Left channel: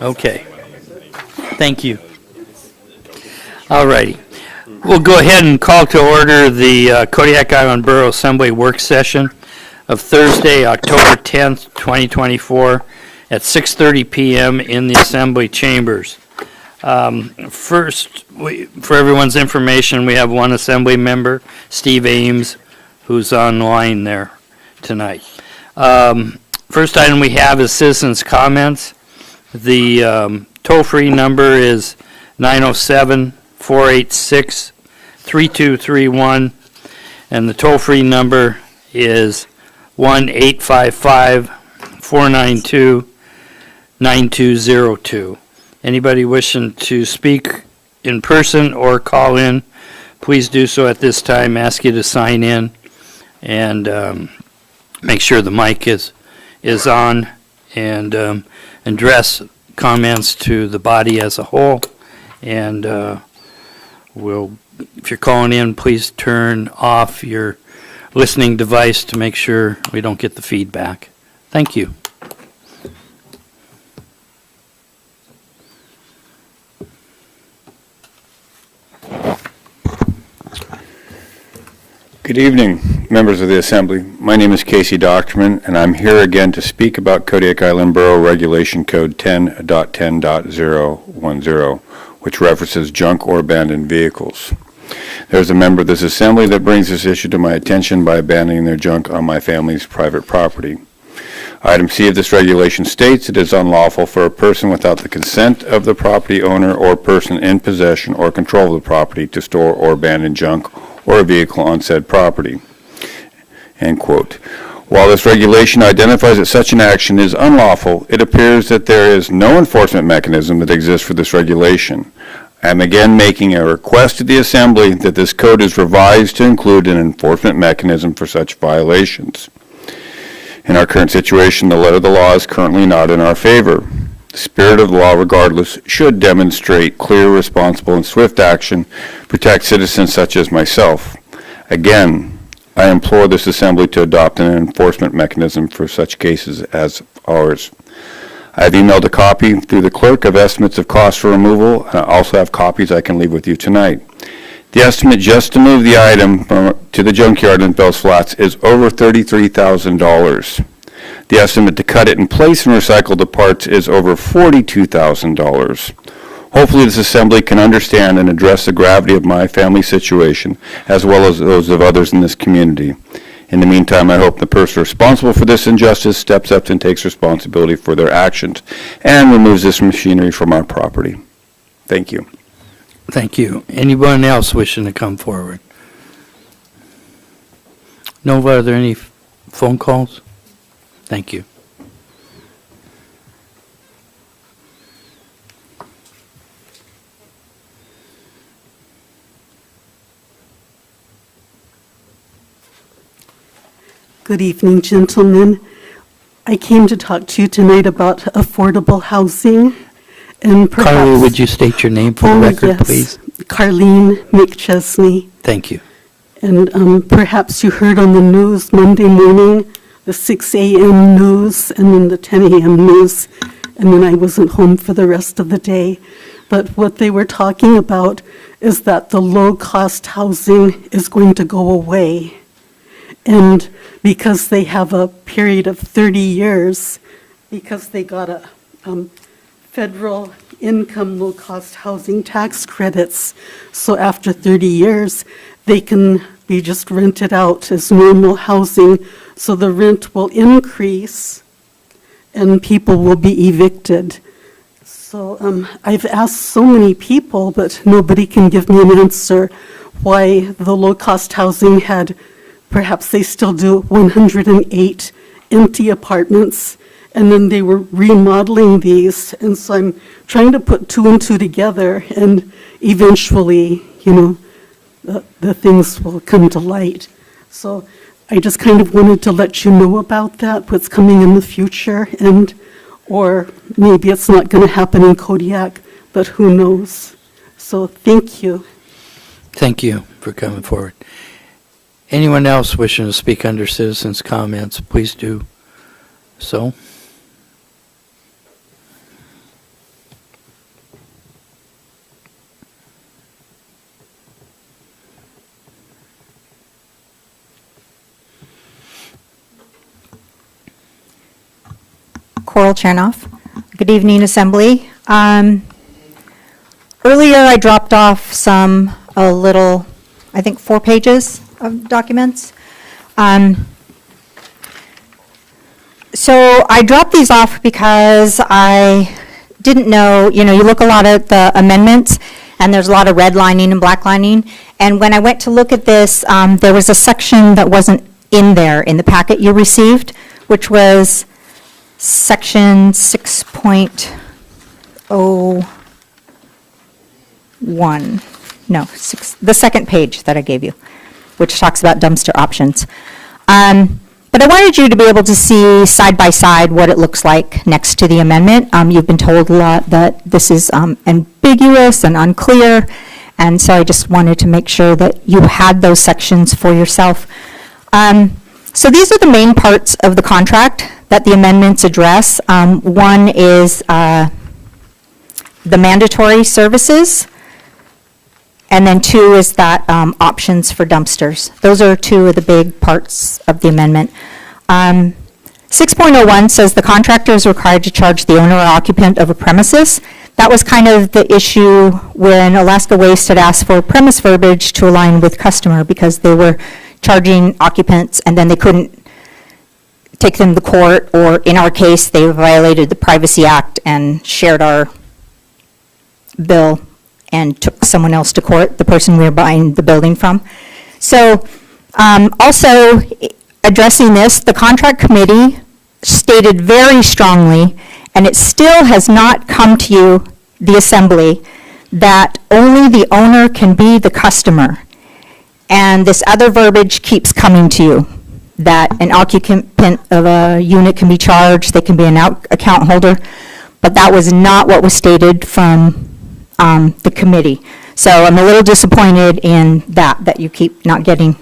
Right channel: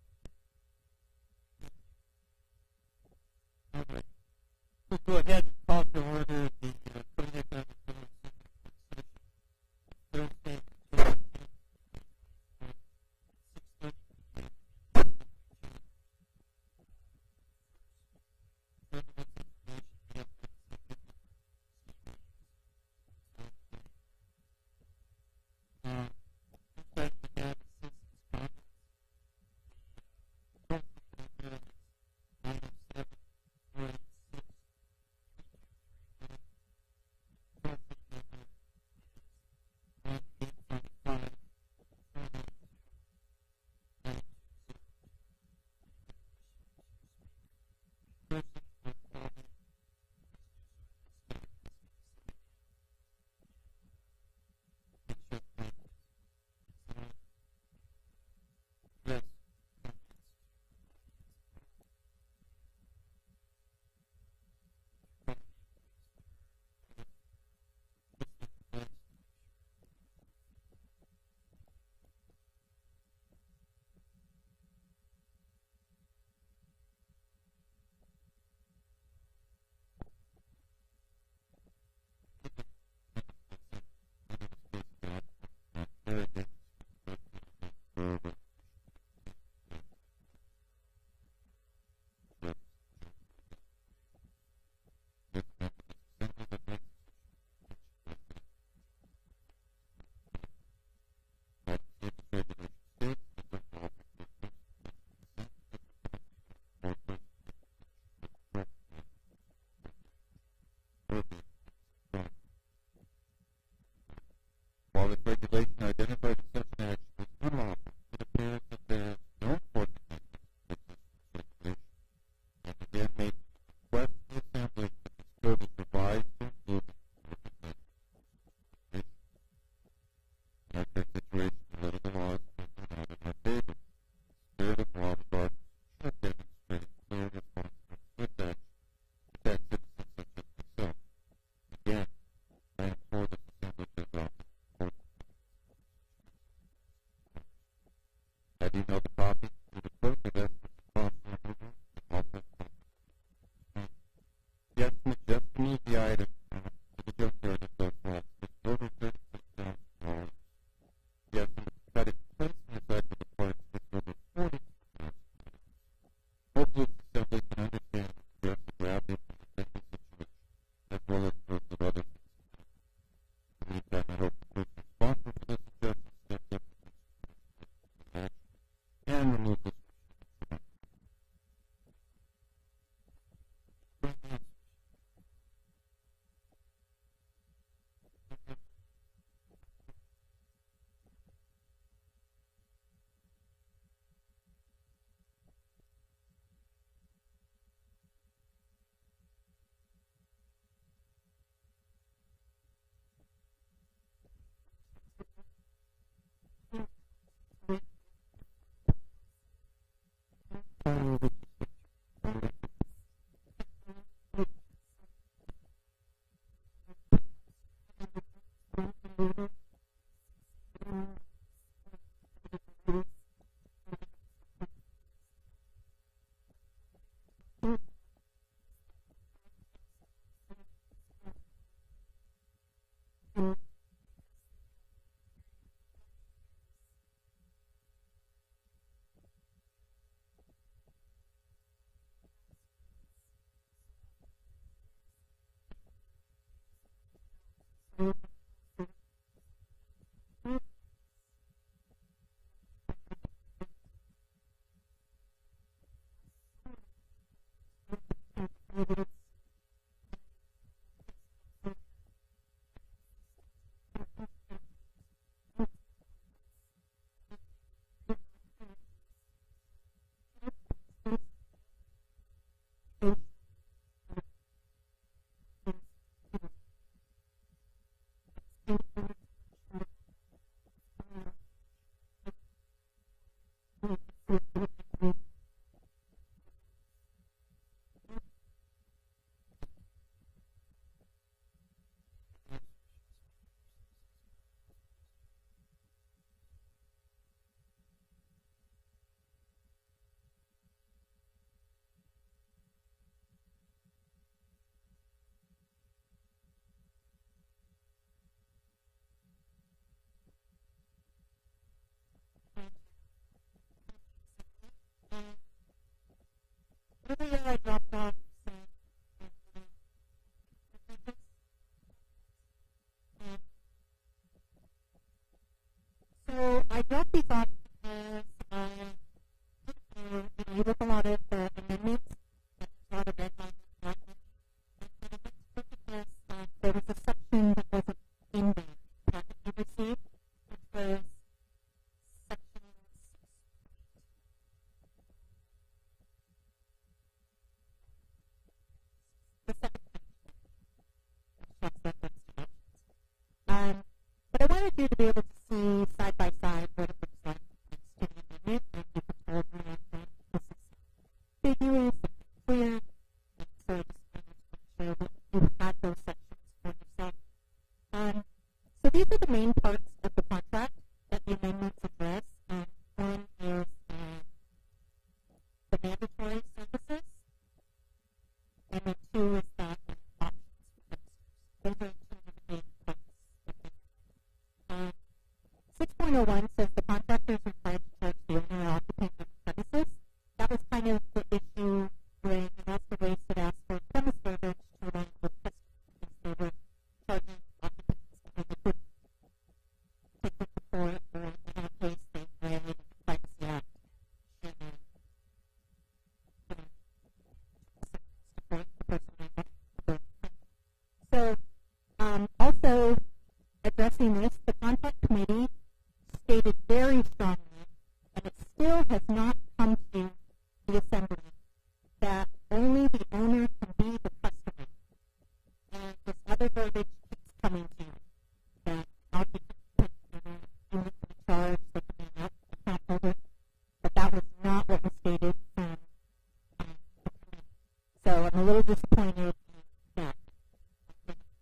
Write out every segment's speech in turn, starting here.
Okay. Thank you. All righty. We'll go ahead and call to order the Kodiak Island Borough Assembly work session of Thursday, October 10th, 2024 at 6:30 p.m. in the Assembly chambers. First, for everyone's information, we have one Assembly member, Steve Ames, who's online there tonight. First item we have is citizens' comments. The toll-free number is 907-486-3231, and the toll-free number is 1-855-492-9202. Anybody wishing to speak in person or call in, please do so at this time. Ask you to sign in and make sure the mic is on, and address comments to the body as a whole. And if you're calling in, please turn off your listening device to make sure we don't get the feedback. Thank you. Good evening, members of the Assembly. My name is Casey Doctorman, and I'm here again to speak about Kodiak Island Borough Regulation Code 10.10.010, which references junk or abandoned vehicles. There's a member of this Assembly that brings this issue to my attention by abandoning their junk on my family's private property. Item C of this regulation states it is unlawful for a person without the consent of the property owner or person in possession or control of the property to store or abandon junk or a vehicle on said property. End quote. While this regulation identifies that such an action is unlawful, it appears that there is no enforcement mechanism that exists for this regulation. I am again making a request to the Assembly that this code is revised to include an enforcement mechanism for such violations. In our current situation, the letter of the law is currently not in our favor. The spirit of the law, regardless, should demonstrate clear, responsible, and swift action, protect citizens such as myself. Again, I implore this Assembly to adopt an enforcement mechanism for such cases as ours. I have emailed a copy through the clerk of estimates of costs for removal, and I also have copies I can leave with you tonight. The estimate just to move the item to the junkyard in Bells Flats is over $33,000. The estimate to cut it in place and recycle the parts is over $42,000. Hopefully this Assembly can understand and address the gravity of my family situation, as well as those of others in this community. In the meantime, I hope the person responsible for this injustice steps up and takes responsibility for their actions and removes this machinery from our property. Thank you. Thank you. Anyone else wishing to come forward? No, are there any phone calls? Thank you. Good evening, gentlemen. I came to talk to you tonight about affordable housing, and perhaps... Carly, would you state your name for the record, yes. please? Carlene McChesney. Thank you. And perhaps you heard on the news Monday morning, the 6 a.m. news, and then the 10 a.m. news, and then I wasn't home for the rest of the day. But what they were talking about is that the low-cost housing is going to go away. And because they have a period of 30 years, because they got a federal income low-cost housing tax credits, so after 30 years, they can be just rented out as normal housing, so the rent will increase and people will be evicted. So I've asked so many people, but nobody can give me an answer why the low-cost housing had, perhaps they still do, 108 empty apartments, and then they were remodeling these, and so I'm trying to put two and two together, and eventually, the things will come to light. So I just kind of wanted to let you know about that, what's coming in the future, and, or maybe it's not going to happen in Kodiak, but who knows? So thank you. Thank you for coming forward. Anyone else wishing to speak under citizens' comments, please do so. Coral Chernoff. Good evening, Assembly. Earlier, I dropped off a little, I think 4 pages of documents. So I dropped these off because I didn't know, you look a lot at the amendments, and there's a lot of redlining and blacklining. And when I went to look at this, there was a section that wasn't in there in the packet you received, which was Section 6.01. No, the second page that I gave you, which talks about dumpster options. But I wanted you to be able to see side by side what it looks like next to the amendment. You've been told a lot that this is ambiguous and unclear, and so I just wanted to make sure that you had those sections for yourself. So these are the main parts of the contract that the amendments address. One is the mandatory services, and then 2 is that options for dumpsters. Those are 2 of the big parts of the amendment. 6.01 says the contractor is required to charge the owner or occupant of a premises. That was kind of the issue when Alaska Waste had asked for premise verbiage to align with customer, because they were charging occupants and then they couldn't take them to court, or in our case, they violated the Privacy Act and shared our bill and took someone else to court, the person we were buying the building from. So also addressing this, the contract committee stated very strongly, and it still has not come to you, the assembly, that only the owner can be the customer. And this other verbiage keeps coming to you, that an occupant of a unit can be charged, they can be an account holder, but that was not what was stated from the committee. So I'm a little disappointed in that you keep not getting.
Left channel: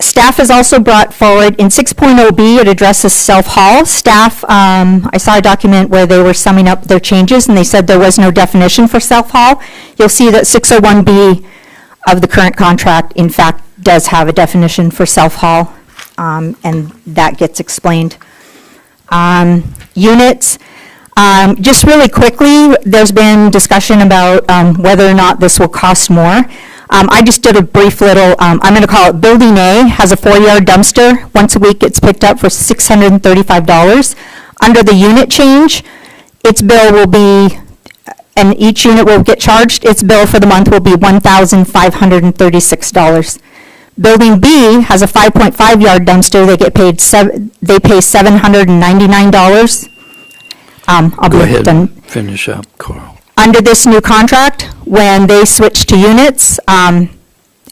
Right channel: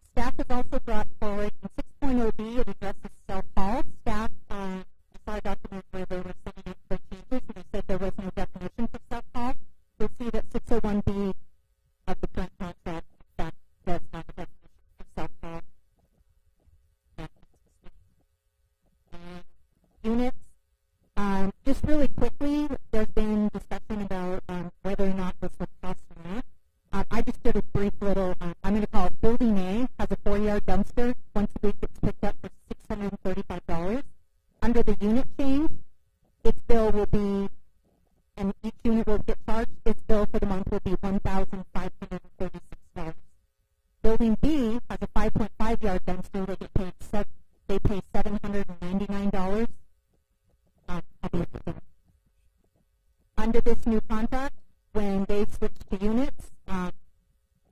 Staff has also brought forward, in 6.0B, it addresses self-haul. Staff, I saw a document where they were summing up their changes, and they said there was no definition for self-haul. You'll see that 601B of the current contract, in fact, does have a definition for self-haul, and that gets explained. Units, just really quickly, there's been discussion about whether or not this will cost more. I just did a brief little, I'm going to call it Building A, has a 4-yard dumpster. Once a week it's picked up for $635. Under the unit change, its bill will be, and each unit will get charged, its bill for the month will be $1,536. Building B has a 5.5-yard dumpster. They pay $799. I'll Go be ahead done. and finish up, Coral. Under this new contract, when they switch to units, and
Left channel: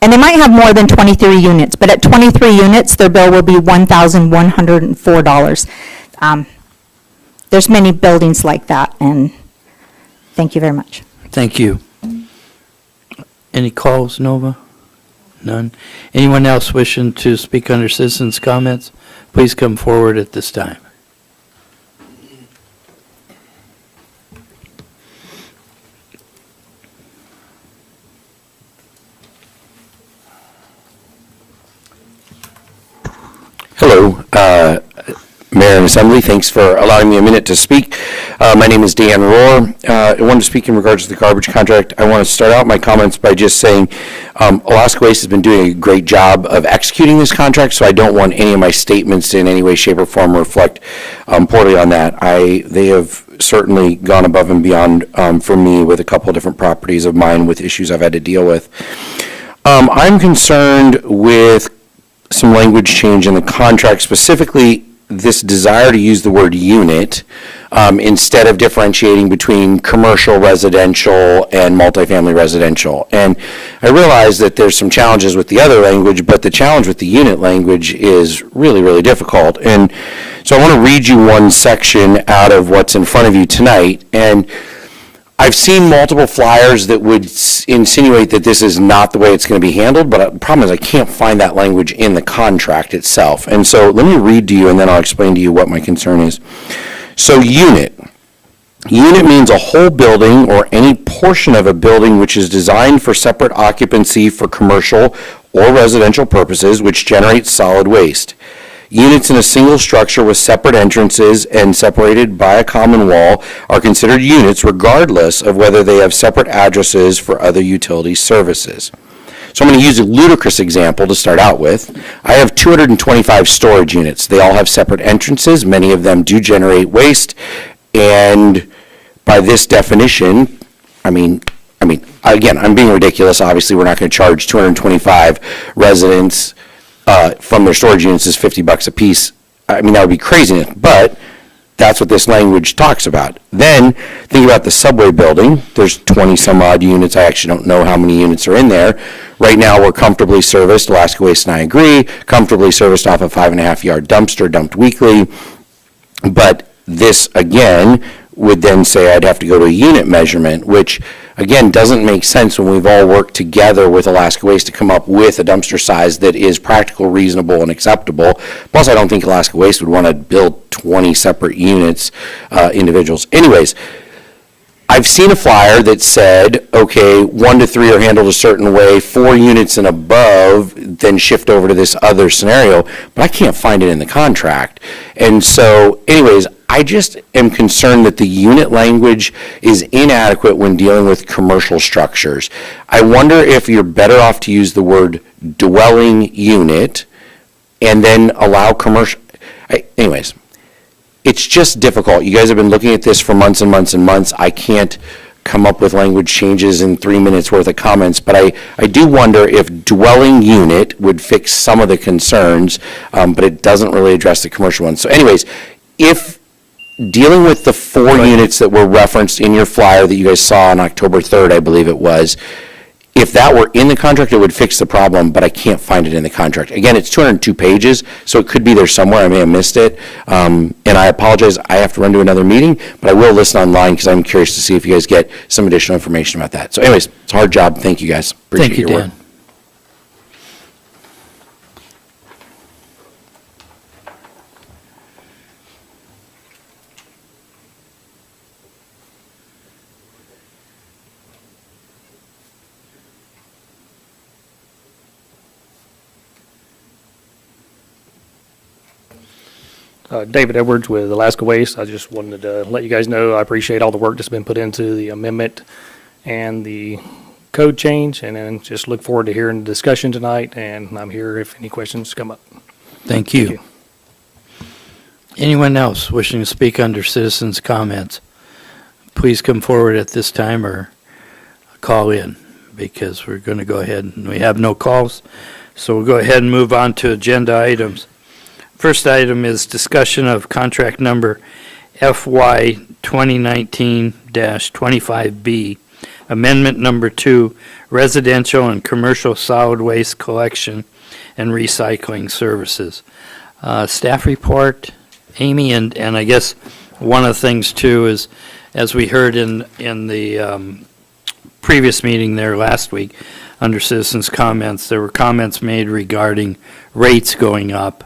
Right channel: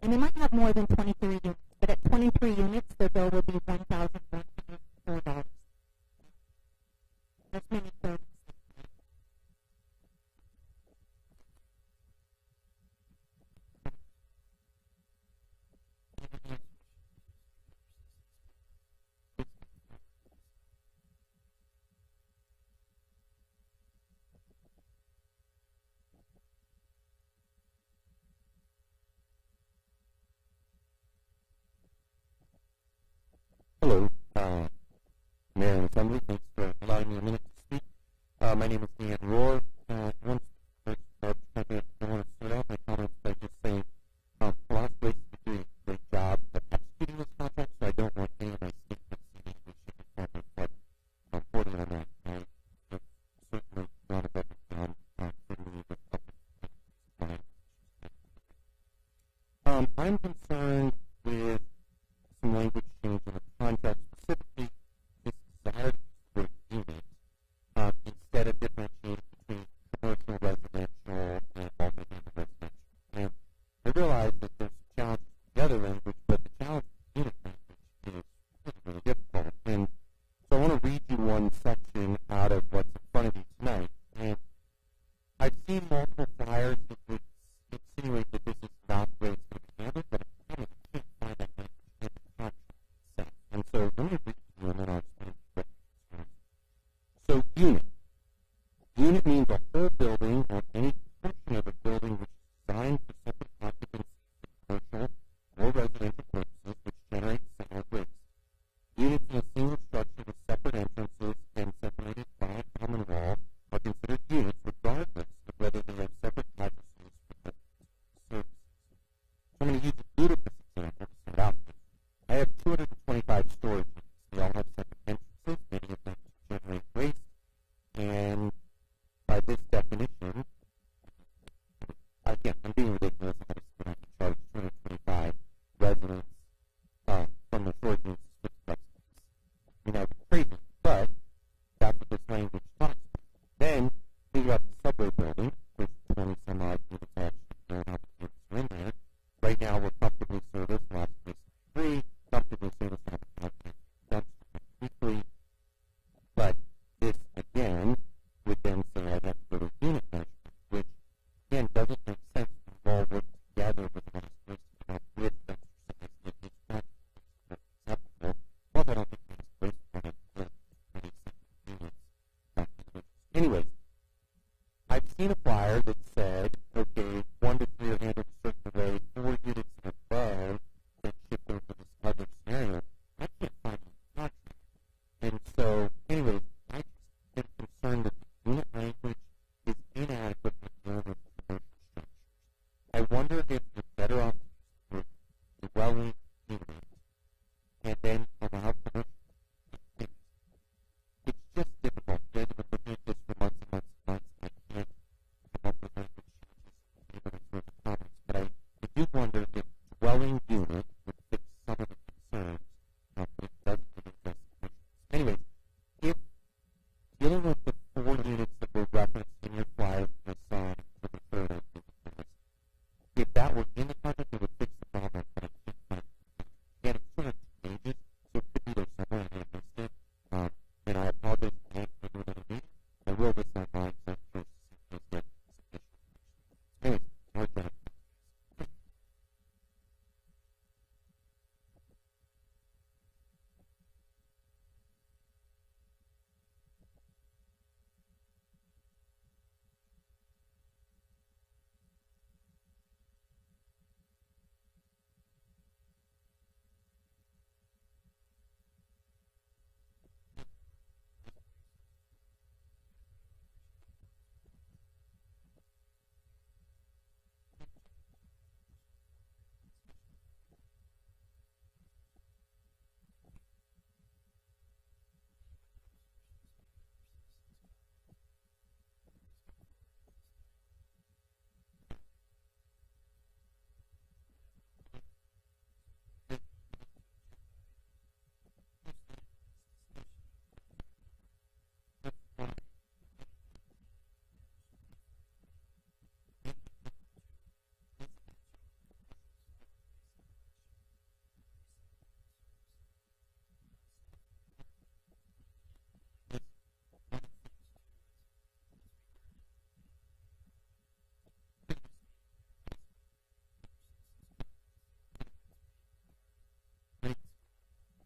they might have more than 23 units, but at 23 units, their bill will be $1,104. There's many buildings like that, and thank you very much. Thank you. Any calls, Nova? None. Anyone else wishing to speak under citizens' comments, please come forward at this time. Hello, Mayor and Assembly. Thanks for allowing me a minute to speak. My name is Dan Rohr. I wanted to speak in regards to the garbage contract. I want to start out my comments by just saying Alaska Waste has been doing a great job of executing this contract, so I don't want any of my statements to in any way, shape, or form reflect poorly on that. They have certainly gone above and beyond for me with a couple of different properties of mine with issues I've had to deal with. I'm concerned with some language change in the contract, specifically this desire to use the word unit instead of differentiating between commercial residential and multifamily residential. And I realize that there's some challenges with the other language, but the challenge with the unit language is really, really difficult. And so I want to read you one section out of what's in front of you tonight. And I've seen multiple flyers that would insinuate that this is not the way it's going to be handled, but the problem is I can't find that language in the contract itself. And so let me read to you, and then I'll explain to you what my concern is. So unit. Unit means a whole building or any portion of a building which is designed for separate occupancy for commercial or residential purposes, which generates solid waste. Units in a single structure with separate entrances and separated by a common wall are considered units regardless of whether they have separate addresses for other utility services. So I'm going to use a ludicrous example to start out with. I have 225 storage units. They all have separate entrances. Many of them do generate waste. And by this definition, I mean, again, I'm being ridiculous. Obviously, we're not going to charge 225 residents from their storage units is $50 a piece. I mean, that would be craziness, but that's what this language talks about. Then, think about the subway building. There's 20 some odd units. I actually don't know how many units are in there. Right now, we're comfortably serviced, Alaska Waste and I agree, comfortably serviced off a 5.5-yard dumpster dumped weekly. But this, again, would then say I'd have to go to a unit measurement, which, again, doesn't make sense when we've all worked together with Alaska Waste to come up with a dumpster size that is practical, reasonable, and acceptable. Plus, I don't think Alaska Waste would want to build 20 separate units, individuals. Anyways, I've seen a flyer that said, okay, 1 to 3 are handled a certain way, 4 units and above, then shift over to this other scenario, but I can't find it in the contract. And so, anyways, I just am concerned that the unit language is inadequate when dealing with commercial structures. I wonder if you're better off to use the word dwelling unit and then allow commercial. Anyways, it's just difficult. You guys have been looking at this for months and months and months. I can't come up with language changes in 3 minutes worth of comments, but I do wonder if dwelling unit would fix some of the concerns, but it doesn't really address the commercial ones. So anyways, if dealing with the 4 units that were referenced in your flyer that you guys saw on October 3rd, I believe it was, if that were in the contract, it would fix the problem, but I can't find it in the contract. Again, it's 202 pages, so it could be there somewhere. I may have missed it. And I apologize, I have to run to another meeting, but I will listen online because I'm curious to see if you guys get some additional information about that. So anyways, it's a hard job. Thank you, guys. Appreciate your work. Dan. David Edwards with Alaska Waste. I just wanted to let you guys know I appreciate all the work that's been put into the amendment and the code change, and then just look forward to hearing the discussion tonight, and I'm here if any questions come up. Thank you. Anyone else wishing to speak under citizens' comments, please come forward at this time or call in, because we're going to go ahead and we have no calls. So we'll go ahead and move on to agenda items. First item is discussion of contract number FY 2019-25B, amendment number 2, residential and commercial solid waste collection and recycling services. Staff report, Amy, and I guess one of the things too is, as we heard in the previous meeting there last week, under citizens' comments, there were comments made regarding rates going up.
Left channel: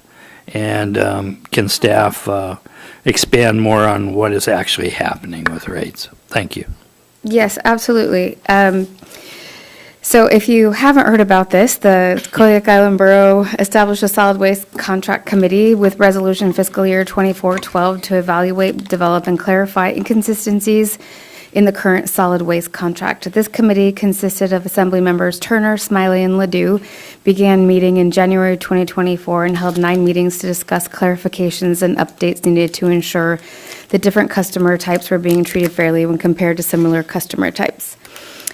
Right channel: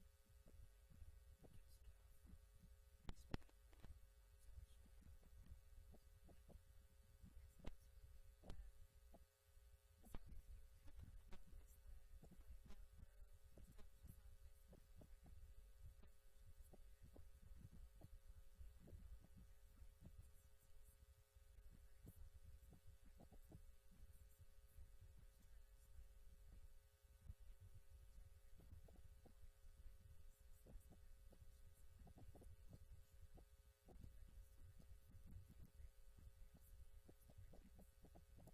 And can staff expand more on what is actually happening with rates? Thank you. Yes, absolutely. So if you haven't heard about this, the Kodiak Island Borough established a solid waste contract committee with resolution fiscal year 2412 to evaluate, develop, and clarify inconsistencies in the current solid waste contract. This committee consisted of Assembly members Turner, Smiley, and Ledoux, began meeting in January 2024 and held 9 meetings to discuss clarifications and updates needed to ensure that different customer types were being treated fairly when compared to similar customer types.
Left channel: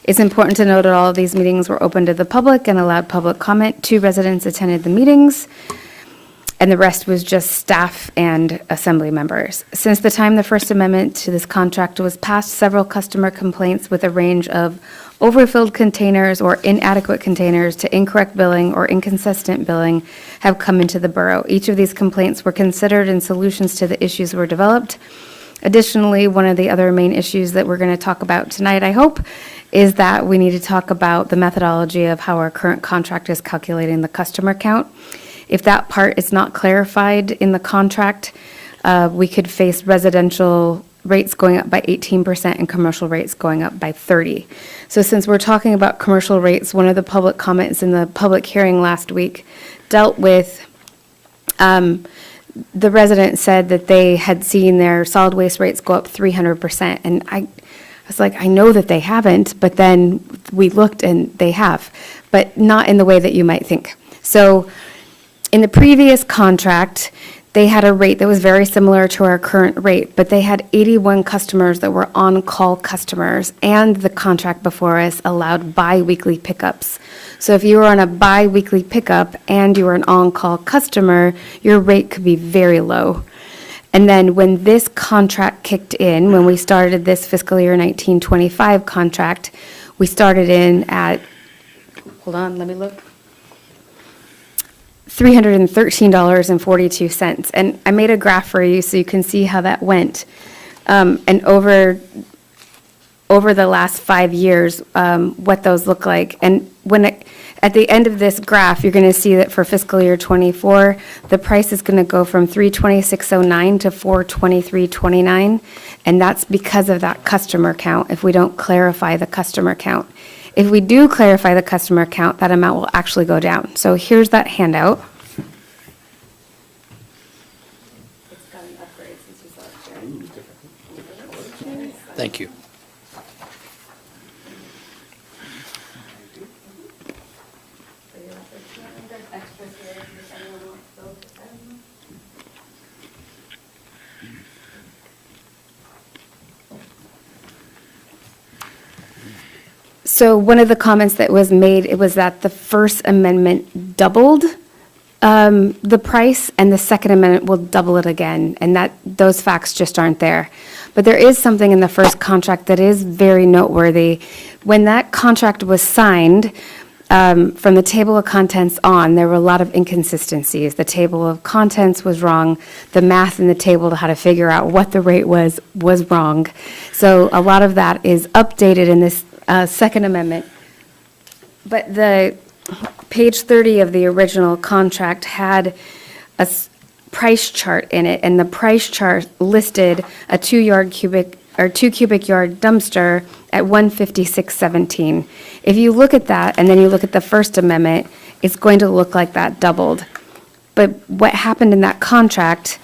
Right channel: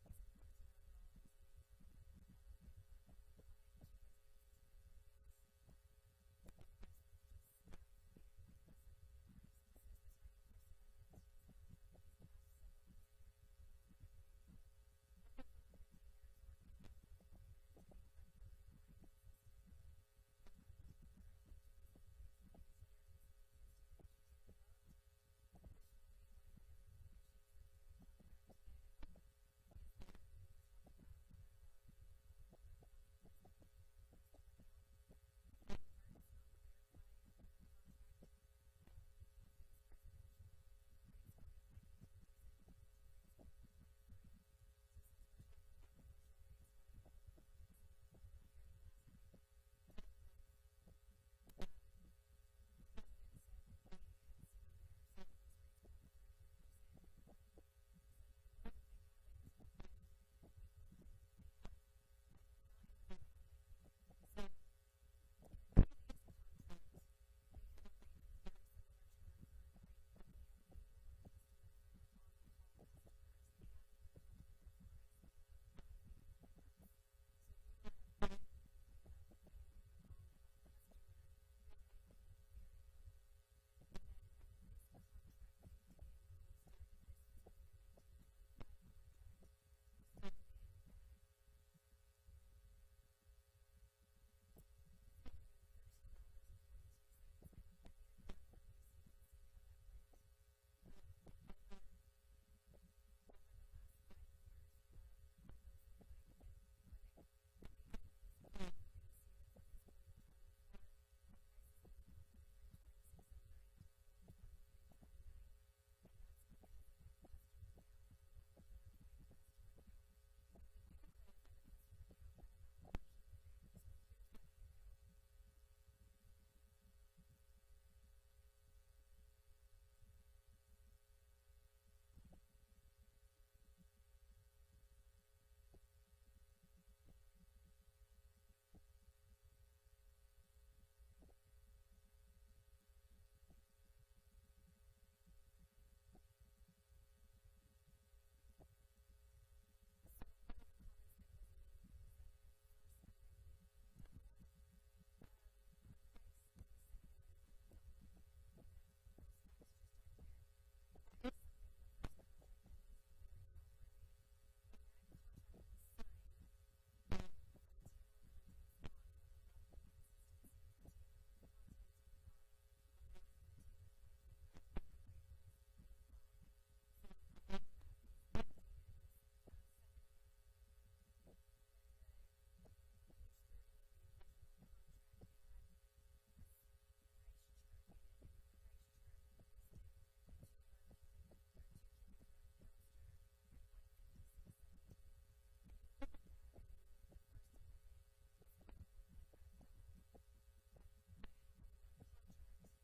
It's important to note that all of these meetings were open to the public and allowed public comment. 2 residents attended the meetings. and the rest was just staff and assembly members. Since the time the First Amendment to this contract was passed, several customer complaints with a range of overfilled containers or inadequate containers to incorrect billing or inconsistent billing have come into the borough. Each of these complaints were considered and solutions to the issues were developed. Additionally, one of the other main issues that we're going to talk about tonight, I hope, is that we need to talk about the methodology of how our current contract is calculating the customer count. If that part is not clarified in the contract, we could face residential rates going up by 18% and commercial rates going up by 30%. So since we're talking about commercial rates, one of the public comments in the public hearing last week dealt with the resident said that they had seen their solid waste rates go up 300%. And I was like, I know that they haven't, but then we looked and they have, but not in the way that you might think. So in the previous contract, they had a rate that was very similar to our current rate, but they had 81 customers that were on-call customers, and the contract before us allowed bi-weekly pickups. So if you were on a bi-weekly pickup and you were an on-call customer, your rate could be very low. And then when this contract kicked in, when we started this fiscal year 1925 contract, we started in at, hold on, let me look, $313.42. And I made a graph for you so you can see how that went. And over the last 5 years, what those look like. And at the end of this graph, you're going to see that for fiscal year '24, the price is going to go from $326.09 to $423.29, and that's because of that customer count. If we don't clarify the customer count, if we do clarify the customer count, that amount will actually go down. So here's that handout. Thank you. So one of the comments that was made, it was that the First Amendment doubled the price, and the Second Amendment will double it again, and that those facts just aren't there. But there is something in the first contract that is very noteworthy. When that contract was signed, from the table of contents on, there were a lot of inconsistencies. The table of contents was wrong. The math in the table to how to figure out what the rate was wrong. So a lot of that is updated in this Second Amendment. But the page 30 of the original contract had a price chart in it, and the price chart listed a 2 cubic yard dumpster at $156.17. If you look at that and then you look at the First Amendment, it's going to look like that doubled. But what happened in that contract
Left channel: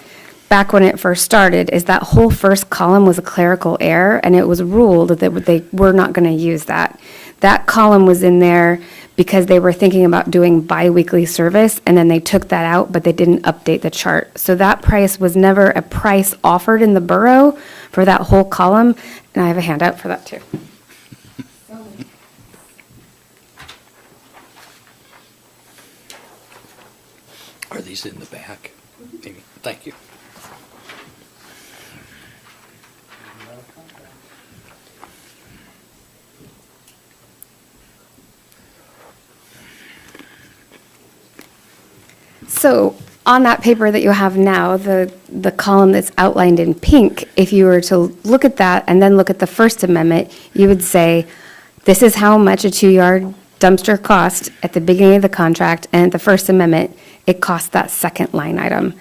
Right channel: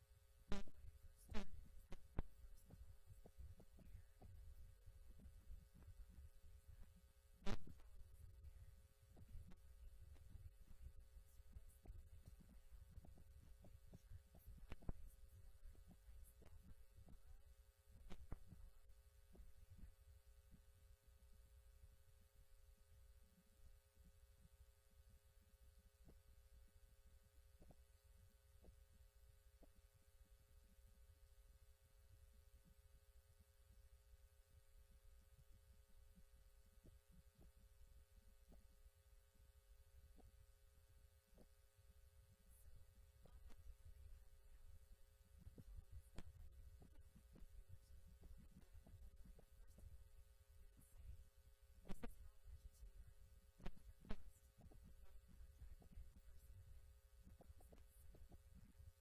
back when it first started is that whole first column was a clerical error, and it was ruled that they were not going to use that. That column was in there because they were thinking about doing biweekly service, and then they took that out, but they didn't update the chart. So that price was never a price offered in the borough for that whole column, and I have a handout for that too. Are these in the back? Maybe. Thank you. So on that paper that you have now, the column that's outlined in pink, if you were to look at that and then look at the First Amendment, you would say, this is how much a 2-yard dumpster cost at the beginning of the contract, and at the First Amendment, it cost that second line item.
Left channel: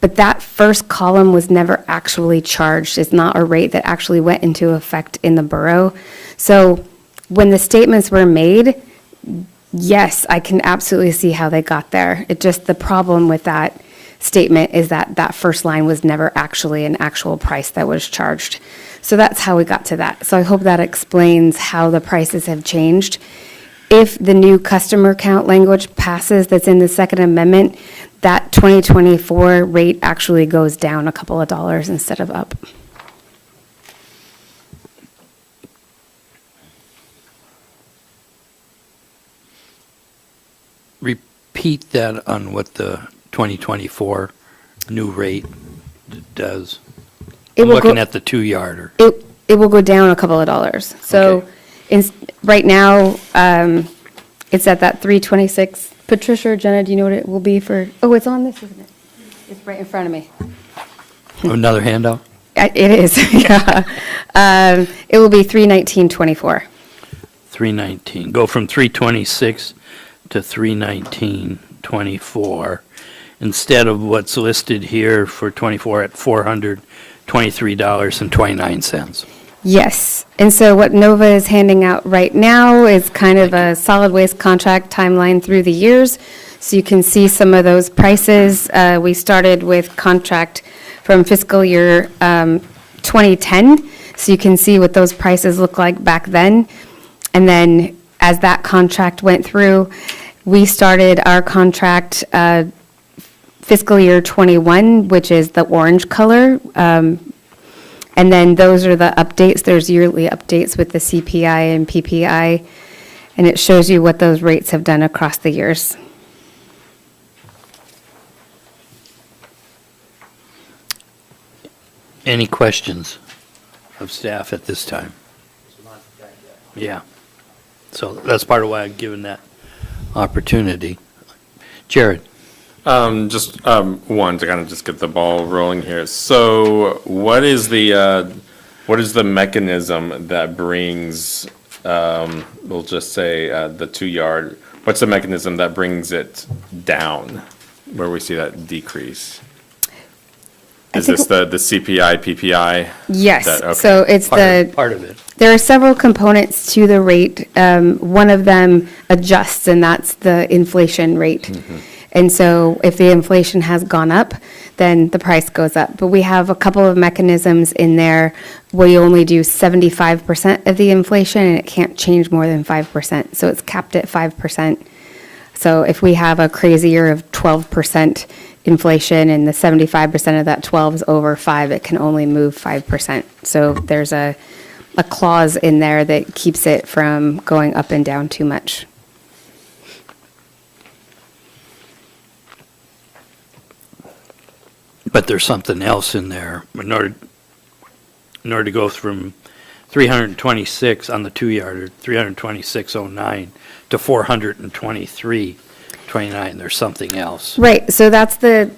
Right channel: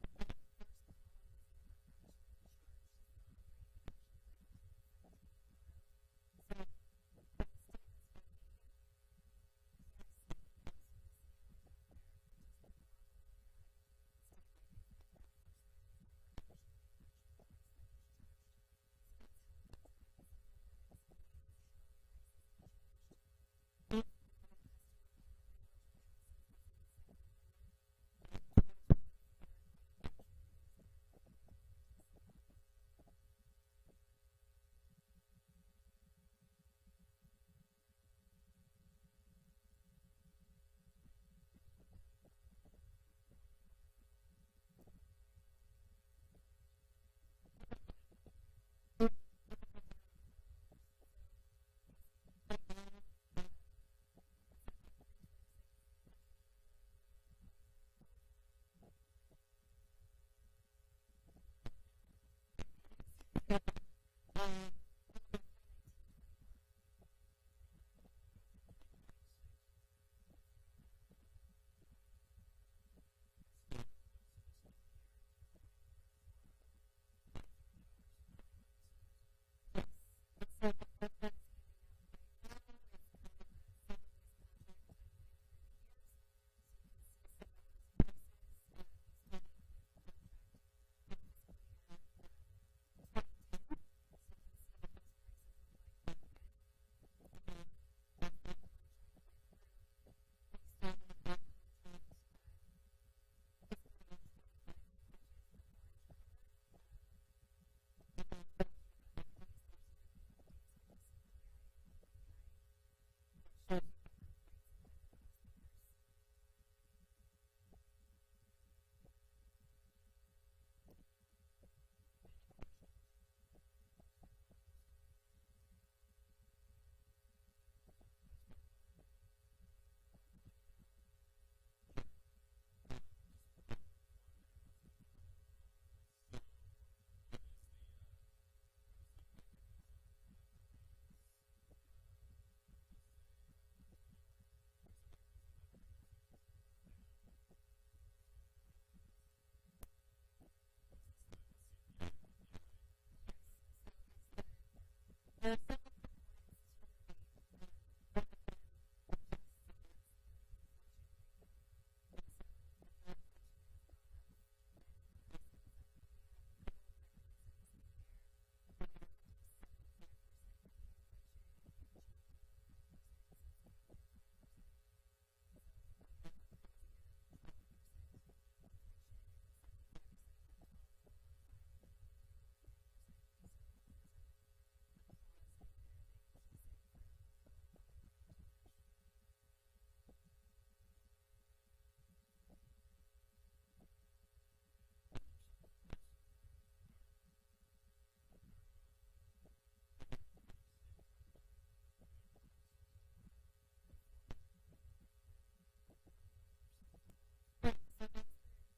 But that first column was never actually charged. It's not a rate that actually went into effect in the borough. So when the statements were made, yes, I can absolutely see how they got there. It just, the problem with that statement is that that first line was never actually an actual price that was charged. So that's how we got to that. So I hope that explains how the prices have changed. If the new customer count language passes that's in the Second Amendment, that 2024 rate actually goes down a couple of dollars instead of up. Repeat that on what the 2024 new rate does? It I'm will looking go- at the 2-yarder. It will go down a couple of dollars. So Okay. right now, it's at that 326. Patricia or Jenna, do you know what it will be for? Oh, it's on this, isn't it? It's right in front of me. Another handout? It is, yeah. It will be 319.24. 319. Go from 326 to 319.24 instead of what's listed here for 24 at $423.29. Yes. And so what Nova is handing out right now is kind of a solid waste contract timeline through the years. So you can see some of those prices. We started with contract from fiscal year 2010. So you can see what those prices look like back then. And then as that contract went through, we started our contract fiscal year 21, which is the orange color. And then those are the updates. There's yearly updates with the CPI and PPI, and it shows you what those rates have done across the years. Any questions of staff at this time? Yeah. So that's part of why I'm given that opportunity. Jared? Just one to kind of just get the ball rolling here. So, what is the mechanism that brings, we'll just say the 2-yard? What's the mechanism that brings it down, where we see that decrease? Is think- this the CPI, PPI? Yes, Okay. so it's Part of it. there are several components to the rate. One of them adjusts, and that's the inflation rate. And so if the inflation has gone up, then the price goes up. But we have a couple of mechanisms in there where you only do 75% of the inflation, and it can't change more than 5%. So it's capped at 5%. So if we have a crazy year of 12% inflation and the 75% of that 12 is over 5, it can only move 5%. So there's a clause in there that keeps it from going up and down too much. But there's something else in there. In order to go from 326 on the 2-yarder, 326.09 to 423.29, there's something else. Right, so that's the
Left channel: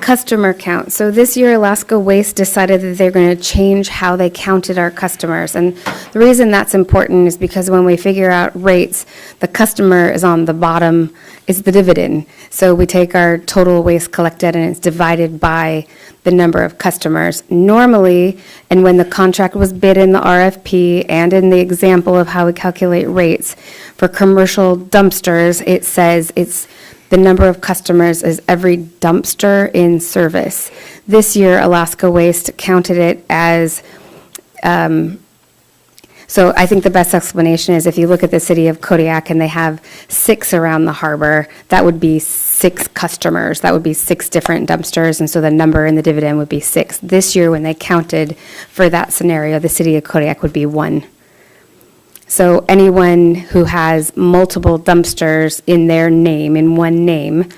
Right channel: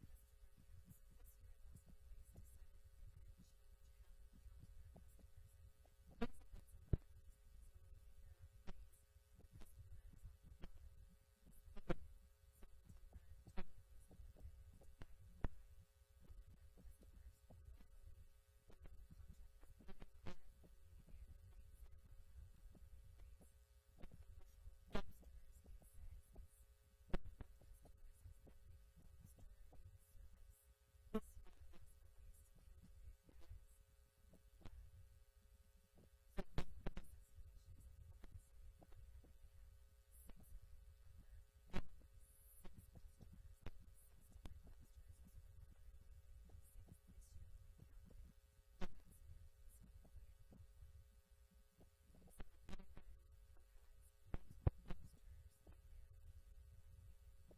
customer count. So this year, Alaska Waste decided that they're going to change how they counted our customers. And the reason that's important is because when we figure out rates, the customer is on the bottom, is the dividend. So we take our total waste collected and it's divided by the number of customers. Normally, and when the contract was bid in the RFP and in the example of how we calculate rates, for commercial dumpsters, it says it's the number of customers is every dumpster in service. This year, Alaska Waste counted it as, so I think the best explanation is if you look at the city of Kodiak and they have 6 around the harbor, that would be 6 customers. That would be 6 different dumpsters, and so the number in the dividend would be 6. This year, when they counted for that scenario, the city of Kodiak would be 1. So anyone who has multiple dumpsters in their name, in one name,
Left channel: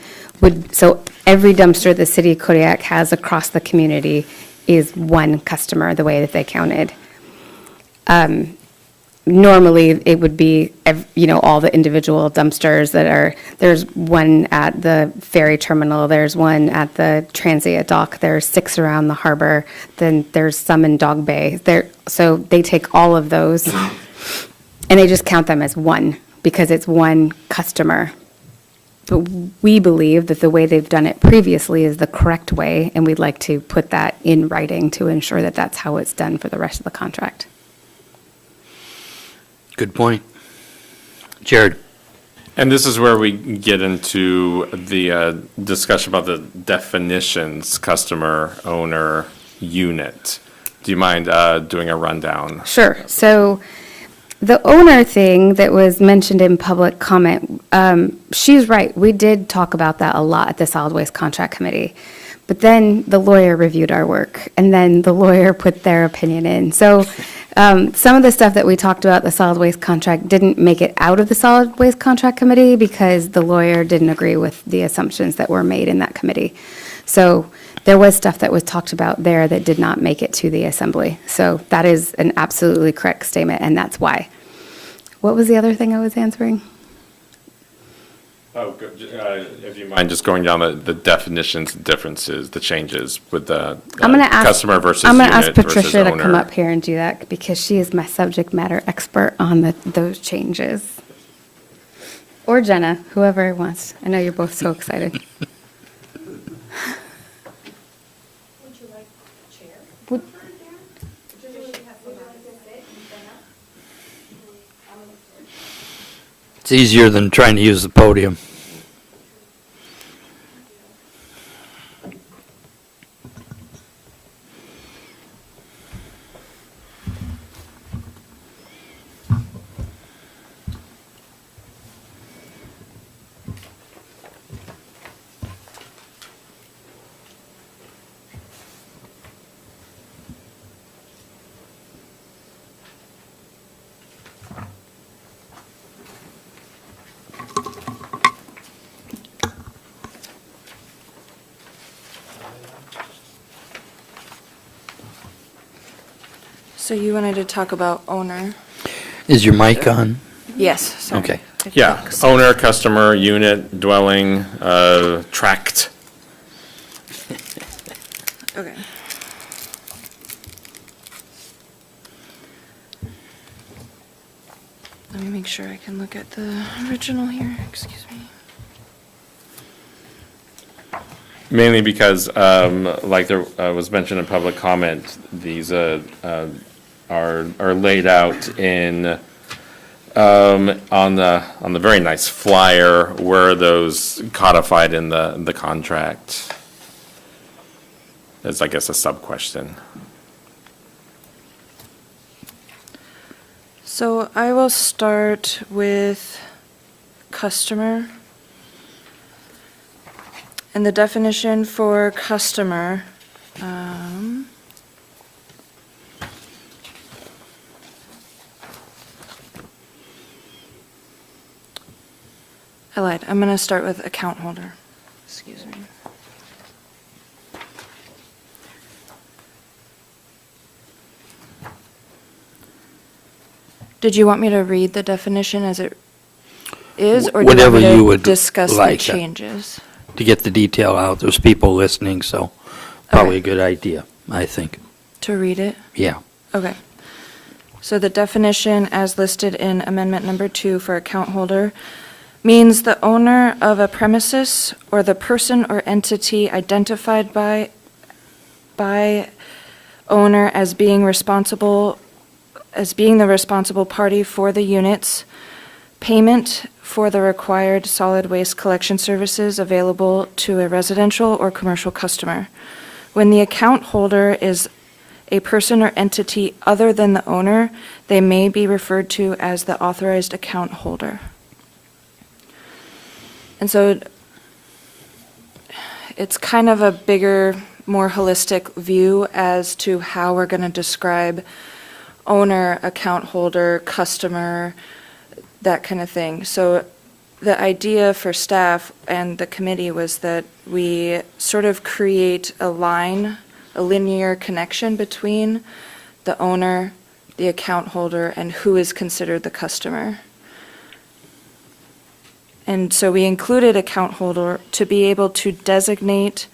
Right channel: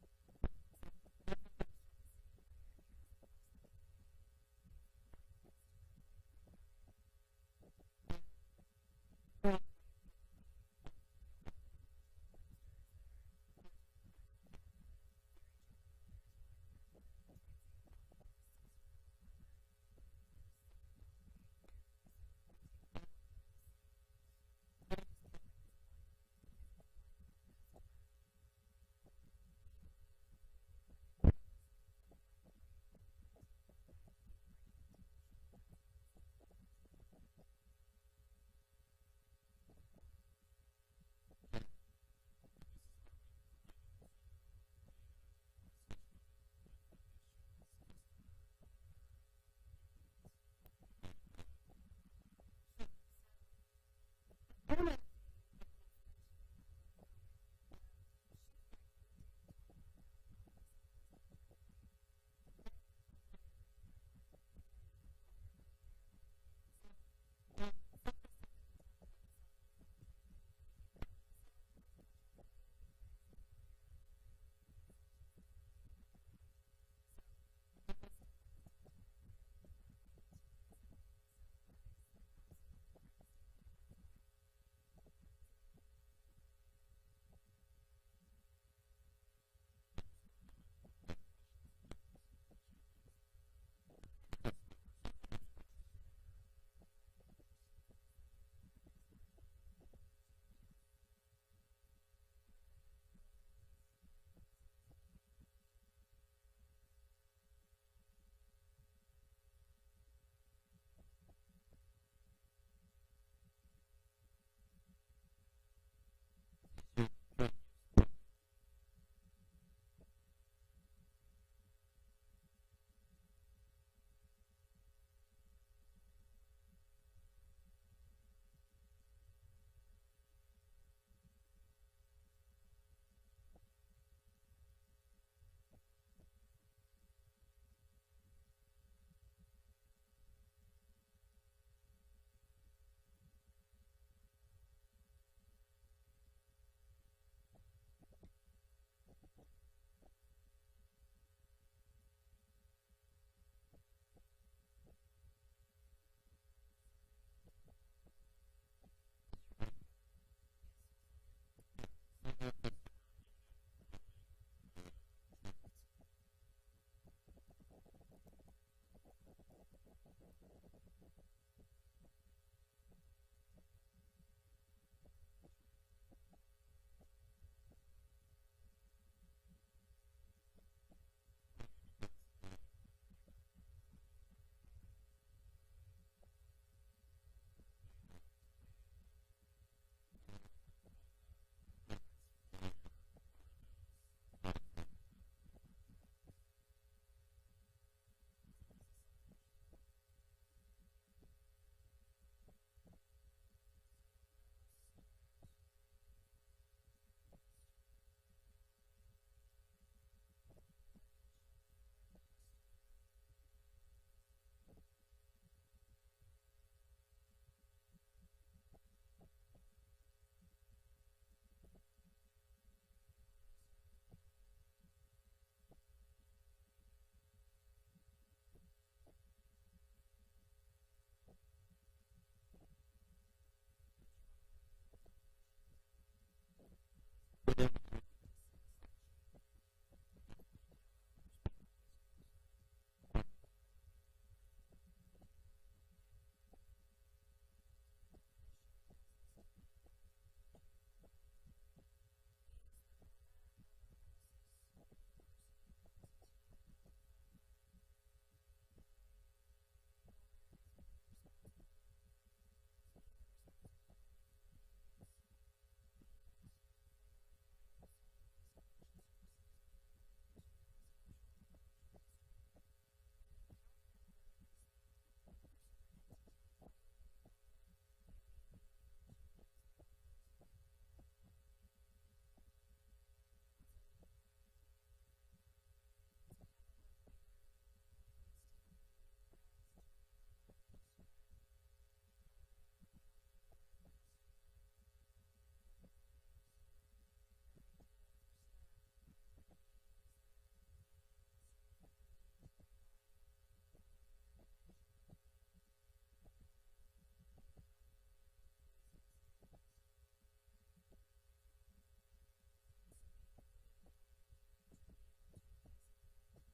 so every dumpster the city of Kodiak has across the community is 1 customer, the way that they counted. Normally, it would be, all the individual dumpsters there's one at the ferry terminal, there's one at the transient dock, there's 6 around the harbor, then there's some in Dog Bay. So they take all of those, and they just count them as 1, because it's 1 customer. But we believe that the way they've done it previously is the correct way, and we'd like to put that in writing to ensure that that's how it's done for the rest of the contract. Good point. Jared? And this is where we get into the discussion about the definitions, customer, owner, unit. Do you mind doing a rundown? Sure. So the owner thing that was mentioned in public comment, she's right. We did talk about that a lot at the Solid Waste Contract Committee. But then the lawyer reviewed our work, and then the lawyer put their opinion in. So Some of the stuff that we talked about, the solid waste contract, didn't make it out of the solid waste contract committee because the lawyer didn't agree with the assumptions that were made in that committee. So there was stuff that was talked about there that did not make it to the assembly. So that is an absolutely correct statement, and that's why. What was the other thing I was answering? Oh, if you mind just going down the definitions, differences, the changes with the I'm gonna ask customer versus I'm gonna unit ask Patricia versus to owner. come up here and do that because she is my subject matter expert on those changes. Or Jenna, whoever wants. I know you're both so excited. Would- It's easier than trying to use the podium. So you wanted to talk about owner? Is your mic on? Yes, sorry. Okay. Yeah, owner, customer, unit, dwelling, tract. Okay. Let me make sure I can look at the original here, excuse me. Mainly because, like there was mentioned in public comment, these are laid out in on the very nice flyer where those codified in the contract. It's, I guess, a sub question. So I will start with customer. And the definition for customer, I lied. I'm going to start with account holder. Excuse me. Did you want me to read the definition as it is, or do you Whatever want me you to would discuss the like. changes? To get the detail out, there's people listening, so probably a good idea, I think. To read it? Yeah. Okay. So the definition as listed in amendment number 2 for account holder means the owner of a premises or the person or entity identified by owner as being the responsible party for the units, payment for the required solid waste collection services available to a residential or commercial customer. When the account holder is a person or entity other than the owner, they may be referred to as the authorized account holder. And so it's kind of a bigger, more holistic view as to how we're going to describe owner, account holder, customer, that kind of thing. So the idea for staff and the committee was that we sort of create a linear connection between the owner, the account holder, and who is considered the customer. And so we included account holder to be able to designate,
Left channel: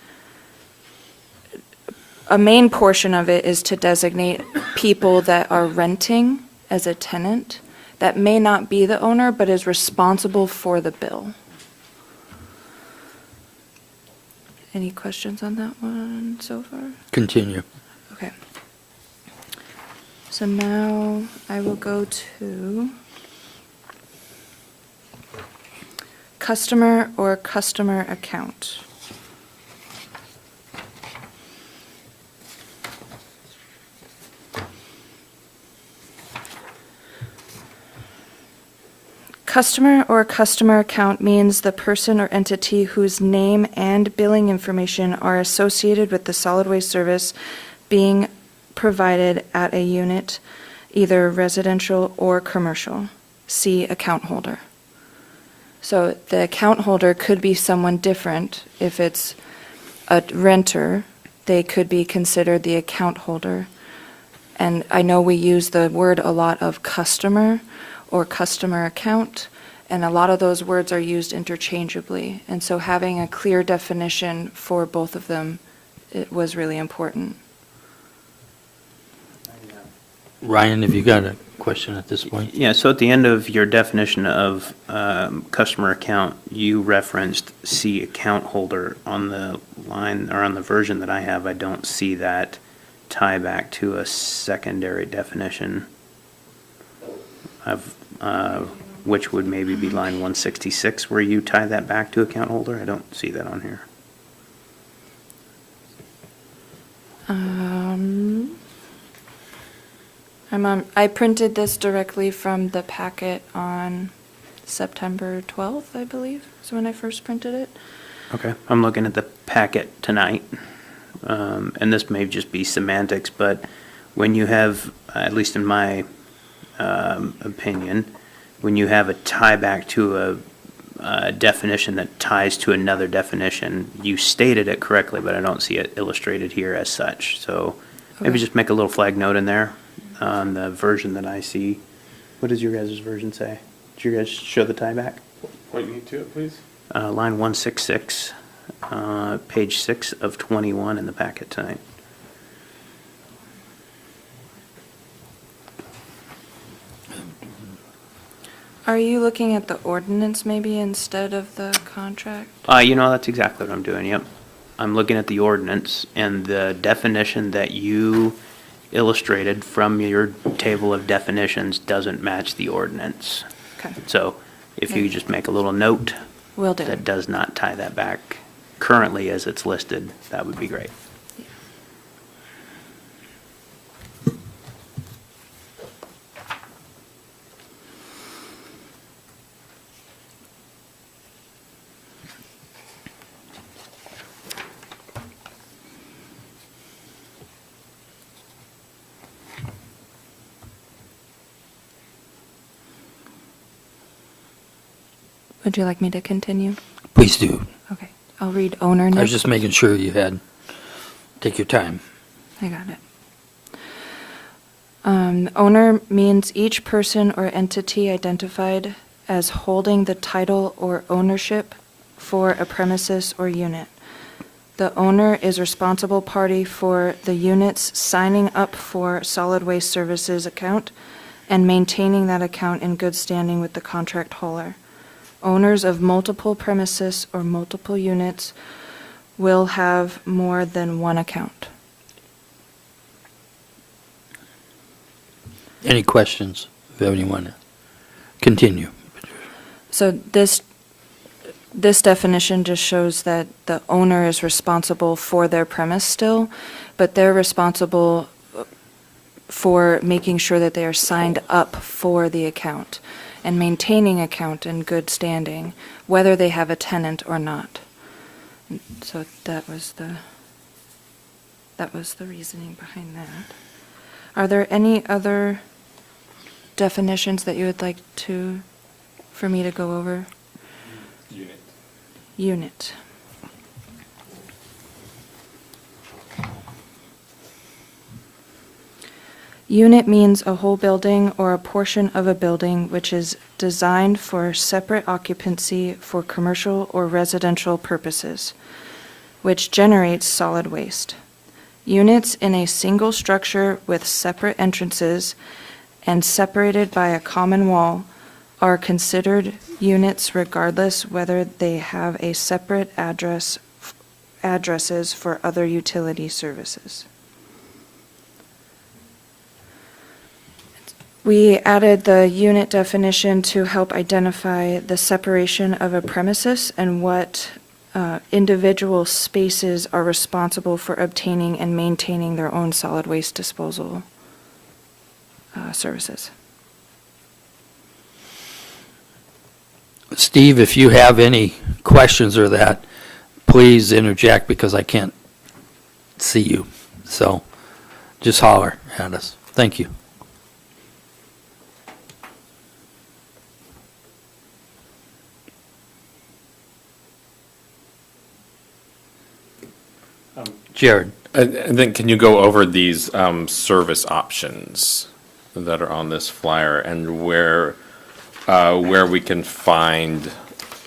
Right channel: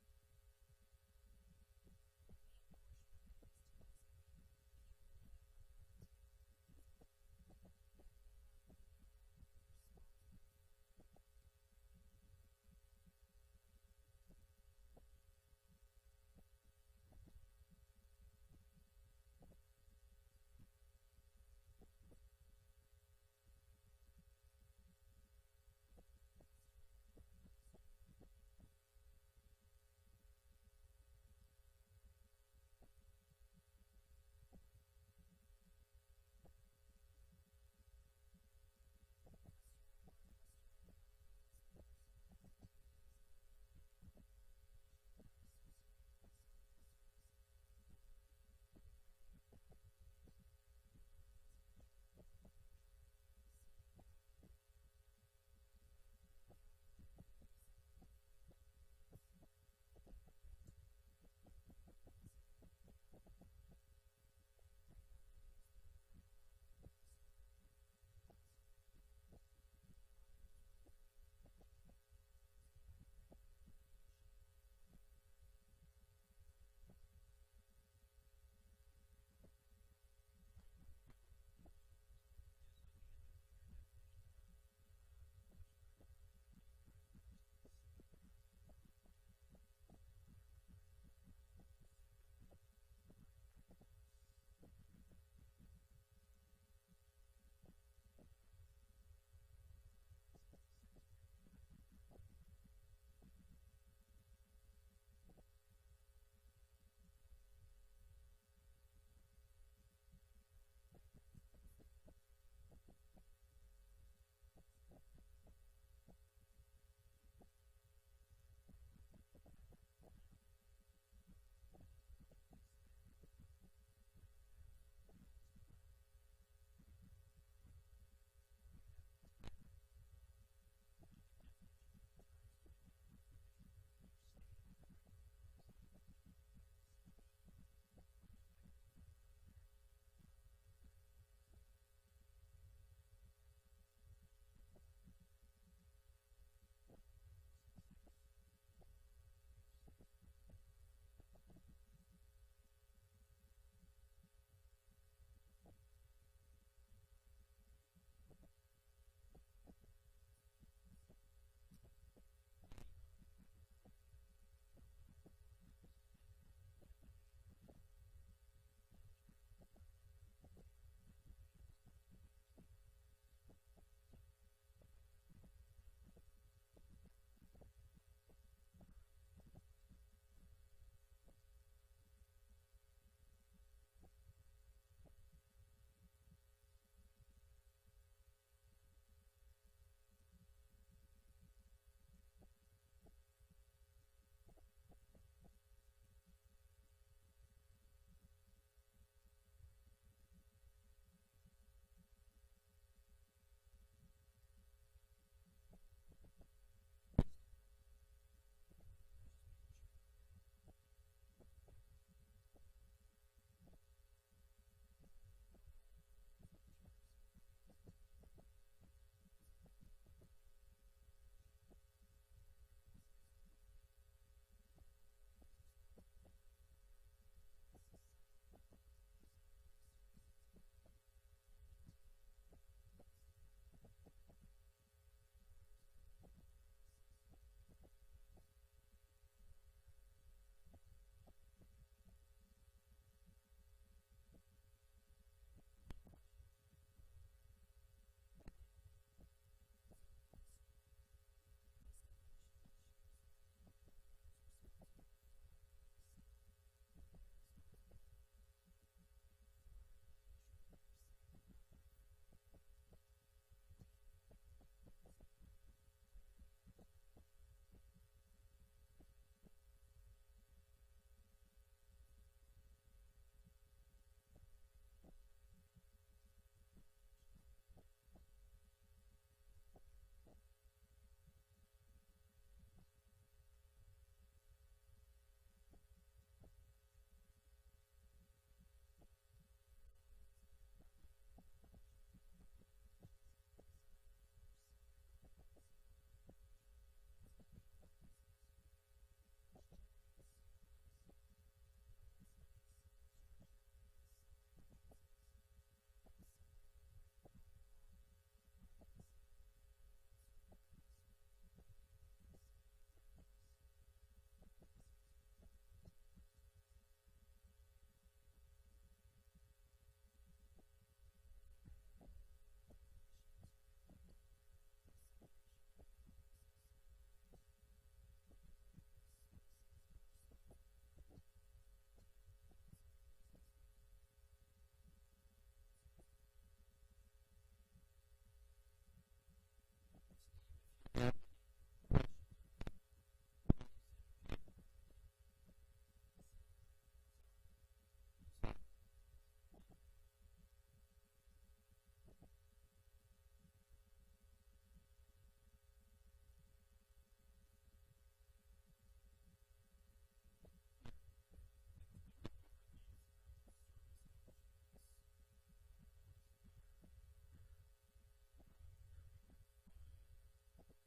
a main portion of it is to designate people that are renting as a tenant that may not be the owner but is responsible for the bill. Any questions on that one so far? Continue. Okay. So now I will go to customer or customer account. Customer or customer account means the person or entity whose name and billing information are associated with the solid waste service being provided at a unit, either residential or commercial. See account holder. So the account holder could be someone different. If it's a renter, they could be considered the account holder. And I know we use the word a lot of customer or customer account, and a lot of those words are used interchangeably. And so having a clear definition for both of them, it was really important. Ryan, have you got a question at this point? Yeah, so at the end of your definition of customer account, you referenced see account holder on the line, or on the version that I have. I don't see that tie back to a secondary definition of, which would maybe be line 166, where you tie that back to account holder. I don't see that on here. I printed this directly from the packet on September 12th, I believe, is when I first printed it. Okay, I'm looking at the packet tonight, and this may just be semantics, but when you have, at least in my opinion, when you have a tie back to a definition that ties to another definition, you stated it correctly, but I don't see it illustrated here as such. So maybe Okay. just make a little flag note in there on the version that I see. What does your guys' version say? Did you guys show the tie back? Point me to it, please. Line 166, page 6 of 21 in the packet tonight. Are you looking at the ordinance maybe instead of the contract? That's exactly what I'm doing, yep. I'm looking at the ordinance, and the definition that you illustrated from your table of definitions doesn't match the ordinance. Okay, So if you just make a little note will do. that does not tie that back currently as it's listed, that would be great. Would you like me to continue? Please do. Okay, I'll read owner I next. was just making sure you had, take your time. I got it. Owner means each person or entity identified as holding the title or ownership for a premises or unit. The owner is responsible party for the unit's signing up for solid waste services account and maintaining that account in good standing with the contract hauler. Owners of multiple premises or multiple units will have more than one account. Any questions? If anyone want to continue. So this definition just shows that the owner is responsible for their premise still, but they're responsible for making sure that they are signed up for the account and maintaining account in good standing, whether they have a tenant or not. So that was the reasoning behind that. Are there any other definitions that you would like for me to go over? Unit. Unit means a whole building or a portion of a building which is designed for separate occupancy for commercial or residential purposes, which generates solid waste. Units in a single structure with separate entrances and separated by a common wall are considered units regardless whether they have a separate addresses for other utility services. We added the unit definition to help identify the separation of a premises and what individual spaces are responsible for obtaining and maintaining their own solid waste disposal services. Steve, if you have any questions or that, please interject because I can't see you. So just holler at us. Thank you. Jared? And then can you go over these service options that are on this flyer and where we can find,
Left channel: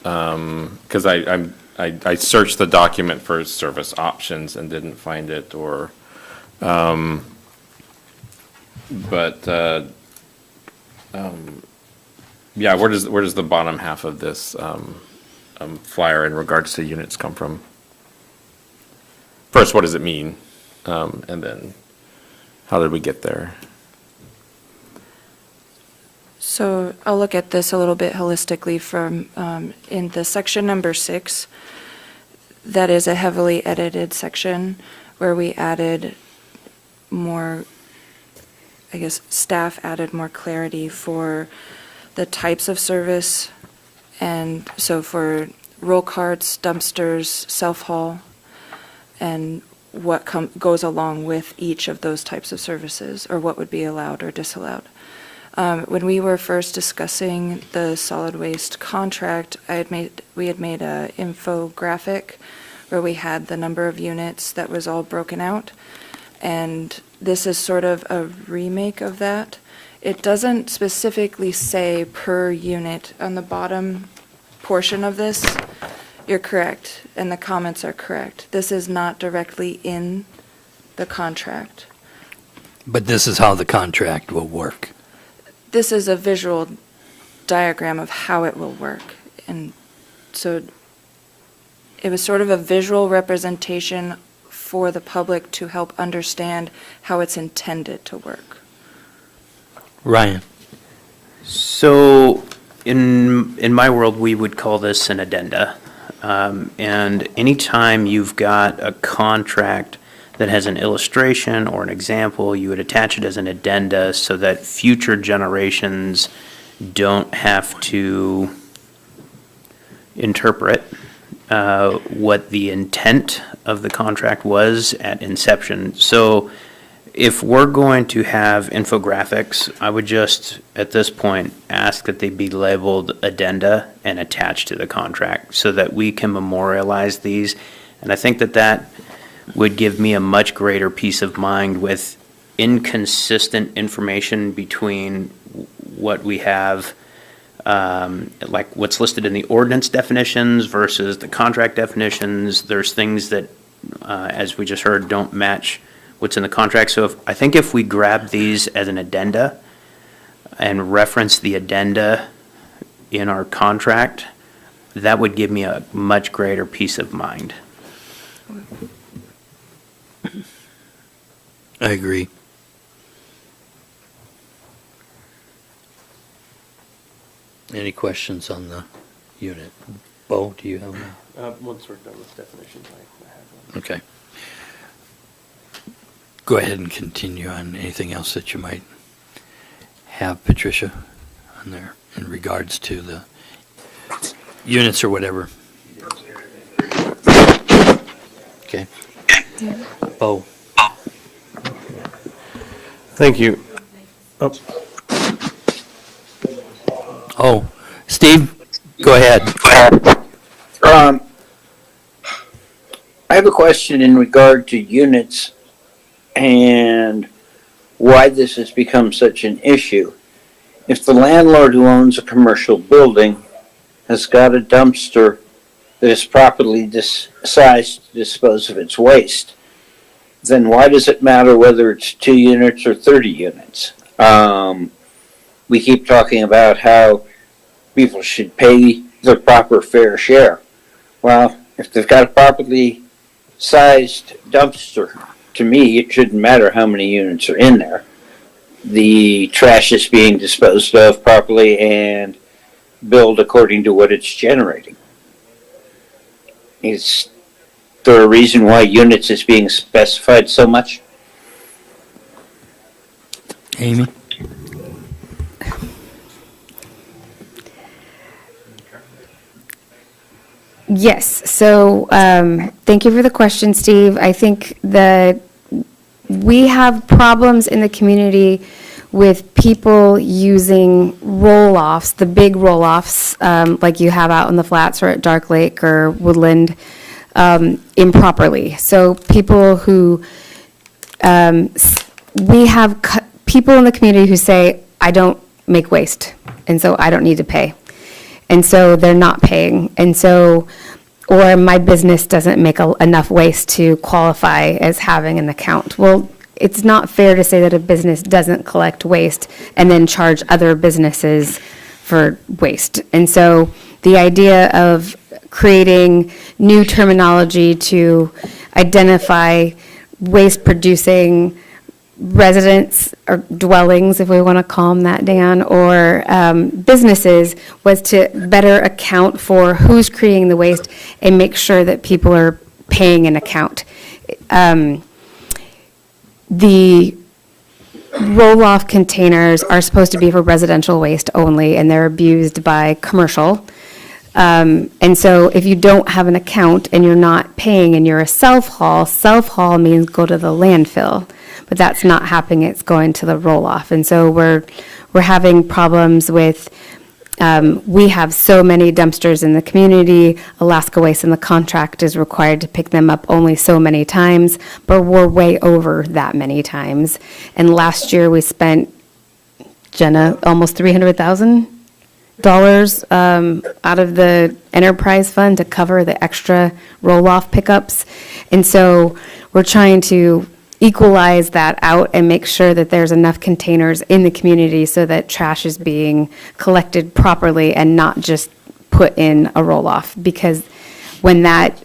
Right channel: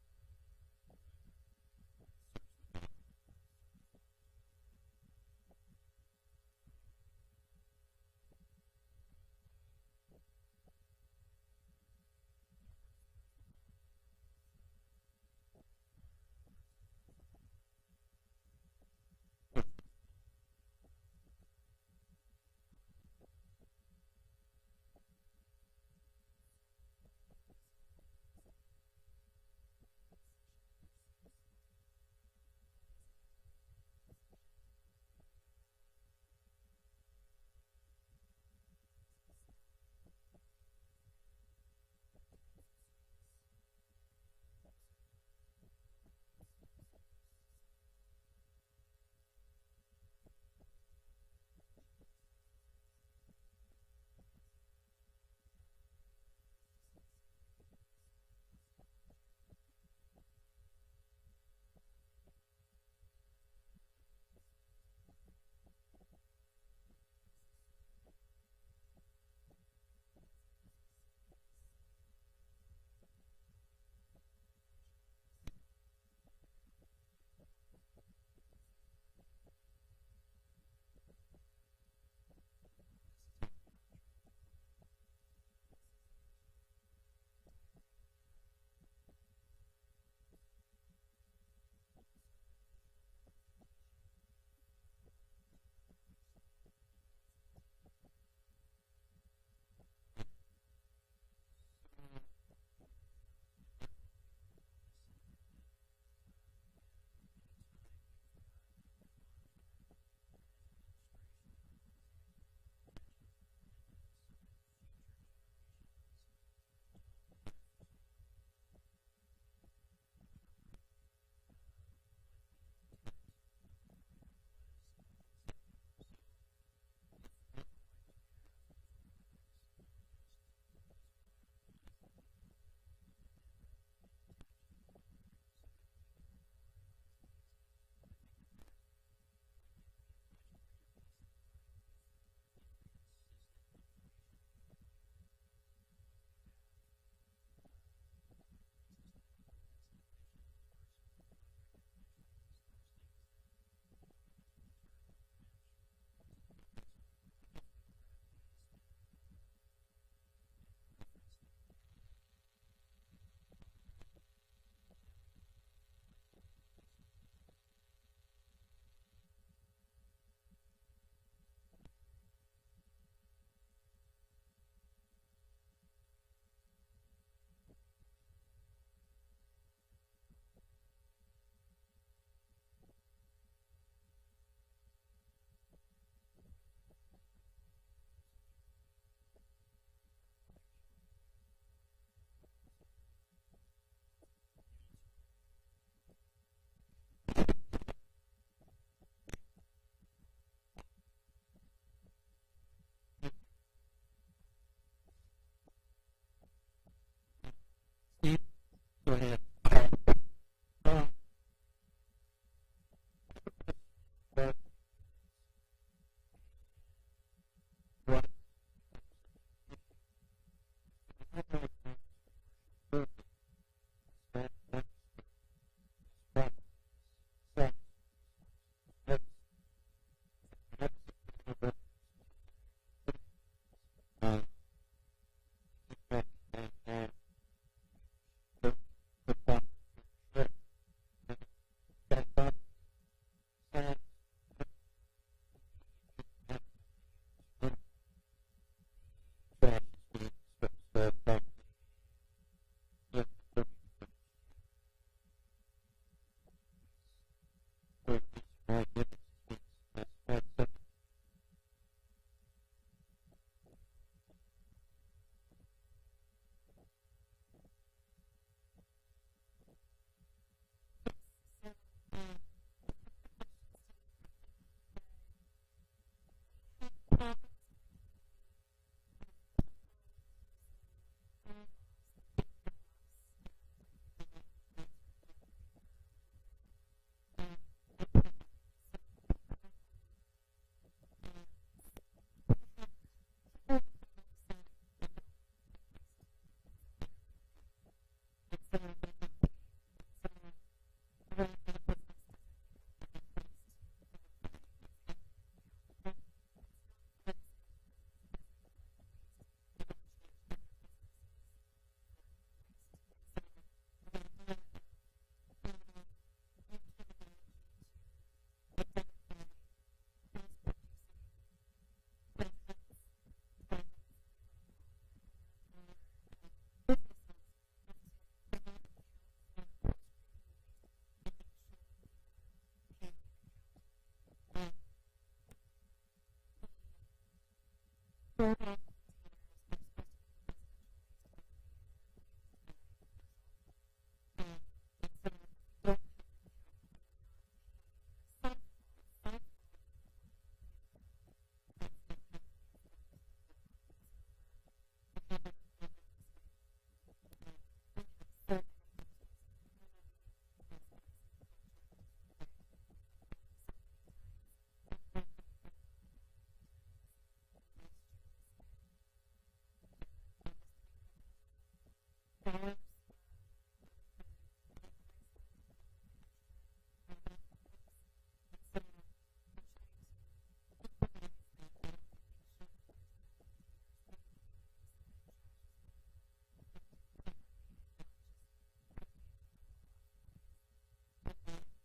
because I searched the document for service options and didn't find it, or, yeah, where does the bottom half of this flyer in regards to units come from? First, what does it mean? And then, how did we get there? So I'll look at this a little bit holistically from, in the section number 6, that is a heavily edited section where we added more, I guess, staff added more clarity for the types of service. And so for roll carts, dumpsters, self-haul, and what goes along with each of those types of services, or what would be allowed or disallowed. When we were first discussing the solid waste contract, we had made a infographic where we had the number of units that was all broken out, and this is sort of a remake of that. It doesn't specifically say per unit on the bottom portion of this. You're correct, and the comments are correct. This is not directly in the contract. But this is how the contract will work. This is a visual diagram of how it will work. And so it was sort of a visual representation for the public to help understand how it's intended to work. Ryan? So in my world, we would call this an addenda. And anytime you've got a contract that has an illustration or an example, you would attach it as an addenda so that future generations don't have to interpret what the intent of the contract was at inception. So if we're going to have infographics, I would just, at this point, ask that they be labeled addenda and attached to the contract so that we can memorialize these. And I think that that would give me a much greater peace of mind with inconsistent information between what we have, like what's listed in the ordinance definitions versus the contract definitions. There's things that, as we just heard, don't match what's in the contract. So I think if we grab these as an addenda and reference the addenda in our contract, that would give me a much greater peace of mind. I agree. Any questions on the unit? Bo, do you have one? Once we're done with definitions, I have one. Okay. Go ahead and continue on anything else that you might have, Patricia, on there in regards to the units or whatever. Okay. Bo. Thank you. Oh, Steve, go ahead. I have a question in regard to units and why this has become such an issue. If the landlord who owns a commercial building has got a dumpster that is properly sized to dispose of its waste, then why does it matter whether it's 2 units or 30 units? We keep talking about how people should pay their proper fair share. Well, if they've got a properly sized dumpster, to me, it shouldn't matter how many units are in there. The trash is being disposed of properly and billed according to what it's generating. Is there a reason why units is being specified so much? Amy? Yes, so thank you for the question, Steve. I think that we have problems in the community with people using roll-offs, the big roll-offs, like you have out in the flats or at Dark Lake or Woodland, improperly. So people who, we have people in the community who say, I don't make waste, and so I don't need to pay. And so they're not paying. And so, or my business doesn't make enough waste to qualify as having an account. Well, it's not fair to say that a business doesn't collect waste and then charge other businesses for waste. And so the idea of creating new terminology to identify waste-producing residents or dwellings, if we want to call them that, Dan, or businesses, was to better account for who's creating the waste and make sure that people are paying an account. The roll-off containers are supposed to be for residential waste only, and they're abused by commercial. And so if you don't have an account and you're not paying and you're a self-haul means go to the landfill. But that's not happening, it's going to the roll-off. And so we're having problems with, we have so many dumpsters in the community. Alaska Waste in the contract is required to pick them up only so many times, but we're way over that many times. And last year we spent, Jenna, almost $300,000 out of the enterprise fund to cover the extra roll-off pickups. And so we're trying to equalize that out and make sure that there's enough containers in the community so that trash is being collected properly and not just put in a roll-off. Because when that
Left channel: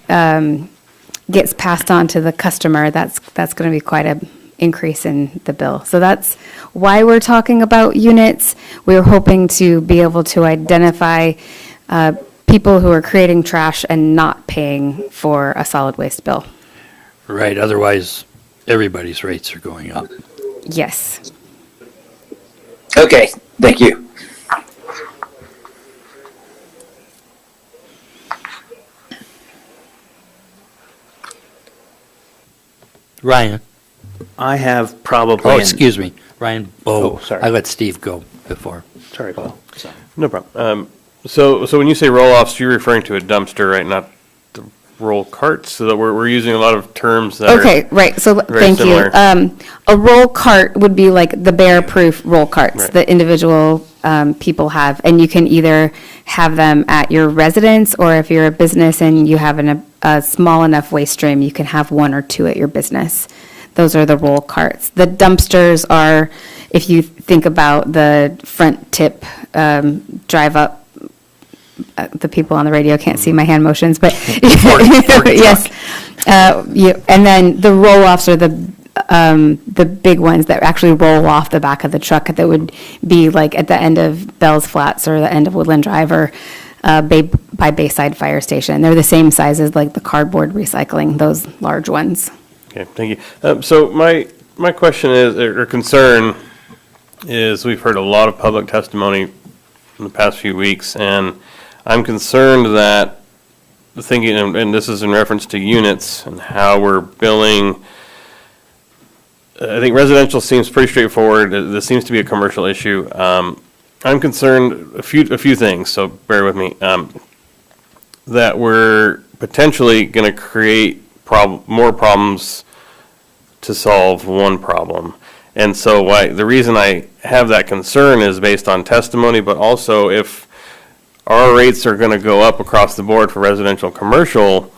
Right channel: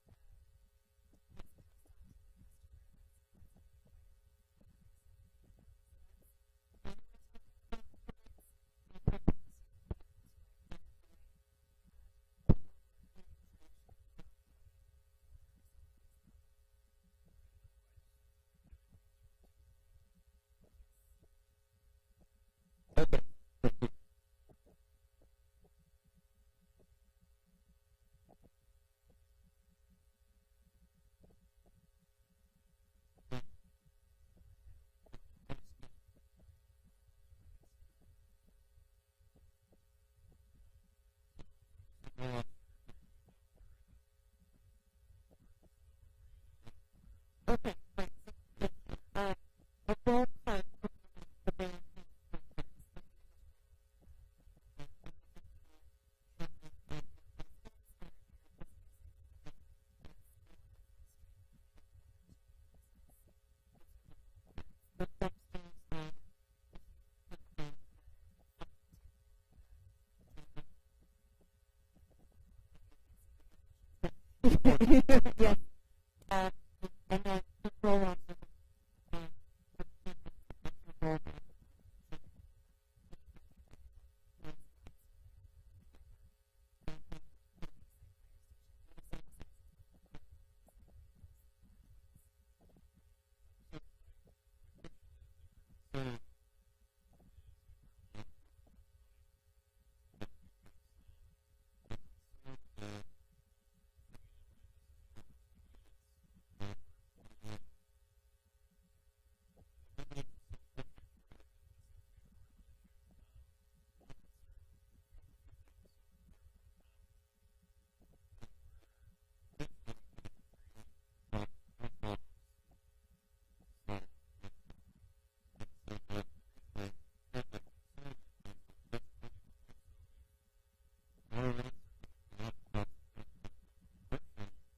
gets passed on to the customer, that's going to be quite an increase in the bill. So that's why we're talking about units. We're hoping to be able to identify people who are creating trash and not paying for a solid waste bill. Right, otherwise, everybody's rates are going up. Yes. Okay, thank you. Ryan? I have probably. Oh, excuse me, Ryan Bowe. Oh, sorry. I let Steve go before. Sorry, Paul. No problem. So when you say roll-offs, you're referring to a dumpster, right? Not the roll carts. So that we're using a lot of terms that Okay, right, so very thank you. similar. A roll cart would be like the bear-proof roll carts Right. that individual people have. And you can either have them at your residence, or if you're a business and you have a small enough waste stream, you can have one or two at your business. Those are the roll carts. The dumpsters are, if you think about the front tip, drive up, the people on the radio can't see my hand motions, but yes. And then the roll-offs are the big ones that actually roll off the back of the truck that would be like at the end of Bell's Flats or the end of Woodland Drive or by Bayside Fire Station. They're the same size as like the cardboard recycling, those large ones. Okay, thank you. So my question is, or concern is, we've heard a lot of public testimony in the past few weeks, and I'm concerned that thinking, and this is in reference to units and how we're billing. I think residential seems pretty straightforward. This seems to be a commercial issue. I'm concerned a few things, so bear with me. That we're potentially going to create more problems to solve one problem. And so the reason I have that concern is based on testimony, but also if our rates are going to go up across the board for residential and commercial,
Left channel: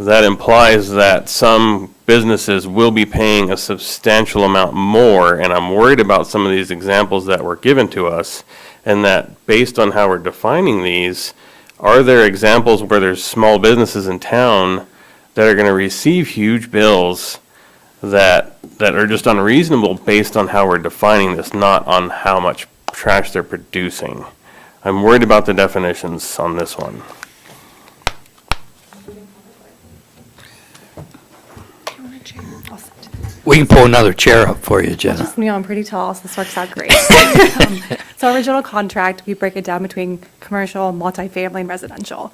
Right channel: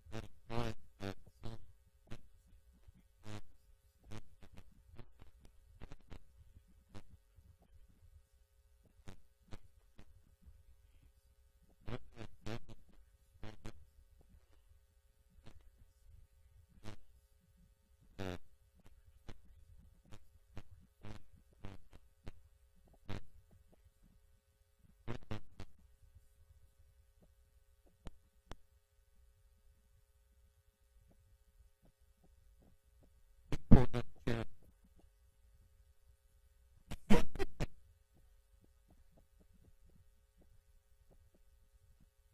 that implies that some businesses will be paying a substantial amount more. And I'm worried about some of these examples that were given to us, and that based on how we're defining these, are there examples where there's small businesses in town that are going to receive huge bills that are just unreasonable based on how we're defining this, not on how much trash they're producing? I'm worried about the definitions on this one. We can pull another chair up for you, Jenna. Just me, I'm pretty tall, so this works out great. So original contract, we break it down between commercial, multifamily, and residential.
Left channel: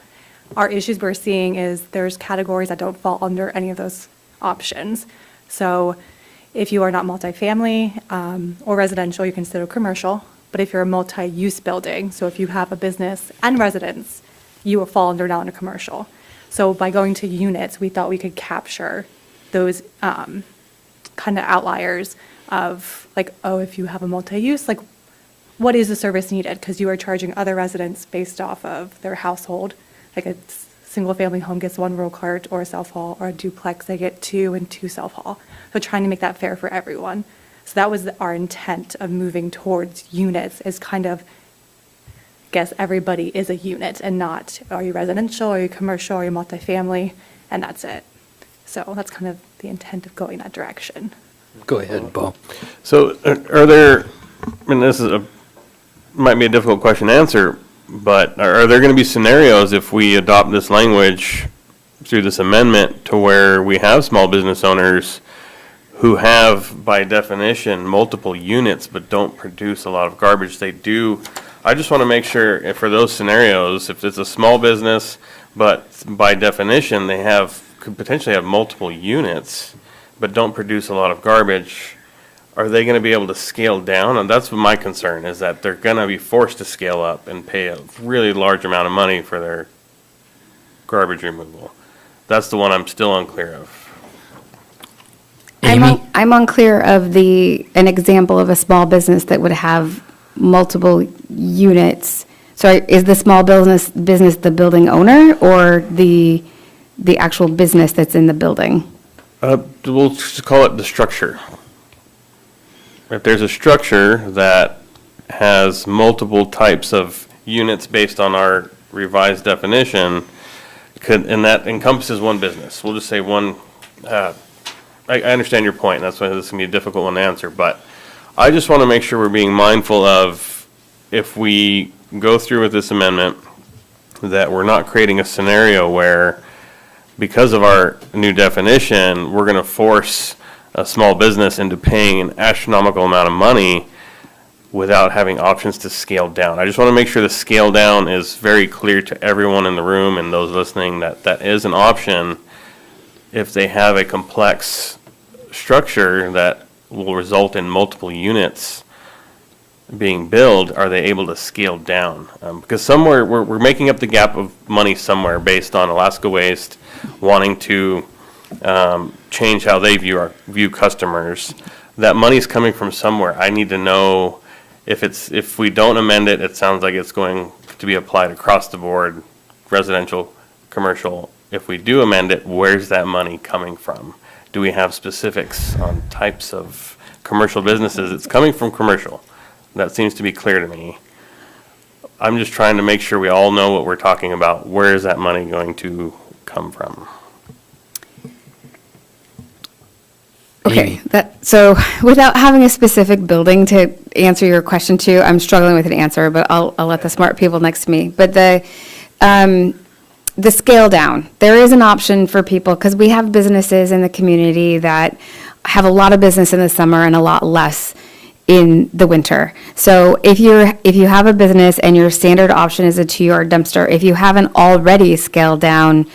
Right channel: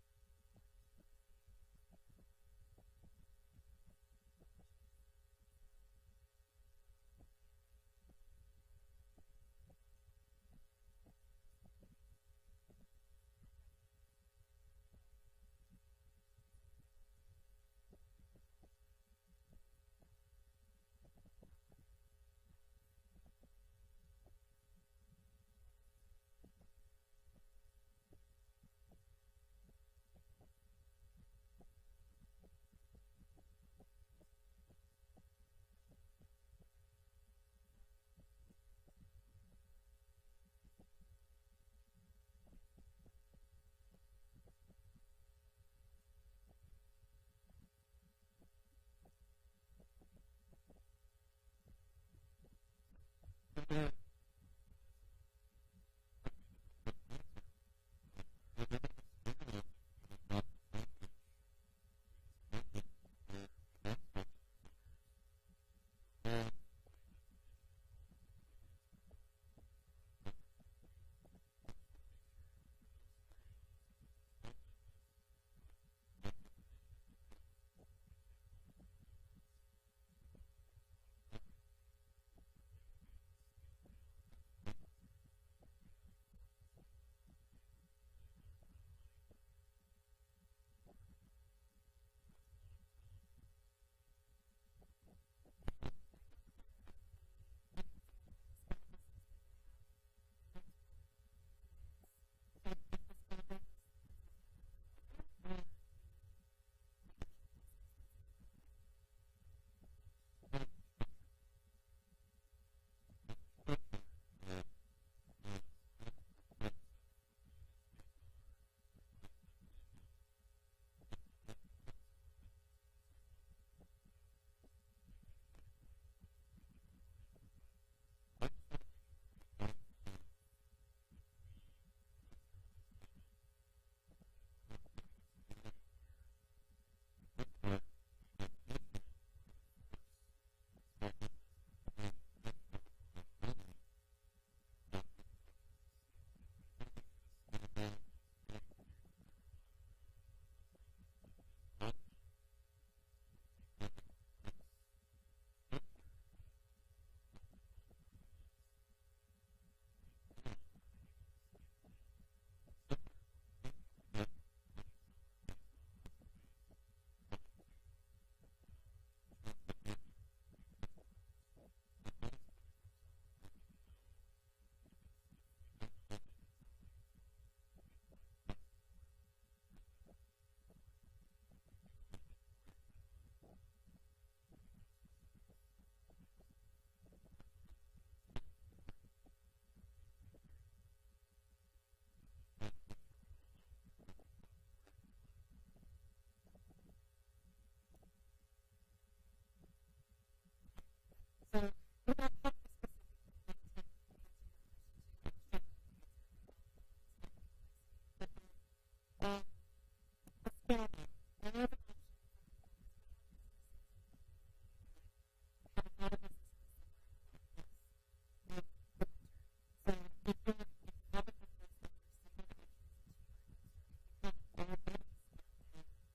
Our issues we're seeing is there's categories that don't fall under any of those options. So if you are not multifamily or residential, you consider commercial. But if you're a multi-use building, so if you have a business and residence, you will fall under now into commercial. So by going to units, we thought we could capture those kind of outliers of like, oh, if you have a multi-use, like what is the service needed? Because you are charging other residents based off of their household. Like a single-family home gets 1 roll cart or a self-haul, or a duplex, they get 2 and 2 self-haul. So trying to make that fair for everyone. So that was our intent of moving towards units, is kind of, guess everybody is a unit and not, are you residential, are you commercial, are you multifamily, and that's it. So that's kind of the intent of going that direction. Go ahead, Paul. So are there, and this is might be a difficult question to answer, but are there going to be scenarios if we adopt this language through this amendment to where we have small business owners who have, by definition, multiple units but don't produce a lot of garbage? They do. I just want to make sure if for those scenarios, if it's a small business, but by definition they could potentially have multiple units but don't produce a lot of garbage, are they going to be able to scale down? And that's my concern, is that they're going to be forced to scale up and pay a really large amount of money for their garbage removal. That's the one I'm still unclear of. I'm unclear of an example of a small business that would have multiple units. Sorry, is the small business the building owner or the actual business that's in the building? We'll just call it the structure. If there's a structure that has multiple types of units based on our revised definition, and that encompasses one business, we'll just say one. I understand your point, and that's why this is going to be a difficult one to answer, but I just want to make sure we're being mindful of, if we go through with this amendment, that we're not creating a scenario where, because of our new definition, we're going to force a small business into paying an astronomical amount of money without having options to scale down. I just want to make sure the scale down is very clear to everyone in the room and those listening, that that is an option if they have a complex structure that will result in multiple units being billed. Are they able to scale down? Because somewhere we're making up the gap of money somewhere based on Alaska Waste wanting to change how they view customers. That money's coming from somewhere. I need to know if we don't amend it, it sounds like it's going to be applied across the board, residential, commercial. If we do amend it, where's that money coming from? Do we have specifics on types of commercial businesses? It's coming from commercial. That seems to be clear to me. I'm just trying to make sure we all know what we're talking about. Where is that money going to come from? Okay, so without having a specific building to answer your question to, I'm struggling with an answer, but I'll let the smart people next to me. But the scale down, there is an option for people, because we have businesses in the community that have a lot of business in the summer and a lot less in the winter. So if you have a business and your standard option is a 2-yard dumpster, if you haven't already scaled down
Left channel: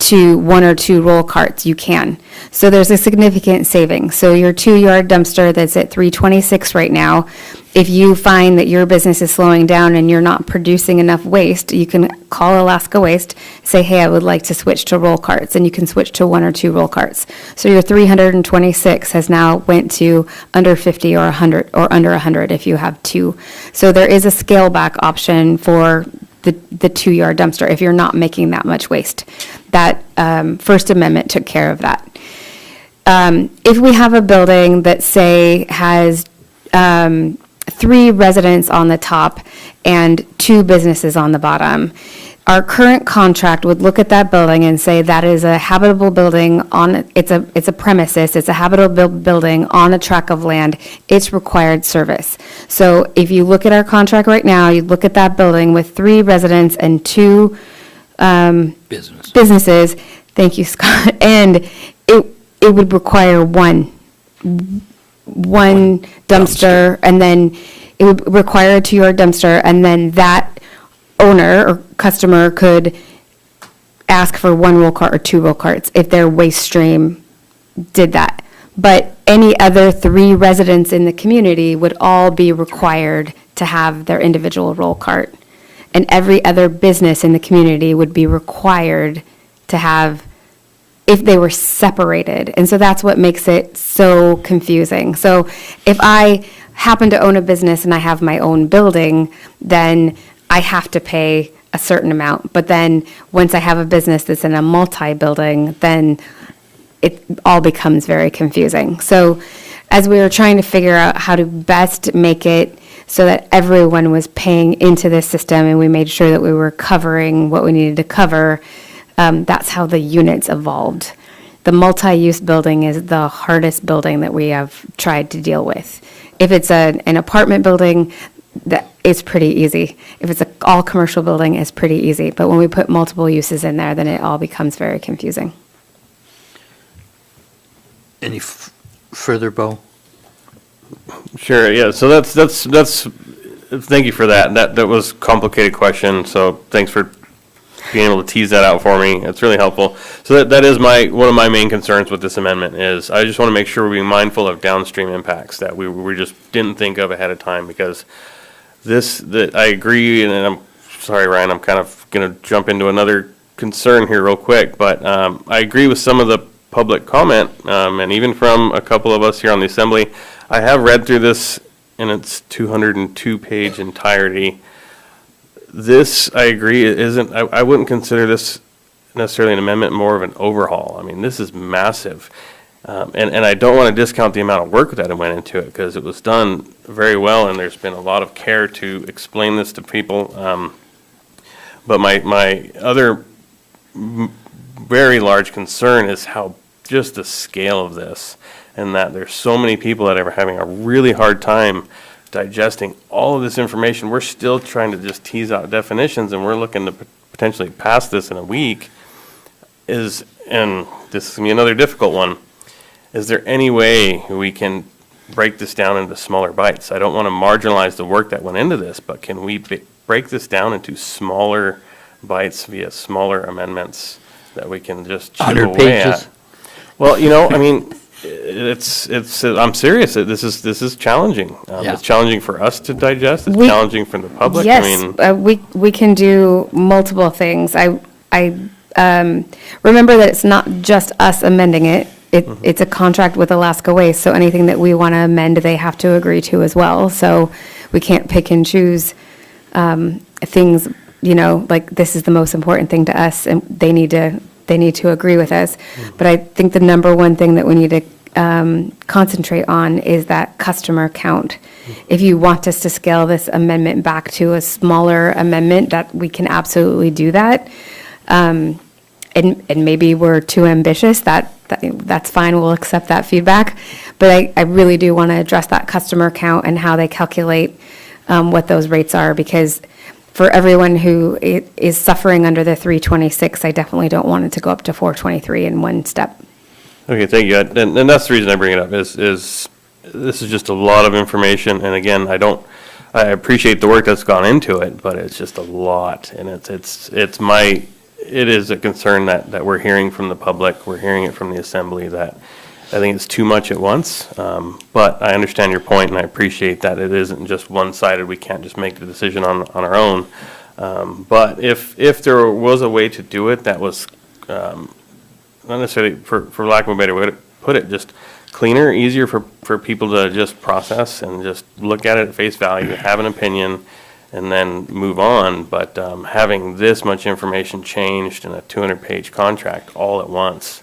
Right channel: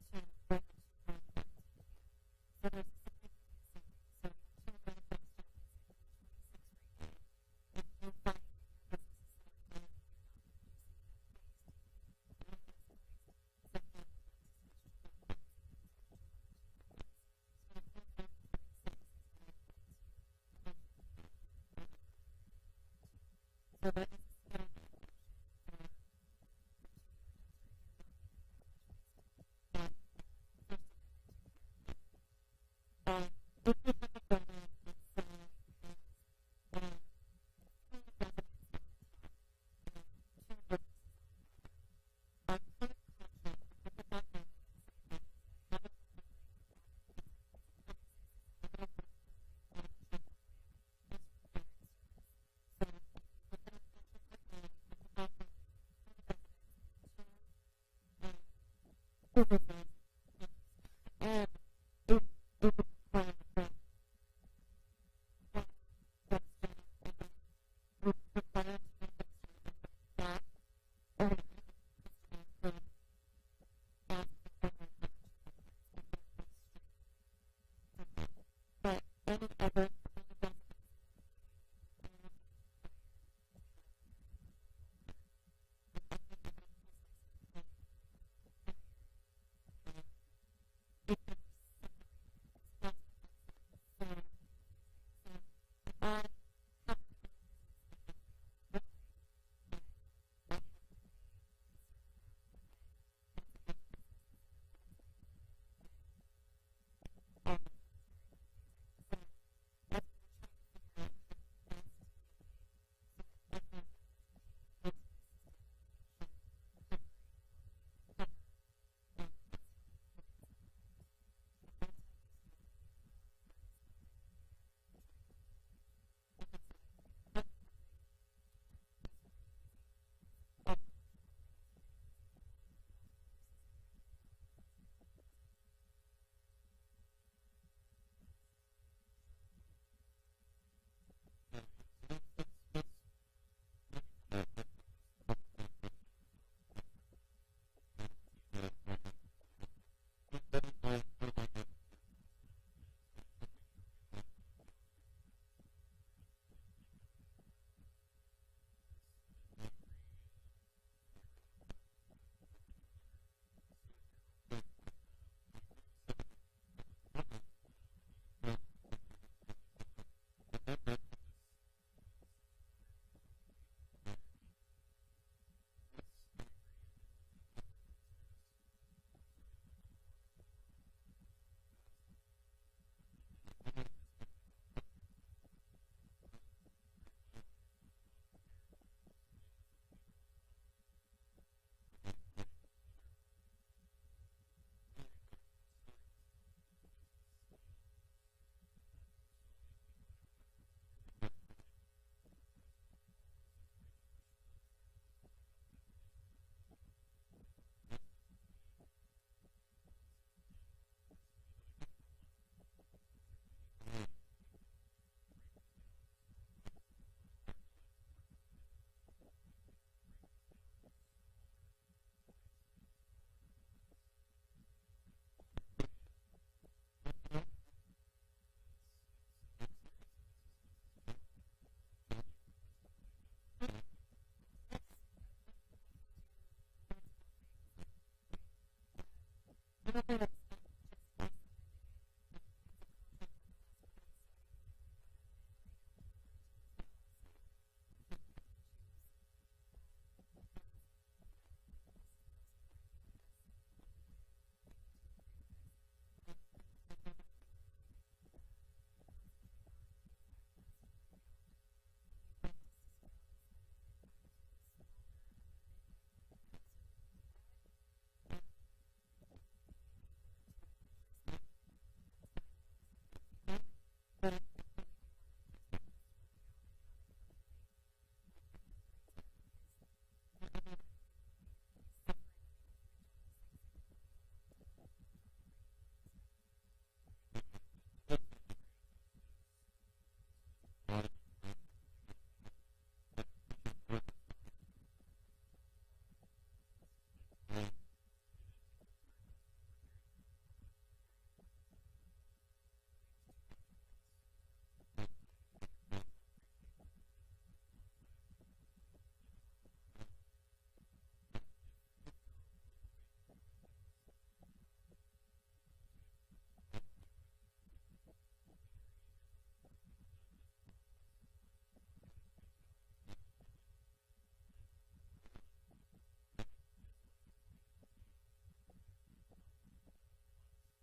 to 1 or 2 roll carts, you can. So there's a significant saving. So your 2-yard dumpster that's at $326 right now, if you find that your business is slowing down and you're not producing enough waste, you can call Alaska Waste, say, hey, I would like to switch to roll carts, and you can switch to 1 or 2 roll carts. So your 326 has now went to under 50 or 100, or under 100 if you have 2. So there is a scale back option for the 2-yard dumpster if you're not making that much waste. That First Amendment took care of that. If we have a building that, say, has 3 residents on the top and 2 businesses on the bottom, our current contract would look at that building and say that is a habitable building it's a premises, it's a habitable building on a tract of land, it's required service. So if you look at our contract right now, you look at that building with 3 residents and 2 businesses, thank you, Scott, and it would require one dumpster, and then it would require a 2-yard dumpster, and then that owner or customer could ask for 1 roll cart or 2 roll carts if their waste stream did that. But any other 3 residents in the community would all be required to have their individual roll cart. And every other business in the community would be required to have if they were separated. And so that's what makes it so confusing. So if I happen to own a business and I have my own building, then I have to pay a certain amount. But then once I have a business that's in a multi-building, then it all becomes very confusing. So as we were trying to figure out how to best make it so that everyone was paying into this system and we made sure that we were covering what we needed to cover, that's how the units evolved. The multi-use building is the hardest building that we have tried to deal with. If it's an apartment building, that is pretty easy. If it's an all-commercial building, it's pretty easy. But when we put multiple uses in there, then it all becomes very confusing. Any further, Bo? Sure, yeah, so that's, thank you for that. That was a complicated question, so thanks for being able to tease that out for me. It's really helpful. So that is one of my main concerns with this amendment is I just want to make sure we're being mindful of downstream impacts that we just didn't think of ahead of time, because I agree, and I'm sorry, Ryan, I'm kind of going to jump into another concern here real quick, but I agree with some of the public comment, and even from a couple of us here on the Assembly. I have read through this in its 202-page entirety. This, I agree, I wouldn't consider this necessarily an amendment, more of an overhaul. I mean, this is massive. And I don't want to discount the amount of work that went into it, because it was done very well, and there's been a lot of care to explain this to people. But my other very large concern is how just the scale of this, and that there's so many people that are having a really hard time digesting all of this information. We're still trying to just tease out definitions, and we're looking to potentially pass this in a week. And this is going to be another difficult one. Is there any way we can break this down into smaller bites? I don't want to marginalize the work that went into this, but can we break this down into smaller bites via smaller amendments that we can just chip 100 away pages? at? Well, I mean, I'm serious. This is challenging. Yeah. It's challenging for us to digest. It's We- challenging for the public. Yes, I mean, we can do multiple things. I remember that it's not just us amending it. It's a contract with Alaska Waste, so anything that we want to amend, they have to agree to as well. So we can't pick and choose things, like this is the most important thing to us, and they need to agree with us. But I think the number one thing that we need to concentrate on is that customer count. If you want us to scale this amendment back to a smaller amendment, that we can absolutely do that. And maybe we're too ambitious, that's fine, we'll accept that feedback. But I really do want to address that customer count and how they calculate what those rates are, because for everyone who is suffering under the 326, I definitely don't want it to go up to 423 in one step. okay, thank you. And that's the reason I bring it up is this is just a lot of information. And again, I appreciate the work that's gone into it, but it's just a lot. And it is a concern that we're hearing from the public. We're hearing it from the Assembly that I think it's too much at once. But I understand your point, and I appreciate that it isn't just one-sided. We can't just make the decision on our own. But if there was a way to do it that was not necessarily, for lack of a better way to put it, just cleaner, easier for people to just process and just look at it at face value, have an opinion, and then move on. But having this much information changed in a 200-page contract all at once,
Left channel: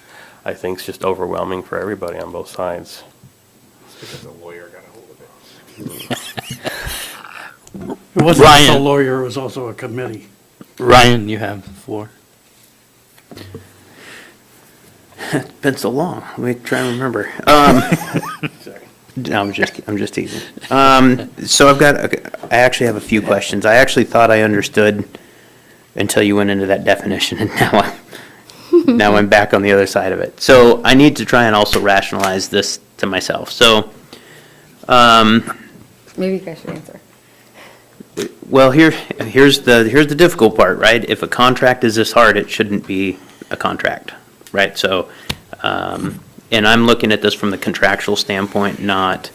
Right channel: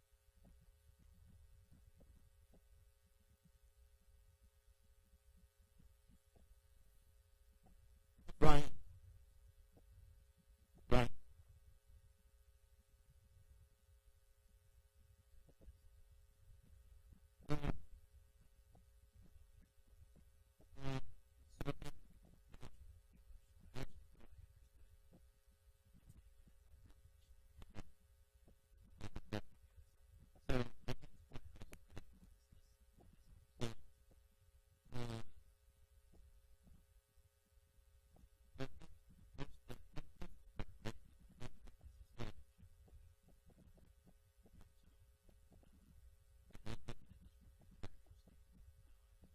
I think is just overwhelming for everybody on both sides. Because the lawyer got a hold of it. It wasn't just a Ryan. lawyer, it was also a committee. Ryan, you have the floor. It's been so long. Let me try and remember. No, I'm just teasing. So I actually have a few questions. I actually thought I understood until you went into that definition, and now I'm back on the other side of it. So I need to try and also rationalize this to myself. So, Maybe you guys should answer. well, here's the difficult part, right? If a contract is this hard, it shouldn't be a contract, right? So, and I'm looking at this from the contractual standpoint, not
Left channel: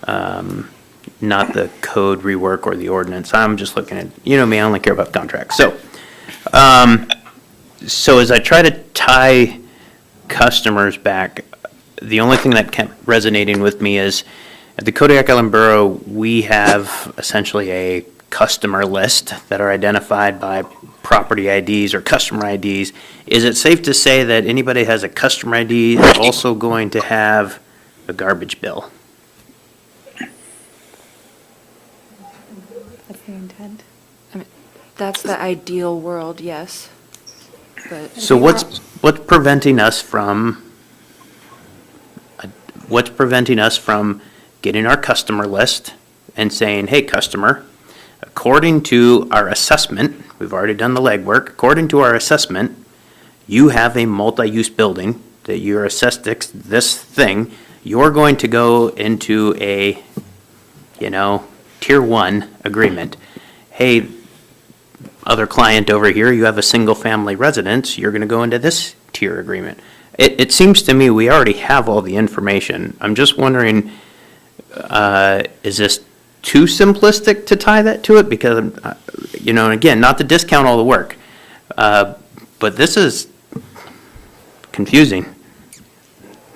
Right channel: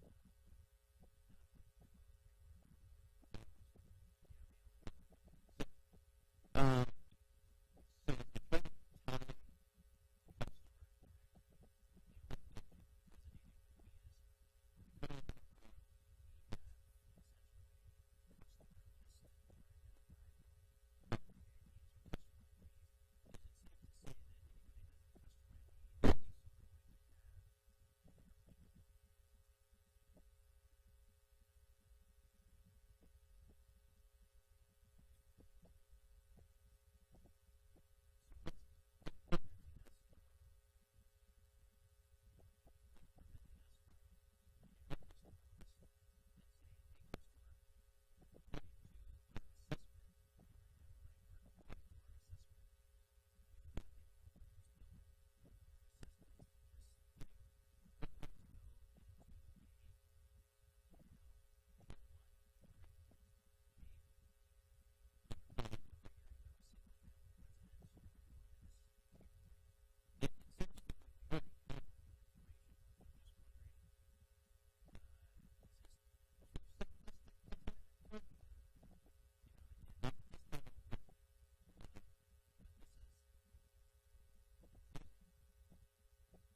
the code rework or the ordinance. I'm just looking at, me, I only care about contracts. So, So as I try to tie customers back, the only thing that kept resonating with me is at the Kodiak Island Borough, we have essentially a customer list that are identified by property IDs or customer IDs. Is it safe to say that anybody has a customer ID is also going to have a garbage bill? That's the intent. That's the ideal world, yes. But So what's preventing us from getting our customer list and saying, hey, customer, according to our assessment, we've already done the legwork, according to our assessment, you have a multi-use building that you're assessed this thing, you're going to go into a, tier 1 agreement. Hey, other client over here, you have a single-family residence, you're going to go into this tier agreement. It seems to me we already have all the information. I'm just wondering, is this too simplistic to tie that to it? Because, again, not to discount all the work, but this is confusing.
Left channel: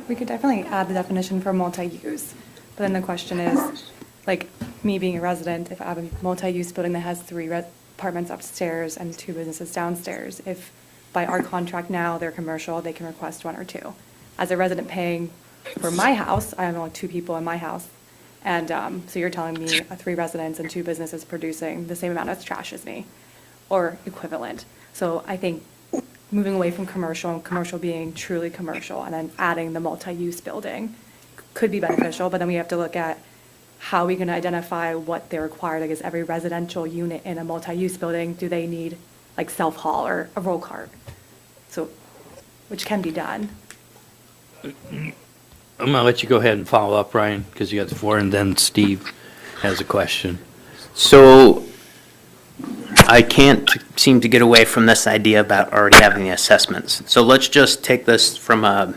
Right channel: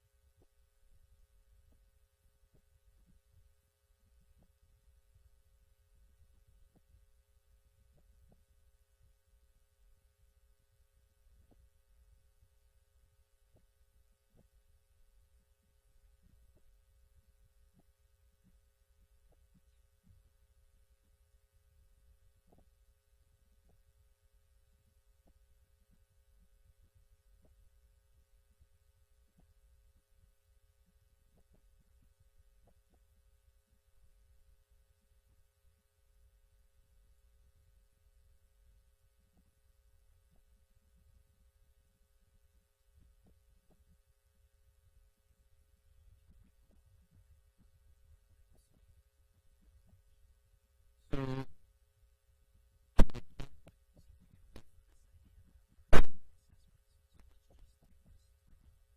We could definitely add the definition for multi-use, but then the question is, like, me being a resident, if I have a multi-use building that has 3 apartments upstairs and 2 businesses downstairs, if by our contract now they're commercial, they can request 1 or 2. As a resident paying for my house, I have only 2 people in my house, and so you're telling me 3 residents and 2 businesses producing the same amount of trash as me, or equivalent. So I think moving away from commercial and commercial being truly commercial and then adding the multi-use building could be beneficial, but then we have to look at how we can identify what they require. Like, is every residential unit in a multi-use building, do they need like self-haul or a roll cart? So, which can be done. I'm going to let you go ahead and follow up, Ryan, because you got the floor, and then Steve has a question. So I can't seem to get away from this idea about already having the assessments. So let's just take this from a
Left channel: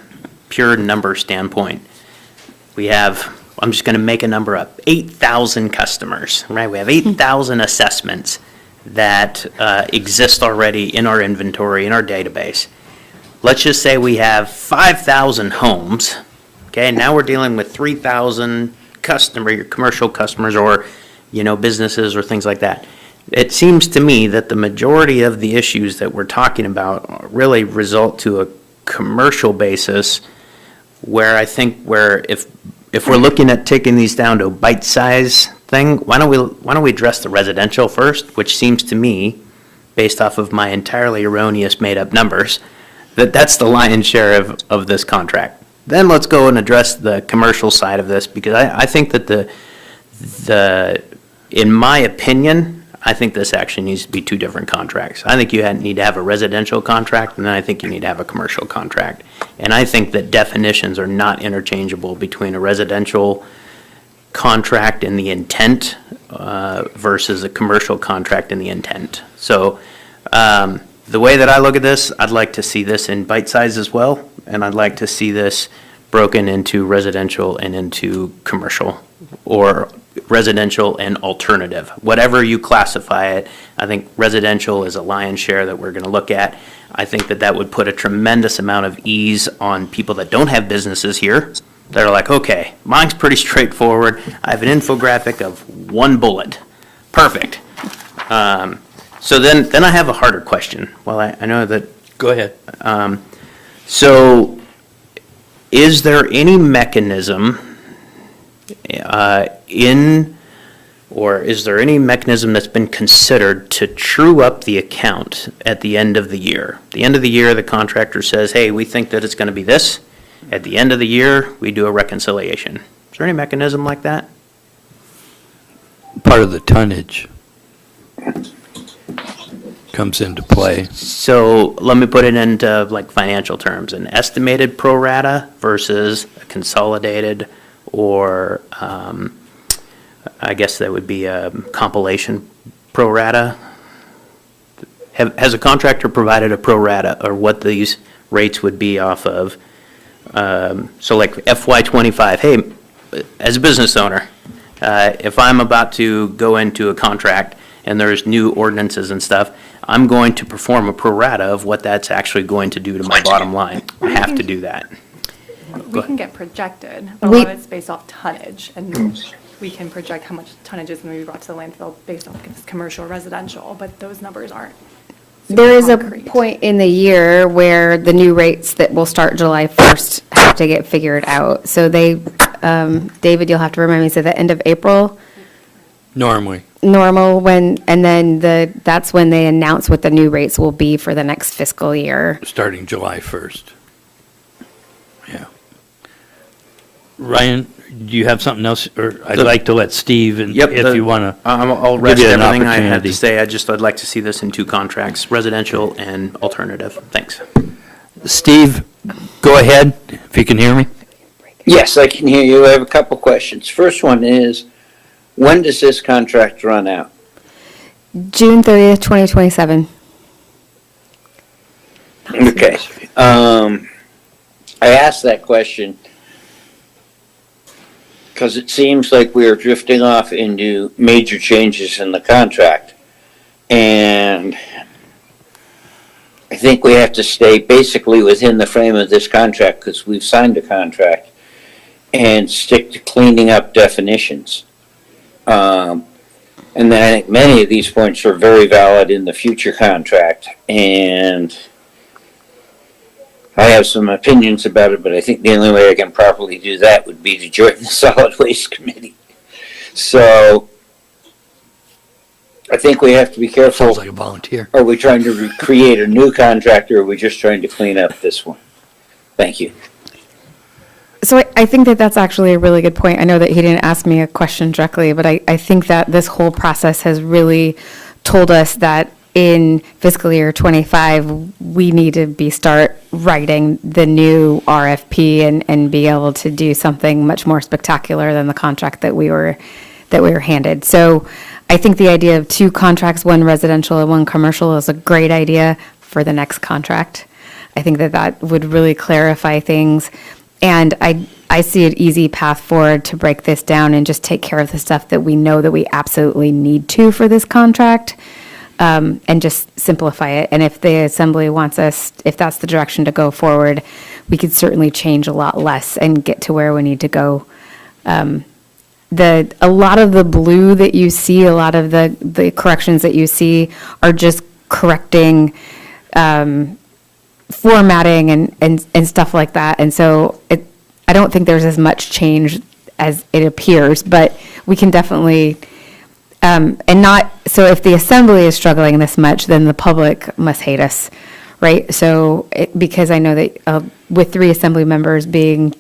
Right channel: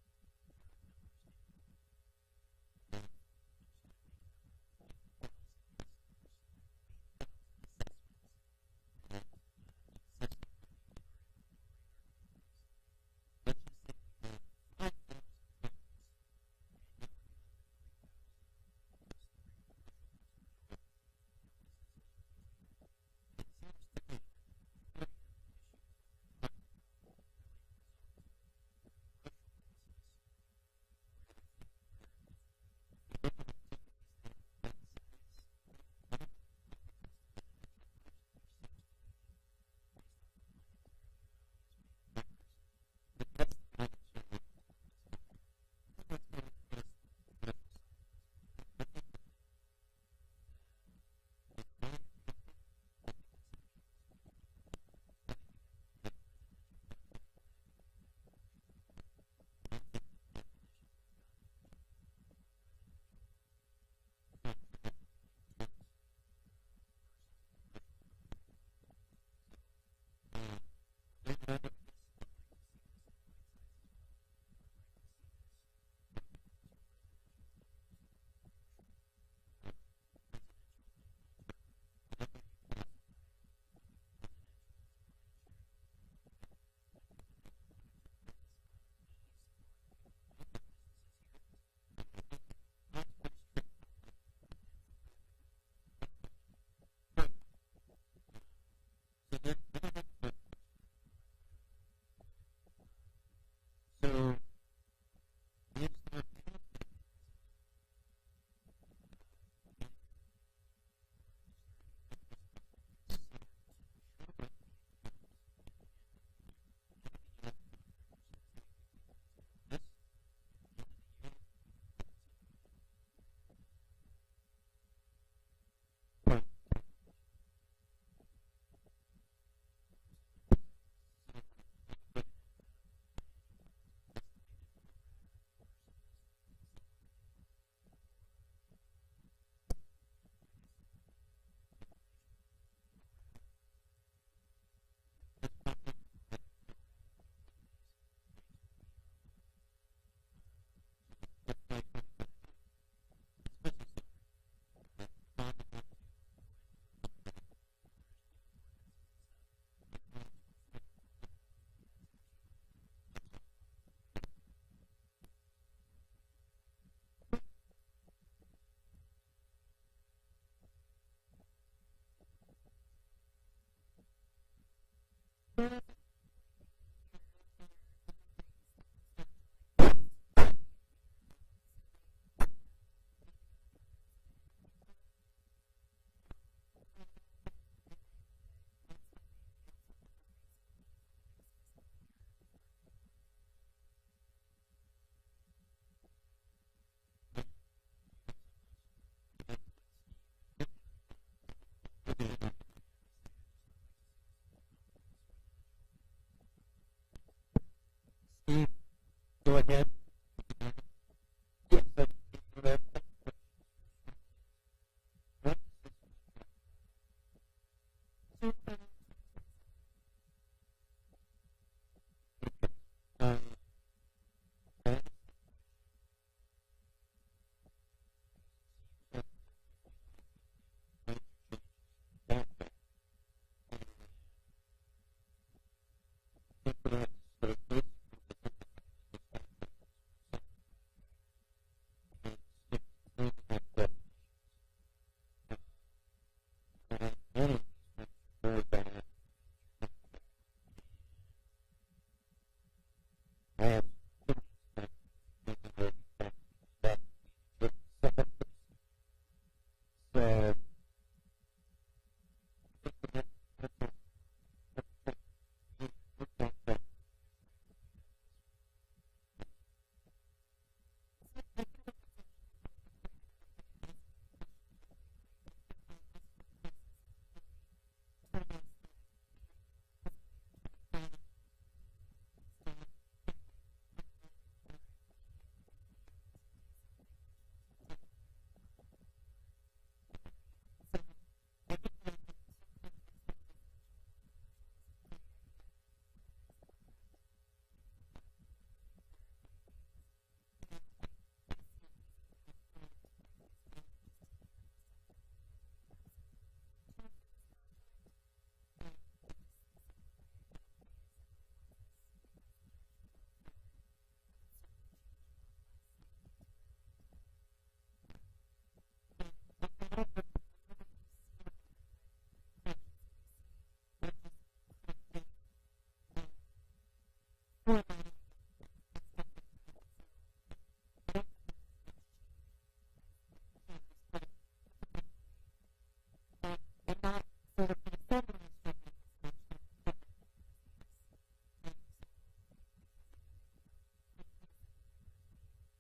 pure number standpoint. We have, I'm just going to make a number up, 8,000 customers, right? We have 8,000 assessments that exist already in our inventory, in our database. Let's just say we have 5,000 homes. Okay, now we're dealing with 3,000 commercial customers or, businesses or things like that. It seems to me that the majority of the issues that we're talking about really result to a commercial basis, where I think if we're looking at taking these down to a bite-size thing, why don't we address the residential first, which seems to me, based off of my entirely erroneous made-up numbers, that's the lion's share of this contract. Then let's go and address the commercial side of this, because I think that in my opinion, I think this actually needs to be 2 different contracts. I think you need to have a residential contract, and then I think you need to have a commercial contract. And I think that definitions are not interchangeable between a residential contract in the intent versus a commercial contract in the intent. So the way that I look at this, I'd like to see this in bite size as well, and I'd like to see this broken into residential and into commercial, or residential and alternative. Whatever you classify it, I think residential is a lion's share that we're going to look at. I think that would put a tremendous amount of ease on people that don't have businesses here. They're like, okay, mine's pretty straightforward. I have an infographic of 1 bullet. Perfect. So then I have a harder question. Well, I know that. Go ahead. So is there any mechanism is there any mechanism that's been considered to true up the account at the end of the year? At the end of the year, the contractor says, hey, we think that it's going to be this. At the end of the year, we do a reconciliation. Is there any mechanism like that? Part of the tonnage comes into play. So let me put it into like financial terms. An estimated pro rata versus a consolidated, or I guess that would be a compilation pro rata. Has a contractor provided a pro rata, or what these rates would be off of? So like FY25, hey, as a business owner, if I'm about to go into a contract and there's new ordinances and stuff, I'm going to perform a pro rata of what that's actually going to do to my bottom line. I have to do that. We can get projected, but a We- lot of it's based off tonnage, and we can project how much tonnage is going to be brought to the landfill based off if it's commercial or residential, but those numbers aren't super There is a concrete. point in the year where the new rates that will start July 1st have to get figured out. So they, David, you'll have to remind me, so the end of April, Normally. normal when, and then that's when they announce what the new rates will be for the next fiscal year. Starting July 1st. Yeah. Ryan, do you have something else? Or I'd like to let Steve, and Yep. if you want to. I'll rest you an everything I had opportunity. to say. I'd like to see this in 2 contracts, residential and alternative. Thanks. Steve, go ahead, if you can hear me. Yes, I can hear you. I have a couple questions. First one is, when does this contract run out? June 30th, 2027. Okay. I asked that question because it seems like we are drifting off into major changes in the contract. And I think we have to stay basically within the frame of this contract because we've signed a contract and stick to cleaning up definitions. And then I think many of these points are very valid in the future contract. And I have some opinions about it, but I think the only way I can properly do that would be to join the Solid Waste Committee. So I think we have to be careful. Sounds like a volunteer. Are we trying to create a new contract, or are we just trying to clean up this one? Thank you. So I think that that's actually a really good point. I know that he didn't ask me a question directly, but I think that this whole process has really told us that in fiscal year '25, we need to start writing the new RFP and be able to do something much more spectacular than the contract that we were handed. So I think the idea of 2 contracts, 1 residential and 1 commercial, is a great idea for the next contract. I think that would really clarify things. And I see an easy path forward to break this down and just take care of the stuff that we know that we absolutely need to for this contract, and just simplify it. And if the assembly wants us, if that's the direction to go forward, we could certainly change a lot less and get to where we need to go. A lot of the blue that you see, a lot of the corrections that you see are just correcting formatting and stuff like that. And so I don't think there's as much change as it appears, but we can definitely, so if the assembly is struggling this much, then the public must hate us, right? So, because I know that with 3 assembly members being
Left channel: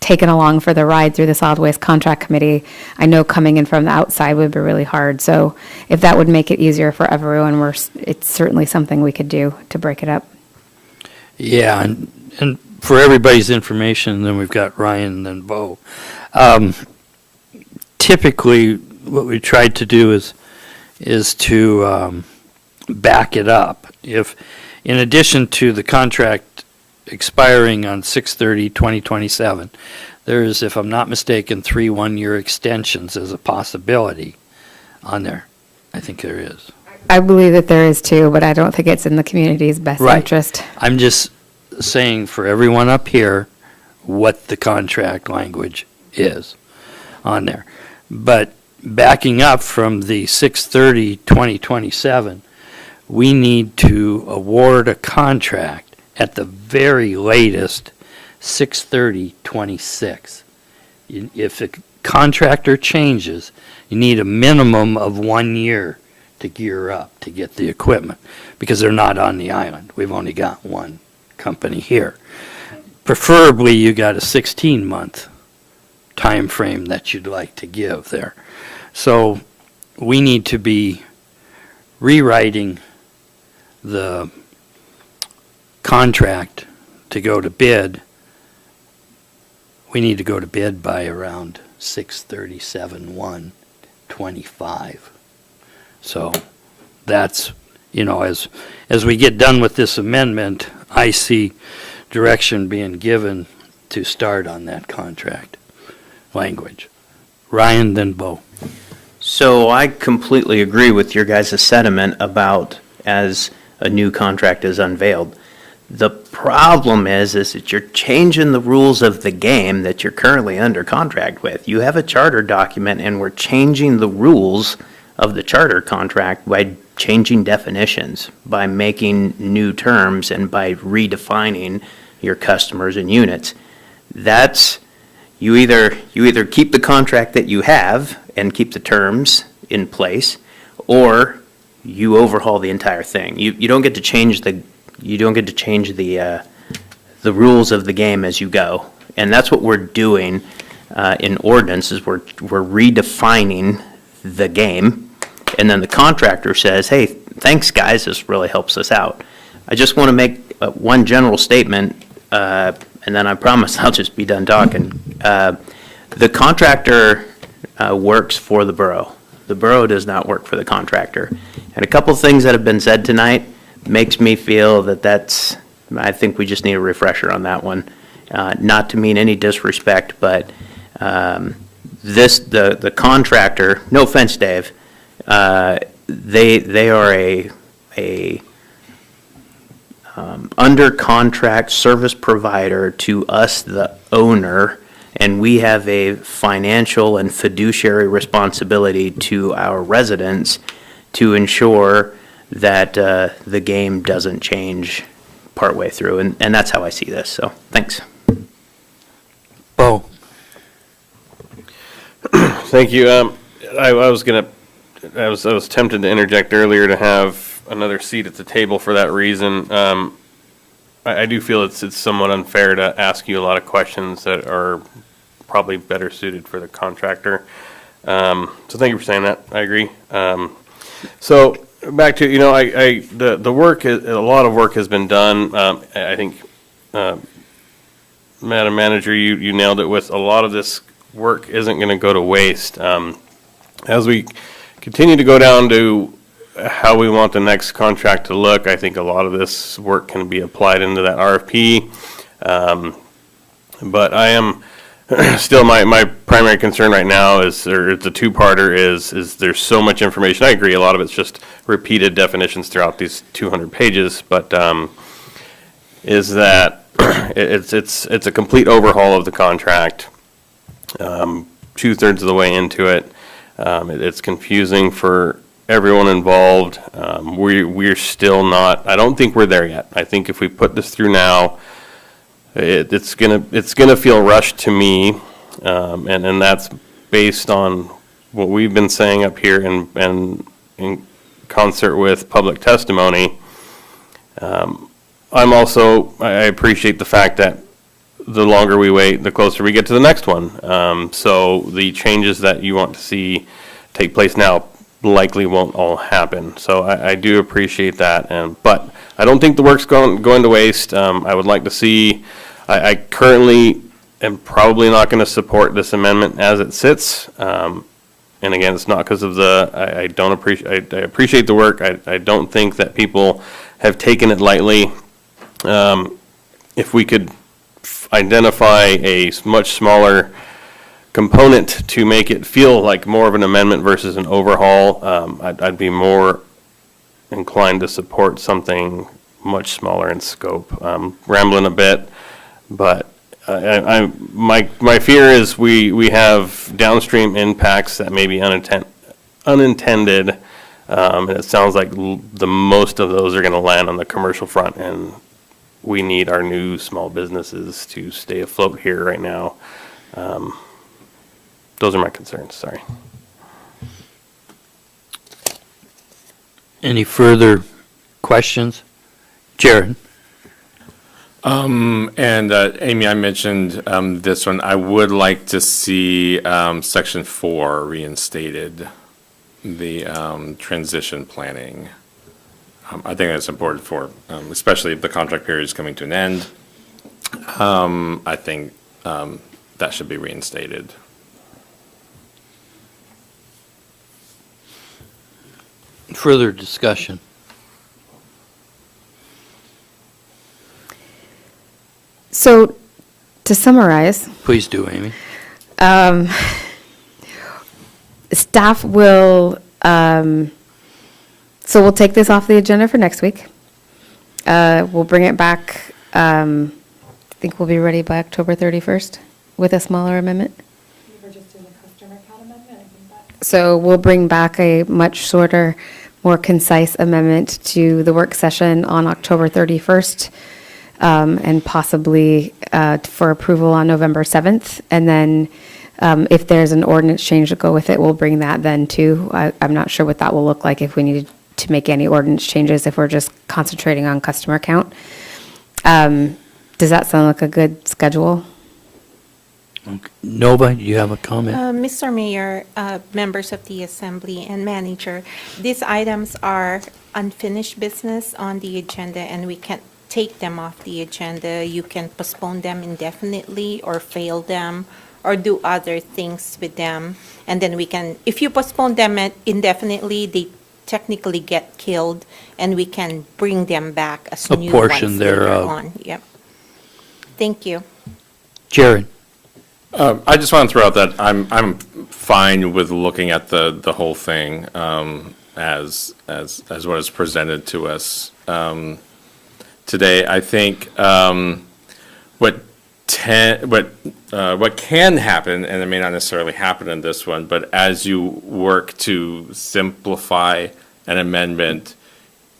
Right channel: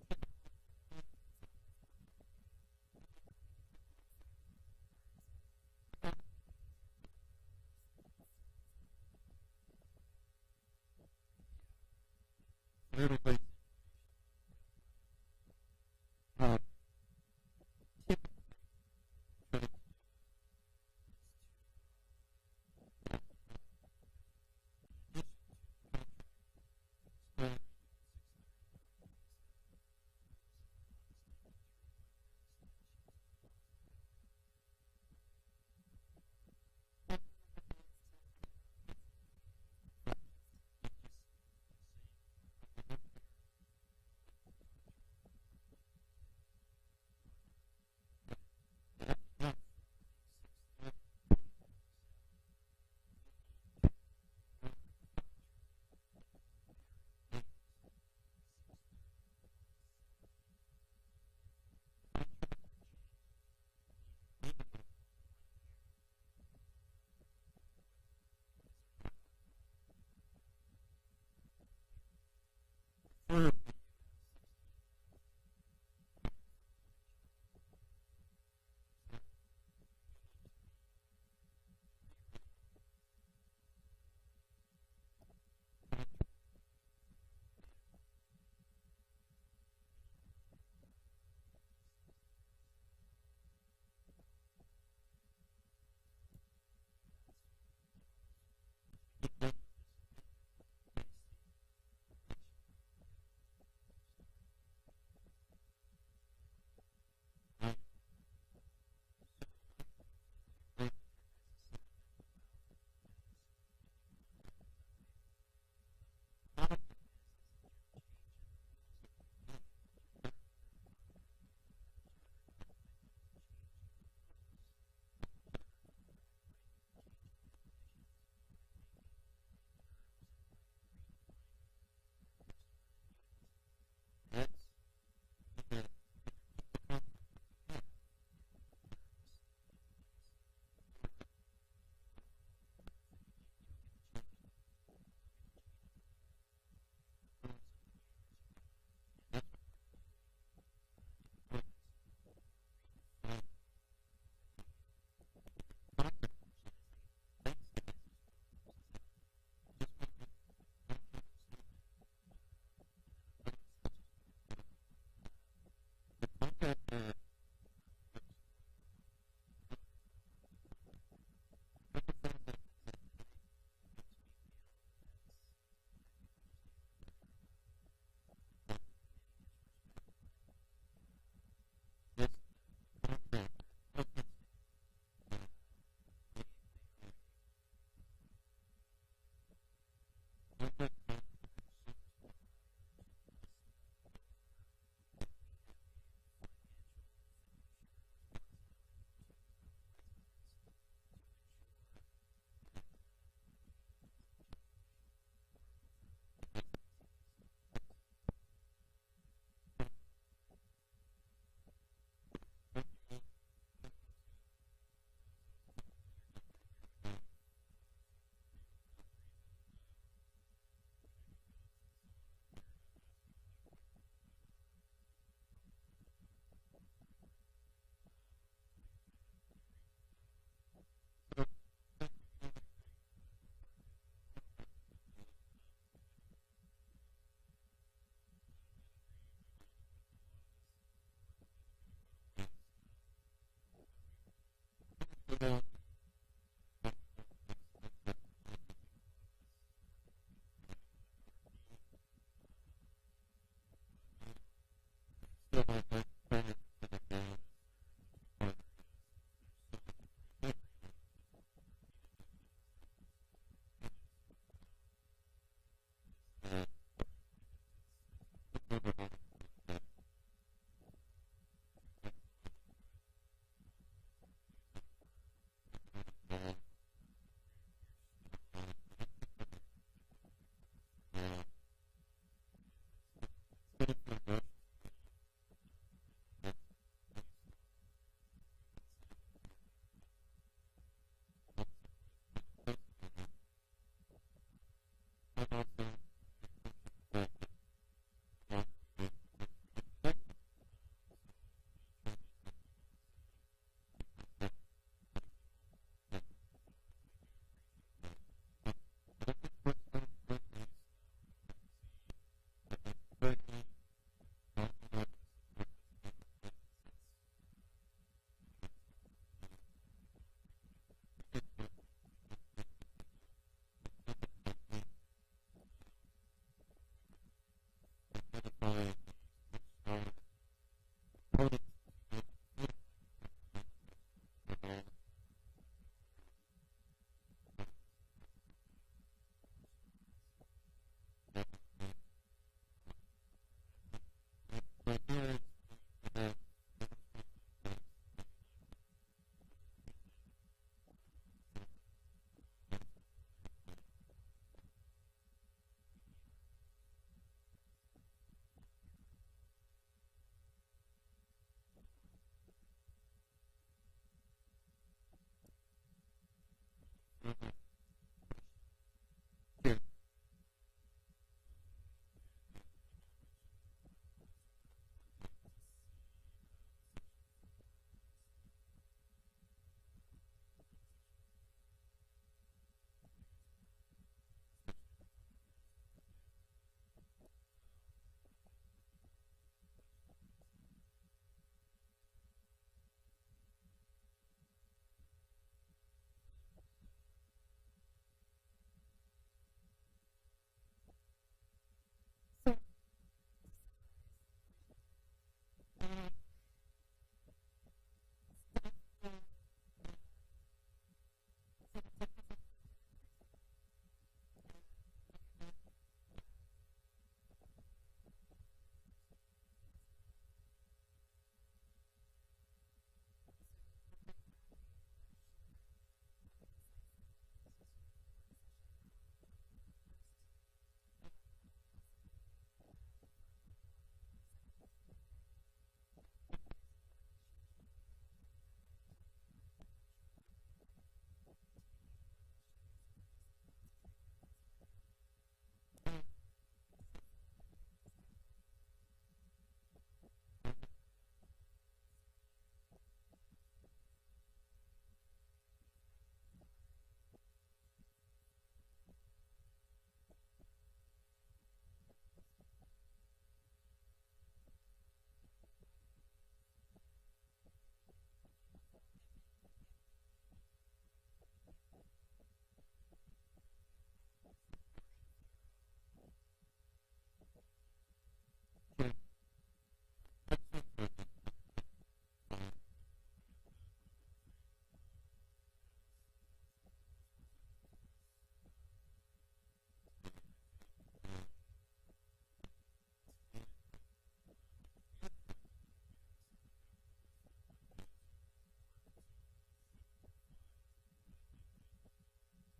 taken along for the ride through the solid waste contract committee, I know coming in from the outside would be really hard. So if that would make it easier for everyone, it's certainly something we could do to break it up. Yeah, and for everybody's information, then we've got Ryan and then Bo. Typically, what we tried to do is to back it up. If, in addition to the contract expiring on 6/30/2027, there's, if I'm not mistaken, 3 one-year extensions as a possibility on there. I think there is. I believe that there is too, but I don't think it's in the community's best Right. interest. I'm just saying for everyone up here what the contract language is on there. But backing up from the 6/30/2027, we need to award a contract at the very latest 6/30/26. If a contractor changes, you need a minimum of 1 year to gear up to get the equipment, because they're not on the island. We've only got one company here. Preferably, you got a 16-month time frame that you'd like to give there. So we need to be rewriting the contract to go to bid. We need to go to bid by around 6/37/1/25. So that's, as we get done with this amendment, I see direction being given to start on that contract language. Ryan, then Bo. So I completely agree with your guys' sentiment about as a new contract is unveiled. The problem is that you're changing the rules of the game that you're currently under contract with. You have a charter document, and we're changing the rules of the charter contract by changing definitions, by making new terms, and by redefining your customers and units. That's, you either keep the contract that you have and keep the terms in place, or you overhaul the entire thing. You don't get to change the rules of the game as you go. And that's what we're doing in ordinance, is we're redefining the game. And then the contractor says, hey, thanks, guys, this really helps us out. I just want to make one general statement, and then I promise I'll just be done talking. The contractor works for the borough. The borough does not work for the contractor. And a couple things that have been said tonight makes me feel that I think we just need a refresher on that one. Not to mean any disrespect, but the contractor, no offense, Dave, they are a under contract service provider to us, the owner, and we have a financial and fiduciary responsibility to our residents to ensure that the game doesn't change partway through, and that's how I see this, so thanks. Bo? Thank you. I was tempted to interject earlier to have another seat at the table for that reason. I do feel it's somewhat unfair to ask you a lot of questions that are probably better suited for the contractor. So thank you for saying that. I agree. So back to, the work, a lot of work has been done. I think, Madam Manager, you nailed it with a lot of this work isn't going to go to waste. As we continue to go down to how we want the next contract to look, I think a lot of this work can be applied into that RFP. But I am still, my primary concern right now is, or it's a two-parter, is there's so much information. I agree, a lot of it's just repeated definitions throughout these 200 pages, but is that it's a complete overhaul of the contract, 2/3 of the way into it. It's confusing for everyone involved. We're still not, I don't think we're there yet. I think if we put this through now, it's gonna feel rushed to me, and that's based on what we've been saying up here and in concert with public testimony. I appreciate the fact that the longer we wait, the closer we get to the next one. So the changes that you want to see take place now likely won't all happen. So I do appreciate that, but I don't think the work's going to waste. I would like to see, I currently am probably not going to support this amendment as it sits. And again, it's not because of I appreciate the work. I don't think that people have taken it lightly. If we could identify a much smaller component to make it feel like more of an amendment versus an overhaul, I'd be more inclined to support something much smaller in scope. Rambling a bit, but my fear is we have downstream impacts that may be unintended, and it sounds like the most of those are going to land on the commercial front, and we need our new small businesses to stay afloat here right now. Those are my concerns, sorry. Any further questions? Jared? And Amy, I mentioned this one. I would like to see Section 4 reinstated, the transition planning. I think that's important for, especially if the contract period is coming to an end. I think that should be reinstated. Further discussion? So, to summarize, Please do, Amy. Staff will, so we'll take this off the agenda for next week. We'll bring it back, I think we'll be ready by October 31st with a smaller amendment. So we'll bring back a much shorter, more concise amendment to the work session on October 31st, and possibly for approval on November 7th. And then if there's an ordinance change to go with it, we'll bring that then too. I'm not sure what that will look like if we needed to make any ordinance changes, if we're just concentrating on customer count. Does that sound like a good schedule? Nova, you have a comment? Mr. Mayor, members of the Assembly and Manager, these items are unfinished business on the agenda, and we can't take them off the agenda. You can postpone them indefinitely or fail them or do other things with them. And then we can, if you postpone them indefinitely, they technically get killed, and we can bring them back as A new portion ones later thereof. on. Yep. Thank you. Jared? I just want to throw out that I'm fine with looking at the whole thing as what is presented to us today. I think what can happen, and it may not necessarily happen in this one, but as you work to simplify an amendment,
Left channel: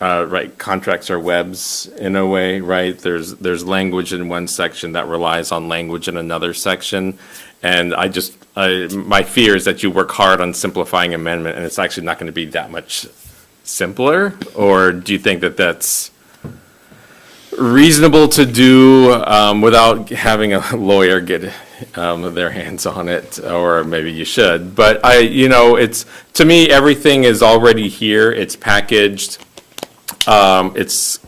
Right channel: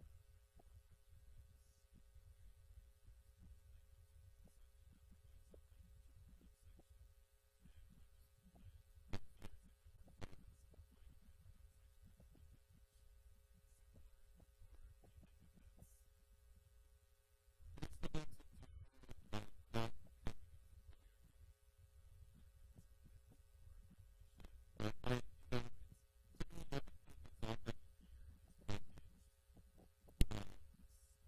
right, contracts are webs in a way, right? There's language in one section that relies on language in another section. And my fear is that you work hard on simplifying amendment and it's actually not going to be that much simpler. Or do you think that that's reasonable to do without having a lawyer get their hands on it? Or maybe you should. But it's, to me, everything is already here. It's packaged. It's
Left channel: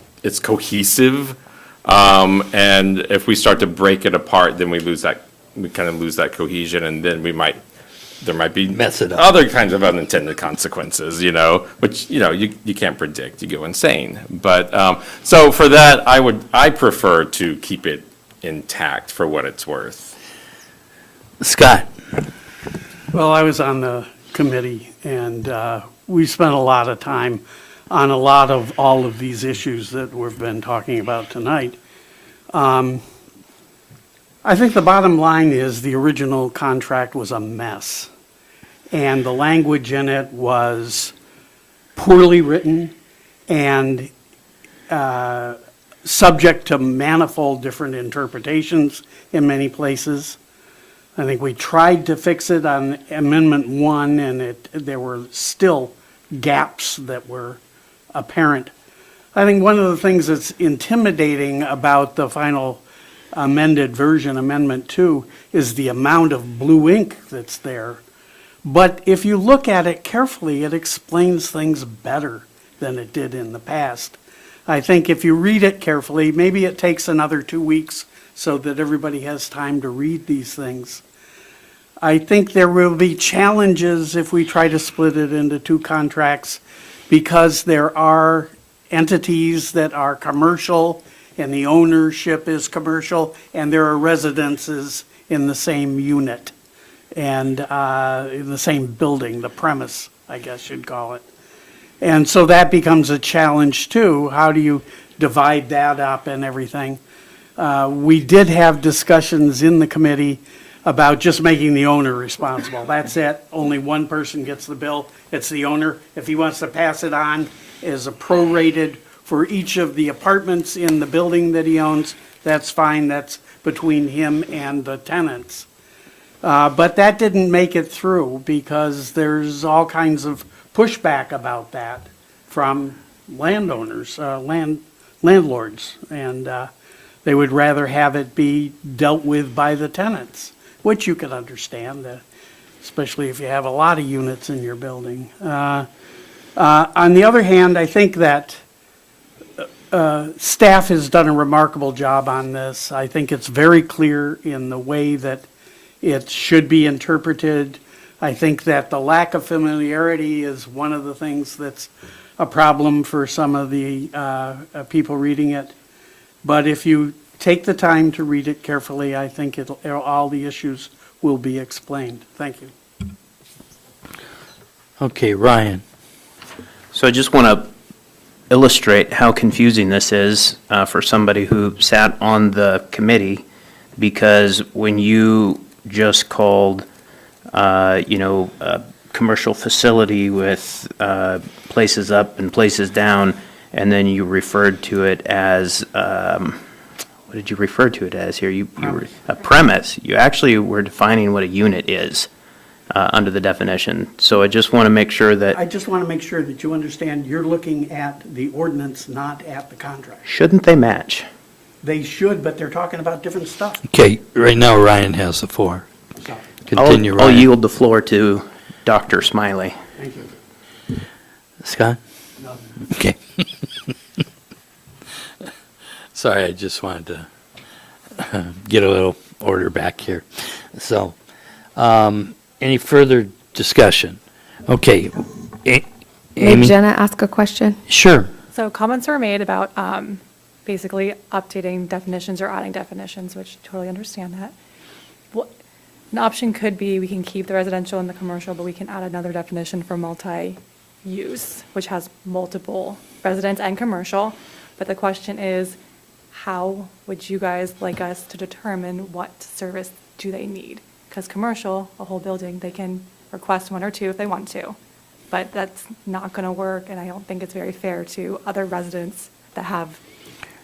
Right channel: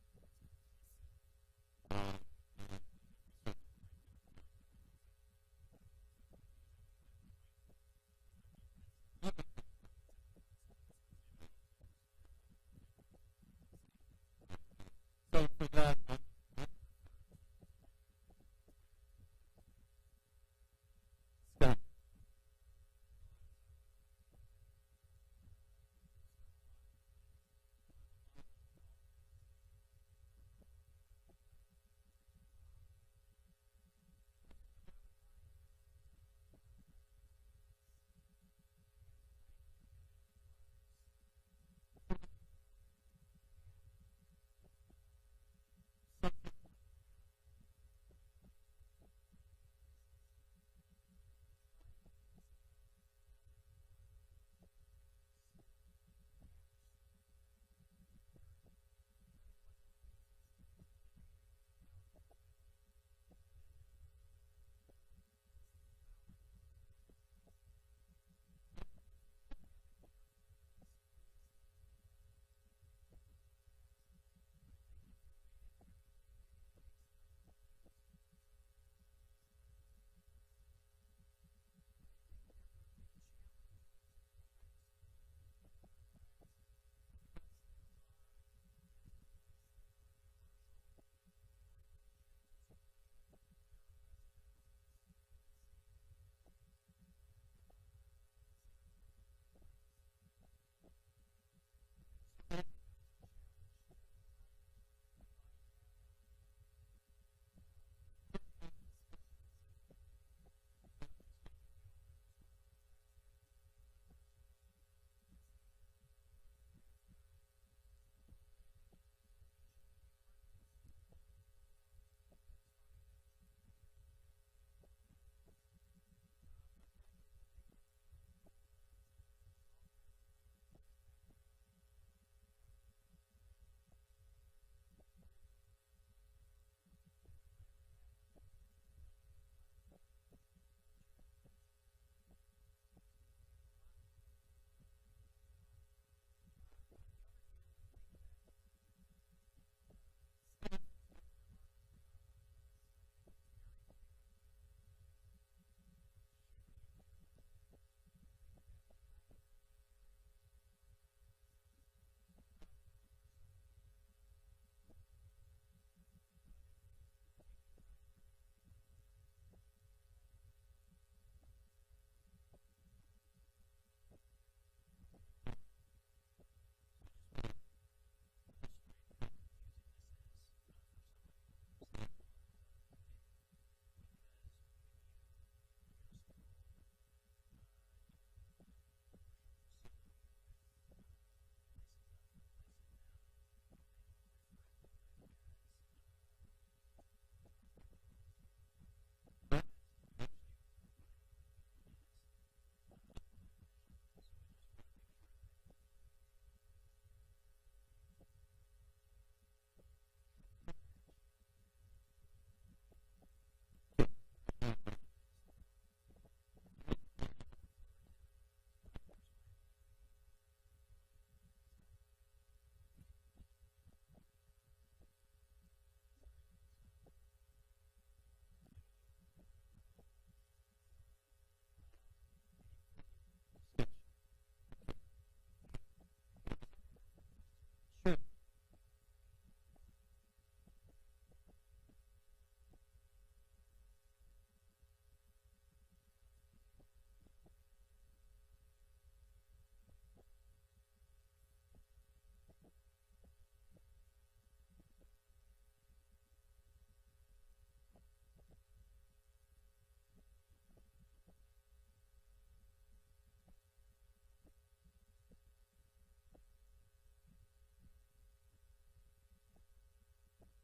cohesive, and if we start to break it apart, then we kind of lose that cohesion, and then there might be Mess it up. other kinds of unintended consequences, which you can't predict. You go insane. But so for that, I prefer to keep it intact for what it's worth. Scott? Well, I was on the committee, and we spent a lot of time on a lot of all of these issues that we've been talking about tonight. I think the bottom line is the original contract was a mess, and the language in it was poorly written and subject to manifold different interpretations in many places. I think we tried to fix it on Amendment 1, and there were still gaps that were apparent. I think one of the things that's intimidating about the final amended version, Amendment 2, is the amount of blue ink that's there. But if you look at it carefully, it explains things better than it did in the past. I think if you read it carefully, maybe it takes another 2 weeks so that everybody has time to read these things. I think there will be challenges if we try to split it into two contracts, because there are entities that are commercial and the ownership is commercial, and there are residences in the same unit and in the same building, the premise, I guess you'd call it. And so that becomes a challenge too. How do you divide that up and everything? We did have discussions in the committee about just making the owner responsible. That's it. Only one person gets the bill. It's the owner. If he wants to pass it on as a prorated for each of the apartments in the building that he owns, that's fine. That's between him and the tenants. But that didn't make it through because there's all kinds of pushback about that from landowners, landlords. And they would rather have it be dealt with by the tenants, which you can understand, especially if you have a lot of units in your building. On the other hand, I think that staff has done a remarkable job on this. I think it's very clear in the way that it should be interpreted. I think that the lack of familiarity is one of the things that's a problem for some of the people reading it. But if you take the time to read it carefully, I think all the issues will be explained. Thank you. Okay, Ryan. So I just want to illustrate how confusing this is for somebody who sat on the committee, because when you just called, a commercial facility with places up and places down, and then you referred to it as, what did you refer to it as here? You were a premise. You actually were defining what a unit is under the definition. So I just want to make sure that. I just want to make sure that you understand you're looking at the ordinance, not at the contract. Shouldn't they match? They should, but they're talking about different stuff. Okay, right now Ryan has the floor. So, Continue, I'll Ryan. yield the floor to Dr. Smiley. thank you. Scott? No. Okay. Sorry, I just wanted to get a little order back here. So, any further discussion? Okay. May Amy? Jenna ask a question? Sure. So comments were made about basically updating definitions or adding definitions, which totally understand that. An option could be we can keep the residential and the commercial, but we can add another definition for multi-use, which has multiple residents and commercial. But the question is, how would you guys like us to determine what service do they need? Because commercial, a whole building, they can request one or two if they want to. But that's not going to work, and I don't think it's very fair to other residents that have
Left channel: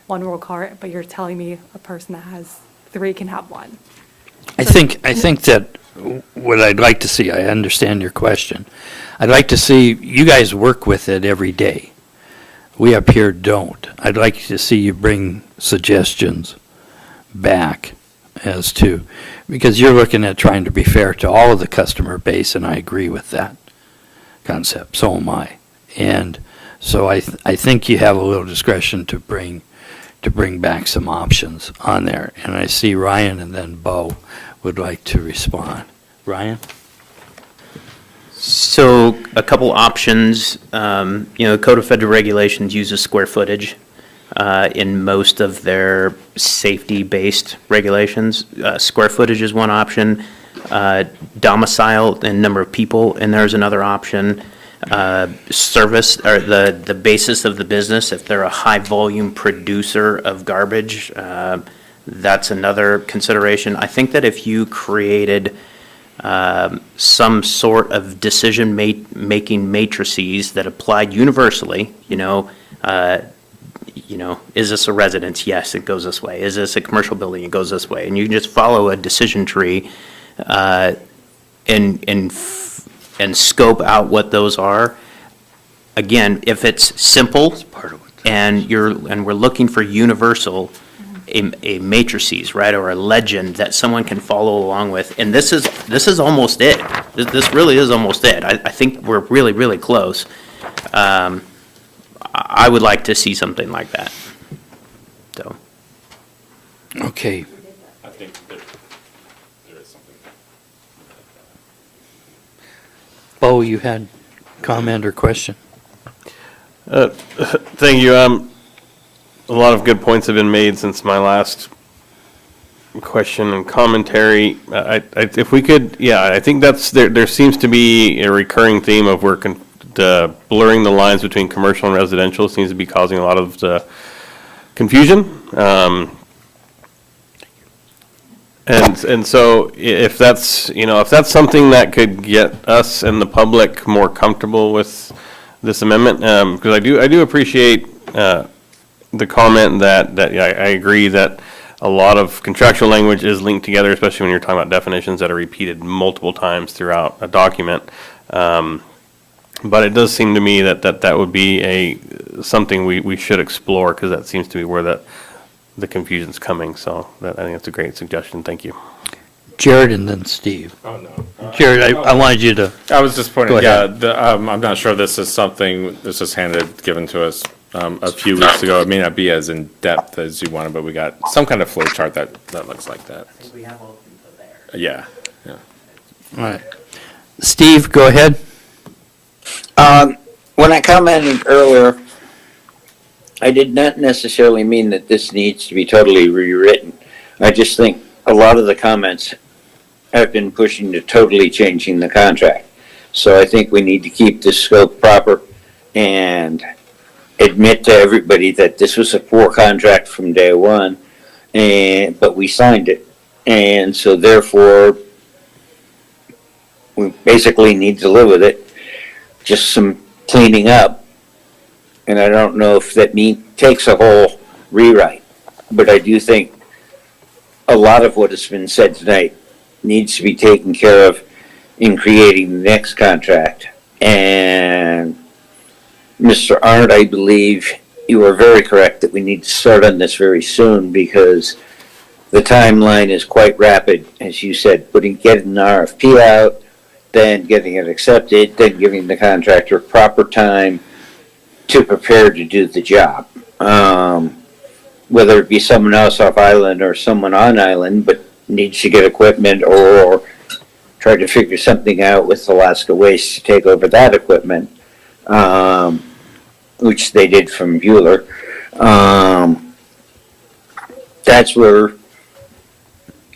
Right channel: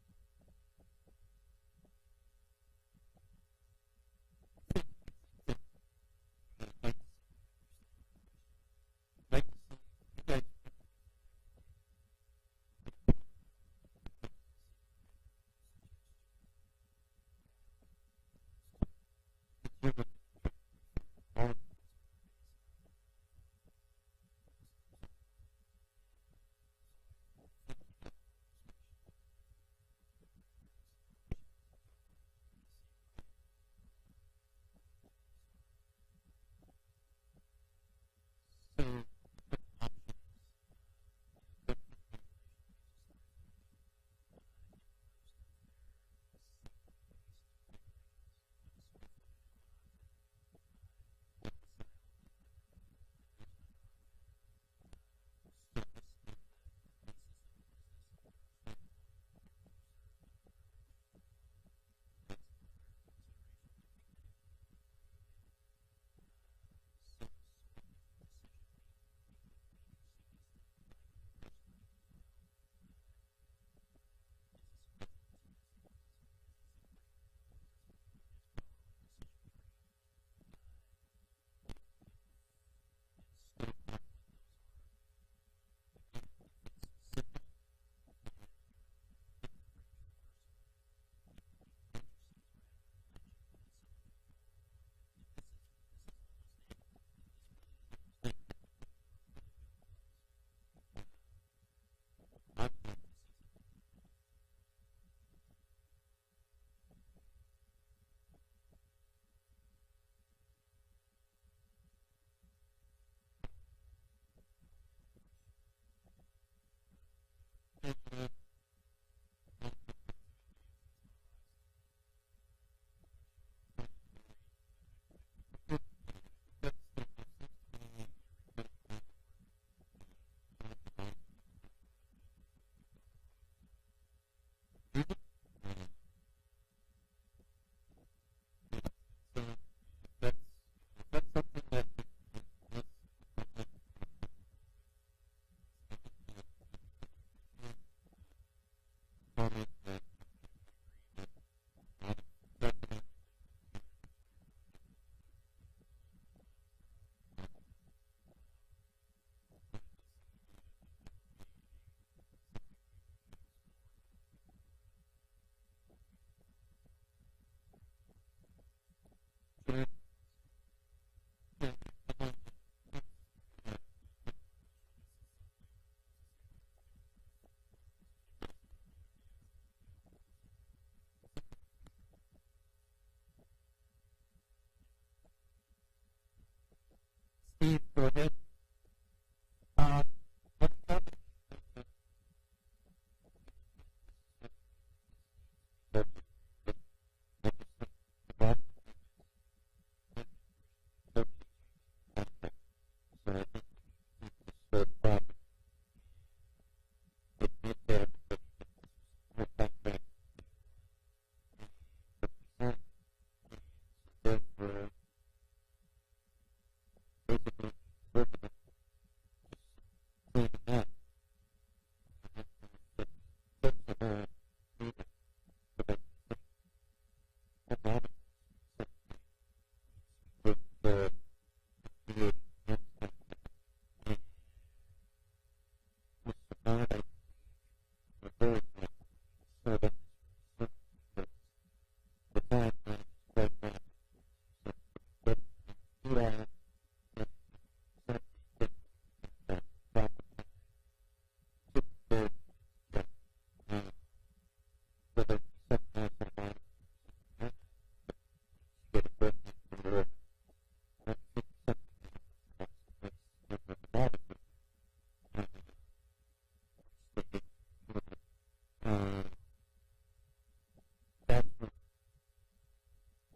one roll cart, but you're telling me a person that has three can have one. I think that what I'd like to see, I understand your question. I'd like to see you guys work with it every day. We up here don't. I'd like to see you bring suggestions back as to, because you're looking at trying to be fair to all of the customer base, and I agree with that concept. So am I. And so I think you have a little discretion to bring back some options on there. And I see Ryan and then Bo would like to respond. Ryan? So a couple options, the Code of Federal Regulations uses square footage in most of their safety-based regulations. Square footage is one option. Domicile and number of people, and there's another option. Service, or the basis of the business, if they're a high-volume producer of garbage, that's another consideration. I think that if you created some sort of decision-making matrices that applied universally, is this a residence? Yes, it goes this way. Is this a commercial building? It goes this way. And you can just follow a decision tree and scope out what those are. Again, if it's simple and we're looking for universal, a matrices, right, or a legend that someone can follow along with, and this is almost it. This really is almost it. I think we're really, really close. I would like to see something like that. So. Okay. I think there is something. Bo, you had comment or question? Thank you. A lot of good points have been made since my last question and commentary. If we could, I think there seems to be a recurring theme of blurring the lines between commercial and residential seems to be causing a lot of the confusion. And so if that's something that could get us and the public more comfortable with this amendment, because I do appreciate the comment that I agree that a lot of contractual language is linked together, especially when you're talking about definitions that are repeated multiple times throughout a document. But it does seem to me that would be something we should explore, because that seems to be where the confusion's coming. So I think that's a great suggestion. Thank you. Jared and then Steve. Oh, no. Jared, I wanted you to. I was just pointing, Go ahead. I'm not sure this is something, this was given to us a few weeks ago. It may not be as in-depth as you wanted, but we got some kind of flow chart that looks like that. I think we have all the info there. Yeah. All right. Steve, go ahead. When I commented earlier, I did not necessarily mean that this needs to be totally rewritten. I just think a lot of the comments have been pushing to totally changing the contract. So I think we need to keep this scope proper and admit to everybody that this was a poor contract from day one, but we signed it. And so therefore, we basically need to live with it. Just some cleaning up. And I don't know if that takes a whole rewrite, but I do think a lot of what has been said tonight needs to be taken care of in creating the next contract. And Mr. Arndt, I believe you are very correct that we need to start on this very soon because the timeline is quite rapid, as you said, getting an RFP out, then getting it accepted, then giving the contractor proper time to prepare to do the job. Whether it be someone else off island or someone on island, but needs to get equipment or try to figure something out with Alaska Waste to take over that equipment, which they did from Bueller. That's where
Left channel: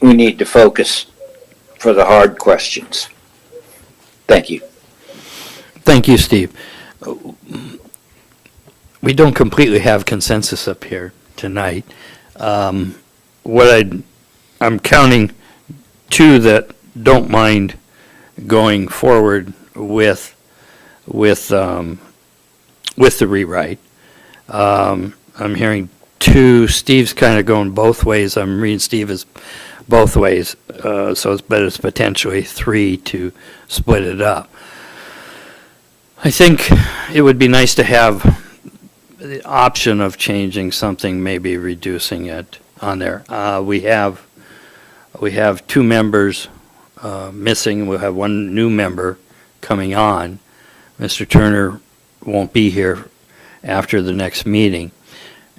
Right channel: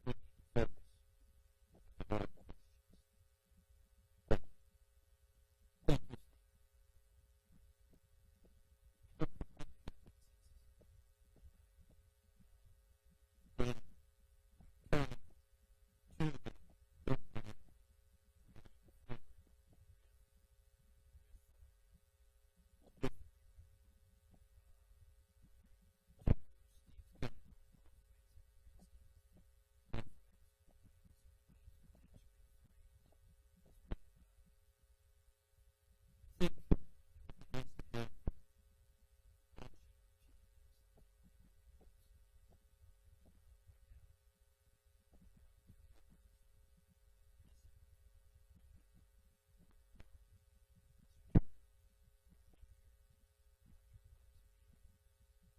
we need to focus for the hard questions. Thank you. Thank you, Steve. We don't completely have consensus up here tonight. I'm counting two that don't mind going forward with the rewrite. I'm hearing two. Steve's kind of going both ways. I'm reading Steve as both ways, but it's potentially three to split it up. I think it would be nice to have the option of changing something, maybe reducing it on there. We have two members missing. We'll have one new member coming on. Mr. Turner won't be here after the next meeting,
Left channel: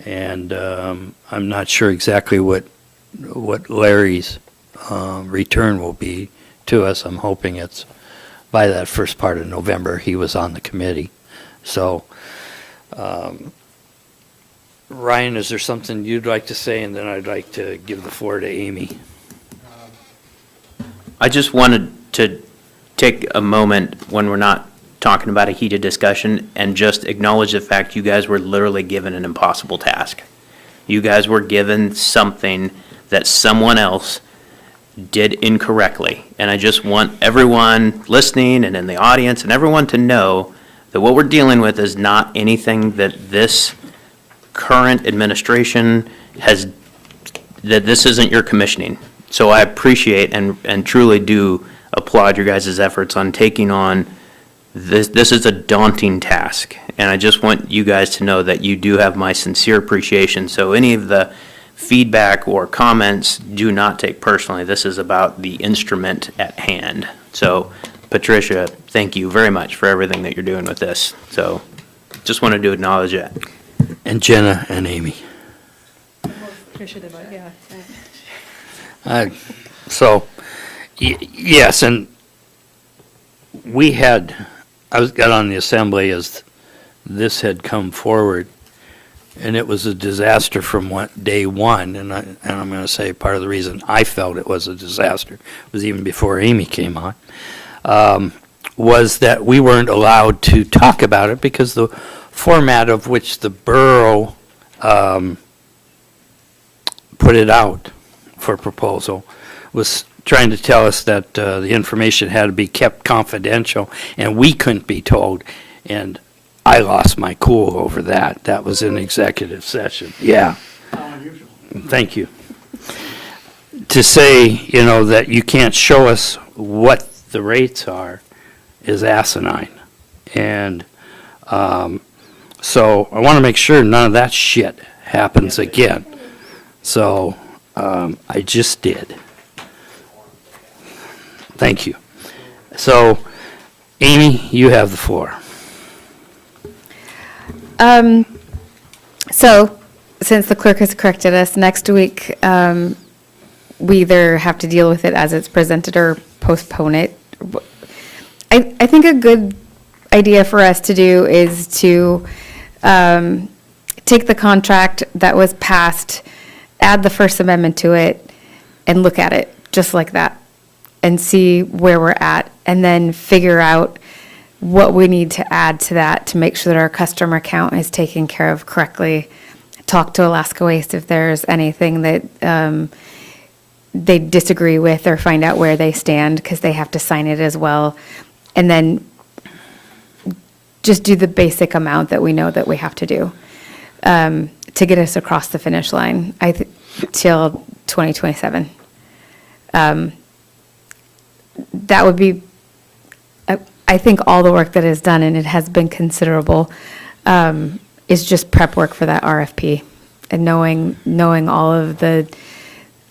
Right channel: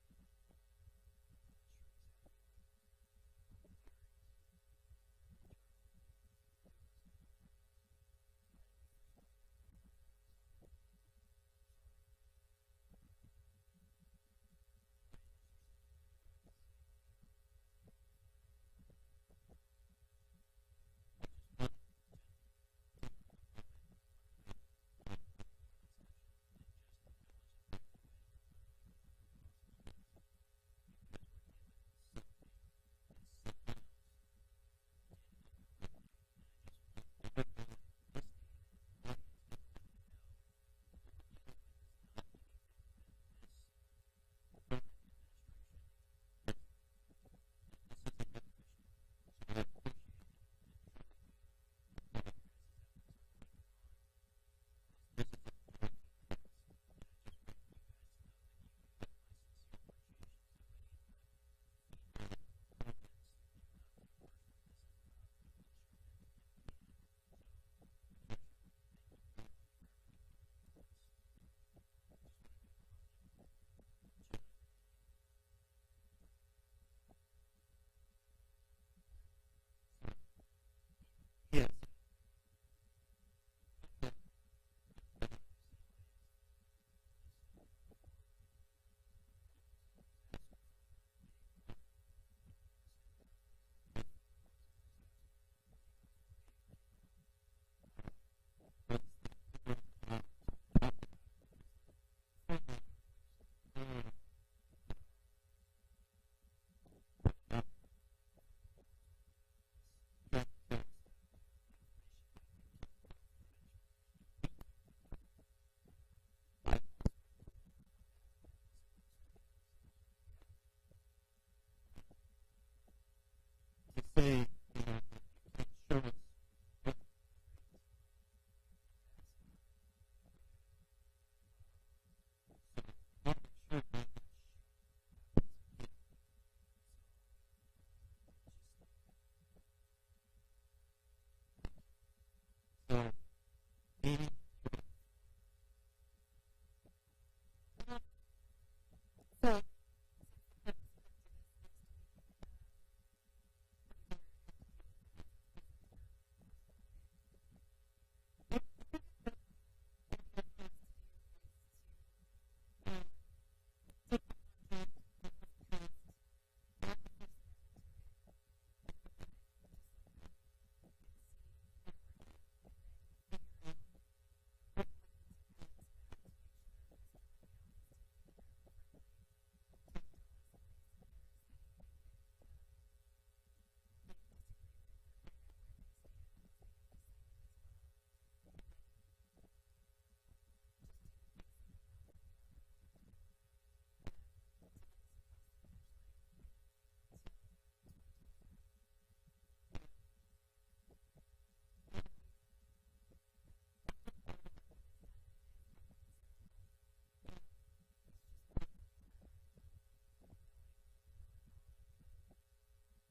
and I'm not sure exactly what Larry's return will be to us. I'm hoping it's by that first part of November. He was on the committee. So, Ryan, is there something you'd like to say? And then I'd like to give the floor to Amy. I just wanted to take a moment when we're not talking about a heated discussion and just acknowledge the fact you guys were literally given an impossible task. You guys were given something that someone else did incorrectly. And I just want everyone listening and in the audience and everyone to know that what we're dealing with is not anything that this current administration has, that this isn't your commissioning. So I appreciate and truly do applaud your guys' efforts on taking on this. This is a daunting task. And I just want you guys to know that you do have my sincere appreciation. So any of the feedback or comments do not take personally. This is about the instrument at hand. So Patricia, thank you very much for everything that you're doing with this. So just wanted to acknowledge that. And Jenna and Amy. Patricia did, yeah. Yes, and I got on the assembly as this had come forward, and it was a disaster from day one, and I'm going to say part of the reason I felt it was a disaster was even before Amy came on, was that we weren't allowed to talk about it because the format of which the borough put it out for proposal was trying to tell us that the information had to be kept confidential and we couldn't be told. And I lost my cool over that. That was in executive session. Yeah. Thank you. To say, that you can't show us what the rates are is asinine. And so I want to make sure none of that shit happens again. So I just did. Thank you. So, Amy, you have the floor. So, since the clerk has corrected us, next week, we either have to deal with it as it's presented or postpone it. I think a good idea for us to do is to take the contract that was passed, add the First Amendment to it, and look at it just like that. and see where we're at, and then figure out what we need to add to that to make sure that our customer count is taken care of correctly. Talk to Alaska Waste if there's anything that they disagree with, or find out where they stand, because they have to sign it as well. And then just do the basic amount that we know that we have to do to get us across the finish line till 2027. That would be, I think, all the work that is done, and it has been considerable, is just prep work for that RFP, and knowing all of the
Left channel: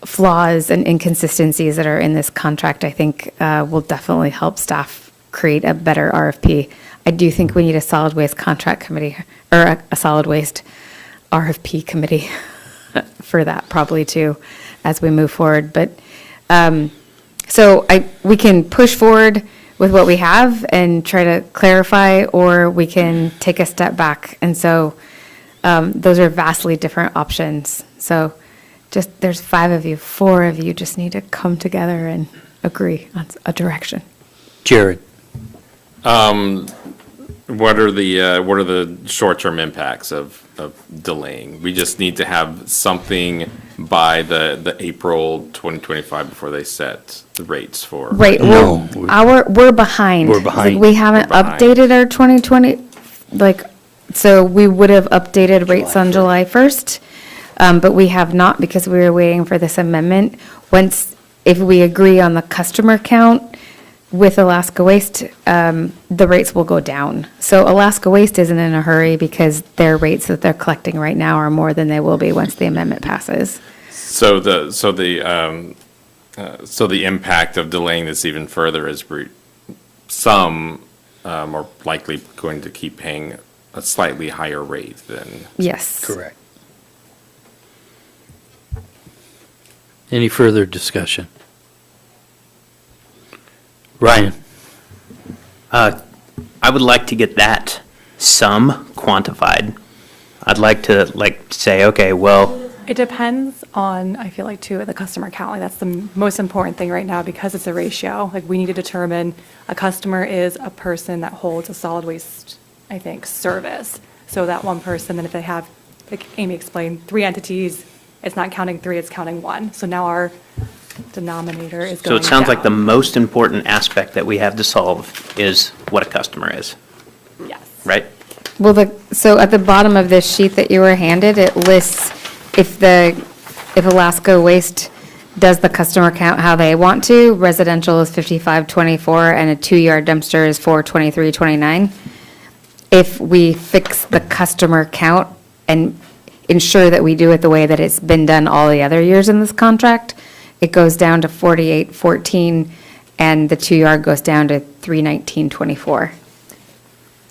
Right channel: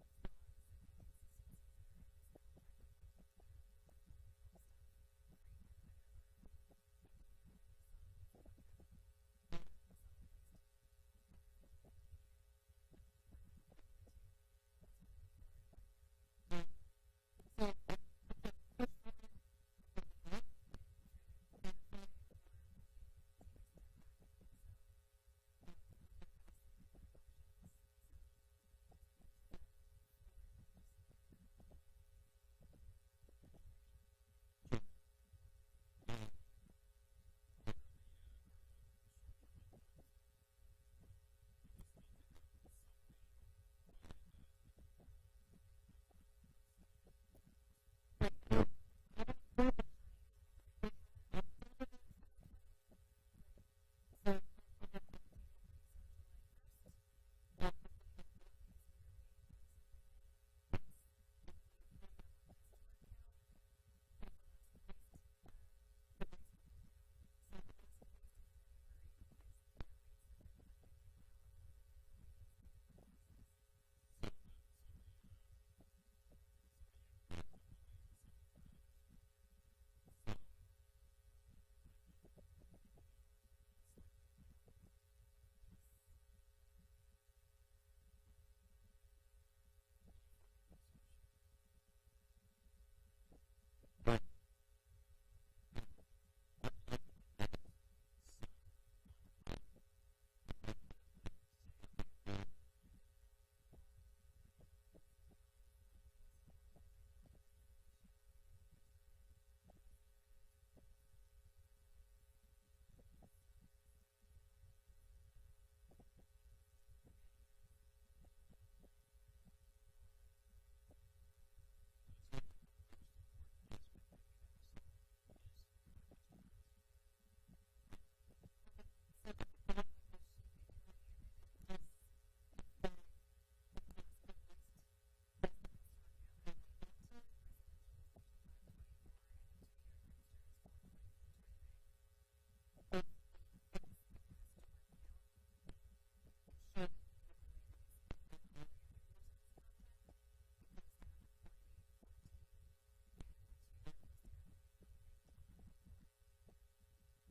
flaws and inconsistencies that are in this contract. I think will definitely help staff create a better RFP. I do think we need a solid waste contract committee, or a solid waste RFP committee for that probably too, as we move forward. But so we can push forward with what we have and try to clarify, or we can take a step back. And so those are vastly different options. So just, there's 5 of you, 4 of you just need to come together and agree on a direction. Jared? What are the short-term impacts of delaying? We just need to have something by the April 2025 before they set the rates for. Right. No. We're behind. We're behind. We haven't We're behind. updated our 2020, so we would have updated rates on July 1st, but we have not, because we were waiting for this amendment. If we agree on the customer count with Alaska Waste, the rates will go down. So Alaska Waste isn't in a hurry, because their rates that they're collecting right now are more than they will be once the amendment passes. So the impact of delaying this even further is some are likely going to keep paying a slightly higher rate than. Yes. Correct. Any further discussion? Ryan? I would like to get that sum quantified. I'd like to say, okay, well, It depends on, I feel like, too, the customer count. Like, that's the most important thing right now, because it's a ratio. Like, we need to determine a customer is a person that holds a solid waste, I think, service. So that one person, then if they have, like Amy explained, 3 entities, it's not counting 3, it's counting 1. So now our denominator is so going it sounds like the down. most important aspect that we have to solve is what a customer is, Yes. right? Well, so at the bottom of this sheet that you were handed, it lists if Alaska Waste does the customer count how they want to. Residential is 5524, and a 2-yard dumpster is 42329. If we fix the customer count and ensure that we do it the way that it's been done all the other years in this contract, it goes down to 4814, and the 2-yard goes down to 31924.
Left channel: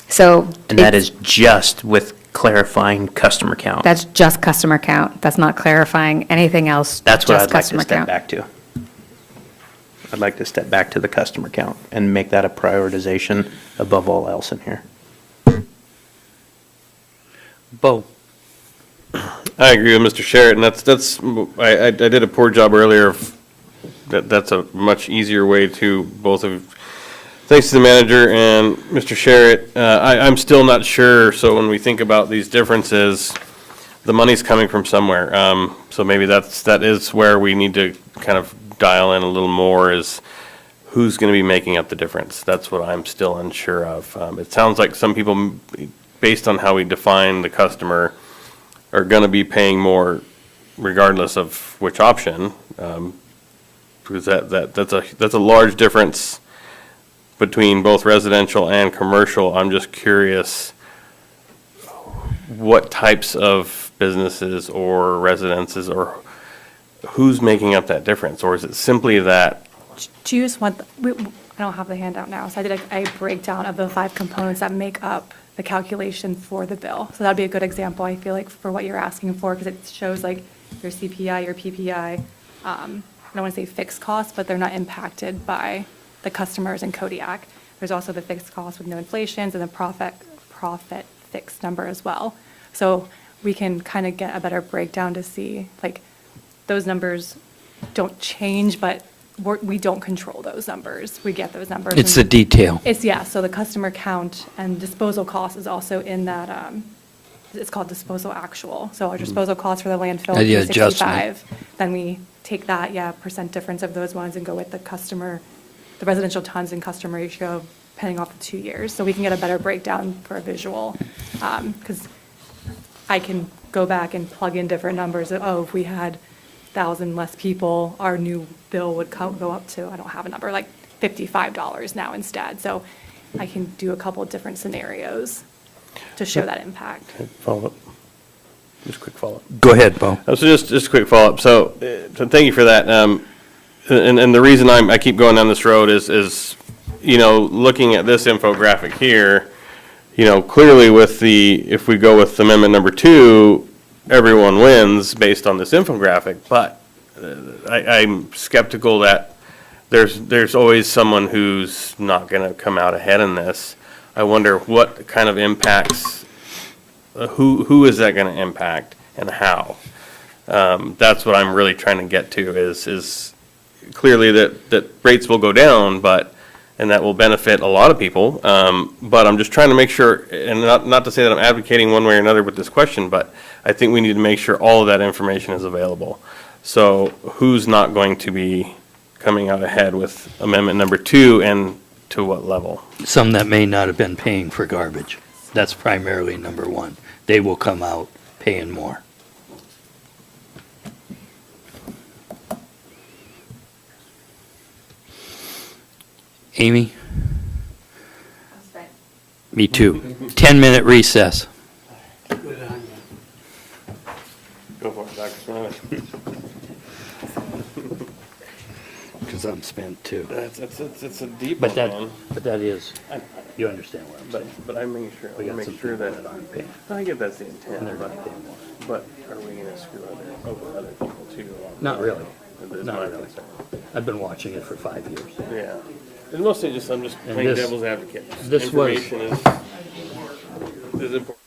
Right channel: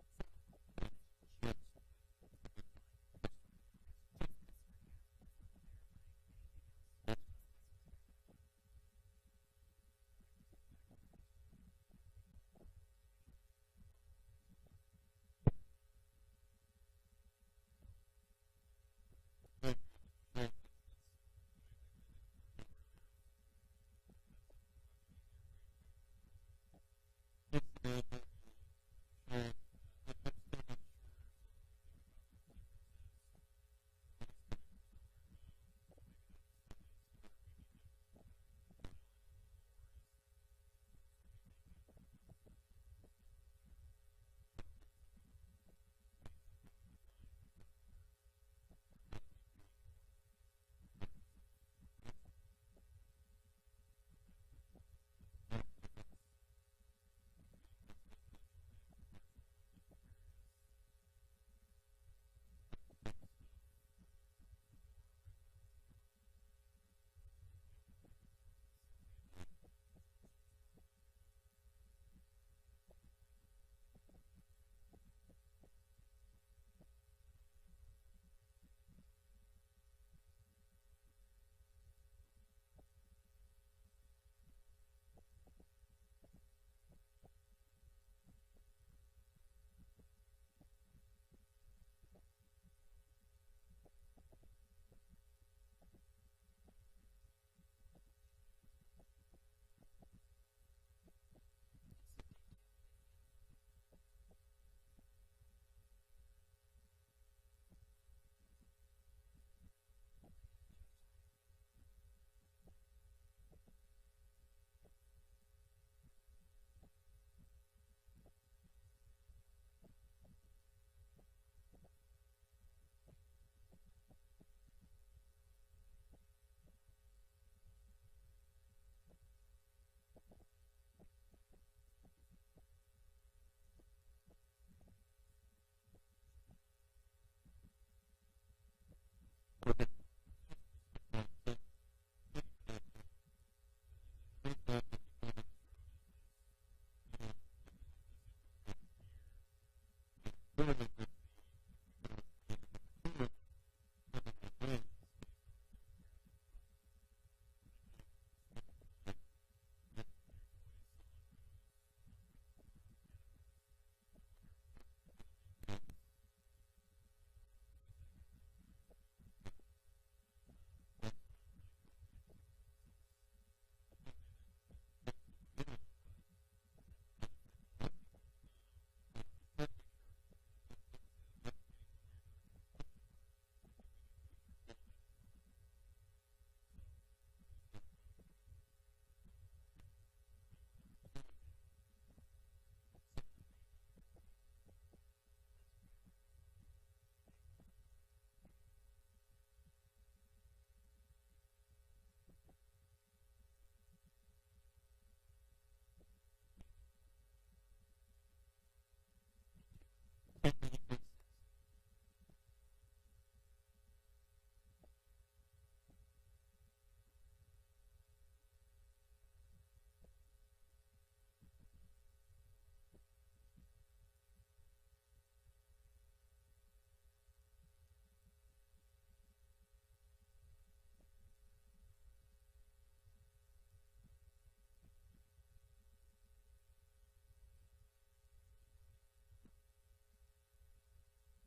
So. And that it's- is just with clarifying customer count. That's just customer count. That's not clarifying anything else. That's what just I'd like to customer step count. back to. I'd like to step back to the customer count and make that a prioritization above all else in here. Bo? I agree with Mr. Sherritt, and I did a poor job earlier of, that's a much easier way to both of, thanks to the manager and Mr. Sherritt. I'm still not sure, so when we think about these differences, the money's coming from somewhere. So maybe that is where we need to kind of dial in a little more, is who's going to be making up the difference. That's what I'm still unsure of. It sounds like some people, based on how we define the customer, are going to be paying more regardless of which option, because that's a large difference between both residential and commercial. I'm just curious what types of businesses or residences, or who's making up that difference, or is it simply that? Do you just want, I don't have the handout now, so I did a breakdown of the 5 components that make up the calculation for the bill. So that'd be a good example, I feel like, for what you're asking for, because it shows like your CPI, your PPI. I don't want to say fixed costs, but they're not impacted by the customers in Kodiak. There's also the fixed costs with no inflations, and the profit fixed number as well. So we can kind of get a better breakdown to see, like, those numbers don't change, but we don't control those numbers. We get those numbers. It's the and detail. yeah, so the customer count and disposal cost is also in that, it's called disposal actual. So our disposal cost for the landfill, The 365. Then we take that, percent difference of those ones and go with the customer, the residential tons and customer ratio, depending off the 2 years. So we can get a better breakdown for a visual. Because I can go back and plug in different numbers of, if we had 1,000 less people, our new bill would go up to, I don't have a number, like $55 now instead. So I can do a couple of different scenarios to show that impact. Follow-up. Just a quick follow-up. Go ahead, Bo. So just a quick follow-up. So thank you for that. And the reason I keep going down this road is, looking at this infographic here, clearly if we go with amendment number 2, everyone wins based on this infographic, but I'm skeptical that there's always someone who's not going to come out ahead in this. I wonder what kind of impacts, who is that going to impact and how? That's what I'm really trying to get to is clearly that rates will go down, and that will benefit a lot of people. But I'm just trying to make sure, and not to say that I'm advocating one way or another with this question, but I think we need to make sure all of that information is available. So who's not going to be coming out ahead with amendment number 2 and to what level? Some that may not have been paying for garbage. That's primarily number 1. They will come out paying more. Amy? Me too. 10-minute recess. Go for it, Dr. Smiley. Because I'm spent too. It's a deep But one, that, man. but that is, you understand what I'm saying. But I'm making sure, I We want got to some make sure people that, that aren't paying. I get that's the And intent, they're but, gonna pay more. but are we going to screw over other people too? along the Not way? really. Is Not my really. concern. I've been watching it for 5 years. Yeah. And mostly just, I'm just And playing this- devil's advocate. this was- Information is important.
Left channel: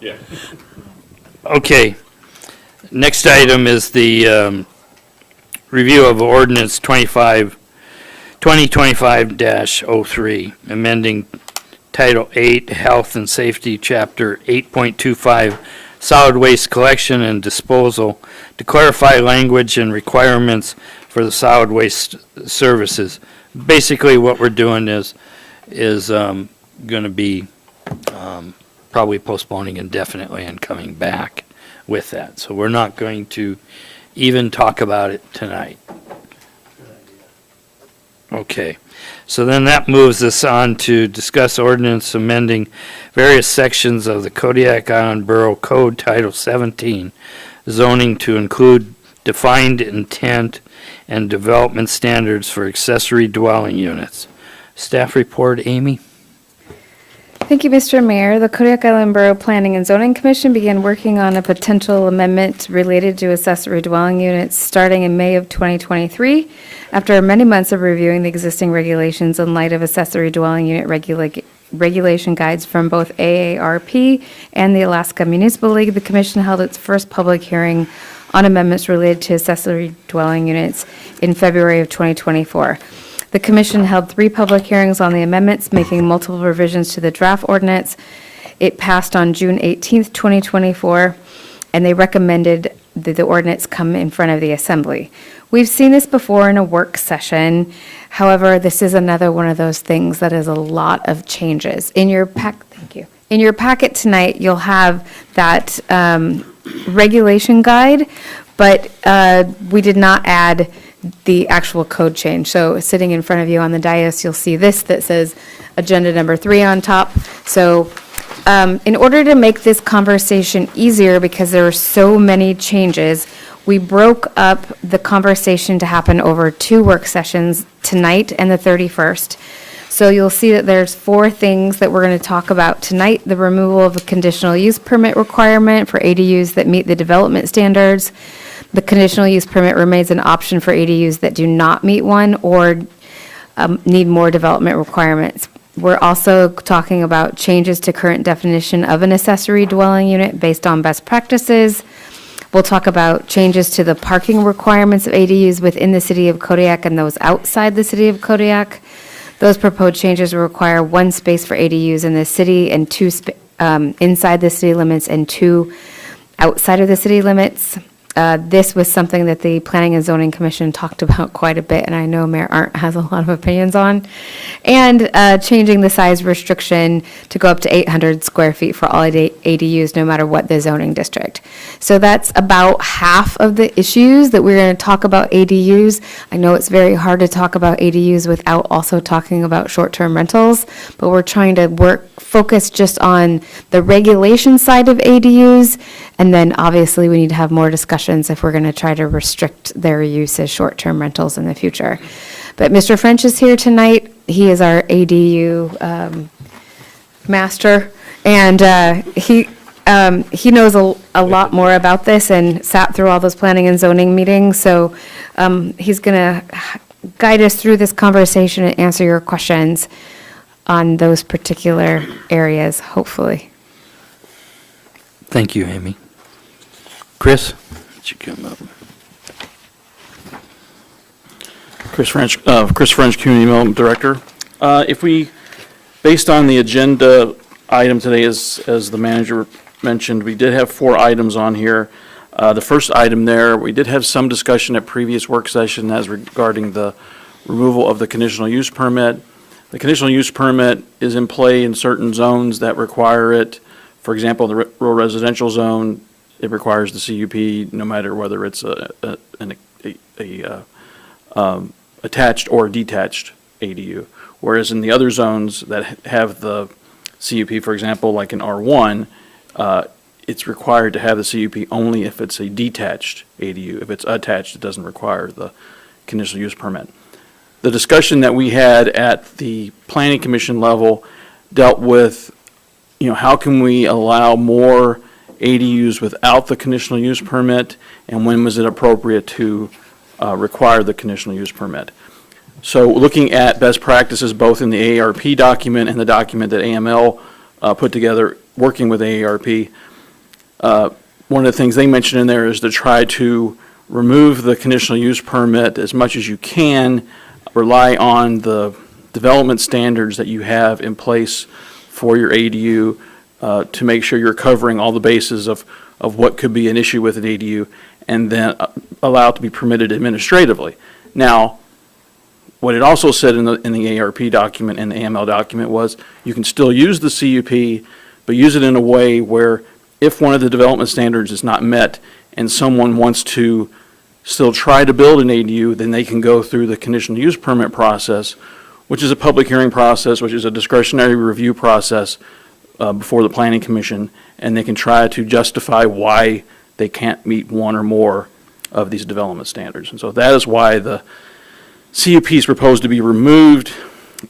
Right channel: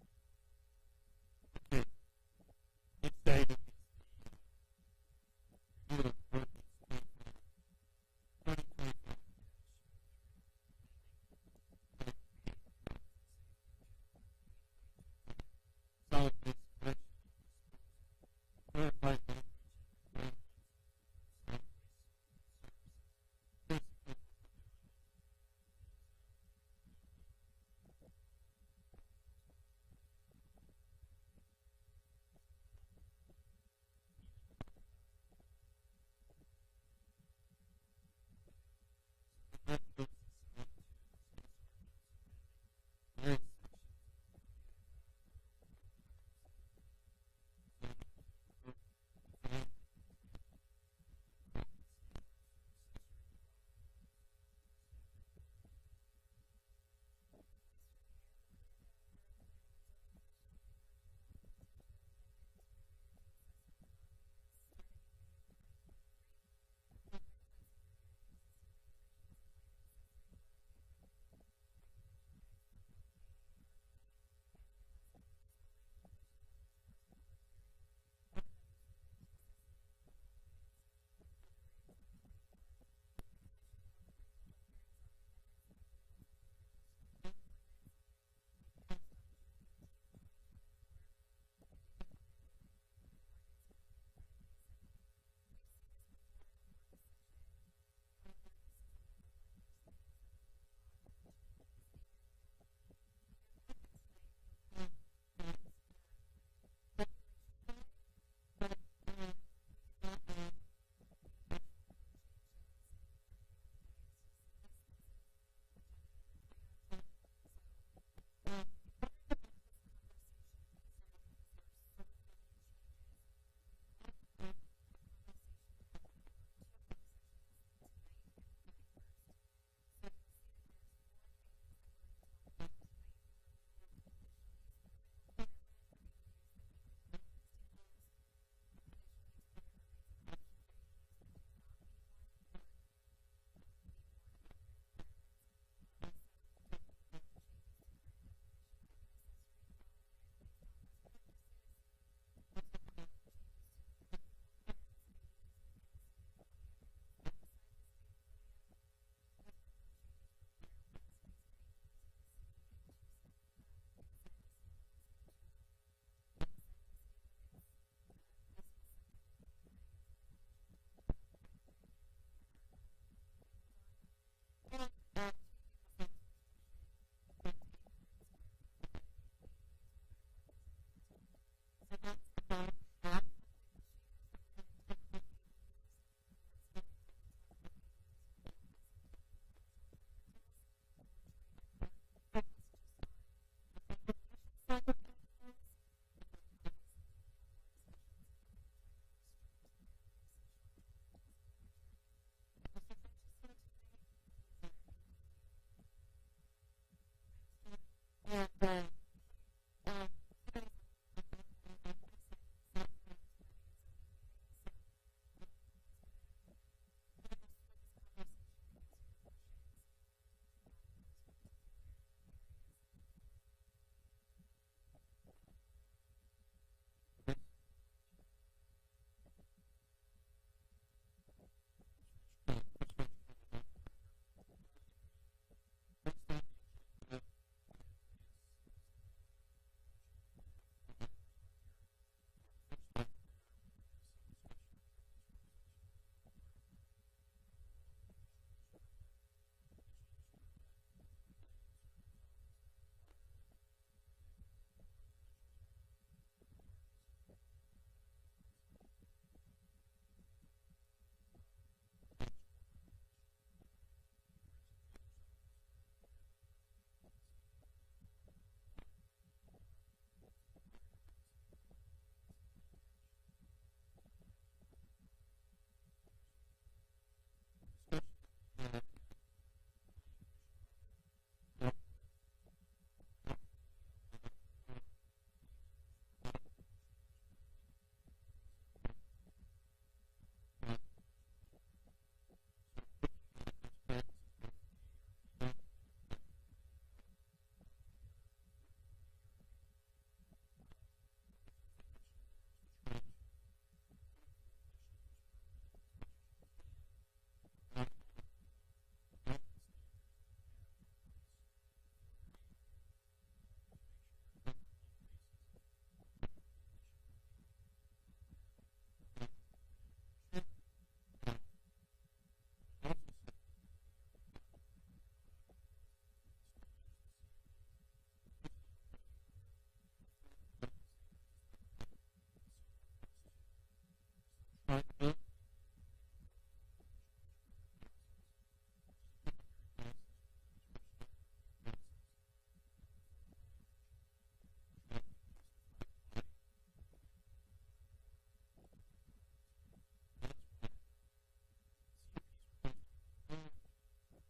Yeah. Okay. Next item is the review of ordinance 2025-03, amending Title 8, Health and Safety, Chapter 8.25, Solid Waste Collection and Disposal, to clarify language and requirements for the solid waste services. Basically, what we're doing is going to be probably postponing indefinitely and coming back with that. So we're not going to even talk about it tonight. Okay, so then that moves us on to discuss ordinance amending various sections of the Kodiak Island Borough Code Title 17, zoning to include defined intent and development standards for accessory dwelling units. Staff report, Amy? Thank you, Mr. Mayor. The Kodiak Island Borough Planning and Zoning Commission began working on a potential amendment related to accessory dwelling units starting in May of 2023. After many months of reviewing the existing regulations in light of accessory dwelling unit regulation guides from both AARP and the Alaska Municipal League, the commission held its first public hearing on amendments related to accessory dwelling units in February of 2024. The commission held 3 public hearings on the amendments, making multiple revisions to the draft ordinance. It passed on June 18th, 2024, and they recommended that the ordinance come in front of the assembly. We've seen this before in a work session. However, this is another one of those things that is a lot of changes. In your thank you. In your packet tonight, you'll have that regulation guide, but we did not add the actual code change. So sitting in front of you on the dais, you'll see this that says agenda number 3 on top. So in order to make this conversation easier, because there are so many changes, we broke up the conversation to happen over 2 work sessions, tonight and the 31st. So you'll see that there's 4 things that we're going to talk about tonight: the removal of a conditional use permit requirement for ADUs that meet the development standards. The conditional use permit remains an option for ADUs that do not meet one or need more development requirements. We're also talking about changes to current definition of an accessory dwelling unit based on best practices. We'll talk about changes to the parking requirements of ADUs within the city of Kodiak and those outside the city of Kodiak. Those proposed changes will require 1 space for ADUs in the city and 2 inside the city limits and 2 outside of the city limits. This was something that the Planning and Zoning Commission talked about quite a bit, and I know Mayor Arndt has a lot of opinions on. And changing the size restriction to go up to 800 square feet for all ADUs, no matter what the zoning district. So that's about half of the issues that we're going to talk about ADUs. I know it's very hard to talk about ADUs without also talking about short-term rentals, but we're trying to focus just on the regulation side of ADUs. And then obviously we need to have more discussions if we're going to try to restrict their use as short-term rentals in the future. But Mr. French is here tonight. He is our ADU master, and he knows a lot more about this and sat through all those planning and zoning meetings. So he's going to guide us through this conversation and answer your questions on those particular areas, hopefully. Thank you, Amy. Chris, why don't you come up? Chris French, Community Development Director. If we, based on the agenda item today, as the manager mentioned, we did have 4 items on here. The first item there, we did have some discussion at previous work session as regarding the removal of the conditional use permit. The conditional use permit is in play in certain zones that require it. For example, the rural residential zone, it requires the CUP no matter whether it's attached or detached ADU. Whereas in the other zones that have the CUP, for example, like in R1, it's required to have the CUP only if it's a detached ADU. If it's attached, it doesn't require the conditional use permit. The discussion that we had at the Planning Commission level dealt with, how can we allow more ADUs without the conditional use permit, and when was it appropriate to require the conditional use permit? So looking at best practices both in the AARP document and the document that AML put together working with AARP, one of the things they mentioned in there is to try to remove the conditional use permit as much as you can, rely on the development standards that you have in place for your ADU to make sure you're covering all the bases of what could be an issue with an ADU, and then allow it to be permitted administratively. Now, what it also said in the ARP document and the AML document was you can still use the CUP, but use it in a way where if one of the development standards is not met and someone wants to still try to build an ADU, then they can go through the conditional use permit process, which is a public hearing process, which is a discretionary review process before the Planning Commission, and they can try to justify why they can't meet one or more of these development standards. And so that is why the CUP is proposed to be removed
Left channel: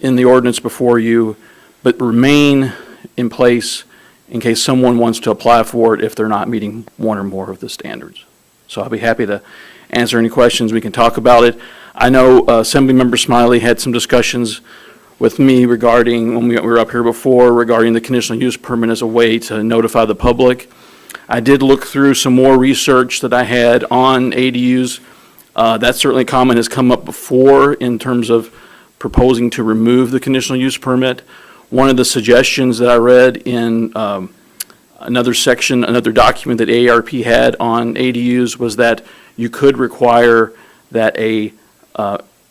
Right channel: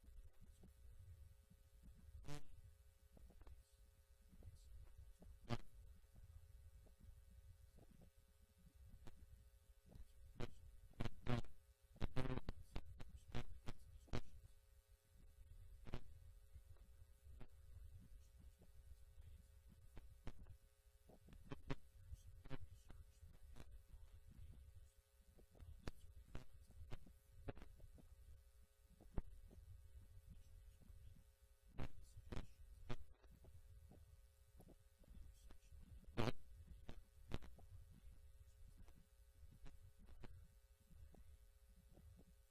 in the ordinance before you, but remain in place in case someone wants to apply for it if they're not meeting one or more of the standards. So I'll be happy to answer any questions. We can talk about it. I know Assemblymember Smiley had some discussions with me regarding, when we were up here before, regarding the conditional use permit as a way to notify the public. I did look through some more research that I had on ADUs. That certainly comment has come up before in terms of proposing to remove the conditional use permit. One of the suggestions that I read in another section, another document that AARP had on ADUs was that you could require that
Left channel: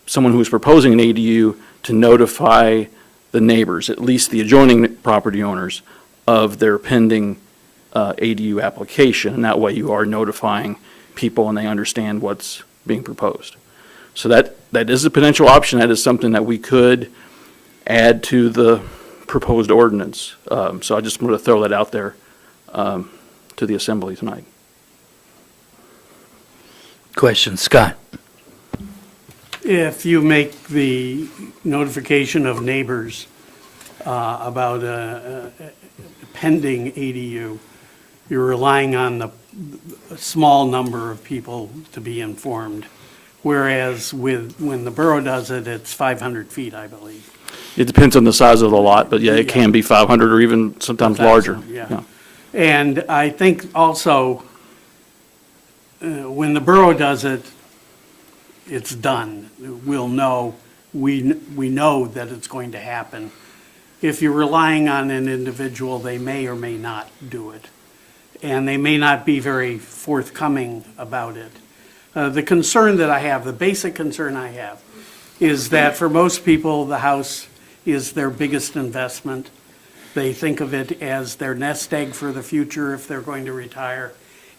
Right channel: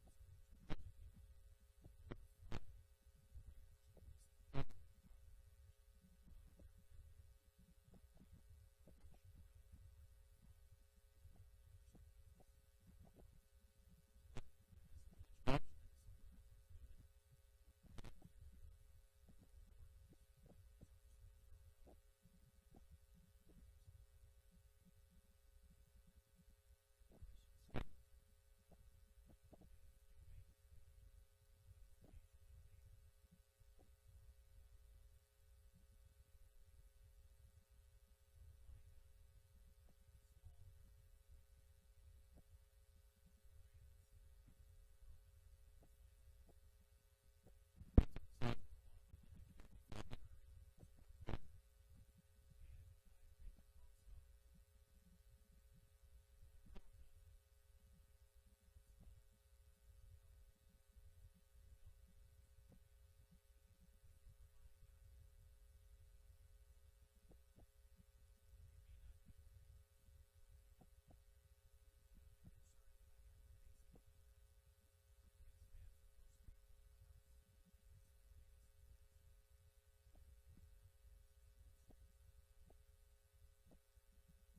someone who is proposing an ADU to notify the neighbors, at least the adjoining property owners, of their pending ADU application. And that way you are notifying people and they understand what's being proposed. So that is a potential option. That is something that we could add to the proposed ordinance. So I just want to throw that out there to the Assembly tonight. Question, Scott? If you make the notification of neighbors about a pending ADU, you're relying on a small number of people to be informed. Whereas when the borough does it, it's 500 feet, I believe. It depends on the size of the lot, but yeah, it can be 500 or even sometimes larger. Yeah. And I think also, when the borough does it, it's done. We'll know, we know that it's going to happen. If you're relying on an individual, they may or may not do it. And they may not be very forthcoming about it. The concern that I have, the basic concern I have, is that for most people, the house is their biggest investment. They think of it as their nest egg for the future if they're going to retire.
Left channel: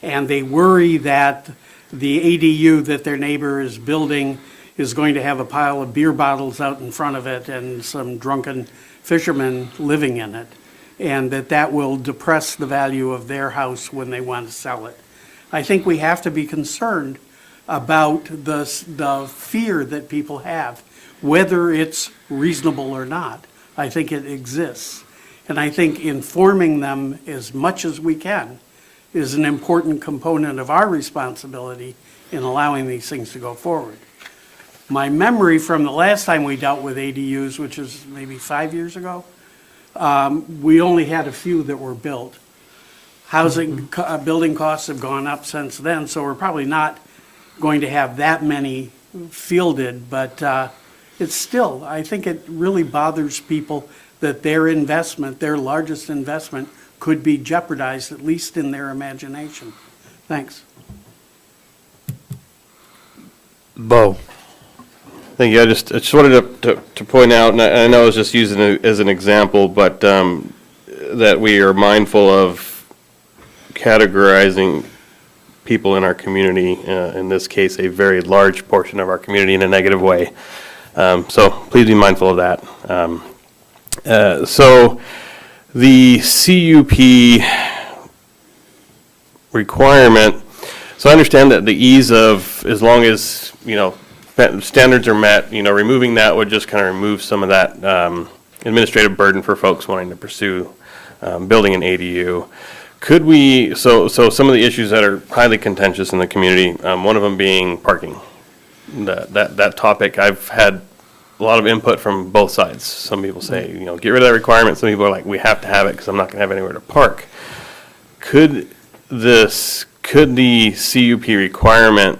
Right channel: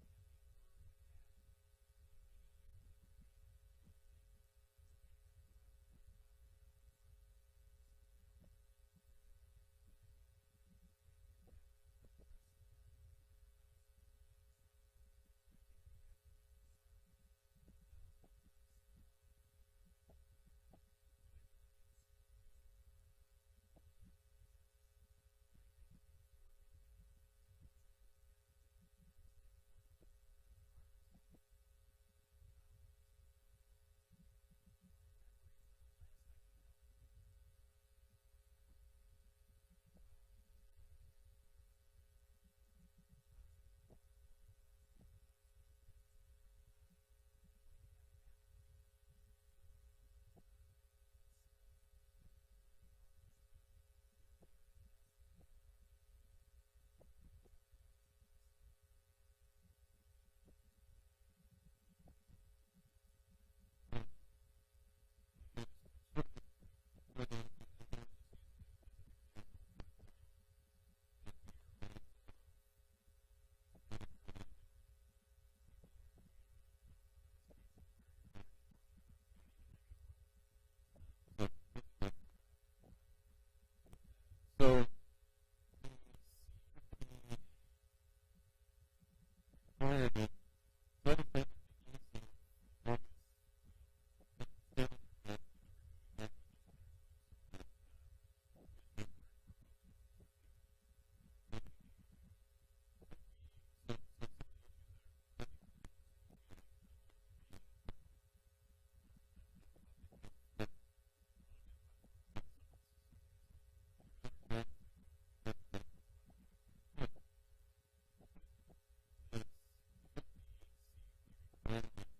And they worry that the ADU that their neighbor is building is going to have a pile of beer bottles out in front of it and some drunken fishermen living in it, and that will depress the value of their house when they want to sell it. I think we have to be concerned about the fear that people have, whether it's reasonable or not. I think it exists. And I think informing them as much as we can is an important component of our responsibility in allowing these things to go forward. My memory from the last time we dealt with ADUs, which is maybe 5 years ago, we only had a few that were built. Building costs have gone up since then, so we're probably not going to have that many fielded, but it's still, I think it really bothers people that their investment, their largest investment, could be jeopardized, at least in their imagination. Thanks. Bo? Thank you. I just wanted to point out, and I know I was just using it as an example, but that we are mindful of categorizing people in our community, in this case, a very large portion of our community, in a negative way. So please be mindful of that. So the CUP requirement, so I understand that the ease of, as long as, standards are met, removing that would just kind of remove some of that administrative burden for folks wanting to pursue building an ADU. Could we, so some of the issues that are highly contentious in the community, one of them being parking. That topic, I've had a lot of input from both sides. Some people say, get rid of that requirement. Some people are like, we have to have it because I'm not going to have anywhere to park. Could could the CUP requirement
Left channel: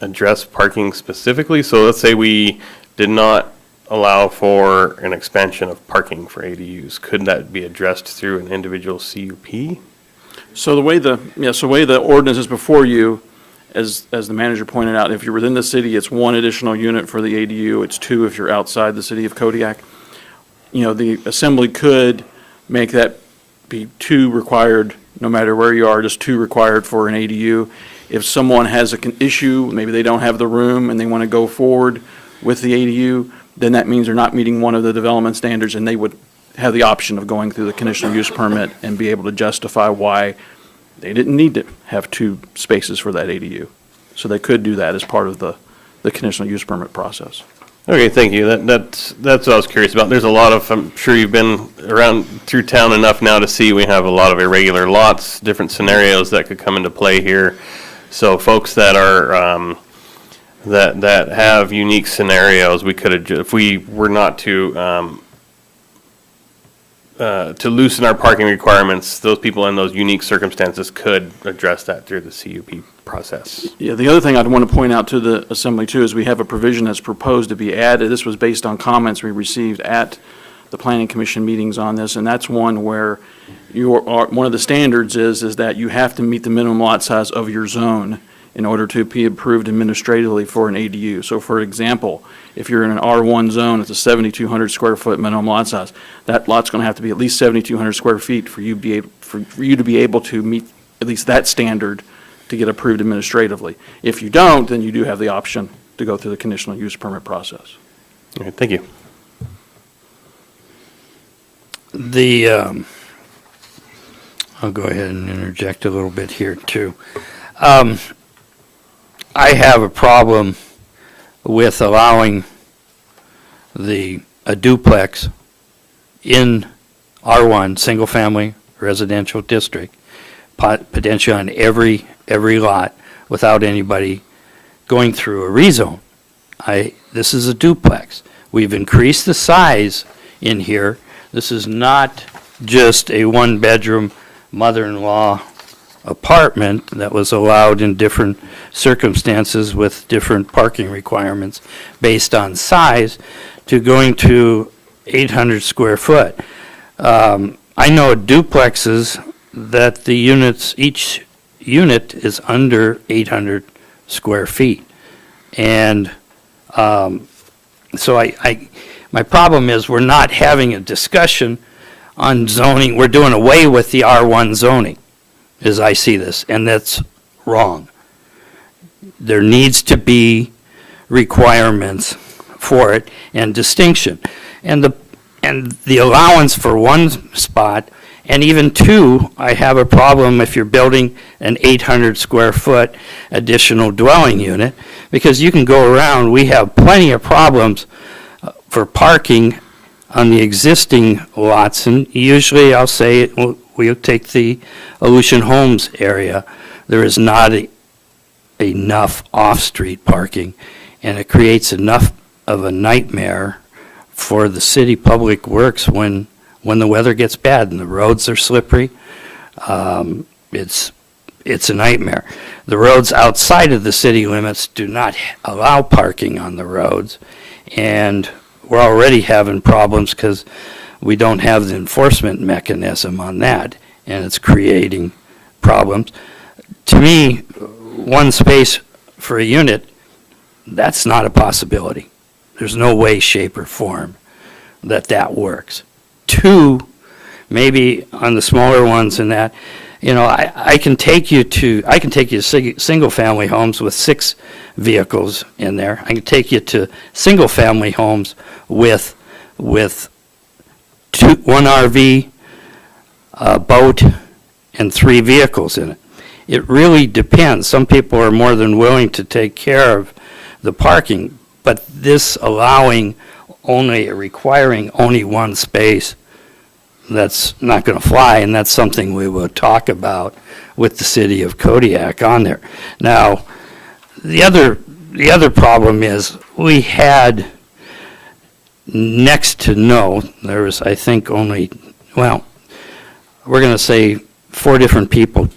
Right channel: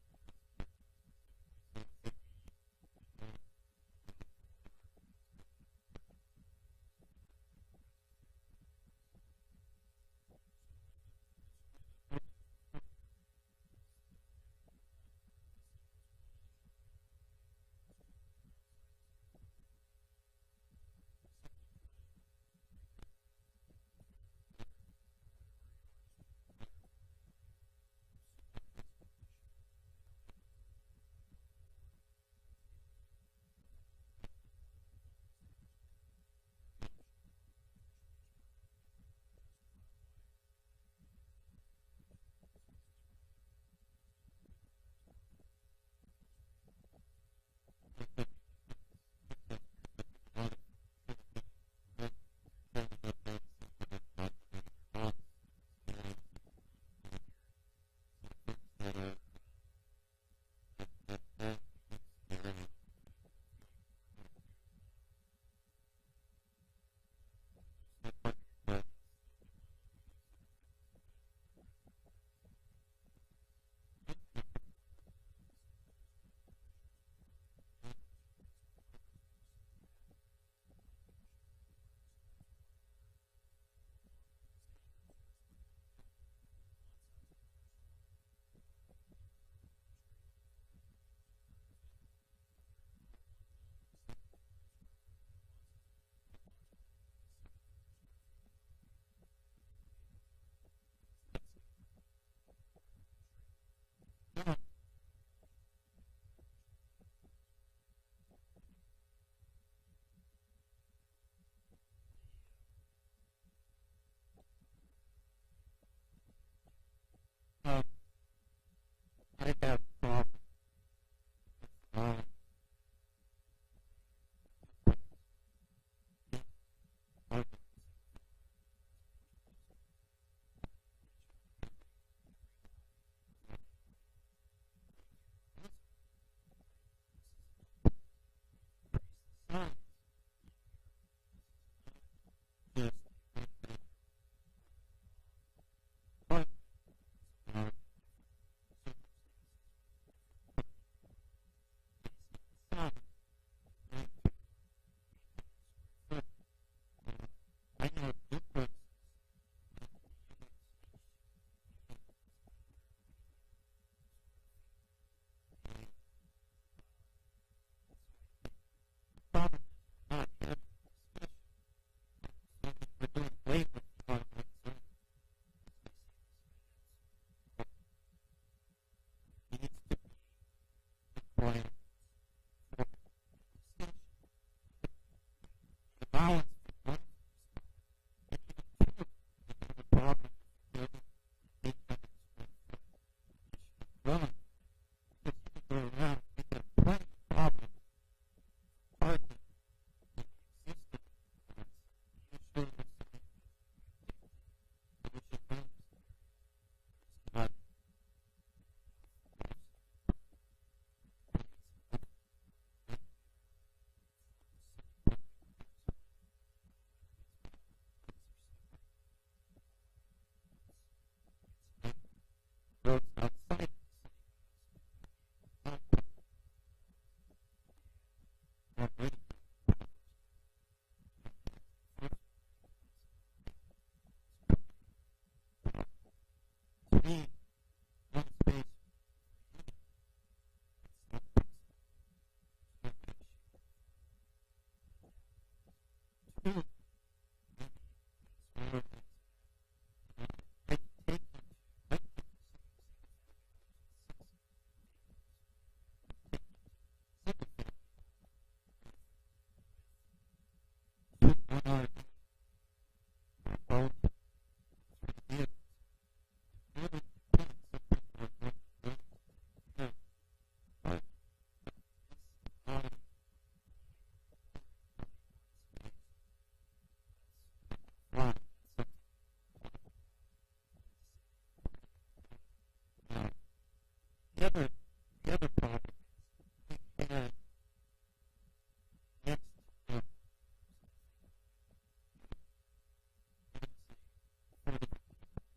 address parking specifically? So let's say we did not allow for an expansion of parking for ADUs. Could that be addressed through an individual CUP? So the way the ordinance is before you, as the manager pointed out, if you're within the city, it's one additional unit for the ADU. It's two if you're outside the city of Kodiak. The assembly could make that be two required, no matter where you are, just two required for an ADU. If someone has an issue, maybe they don't have the room and they want to go forward with the ADU, then that means they're not meeting one of the development standards, and they would have the option of going through the conditional use permit and be able to justify why they didn't need to have two spaces for that ADU. So they could do that as part of the conditional use permit process. Okay, thank you. That's what I was curious about. There's a lot of, I'm sure you've been around through town enough now to see we have a lot of irregular lots, different scenarios that could come into play here. So folks that are, that have unique scenarios, we could, if we were not to loosen our parking requirements, those people in those unique circumstances could address that through the CUP process. Yeah, the other thing I'd want to point out to the assembly too is we have a provision that's proposed to be added. This was based on comments we received at the planning commission meetings on this, and that's one where one of the standards is that you have to meet the minimum lot size of your zone in order to be approved administratively for an ADU. So for example, if you're in an R1 zone, it's a 7,200 square foot minimum lot size. That lot's going to have to be at least 7,200 square feet for you to be able to meet at least that standard to get approved administratively. If you don't, then you do have the option to go through the conditional use permit process. Okay, thank you. I'll go ahead and interject a little bit here too. I have a problem with allowing a duplex in R1, single-family residential district, potentially on every lot without anybody going through a rezone. This is a duplex. We've increased the size in here. This is not just a one-bedroom mother-in-law apartment that was allowed in different circumstances with different parking requirements based on size to going to 800 square foot. I know duplexes that the units, each unit is under 800 square feet. And so my problem is we're not having a discussion on zoning. We're doing away with the R1 zoning, as I see this, and that's wrong. There needs to be requirements for it and distinction. And the allowance for one spot, and even two, I have a problem if you're building an 800 square foot additional dwelling unit, because you can go around, we have plenty of problems for parking on the existing lots, and usually I'll say, we'll take the Aleutian Homes area. There is not enough off-street parking, and it creates enough of a nightmare for the city public works when the weather gets bad and the roads are slippery. It's a nightmare. The roads outside of the city limits do not allow parking on the roads, and we're already having problems because we don't have the enforcement mechanism on that, and it's creating problems. To me, one space for a unit, that's not a possibility. There's no way, shape, or form that works. Two, maybe on the smaller ones in that, I can take you to single-family homes with 6 vehicles in there. I can take you to single-family homes with 1 RV, a boat, and 3 vehicles in it. It really depends. Some people are more than willing to take care of the parking, but this requiring only one space, that's not going to fly, and that's something we will talk about with the city of Kodiak on there. Now, the other problem is we had next to no, there was, I think, only, well, we're going to say 4 different people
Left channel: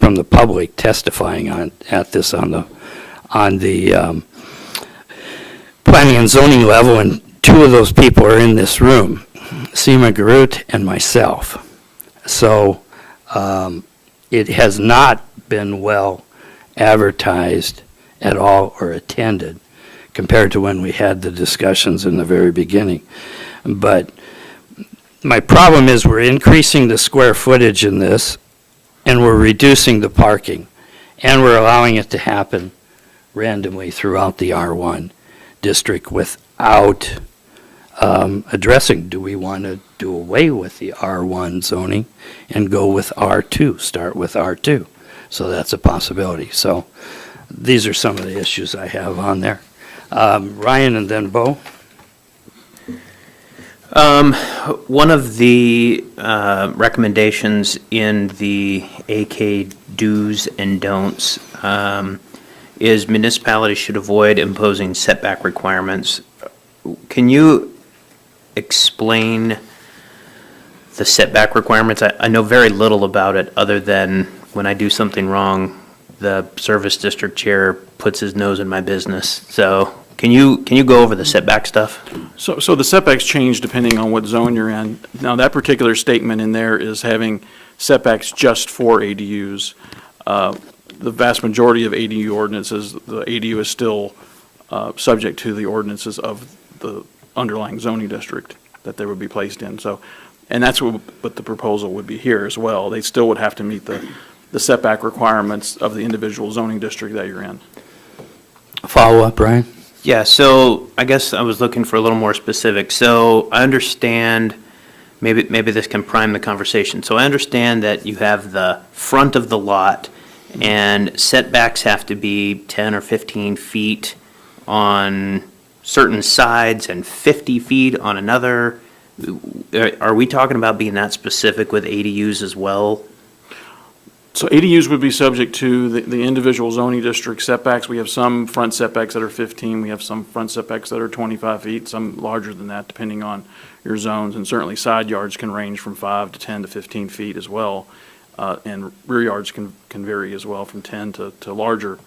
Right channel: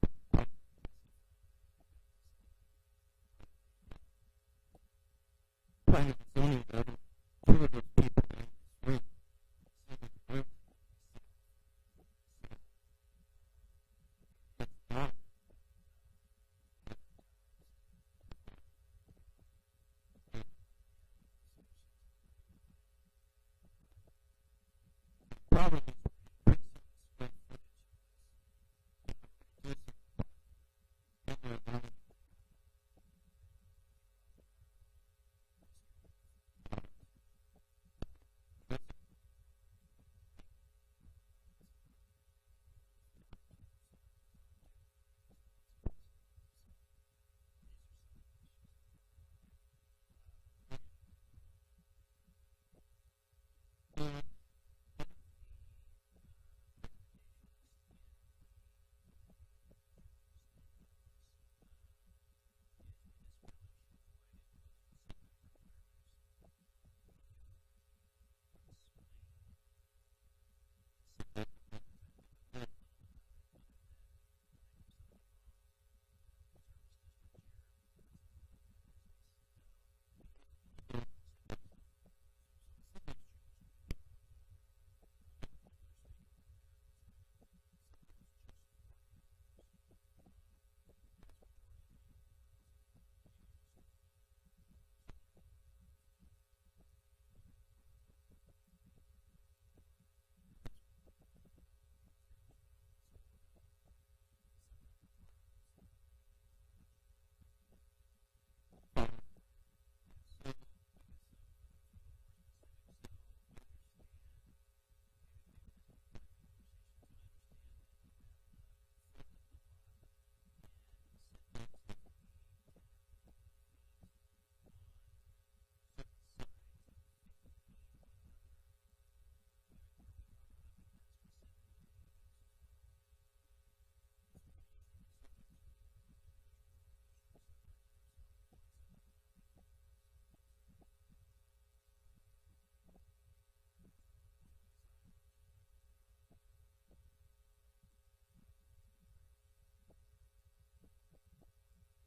from the public testifying at this on the planning and zoning level, and two of those people are in this room, Seema Garut and myself. So it has not been well advertised at all or attended compared to when we had the discussions in the very beginning. But my problem is we're increasing the square footage in this, and we're reducing the parking, and we're allowing it to happen randomly throughout the R1 district without addressing, do we want to do away with the R1 zoning and go with R2, start with R2? So that's a possibility. So these are some of the issues I have on there. Ryan and then Bo. One of the recommendations in the AK do's and don'ts is municipalities should avoid imposing setback requirements. Can you explain the setback requirements? I know very little about it, other than when I do something wrong, the service district chair puts his nose in my business. So can you go over the setback stuff? So the setbacks change depending on what zone you're in. Now, that particular statement in there is having setbacks just for ADUs. The vast majority of ADU ordinances, the ADU is still subject to the ordinances of the underlying zoning district that they would be placed in. So, and that's what the proposal would be here as well. They still would have to meet the setback requirements of the individual zoning district that you're in. Follow up, Brian? Yeah, so I guess I was looking for a little more specific. So I understand, maybe this can prime the conversation. So I understand that you have the front of the lot, and setbacks have to be 10 or 15 feet on certain sides and 50 feet on another. Are we talking about being that specific with ADUs as well? So ADUs would be subject to the individual zoning district setbacks. We have some front setbacks that are 15. We have some front setbacks that are 25 feet, some larger than that, depending on your zones. And certainly side yards can range from 5 to 10 to 15 feet as well. And rear yards can vary as well, from 10 to larger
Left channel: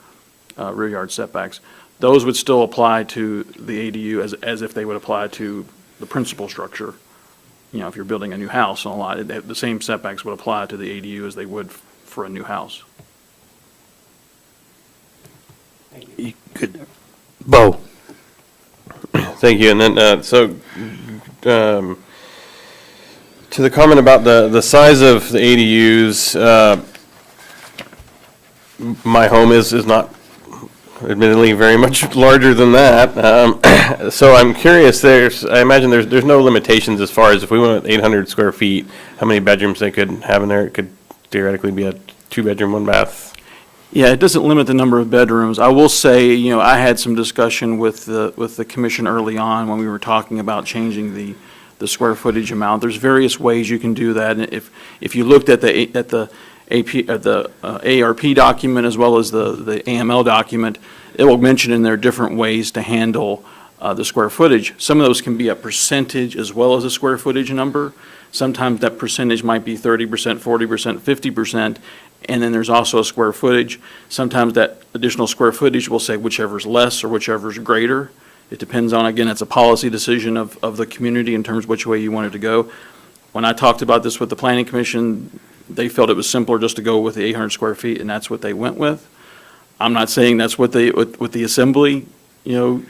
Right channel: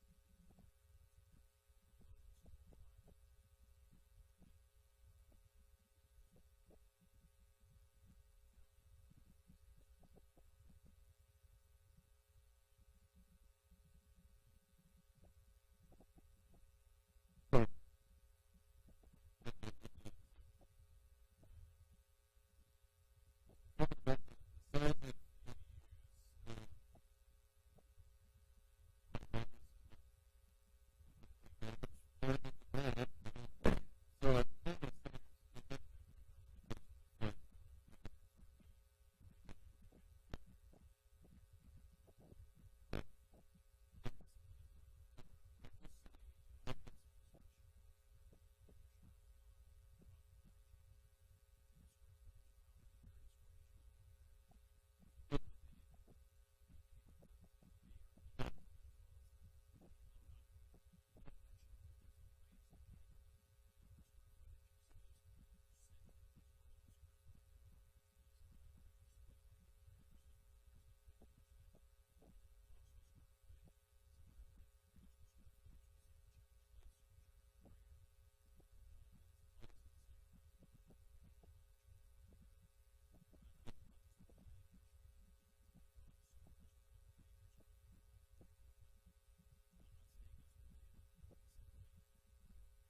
rear yard setbacks. Those would still apply to the ADU as if they would apply to the principal structure. You know, if you're building a new house on a lot, the same setbacks would apply to the ADU as they would for a new house. Good. Bo. Thank you. And then, to the comment about the size of the ADUs, my home is not admittedly very much larger than that. So I'm curious, I imagine there's no limitations as far as if we went with 800 square feet, how many bedrooms they could have in there. It could theoretically be a 2-bedroom, 1-bath. Yeah, it doesn't limit the number of bedrooms. I will say, you know, I had some discussion with the commission early on when we were talking about changing the square footage amount. There's various ways you can do that. And if you looked at the ARP document as well as the AML document, it will mention in there different ways to handle the square footage. Some of those can be a percentage as well as a square footage number. Sometimes that percentage might be 30%, 40%, 50%, and then there's also a square footage. Sometimes that additional square footage will say whichever's less or whichever's greater. It depends on, again, it's a policy decision of the community in terms of which way you want it to go. When I talked about this with the Planning Commission, they felt it was simpler just to go with the 800 square feet, and that's what they went with. I'm not saying that's what the Assembly, you know,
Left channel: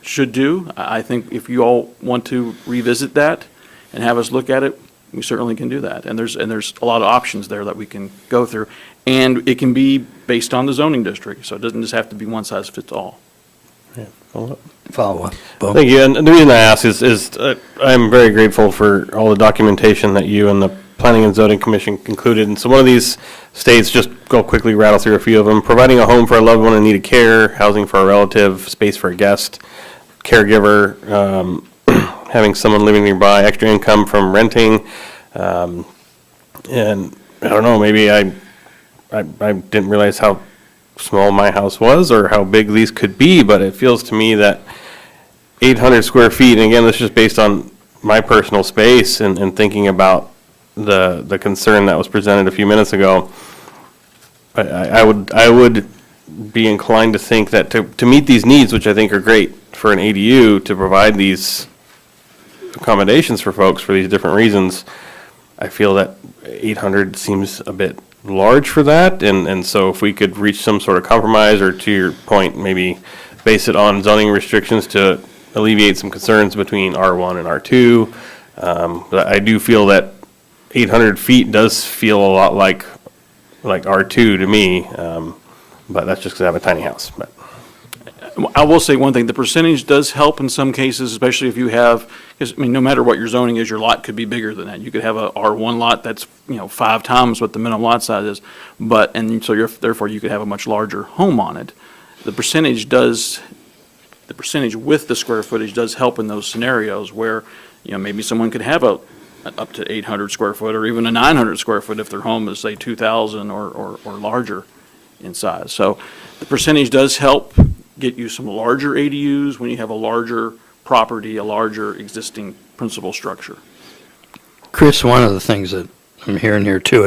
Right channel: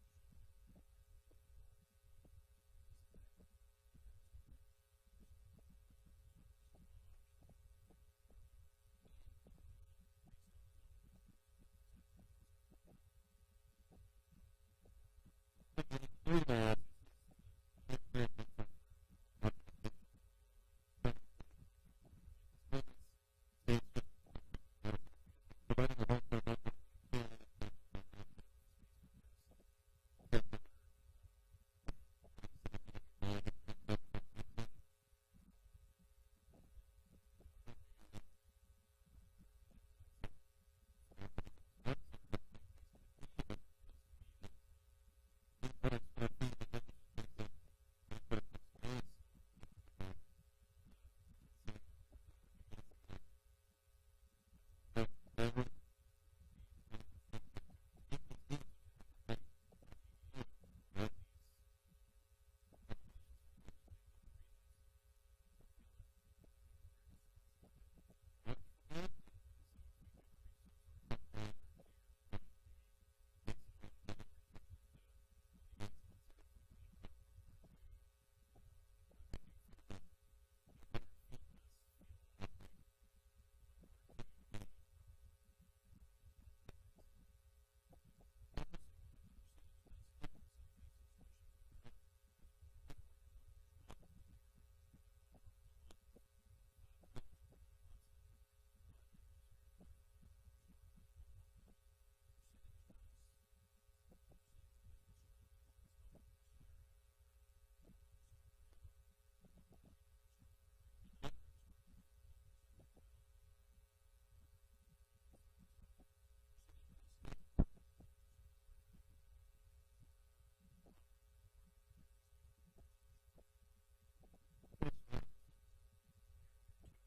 should do. I think if you all want to revisit that and have us look at it, we certainly can do that. And there's a lot of options there that we can go through. And it can be based on the zoning district, so it doesn't just have to be one size fits all. Yeah, follow up. Bo. Thank you. And the reason I ask is I'm very grateful for all the documentation that you and the Planning and Zoning Commission concluded. And so one of these states, just go quickly rattle through a few of them: providing a home for a loved one in need of care, housing for a relative, space for a guest, caregiver, having someone living nearby, extra income from renting, and I don't know, maybe I didn't realize how small my house was or how big these could be, but it feels to me that 800 square feet, and again, this is just based on my personal space and thinking about the concern that was presented a few minutes ago, I would be inclined to think that to meet these needs, which I think are great for an ADU, to provide these accommodations for folks for these different reasons, I feel that 800 seems a bit large for that, and so if we could reach some sort of compromise, or to your point, maybe base it on zoning restrictions to alleviate some concerns between R1 and R2. But I do feel that 800 feet does feel a lot like R2 to me, but that's just because I have a tiny house. But I will say one thing, the percentage does help in some cases, especially if you have, because, I mean, no matter what your zoning is, your lot could be bigger than that. You could have a R1 lot that's, 5 times what the minimum lot size is, and so therefore you could have a much larger home on it. The percentage with the square footage does help in those scenarios where, maybe someone could have an up to 800 square foot or even a 900 square foot if their home is, say, 2,000 or larger in size. So the percentage does help get you some larger ADUs when you have a larger property, a larger existing principal structure. Chris, one of the things that I'm hearing here too,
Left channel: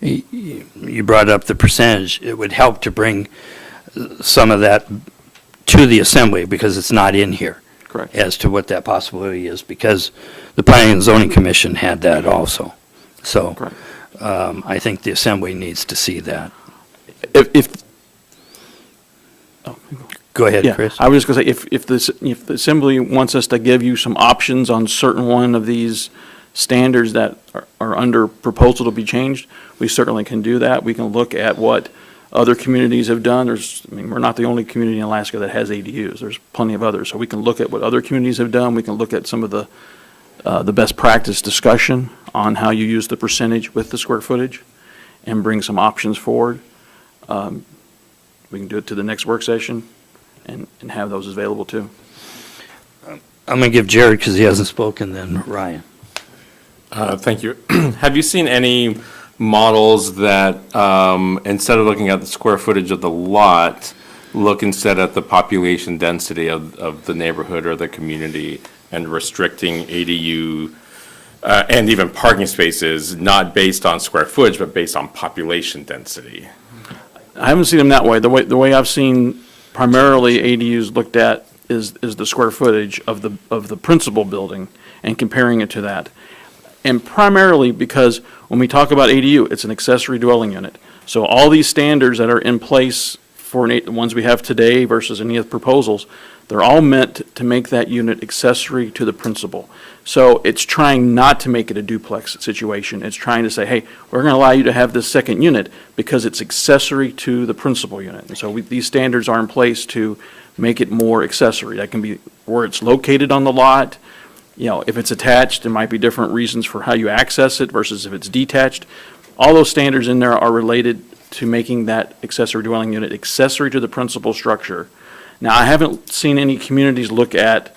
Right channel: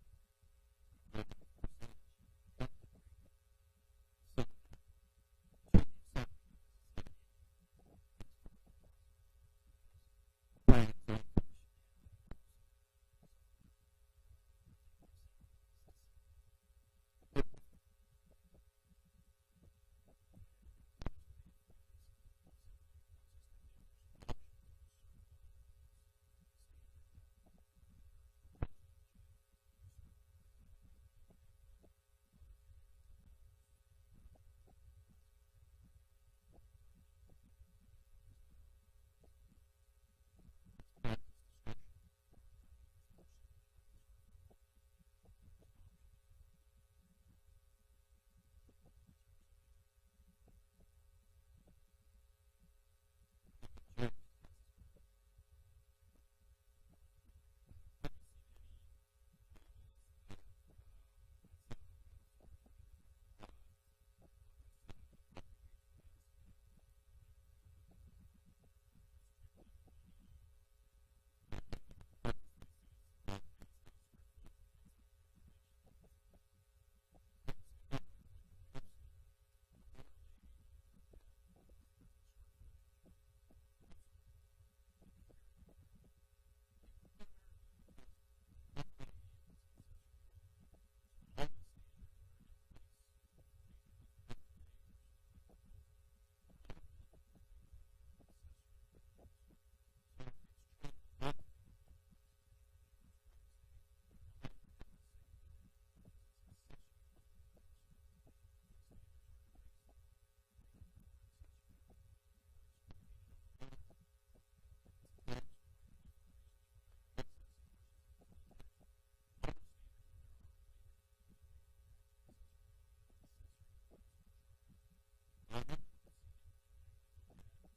you brought up the percentage. It would help to bring some of that to the assembly because it's not in here. Correct. As to what that possibility is, because the Planning and Zoning Commission had that also. So Correct. I think the assembly needs to see that. Go ahead, Yeah, Chris. I was just going to say, if the assembly wants us to give you some options on certain one of these standards that are under proposal to be changed, we certainly can do that. We can look at what other communities have done. We're not the only community in Alaska that has ADUs. There's plenty of others. So we can look at what other communities have done. We can look at some of the best practice discussion on how you use the percentage with the square footage and bring some options forward. We can do it to the next work session and have those available too. I'm going to give Jared, because he hasn't spoken, then Ryan. Thank you. Have you seen any models that, instead of looking at the square footage of the lot, look instead at the population density of the neighborhood or the community and restricting ADU and even parking spaces, not based on square footage, but based on population density? I haven't seen them that way. The way I've seen primarily ADUs looked at is the square footage of the principal building and comparing it to that. And primarily because when we talk about ADU, it's an accessory dwelling unit. So all these standards that are in place for the ones we have today versus any of the proposals, they're all meant to make that unit accessory to the principal. So it's trying not to make it a duplex situation. It's trying to say, hey, we're going to allow you to have this second unit because it's accessory to the principal unit. And so these standards are in place to make it more accessory. That can be where it's located on the lot. If it's attached, there might be different reasons for how you access it versus if it's detached. All those standards in there are related to making that accessory dwelling unit accessory to the principal structure. Now, I haven't seen any communities look at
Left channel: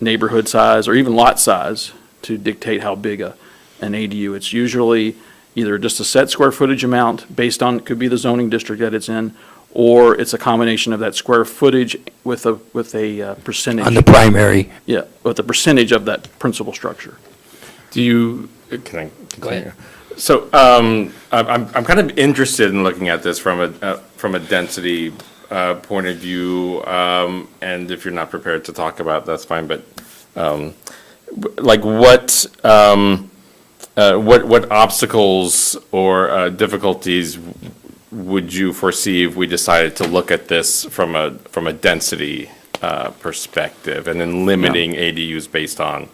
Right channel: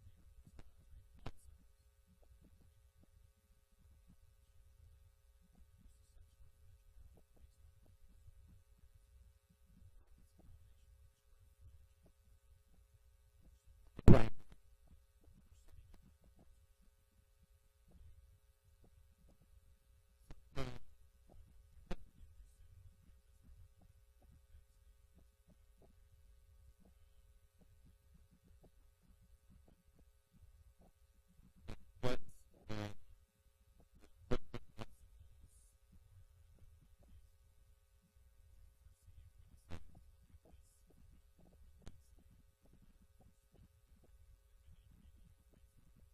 neighborhood size or even lot size to dictate how big an ADU. It's usually either just a set square footage amount based on, it could be the zoning district that it's in, or it's a combination of that square footage with a percentage. On the primary. Yeah, with the percentage of that principal structure. Can I continue? Go ahead. So I'm kind of interested in looking at this from a density point of view, and if you're not prepared to talk about it, that's fine. But what obstacles or difficulties would you foresee if we decided to look at this from a density perspective and then limiting ADUs based on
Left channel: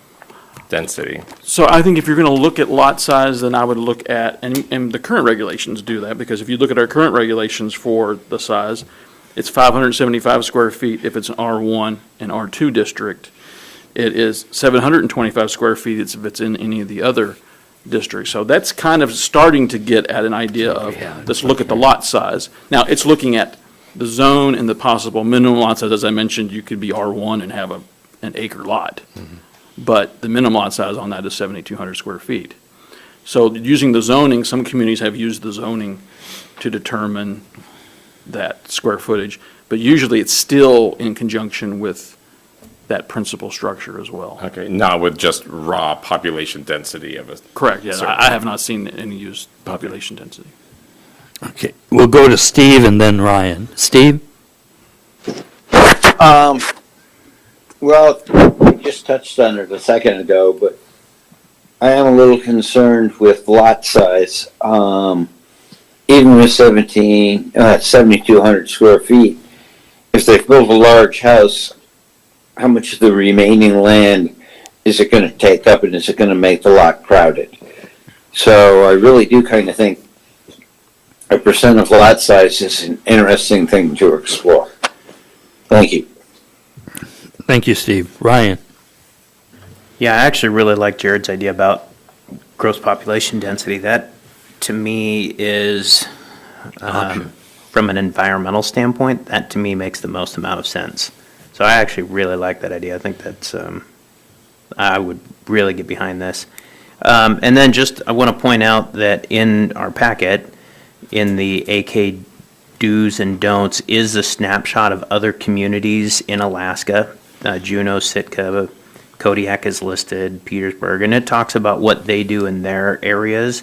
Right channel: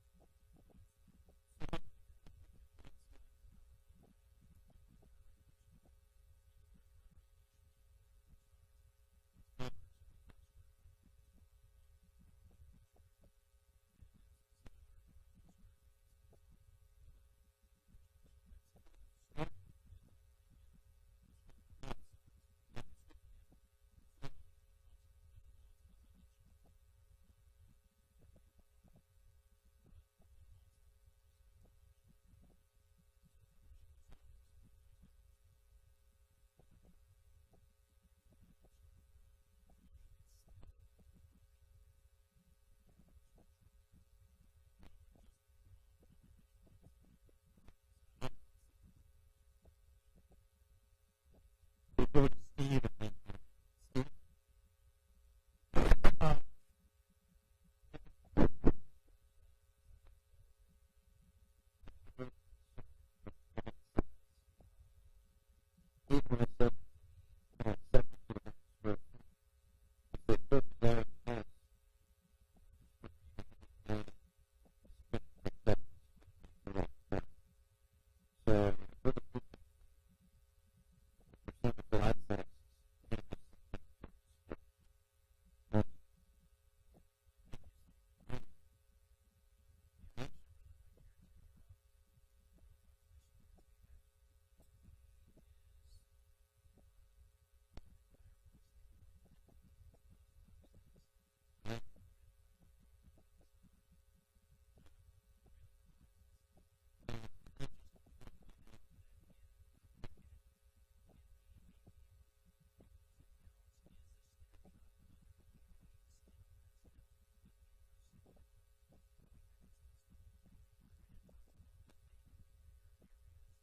density? So I think if you're going to look at lot size, then I would look at, and the current regulations do that, because if you look at our current regulations for the size, it's 575 square feet if it's an R1 and R2 district. It is 725 square feet if it's in any of the other districts. So that's kind of starting to get at an idea of, let's look at the lot size. Now, it's looking at the zone and the possible minimum lot size. As I mentioned, you could be R1 and have an acre lot. Mm-hmm. But the minimum lot size on that is 7,200 square feet. So using the zoning, some communities have used the zoning to determine that square footage, but usually it's still in conjunction with that principal structure as well. Okay, not with just raw population density of a. Correct, yeah, certain- I have not seen any used population density. Okay, we'll go to Steve and then Ryan. Steve? Well, we just touched on it a second ago, but I am a little concerned with lot size. Even with 7,200 square feet, if they've built a large house, how much of the remaining land is it going to take up, and is it going to make the lot crowded? So I really do kind of think a percent of lot size is an interesting thing to explore. Thank you. Thank you, Steve. Ryan? Yeah, I actually really like Jared's idea about gross population density. That, to me, is, from an environmental standpoint, that to me makes the most amount of sense. So I actually really like that idea. I think that's, I would really get behind this. And then just, I want to point out that in our packet, in the AK do's and don'ts, is a snapshot of other communities in Alaska. Juneau, Sitka, Kodiak is listed, Petersburg, and it talks about what they do in their areas.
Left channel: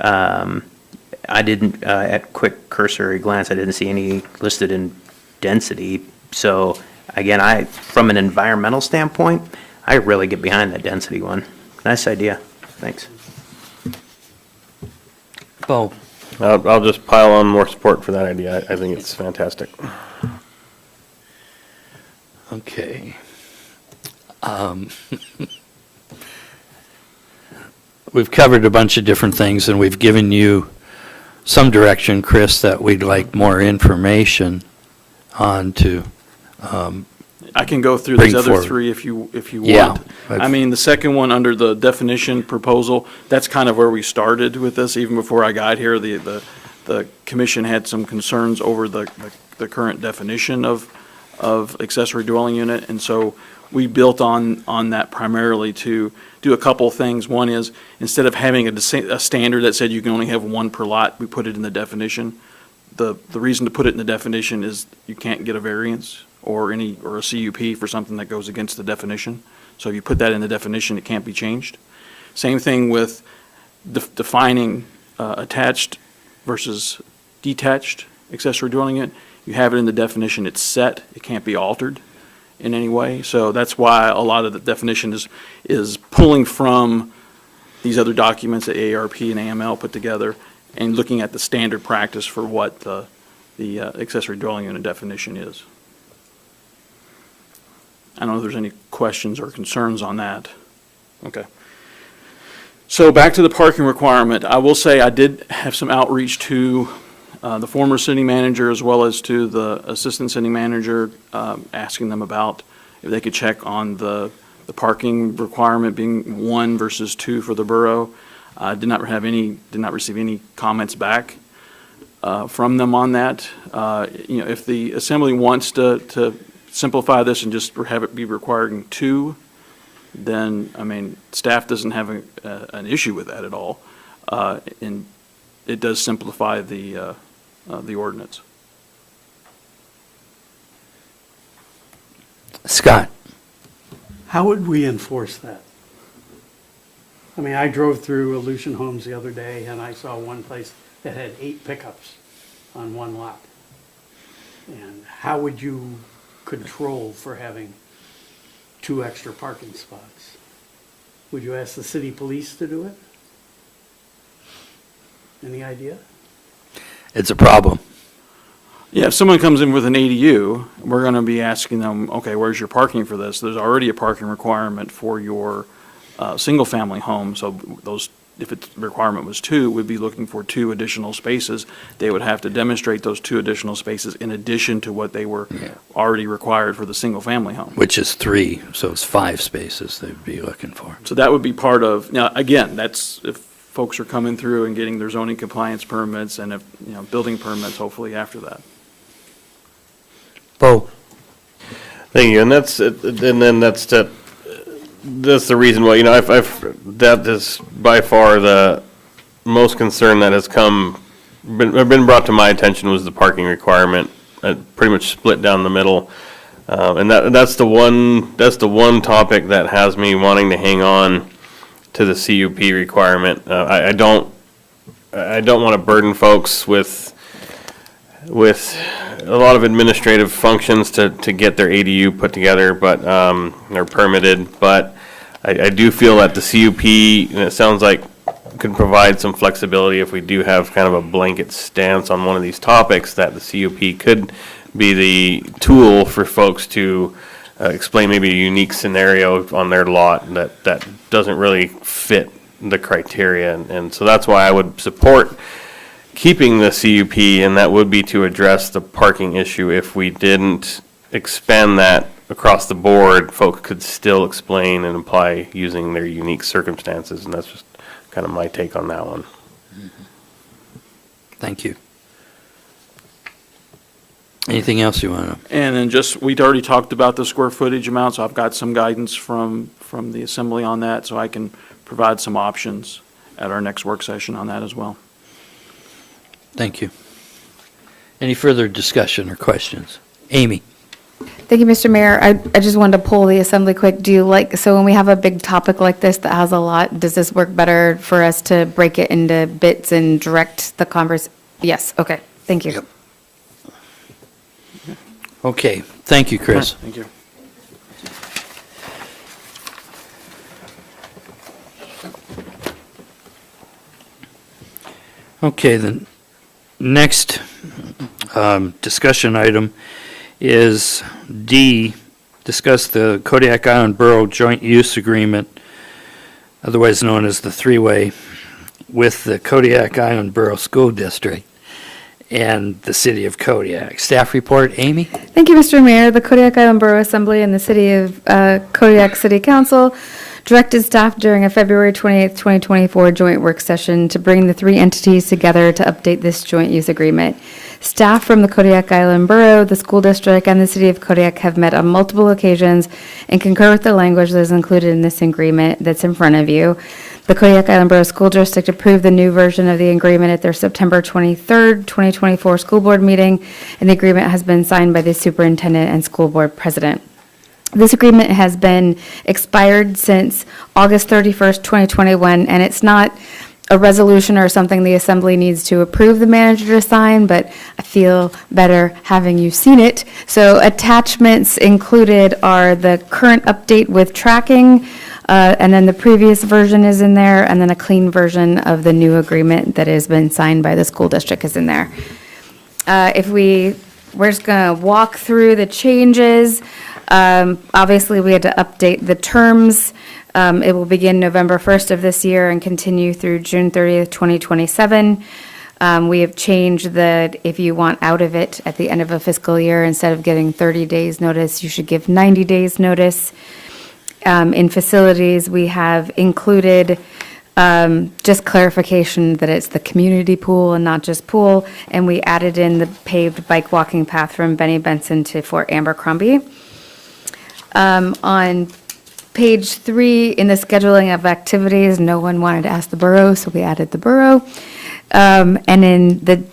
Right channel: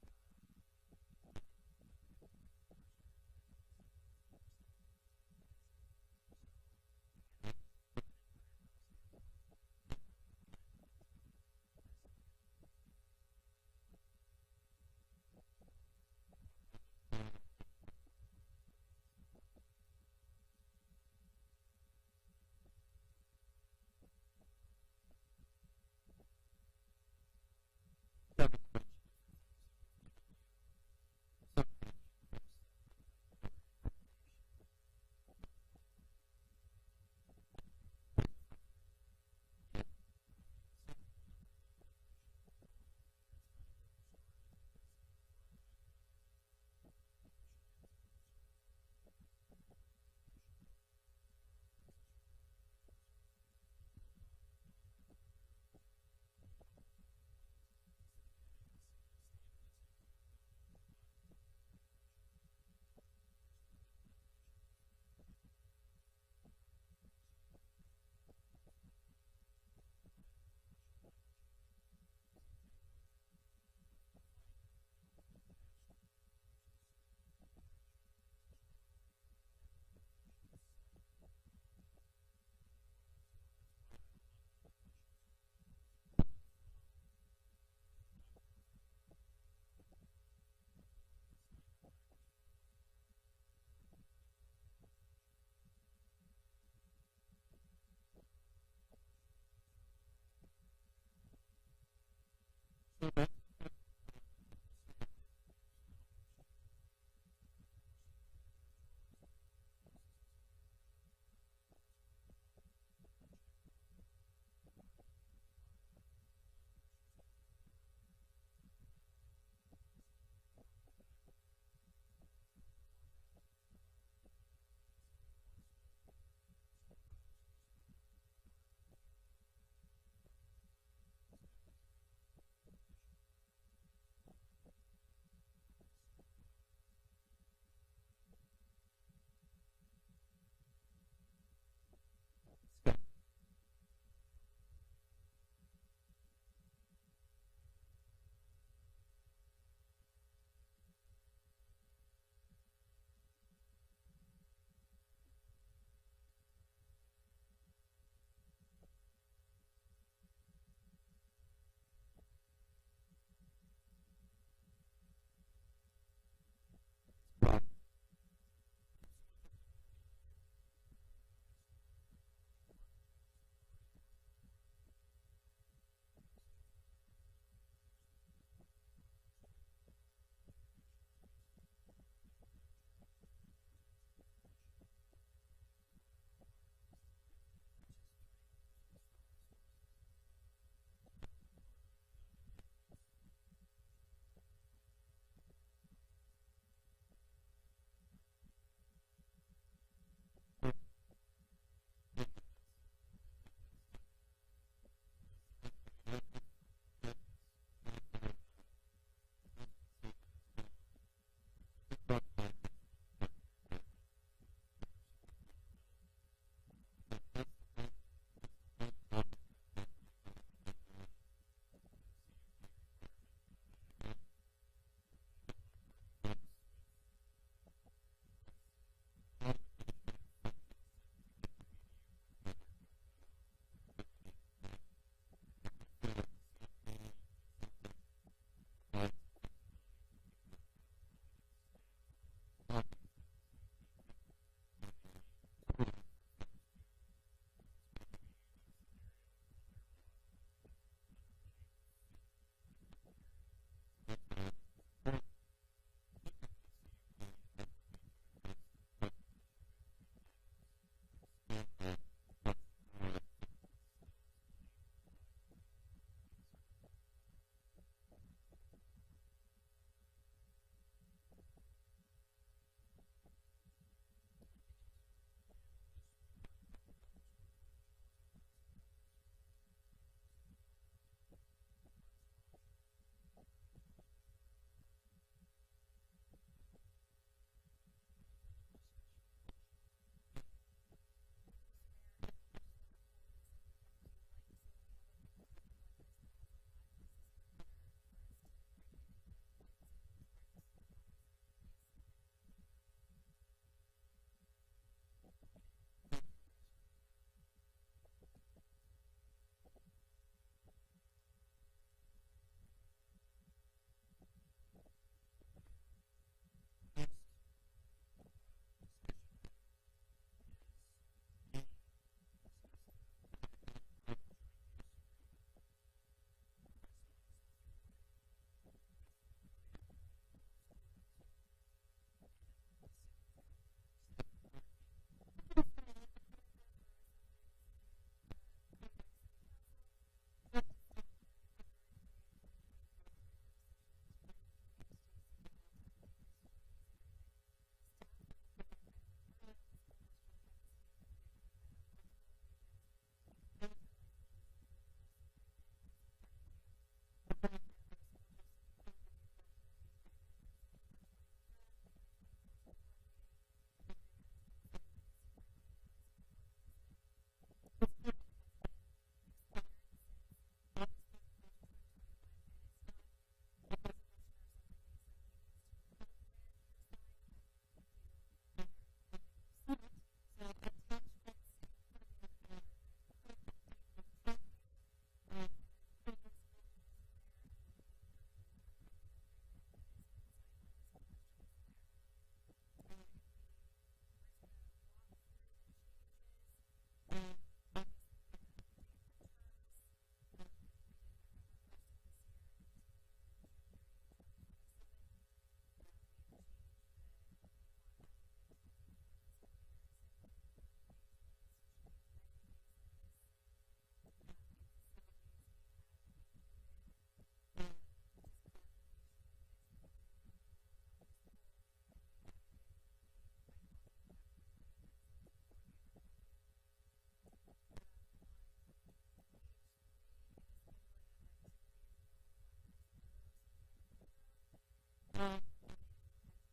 I didn't, at quick cursory glance, I didn't see any listed in density. So again, from an environmental standpoint, I really get behind that density one. Nice idea. Thanks. Bo? I'll just pile on more support for that idea. I think it's fantastic. Okay. We've covered a bunch of different things, and we've given you some direction, Chris, that we'd like more information on to I can go through bring these other forward. three if you Yeah. want. I mean, the second one under the definition proposal, that's kind of where we started with this, even before I got here. The commission had some concerns over the current definition of accessory dwelling unit, and so we built on that primarily to do a couple of things. One is, instead of having a standard that said you can only have one per lot, we put it in the definition. The reason to put it in the definition is you can't get a variance or a CUP for something that goes against the definition. So if you put that in the definition, it can't be changed. Same thing with defining attached versus detached accessory dwelling unit. You have it in the definition, it's set, it can't be altered in any way. So that's why a lot of the definition is pulling from these other documents that AARP and AML put together and looking at the standard practice for what the accessory dwelling unit definition is. I don't know if there's any questions or concerns on that. Okay. So back to the parking requirement. I will say I did have some outreach to the former city manager as well as to the assistant city manager, asking them about if they could check on the parking requirement being 1 versus 2 for the borough. Did not receive any comments back from them on that. If the assembly wants to simplify this and just have it be requiring 2, then, I mean, staff doesn't have an issue with that at all. And it does simplify the ordinance. Scott? How would we enforce that? I mean, I drove through Aleutian Homes the other day, and I saw one place that had 8 pickups on one lot. And how would you control for having 2 extra parking spots? Would you ask the city police to do it? Any idea? It's a problem. Yeah, if someone comes in with an ADU, we're going to be asking them, okay, where's your parking for this? There's already a parking requirement for your single-family home, so those, if the requirement was 2, we'd be looking for 2 additional spaces. They would have to demonstrate those 2 additional spaces in addition to what they were already required for the single-family home. Which is 3, so it's 5 spaces they'd be looking for. So that would be part of, now, again, that's if folks are coming through and getting their zoning compliance permits and if, building permits hopefully after that. Bo? Thank you, and that's the reason why, that is by far the most concern that has been brought to my attention was the parking requirement, pretty much split down the middle. And that's the one topic that has me wanting to hang on to the CUP requirement. I I don't want to burden folks with a lot of administrative functions to get their ADU put together, but, they're permitted, but I do feel that the CUP, and it sounds like, could provide some flexibility if we do have kind of a blanket stance on one of these topics, that the CUP could be the tool for folks to explain maybe a unique scenario on their lot that doesn't really fit the criteria. And so that's why I would support keeping the CUP, and that would be to address the parking issue. If we didn't expand that across the board, folks could still explain and apply using their unique circumstances, and that's just kind of my take on that one. Thank you. Anything else you want to? And then just, we'd already talked about the square footage amount, so I've got some guidance from the assembly on that, so I can provide some options at our next work session on that as well. Thank you. Any further discussion or questions? Amy? Thank you, Mr. Mayor. I just wanted to poll the assembly quick. Do you like, so when we have a big topic like this that has a lot, does this work better for us to break it into bits and direct the converse? Yes, okay, thank you. Yep. Okay, thank you, Chris. Thank you. Okay, the next discussion item is D, discuss the Kodiak Island Borough Joint Use Agreement, otherwise known as the three-way, with the Kodiak Island Borough School District and the City of Kodiak. Staff report, Amy? Thank you, Mr. Mayor. The Kodiak Island Borough Assembly and the City of Kodiak City Council directed staff during a February 28th, 2024 joint work session to bring the three entities together to update this joint use agreement. Staff from the Kodiak Island Borough, the School District, and the City of Kodiak have met on multiple occasions and concur with the language that is included in this agreement that's in front of you. The Kodiak Island Borough School District approved the new version of the agreement at their September 23rd, 2024 school board meeting, and the agreement has been signed by the superintendent and school board president. This agreement has been expired since August 31st, 2021, and it's not a resolution or something the assembly needs to approve the manager to sign, but I feel better having you seen it. So attachments included are the current update with tracking, and then the previous version is in there, and then a clean version of the new agreement that has been signed by the school district is in there. We're just gonna walk through the changes. Obviously, we had to update the terms. It will begin November 1st of this year and continue through June 30th, 2027. We have changed that if you want out of it at the end of a fiscal year, instead of giving 30 days notice, you should give 90 days notice. In facilities, we have included just clarification that it's the community pool and not just pool, and we added in the paved bike walking path from Benny Benson to Fort Abercrombie. On page 3, in the scheduling of activities, no one wanted to ask the borough, so we added the borough. And in the,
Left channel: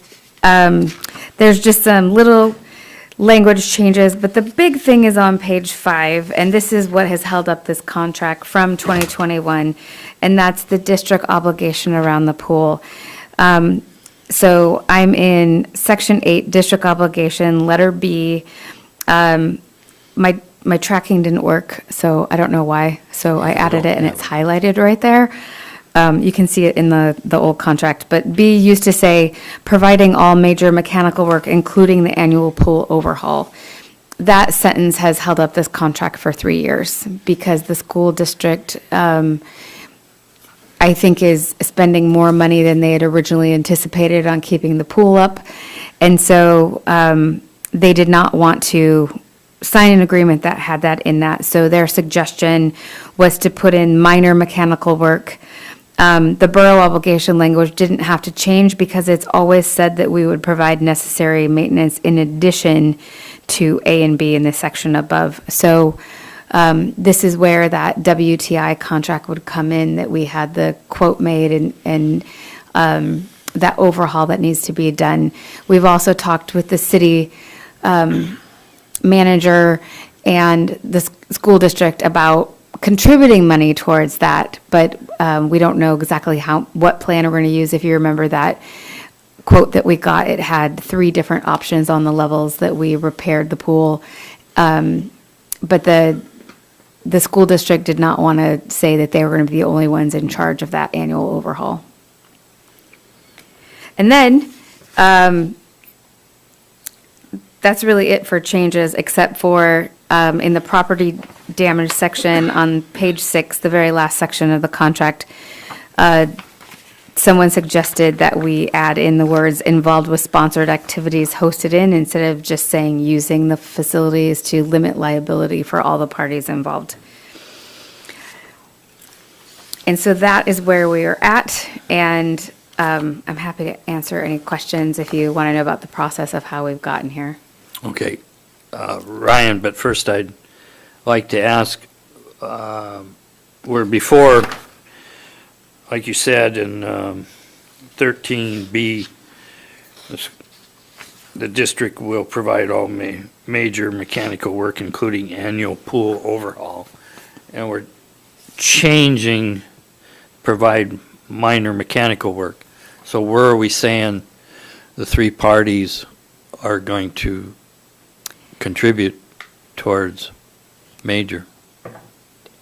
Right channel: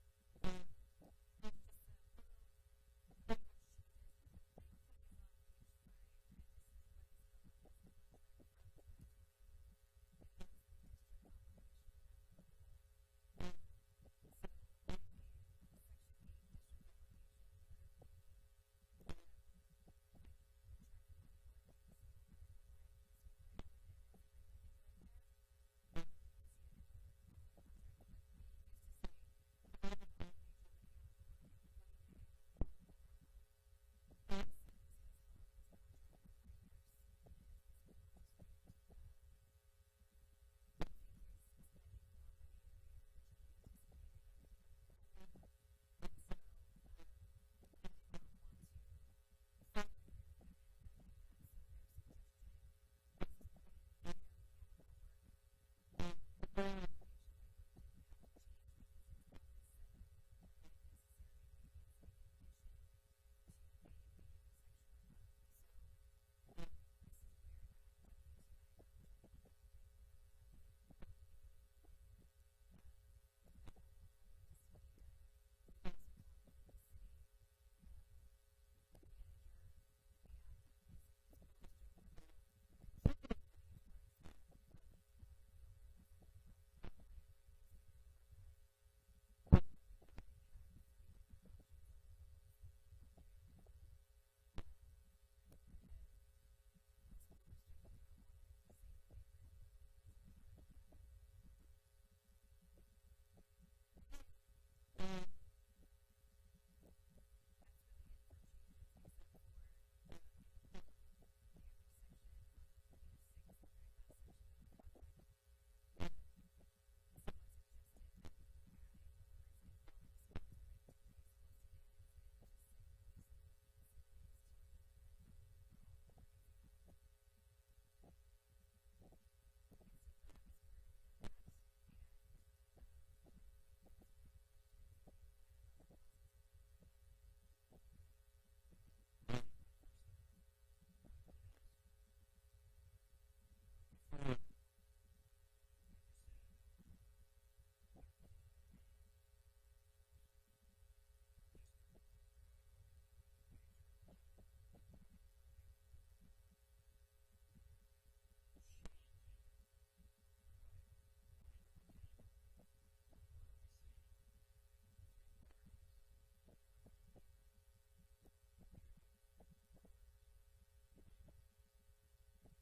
there's just some little language changes, but the big thing is on page 5, and this is what has held up this contract from 2021, and that's the district obligation around the pool. So I'm in section 8, district obligation, letter B. My tracking didn't work, so I don't know why. So I added it, and it's highlighted right there. You can see it in the old contract. But B used to say, providing all major mechanical work, including the annual pool overhaul. That sentence has held up this contract for 3 years because the school district, I think, is spending more money than they had originally anticipated on keeping the pool up. And so they did not want to sign an agreement that had that in that. So their suggestion was to put in minor mechanical work. The borough obligation language didn't have to change because it's always said that we would provide necessary maintenance in addition to A and B in the section above. So this is where that WTI contract would come in, that we had the quote made and that overhaul that needs to be done. We've also talked with the city manager and the school district about contributing money towards that, but we don't know exactly what plan we're going to use. If you remember that quote that we got, it had 3 different options on the levels that we repaired the pool. But the school district did not want to say that they were going to be the only ones in charge of that annual overhaul. And then, that's really it for changes, except for in the property damage section on page 6, the very last section of the contract, someone suggested that we add in the words involved with sponsored activities hosted in, instead of just saying using the facilities, to limit liability for all the parties involved. And so that is where we are at, and I'm happy to answer any questions if you want to know about the process of how we've gotten here. Okay, Ryan, but first I'd like to ask, where before, like you said in 13B, the district will provide all major mechanical work, including annual pool overhaul. And we're changing, provide minor mechanical work. So where are we saying the 3 parties are going to contribute towards major?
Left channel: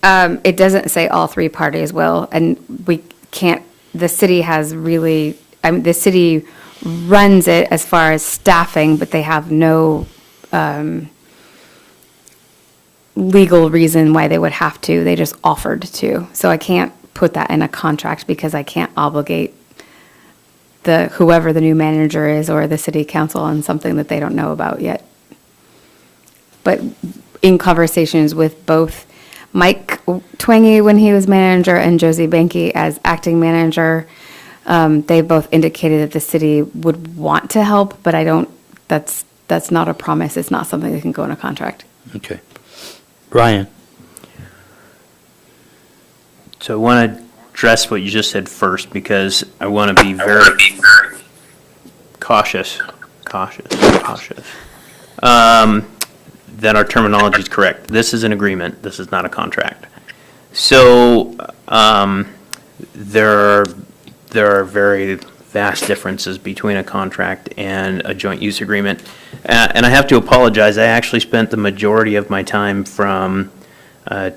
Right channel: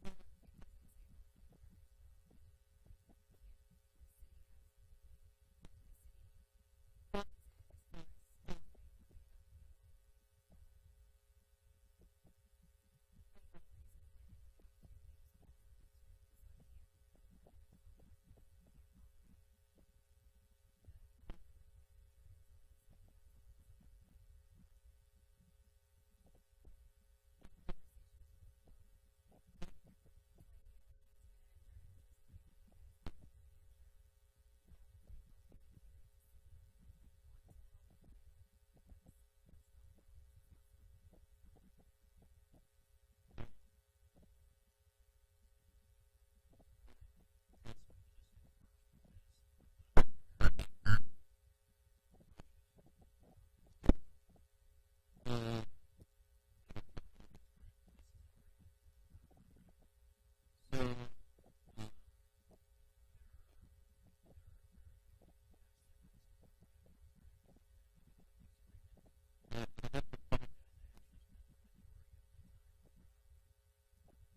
It doesn't say all 3 parties will, and we can't, the city has really, the city runs it as far as staffing, but they have no legal reason why they would have to. They just offered to. So I can't put that in a contract because I can't obligate whoever the new manager is or the city council on something that they don't know about yet. But in conversations with both Mike Twangy when he was manager and Josie Banky as acting manager, they both indicated that the city would want to help, but that's not a promise. It's not something that can go in a contract. Okay. Ryan? So I want to address what you just said first, because I want to be very cautious that our terminology is correct. This is an agreement. This is not a contract. So there are very vast differences between a contract and a joint use agreement. And I have to apologize. I actually spent the majority of my time from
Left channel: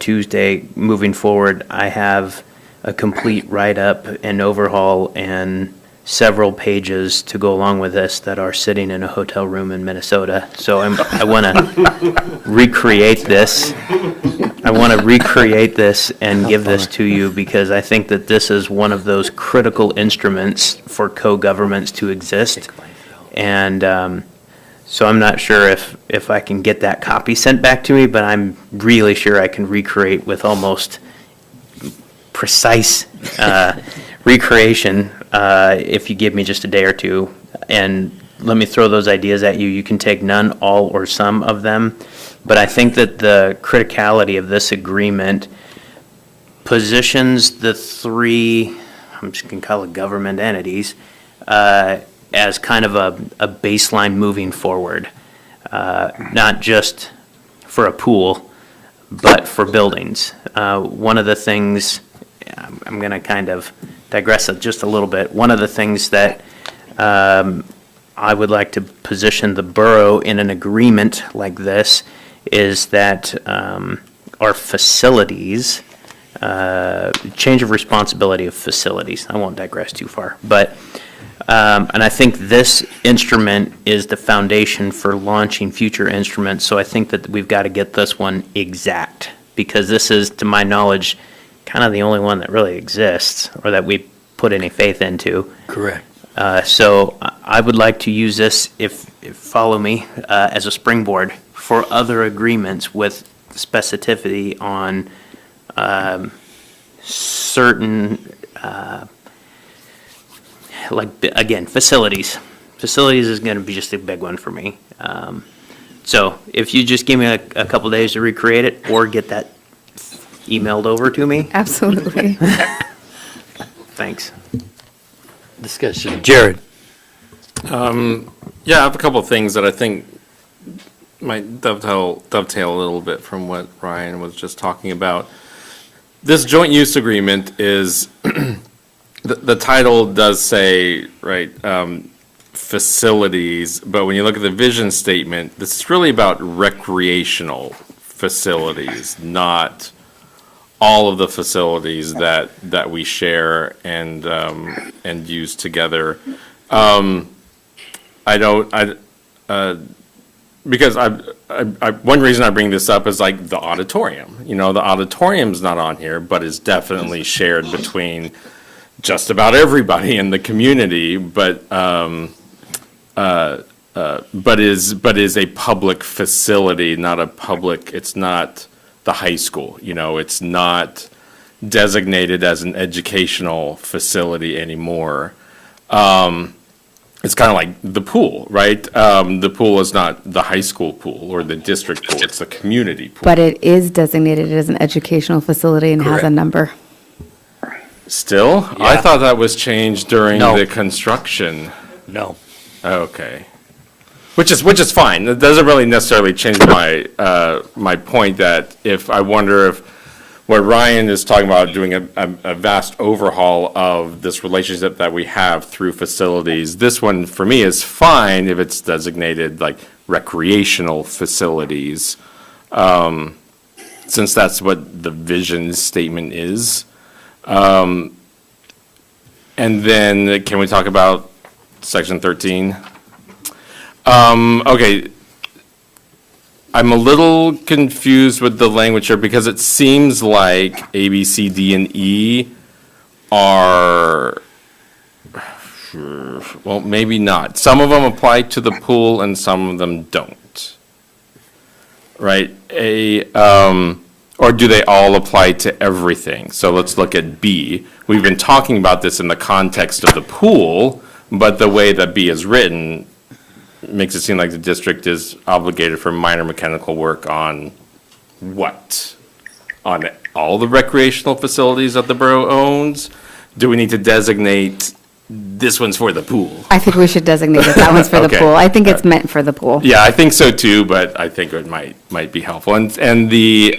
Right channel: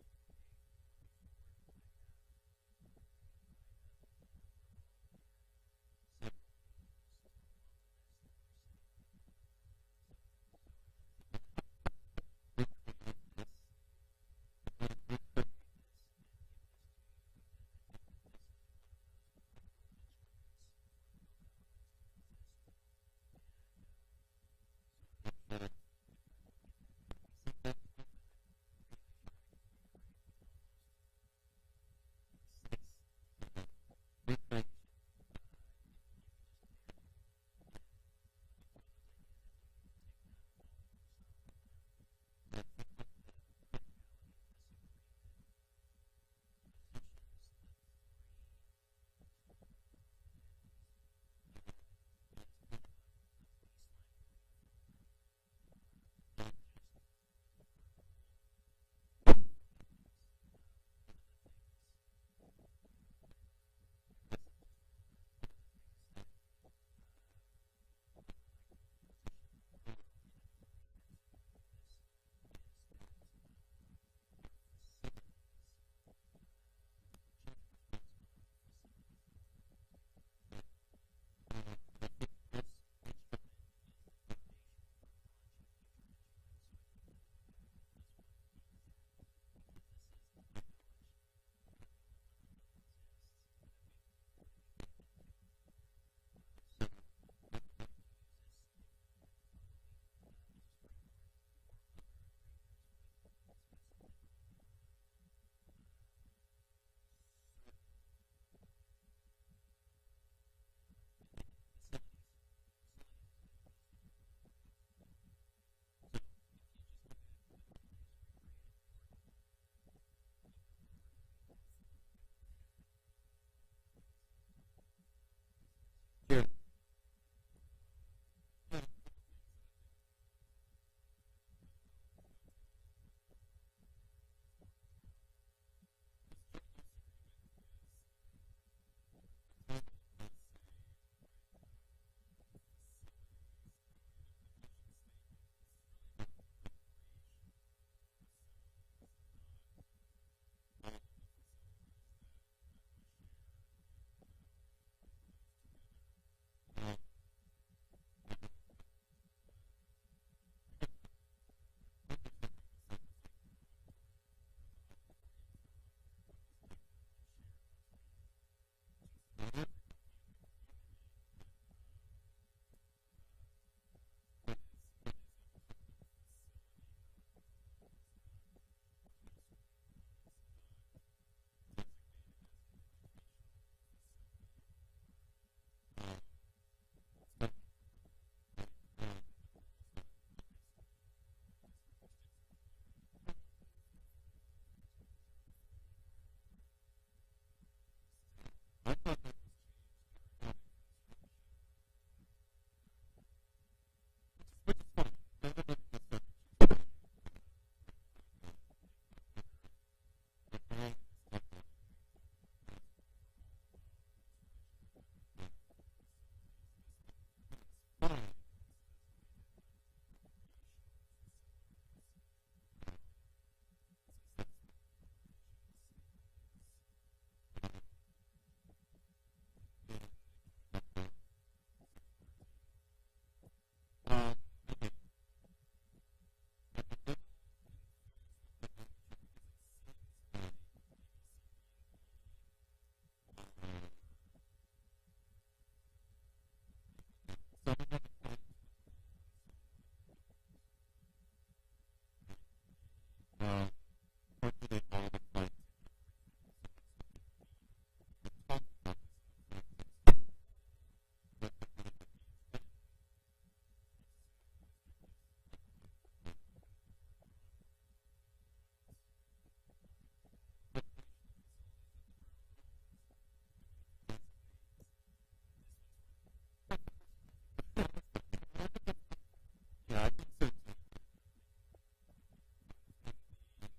Tuesday moving forward. I have a complete write-up and overhaul and several pages to go along with this that are sitting in a hotel room in Minnesota. So I want to recreate this. I want to recreate this and give this to you, because I think that this is one of those critical instruments for co-governments to exist. And so I'm not sure if I can get that copy sent back to me, but I'm really sure I can recreate with almost precise recreation if you give me just a day or two. And let me throw those ideas at you. You can take none, all, or some of them. But I think that the criticality of this agreement positions the 3, I'm just going to call it government entities, as kind of a baseline moving forward, not just for a pool, but for buildings. One of the things, I'm going to kind of digress just a little bit. One of the things that I would like to position the borough in an agreement like this is that our facilities, change of responsibility of facilities. I won't digress too far, but and I think this instrument is the foundation for launching future instruments. So I think that we've got to get this one exact, because this is, to my knowledge, kind of the only one that really exists or that we put any faith into. Correct. So I would like to use this, if follow me, as a springboard for other agreements with specificity on certain, like, again, facilities. Facilities is going to be just a big one for me. So if you just give me a couple days to recreate it or get that emailed over to me. Absolutely. Thanks. Discussion. Jared? Yeah, I have a couple of things that I think might dovetail a little bit from what Ryan was just talking about. this joint use agreement is, the title does say, right, facilities, but when you look at the vision statement, this is really about recreational facilities, not all of the facilities that we share and use together. Because one reason I bring this up is like the auditorium. You know, the auditorium's not on here, but is definitely shared between just about everybody in the community, but is a public facility, not a public, it's not the high school, you know, it's not designated as an educational facility anymore. It's kind of like the pool, right? The pool is not the high school pool or the district pool, it's the community pool. But it is designated as an educational facility and has a Correct. number. Still? I thought that was changed during No. the construction. No. Okay. Which is fine. It doesn't really necessarily change my, my point that if, I wonder if what Ryan is talking about, doing a vast overhaul of this relationship that we have through facilities, this one for me is fine if it's designated like recreational facilities, since that's what the vision statement is. And then can we talk about section 13? Okay. I'm a little confused with the language here because it seems like A, B, C, D, and E are, well, maybe not. Some of them apply to the pool and some of them don't. Right? Or do they all apply to everything? So let's look at B. We've been talking about this in the context of the pool, but the way that B is written makes it seem like the district is obligated for minor mechanical work on what? On all the recreational facilities that the borough owns? Do we need to designate this one's for the pool? I think we should designate it. That one's for the Okay. pool. I think it's meant for the pool. Yeah, I think so too, but I think it might be helpful. And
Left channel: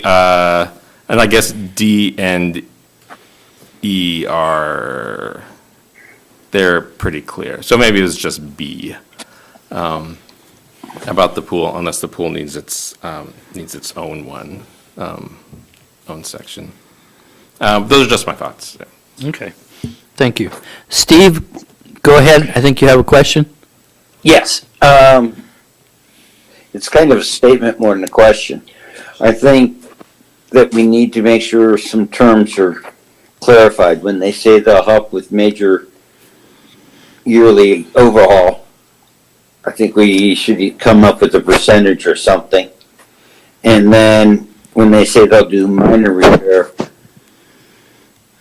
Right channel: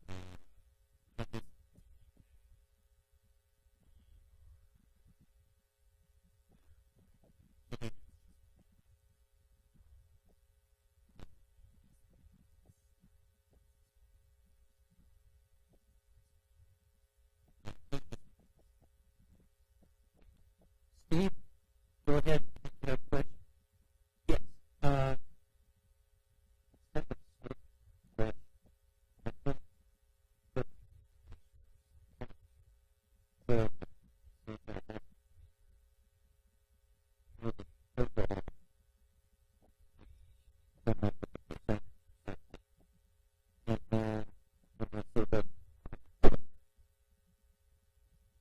I guess D and E they're pretty clear. So maybe it's just B. About the pool, unless the pool needs its own one, own section. Those are just my thoughts. Okay. Thank you. Steve, go ahead. I think you have a question. Yes. It's kind of a statement more than a question. I think that we need to make sure some terms are clarified. When they say they'll help with major yearly overhaul, I think we should come up with a percentage or something. And then when they say they'll do minor repair,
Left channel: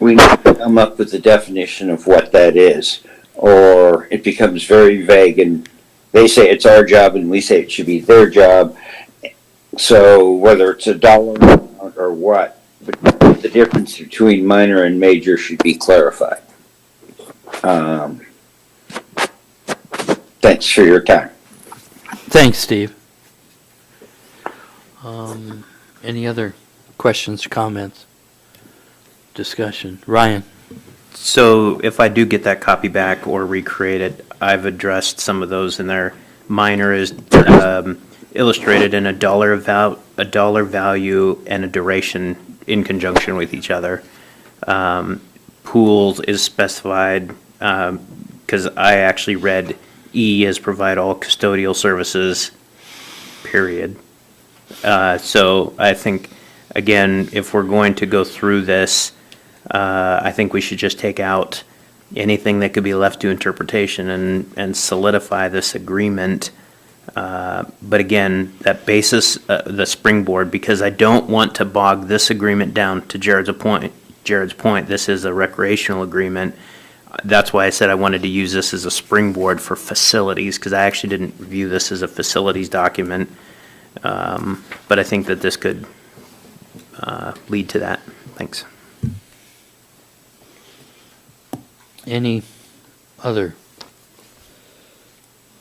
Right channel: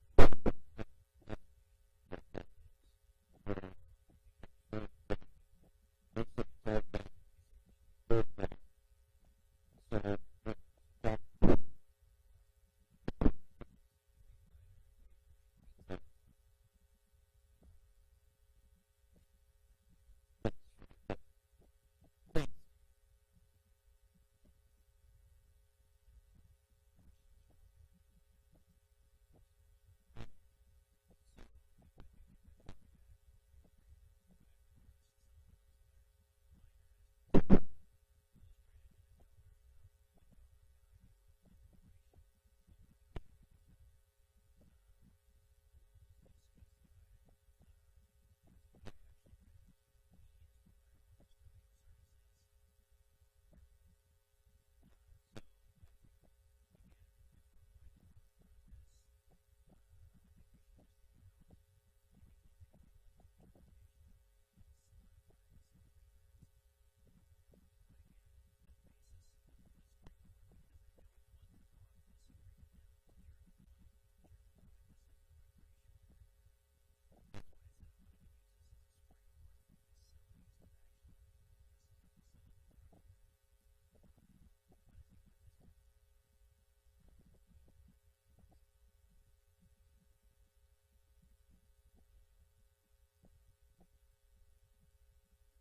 we need to come up with a definition of what that is. Or it becomes very vague and they say it's our job and we say it should be their job. So whether it's a dollar amount or what, but the difference between minor and major should be clarified. Thanks for your time. Thanks, Steve. Any other questions, comments, discussion? Ryan? So if I do get that copy back or recreate it, I've addressed some of those in there. Minor is illustrated in a dollar value and a duration in conjunction with each other. Pools is specified, because I actually read E as provide all custodial services, period. So I think, again, if we're going to go through this, I think we should just take out anything that could be left to interpretation and solidify this agreement. But again, that basis, the springboard, because I don't want to bog this agreement down to Jared's point, this is a recreational agreement. That's why I said I wanted to use this as a springboard for facilities, because I actually didn't view this as a facilities document. But I think that this could lead to that. Thanks. Any other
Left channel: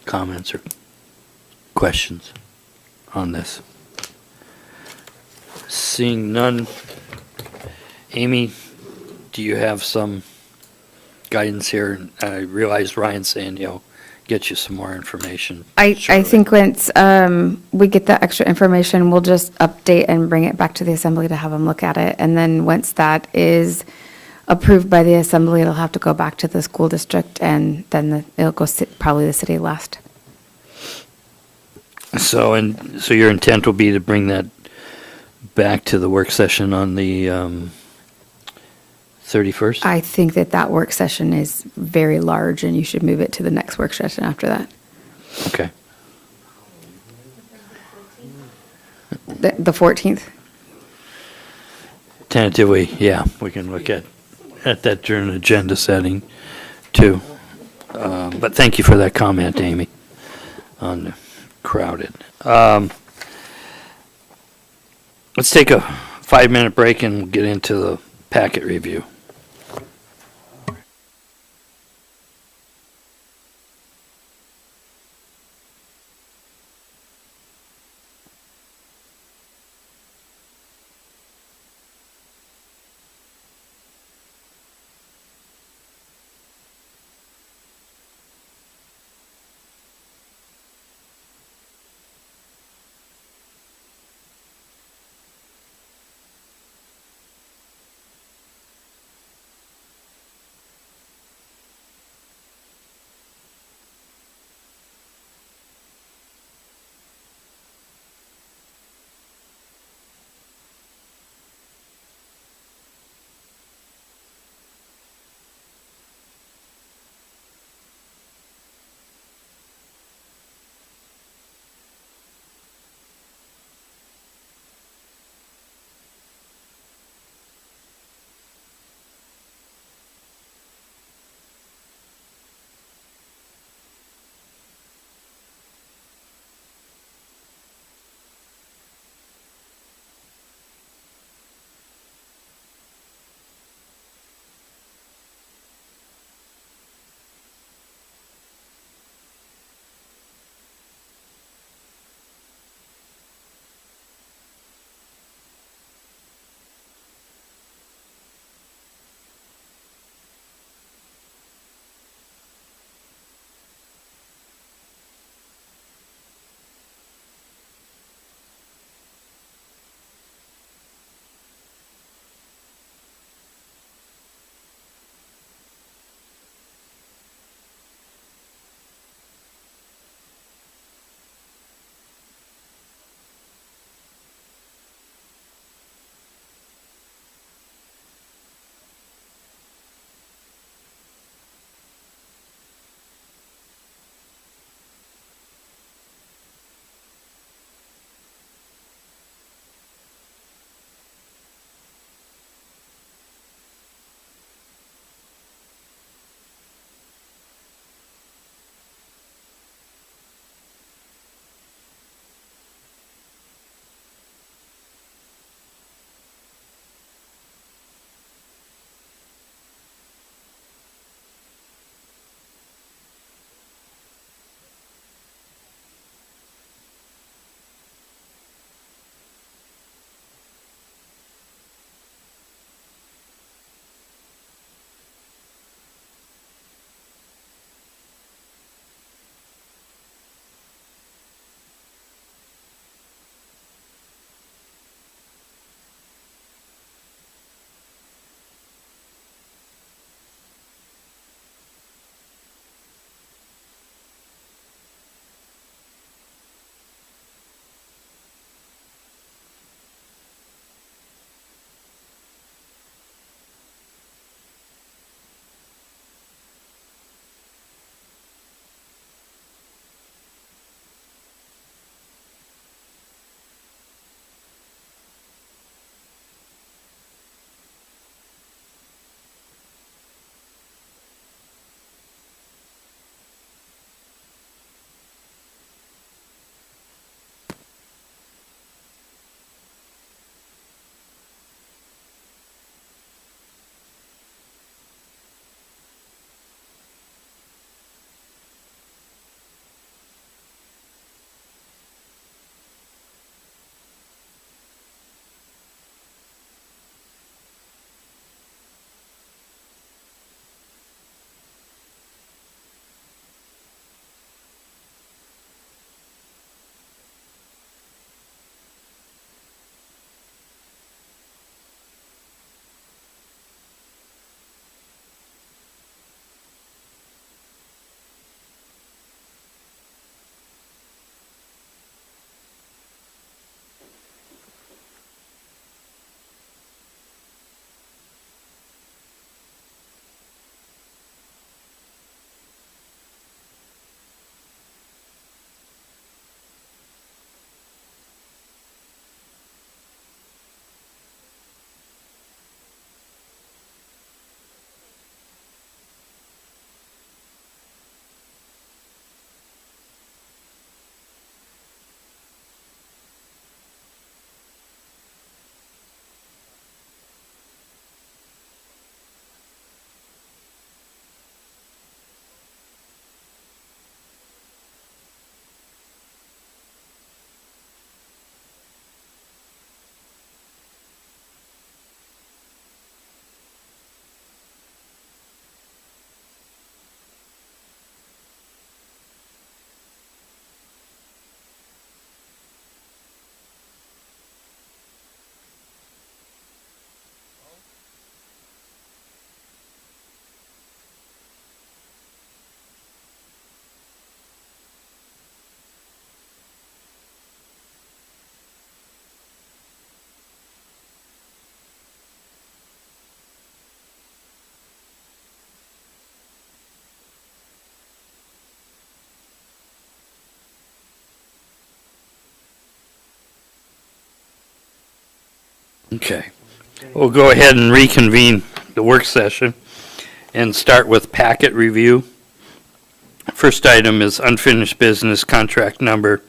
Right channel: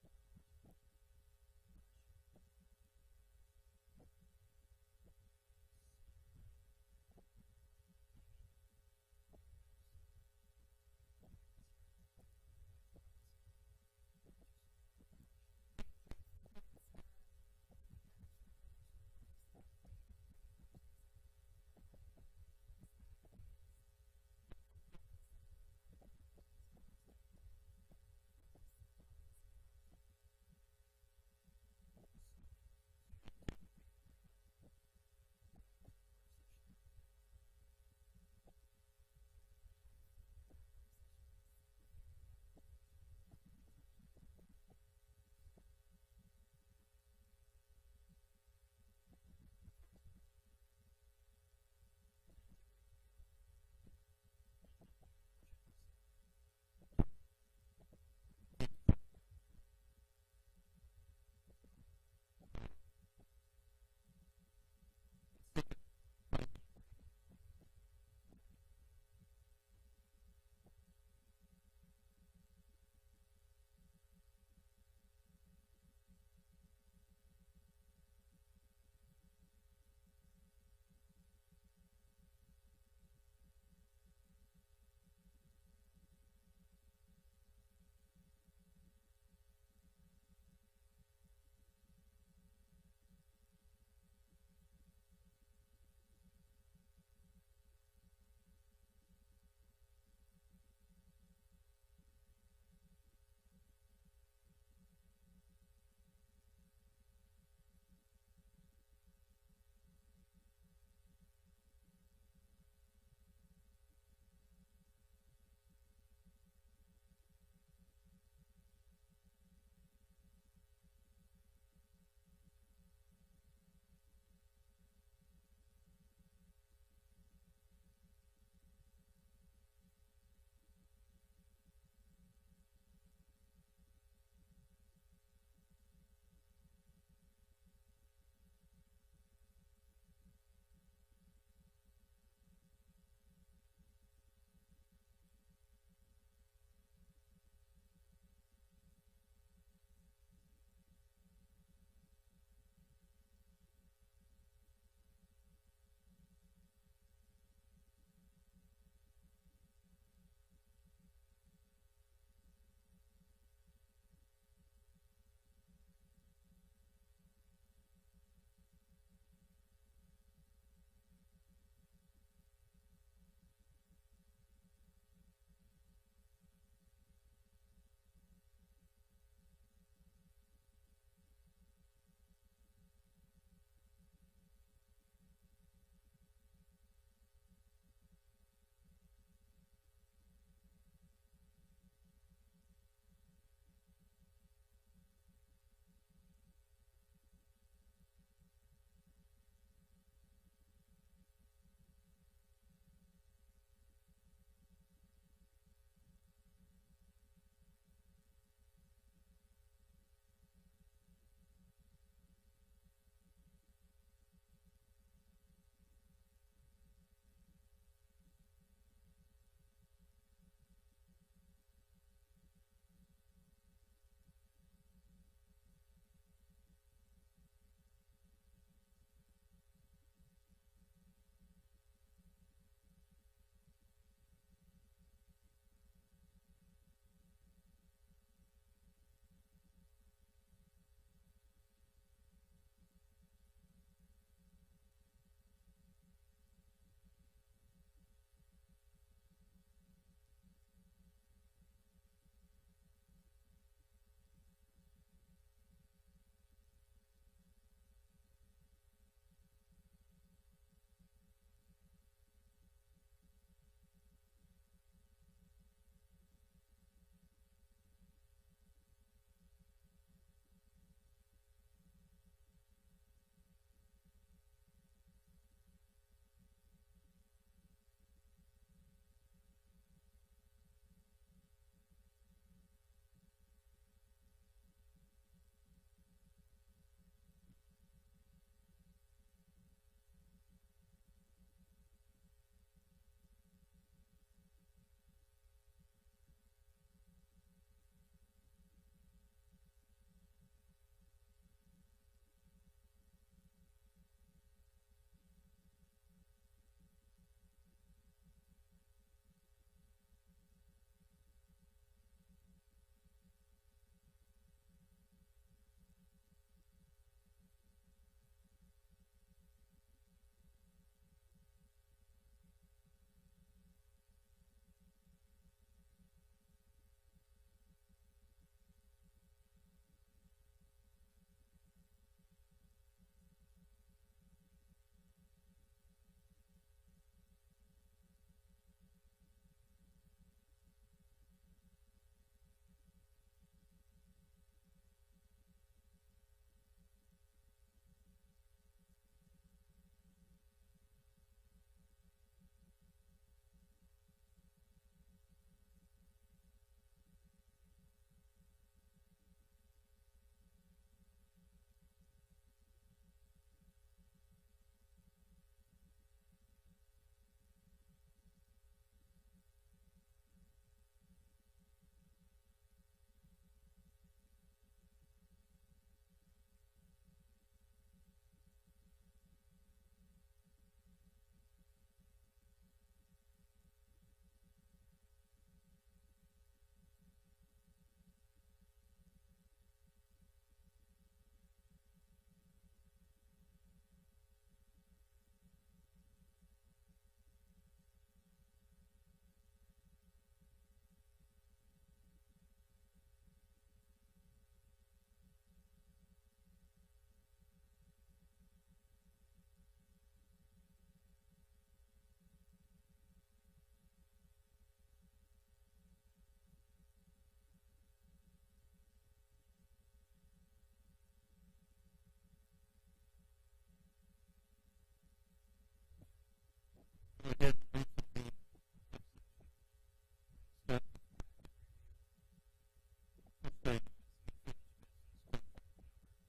comments or questions on this? Seeing none, Amy, do you have some guidance here? I realize Ryan's saying he'll get you some more information. I shortly. think once we get that extra information, we'll just update and bring it back to the assembly to have them look at it. And then once that is approved by the assembly, it'll have to go back to the school district, and then it'll go probably the city last. So your intent will be to bring that back to the work session on the 31st? I think that work session is very large, and you should move it to the next work session after that. Okay. The 14th? Tentatively, yeah, we can look at that during agenda setting too. But thank you for that comment, Amy, on the crowded. Let's take a 5-minute break and we'll get into the packet review. Okay. We'll go ahead and reconvene the work session and start with packet review. First item is unfinished business contract number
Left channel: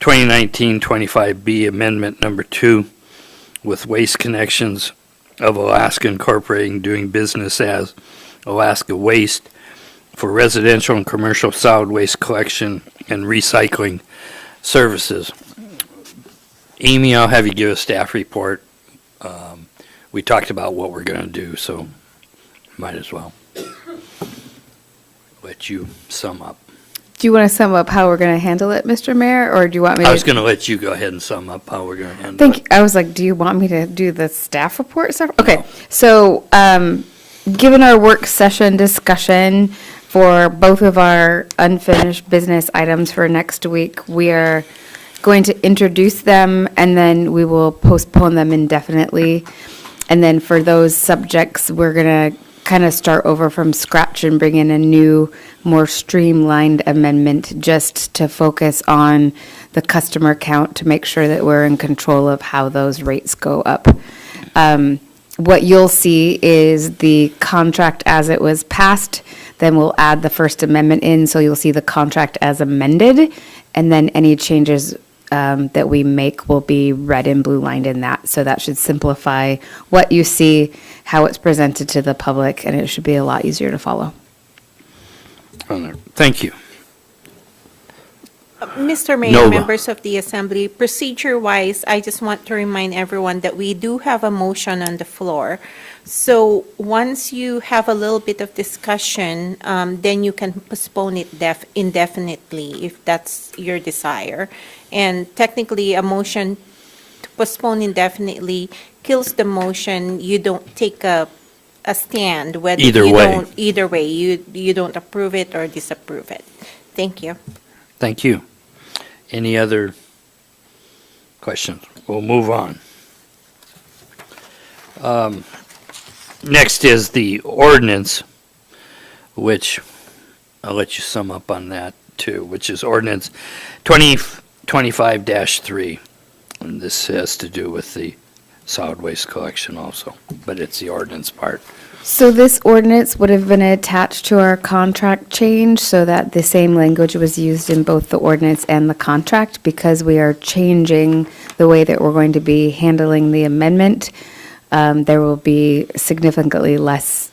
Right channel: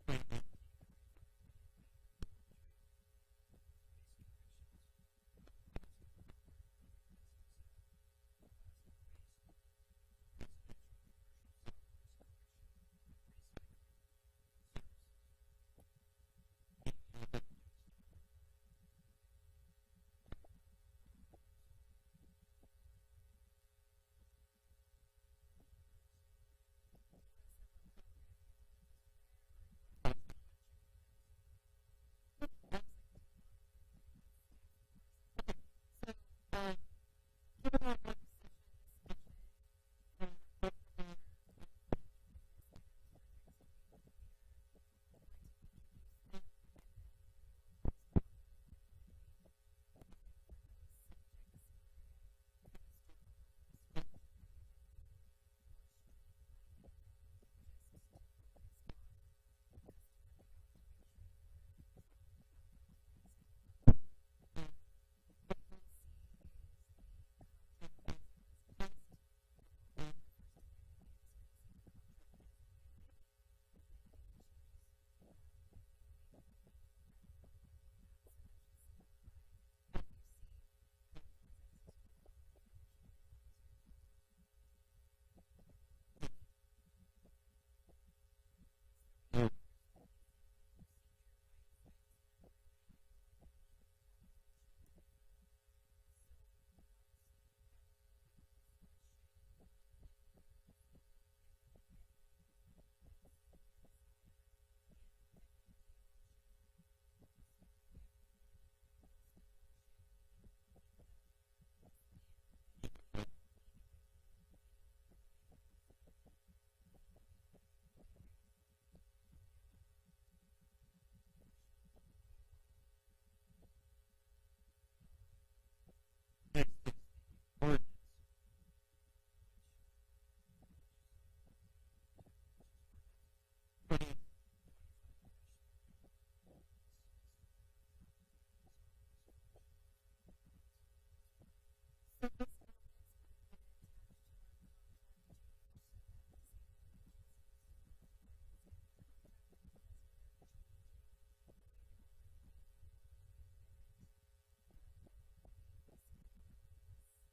2019-25B, amendment number 2 with Waste Connections of Alaska Incorporating doing business as Alaska Waste for residential and commercial solid waste collection and recycling services. Amy, I'll have you give a staff report. We talked about what we're going to do, so might as well let you sum up. Do you want to sum up how we're going to handle it, Mr. Mayor, or do you want me to? I was going to let you go ahead and sum up how we're going to handle Thank it. you. I was like, do you want me to do the staff report stuff? Okay, so, given our work session discussion for both of our unfinished business items for next week, we are going to introduce them and then we will postpone them indefinitely. And then for those subjects, we're going to kind of start over from scratch and bring in a new, more streamlined amendment just to focus on the customer count to make sure that we're in control of how those rates go up. What you'll see is the contract as it was passed, then we'll add the First Amendment in, so you'll see the contract as amended, and then any changes that we make will be red and blue lined in that. So that should simplify what you see, how it's presented to the public, and it should be a lot easier to follow. Thank you. Mr. Mayor, Nova. members of the Assembly, procedure-wise, I just want to remind everyone that we do have a motion on the floor. So once you have a little bit of discussion, then you can postpone it indefinitely if that's your desire. And technically, a motion to postpone indefinitely kills the motion. You don't take a stand, whether Either you way. don't, either way, you don't approve it or disapprove it. Thank you. Thank you. Any other questions? We'll move on. Next is the ordinance, which I'll let you sum up on that too, which is ordinance 2025-3. And this has to do with the solid waste collection also, but it's the ordinance part. So this ordinance would have been attached to our contract change so that the same language was used in both the ordinance and the contract. Because we are changing the way that we're going to be handling the amendment, there will be significantly less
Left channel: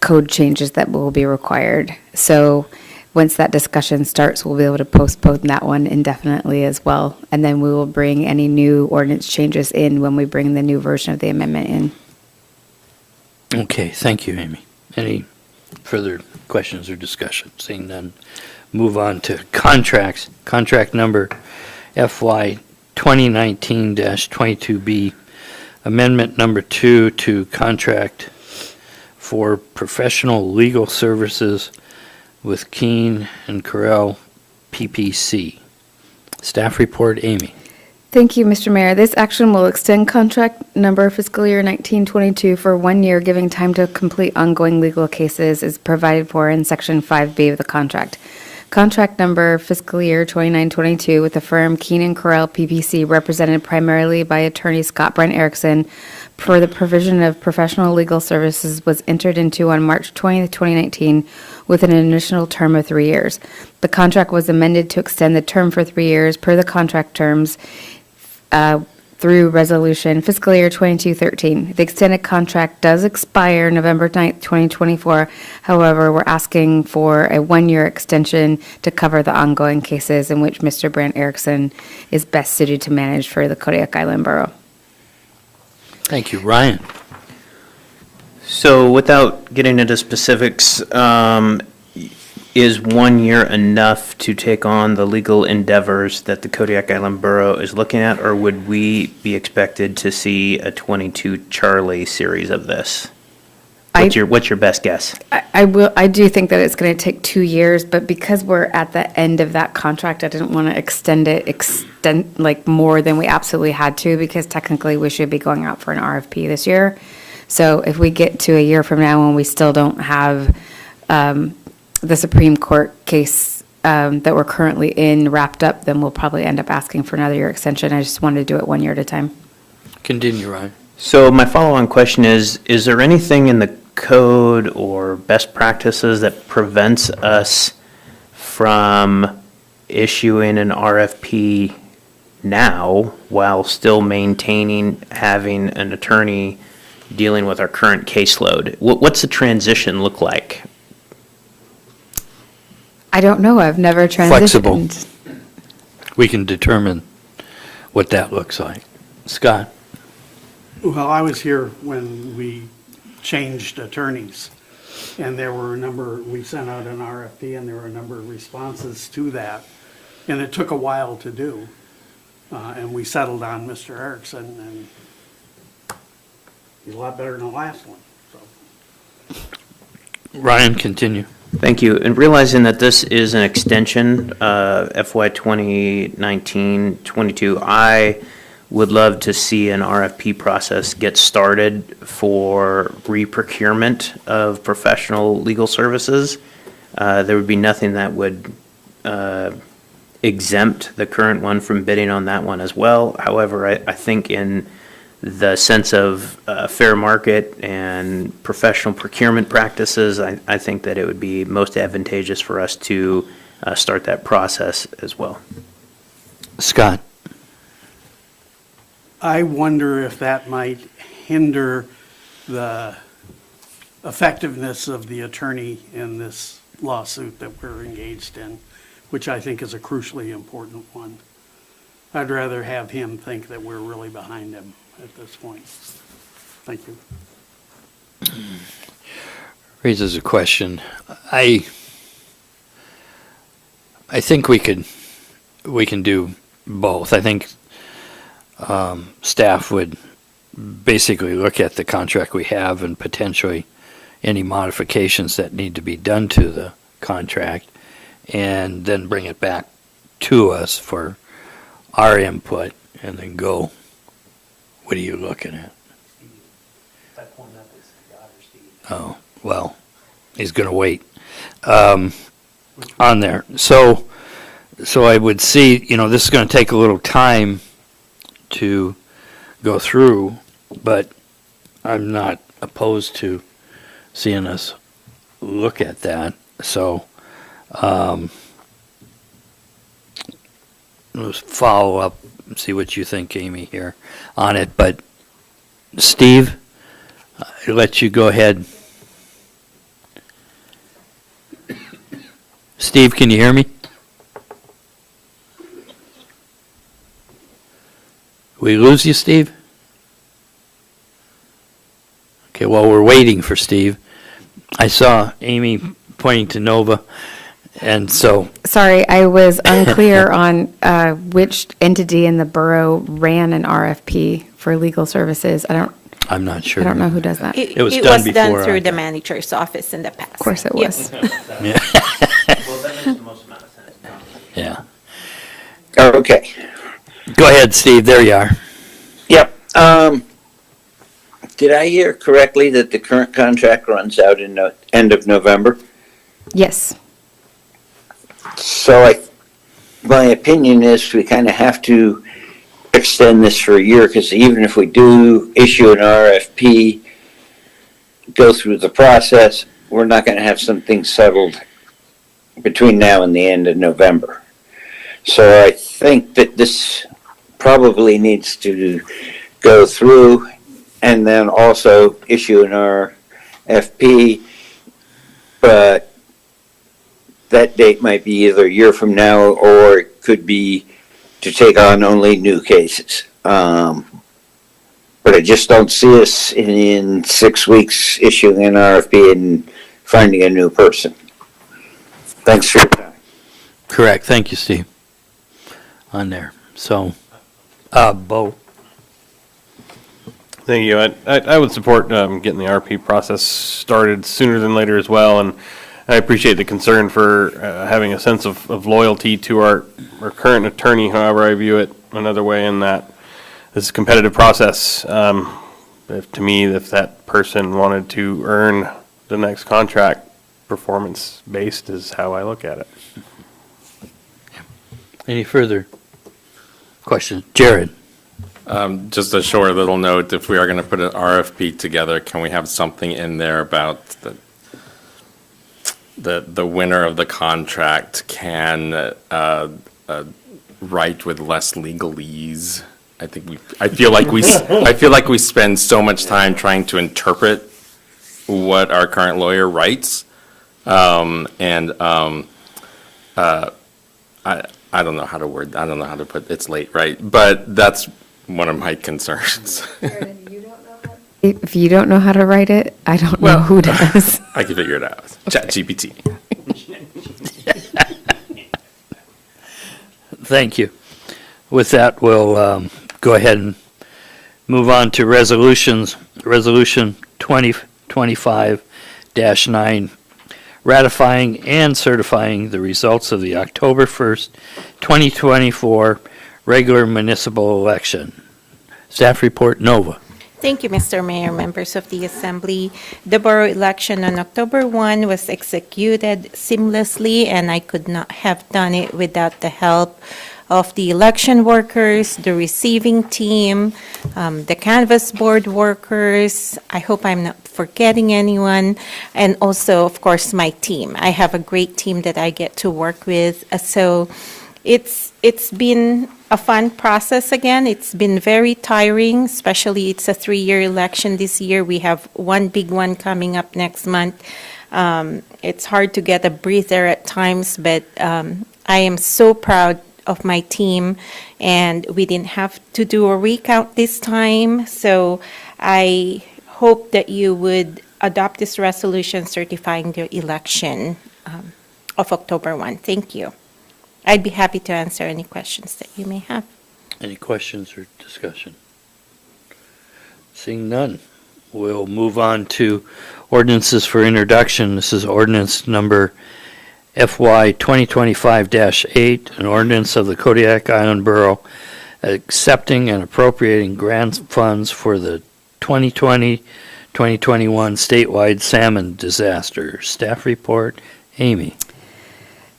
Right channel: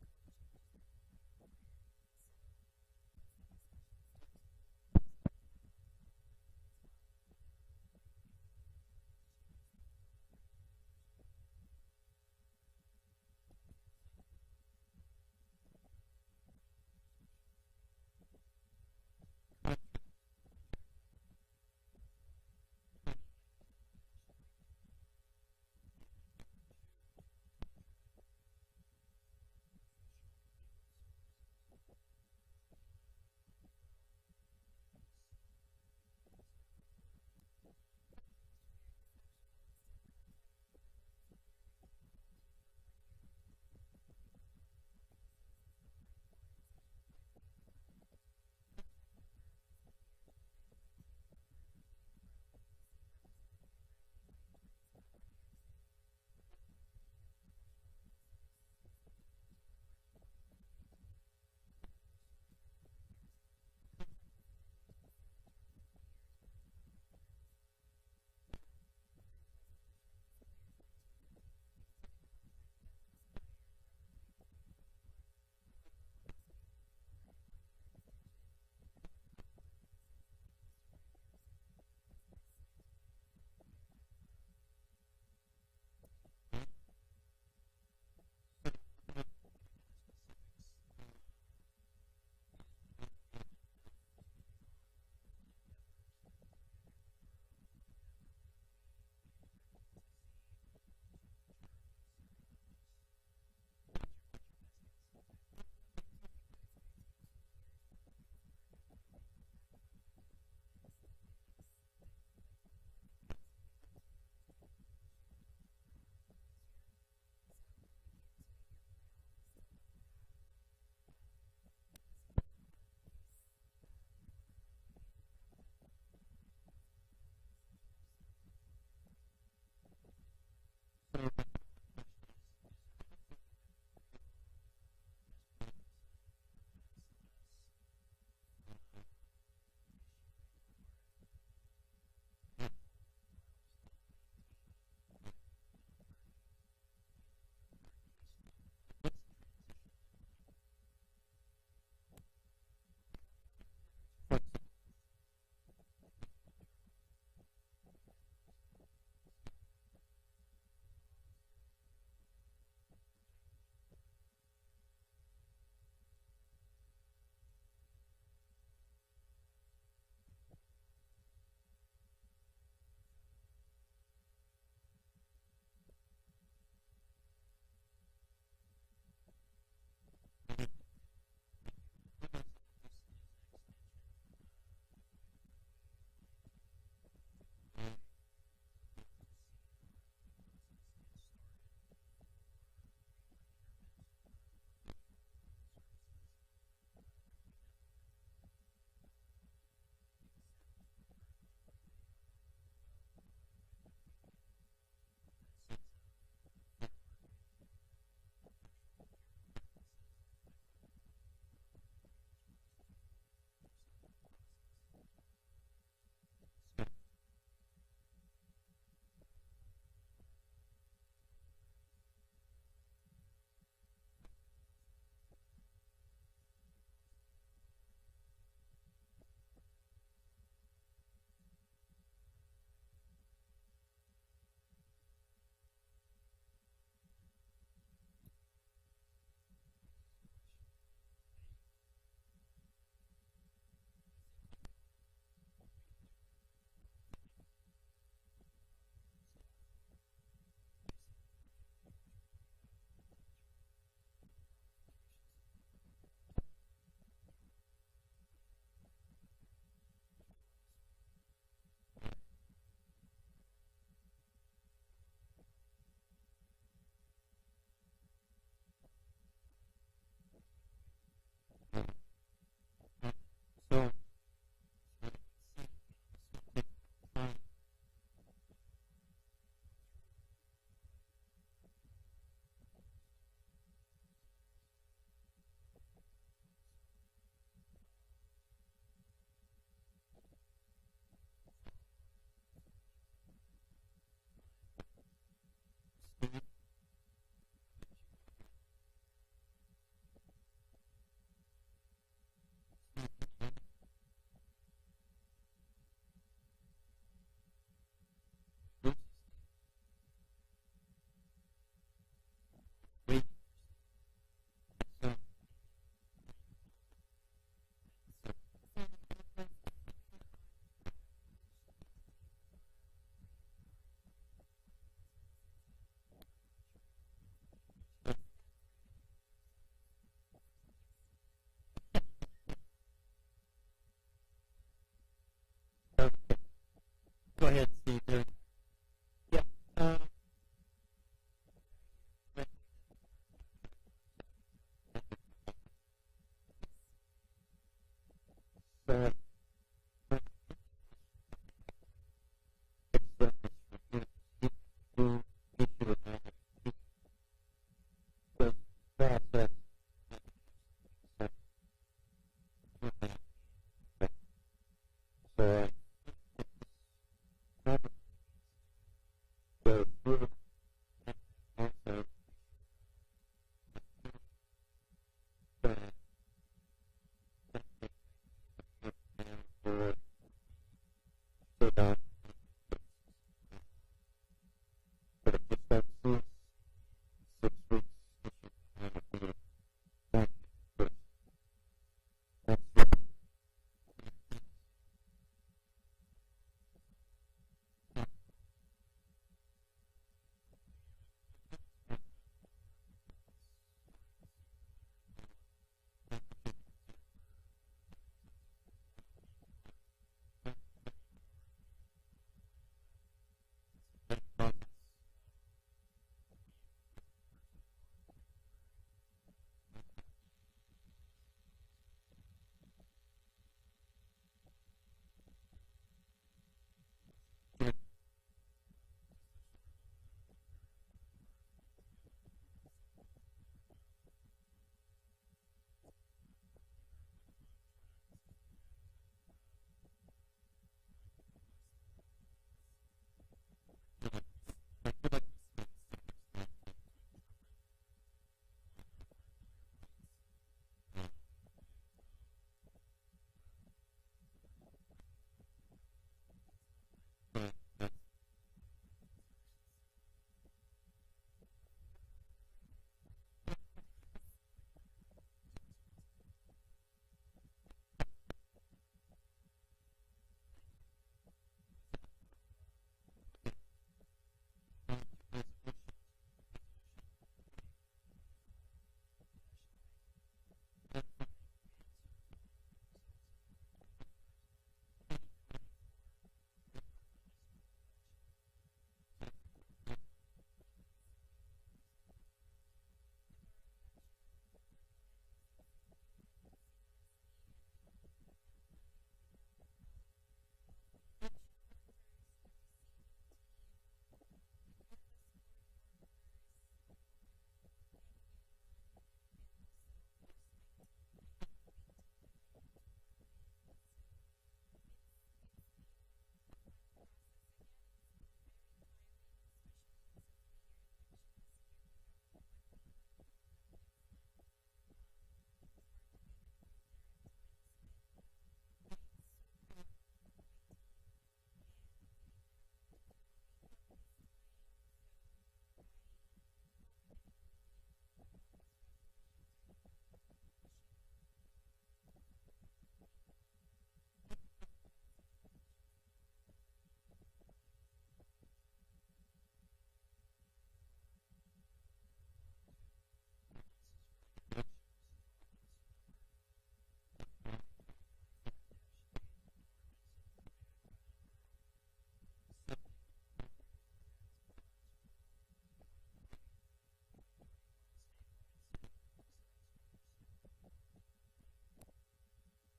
code changes that will be required. So once that discussion starts, we'll be able to postpone that one indefinitely as well. And then we will bring any new ordinance changes in when we bring the new version of the amendment in. Okay, thank you, Amy. Any further questions or discussion? Seeing none, move on to contracts. Contract number FY 2019-22B, amendment number 2 to contract for professional legal services with Keene and Carell PPC. Staff report, Amy. Thank you, Mr. Mayor. This action will extend contract number fiscal year 1922 for 1 year, giving time to complete ongoing legal cases as provided for in Section 5B of the contract. Contract number fiscal year 2922 with the firm Keene & Carell PPC, represented primarily by attorney Scott Brent Erickson, for the provision of professional legal services, was entered into on March 20th, 2019, with an initial term of 3 years. The contract was amended to extend the term for 3 years per the contract terms through resolution fiscal year 2213. The extended contract does expire November 9th, 2024. However, we're asking for a 1 year extension to cover the ongoing cases in which Mr. Brant Erickson is best suited to manage for the Kodiak Island Borough. Thank you. Ryan. So without getting into specifics, is 1 year enough to take on the legal endeavors that the Kodiak Island Borough is looking at, or would we be expected to see a 22 Charlie series of this? What's your best guess? I do think that it's going to take 2 years, but because we're at the end of that contract, I didn't want to extend like more than we absolutely had to, because technically we should be going out for an RFP this year. So if we get to a year from now and we still don't have the Supreme Court case that we're currently in wrapped up, then we'll probably end up asking for another year extension. I just wanted to do it 1 year at a time. Continue, Ryan. So my follow-on question is there anything in the code or best practices that prevents us from issuing an RFP now while still maintaining having an attorney dealing with our current caseload? What's the transition look like? I don't know, I've never Flexible. transitioned. We can determine what that looks like. Scott? Well, I was here when we changed attorneys, and there were a number, we sent out an RFP, and there were a number of responses to that, and it took a while to do. And we settled on Mr. Erickson, and he's a lot better than the last one, so. Ryan, continue. Thank you. And realizing that this is an extension, FY 2019-22, I would love to see an RFP process get started for re-procurement of professional legal services. There would be nothing that would exempt the current one from bidding on that one as well. However, I think in the sense of fair market and professional procurement practices, I think that it would be most advantageous for us to start that process as well. Scott? I wonder if that might hinder the effectiveness of the attorney in this lawsuit that we're engaged in, which I think is a crucially important one. I'd rather have him think that we're really behind him at this point. Thank you. Raises a question. I think we can do both. I think staff would basically look at the contract we have and potentially any modifications that need to be done to the contract, and then bring it back to us for our input, and then go, what are you looking at? Oh, well, he's going to wait on there. So I would see, this is going to take a little time to go through, but I'm not opposed to seeing us look at that. So let's follow up and see what you think, Amy, here on it. But Steve, I'll let you go ahead. Steve, can you hear me? We lose you, Steve? Okay, well, we're waiting for Steve. I saw Amy pointing to Nova, and so... Sorry, I was unclear on which entity in the borough ran an RFP for legal services. I'm not sure. I don't know who does that. It was It done was before done our through the time. manager's office in the past. Of course it was. Yeah. Well, that makes the most amount of sense. Yeah. Okay. Go ahead, Steve. There you are. Yep. Did I hear correctly that the current contract runs out in the end of November? Yes. So my opinion is we kind of have to extend this for a year, because even if we do issue an RFP, go through the process, we're not going to have something settled between now and the end of November. So I think that this probably needs to go through and then also issue an RFP, but that date might be either a year from now, or it could be to take on only new cases. But I just don't see us in 6 weeks issuing an RFP and finding a new person. Thanks for your time. Correct. Thank you, Steve. On there. So, Bo. Thank you. I would support getting the RP process started sooner than later as well, and I appreciate the concern for having a sense of loyalty to our current attorney. However, I view it another way, in that this is a competitive process. If that person wanted to earn the next contract, performance-based is how I look at it. Any further questions? Jared. Just a short little note, if we are going to put an RFP together, can we have something in there about the winner of the contract can write with less legalese? I feel like we spend so much time trying to interpret what our current lawyer writes. I don't know how to put, it's late, right? But that's one of my concerns. If you don't know how to write it, I don't know who does. I can figure it out. ChatGPT. Thank you. With that, we'll go ahead and move on to resolutions. Resolution 2025-9, ratifying and certifying the results of the October 1st, 2024 regular municipal election. Staff report, Nova. Thank you, Mr. Mayor, members of the Assembly. The borough election on October 1 was executed seamlessly, and I could not have done it without the help of the election workers, the receiving team, the canvas board workers. I hope I'm not forgetting anyone, and also, of course, my team. I have a great team that I get to work with. So it's been a fun process again. It's been very tiring, especially it's a 3-year election this year. We have one big one coming up next month. It's hard to get a breather at times, but I am so proud of my team, and we didn't have to do a recount this time. So I hope that you would adopt this resolution certifying the election of October 1. Thank you. I'd be happy to answer any questions that you may have. Any questions or discussion? Seeing none, we'll move on to ordinances for introduction. This is ordinance number FY 2025-8, an ordinance of the Kodiak Island Borough accepting and appropriating grant funds for the 2020-2021 statewide salmon disaster. Staff report, Amy.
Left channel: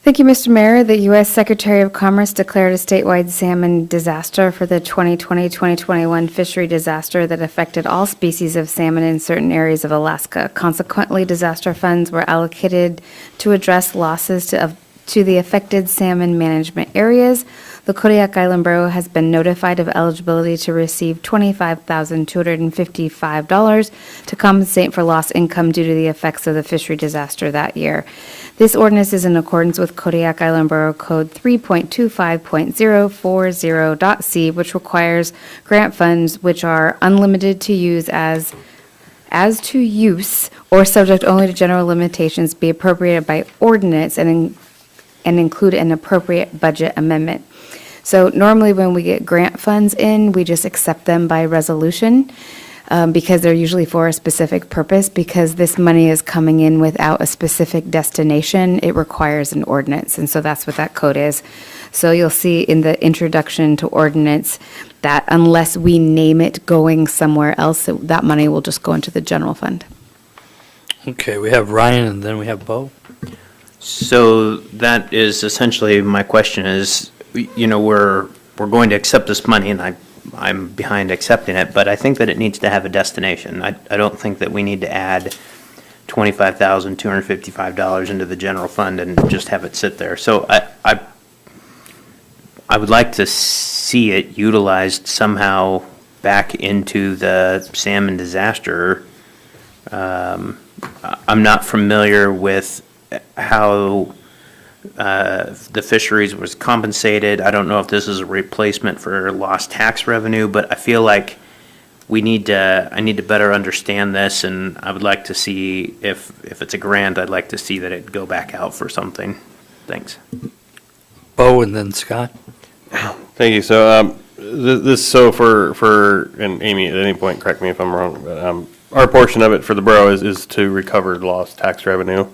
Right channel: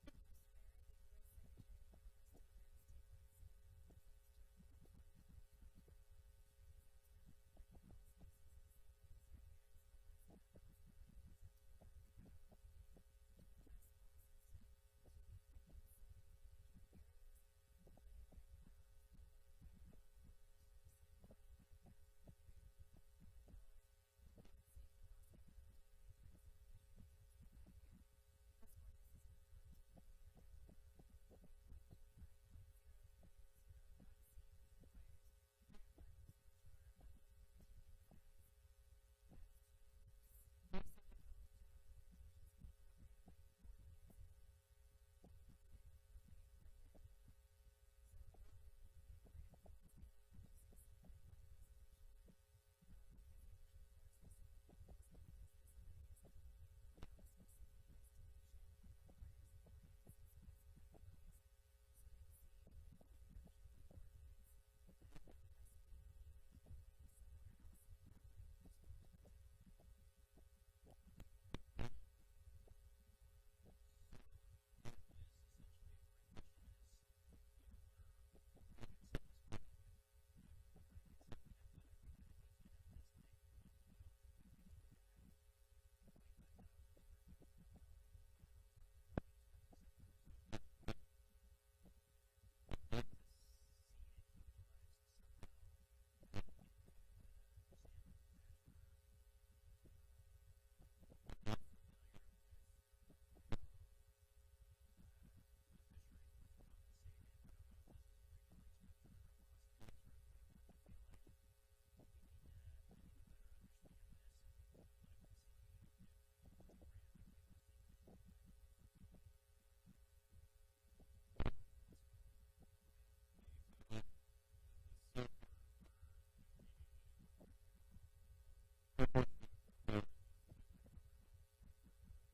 Thank you, Mr. Mayor. The U.S. Secretary of Commerce declared a statewide salmon disaster for the 2020-2021 fishery disaster that affected all species of salmon in certain areas of Alaska. Consequently, disaster funds were allocated to address losses to the affected salmon management areas. The Kodiak Island Borough has been notified of eligibility to receive $25,255 to compensate for lost income due to the effects of the fishery disaster that year. This ordinance is in accordance with Kodiak Island Borough Code 3.25.040.c, which requires grant funds which are unlimited to use as to use or subject only to general limitations be appropriated by ordinance and include an appropriate budget amendment. So normally when we get grant funds in, we just accept them by resolution. Because they're usually for a specific purpose. Because this money is coming in without a specific destination, it requires an ordinance, and so that's what that code is. So you'll see in the introduction to ordinance that unless we name it going somewhere else, that money will just go into the general fund. Okay, we have Ryan and then we have Bo. So that is essentially my question is, we're going to accept this money, and I'm behind accepting it, but I think that it needs to have a destination. I don't think that we need to add $25,255 into the general fund and just have it sit there. So I would like to see it utilized somehow back into the salmon disaster. I'm not familiar with how the fisheries was compensated. I don't know if this is a replacement for lost tax revenue, but I feel like I need to better understand this, and I would like to see if it's a grant, I'd like to see that it go back out for something. Thanks. Bo and then Scott. Thank you. So and Amy, at any point, correct me if I'm wrong, but our portion of it for the borough is to recover lost tax revenue.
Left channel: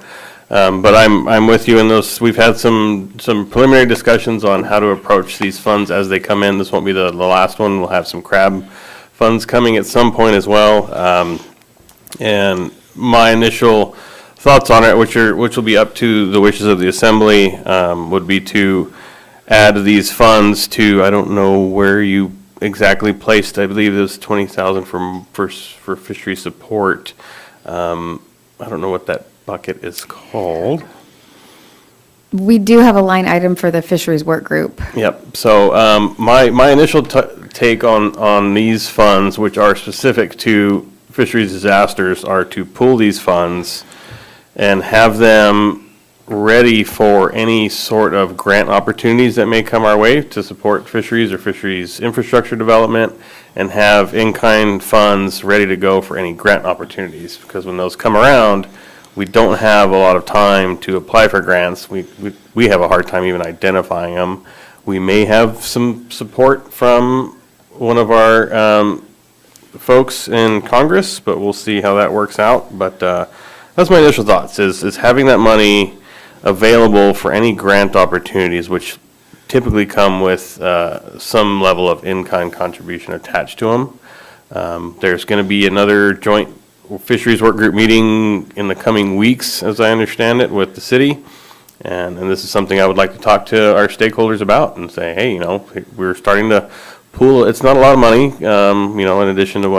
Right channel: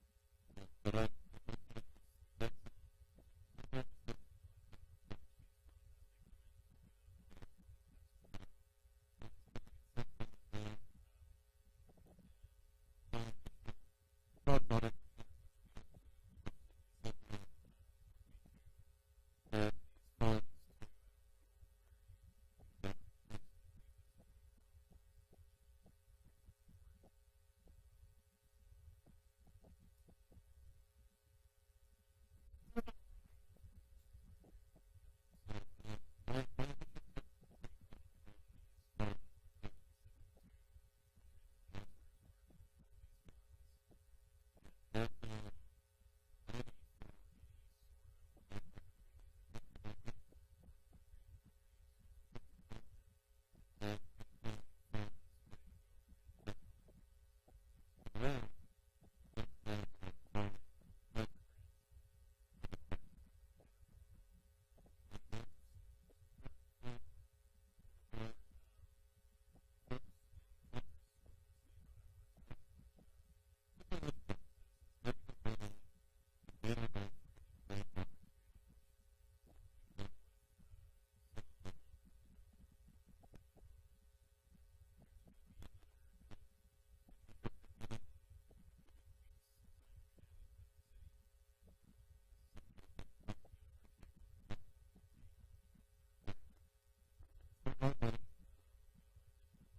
But I'm with you in those. We've had some preliminary discussions on how to approach these funds as they come in. This won't be the last one. We'll have some crab funds coming at some point as well. And my initial thoughts on it, which will be up to the wishes of the assembly, would be to add these funds to, I don't know where you exactly placed. I believe it was 20,000 for fishery support. I don't know what that bucket is called. We do have a line item for the fisheries work group. Yep. So my initial take on these funds, which are specific to fisheries disasters, are to pool these funds and have them ready for any sort of grant opportunities that may come our way to support fisheries or fisheries infrastructure development, and have in-kind funds ready to go for any grant opportunities. Because when those come around, we don't have a lot of time to apply for grants. We have a hard time even identifying them. We may have some support from one of our folks in Congress, but we'll see how that works out. But that's my initial thoughts, is having that money available for any grant opportunities, which typically come with some level of in-kind contribution attached to them. There's going to be another joint fisheries work group meeting in the coming weeks, as I understand it, with the city. And this is something I would like to talk to our stakeholders about and say, hey, we're starting to pool. It's not a lot of money, in addition to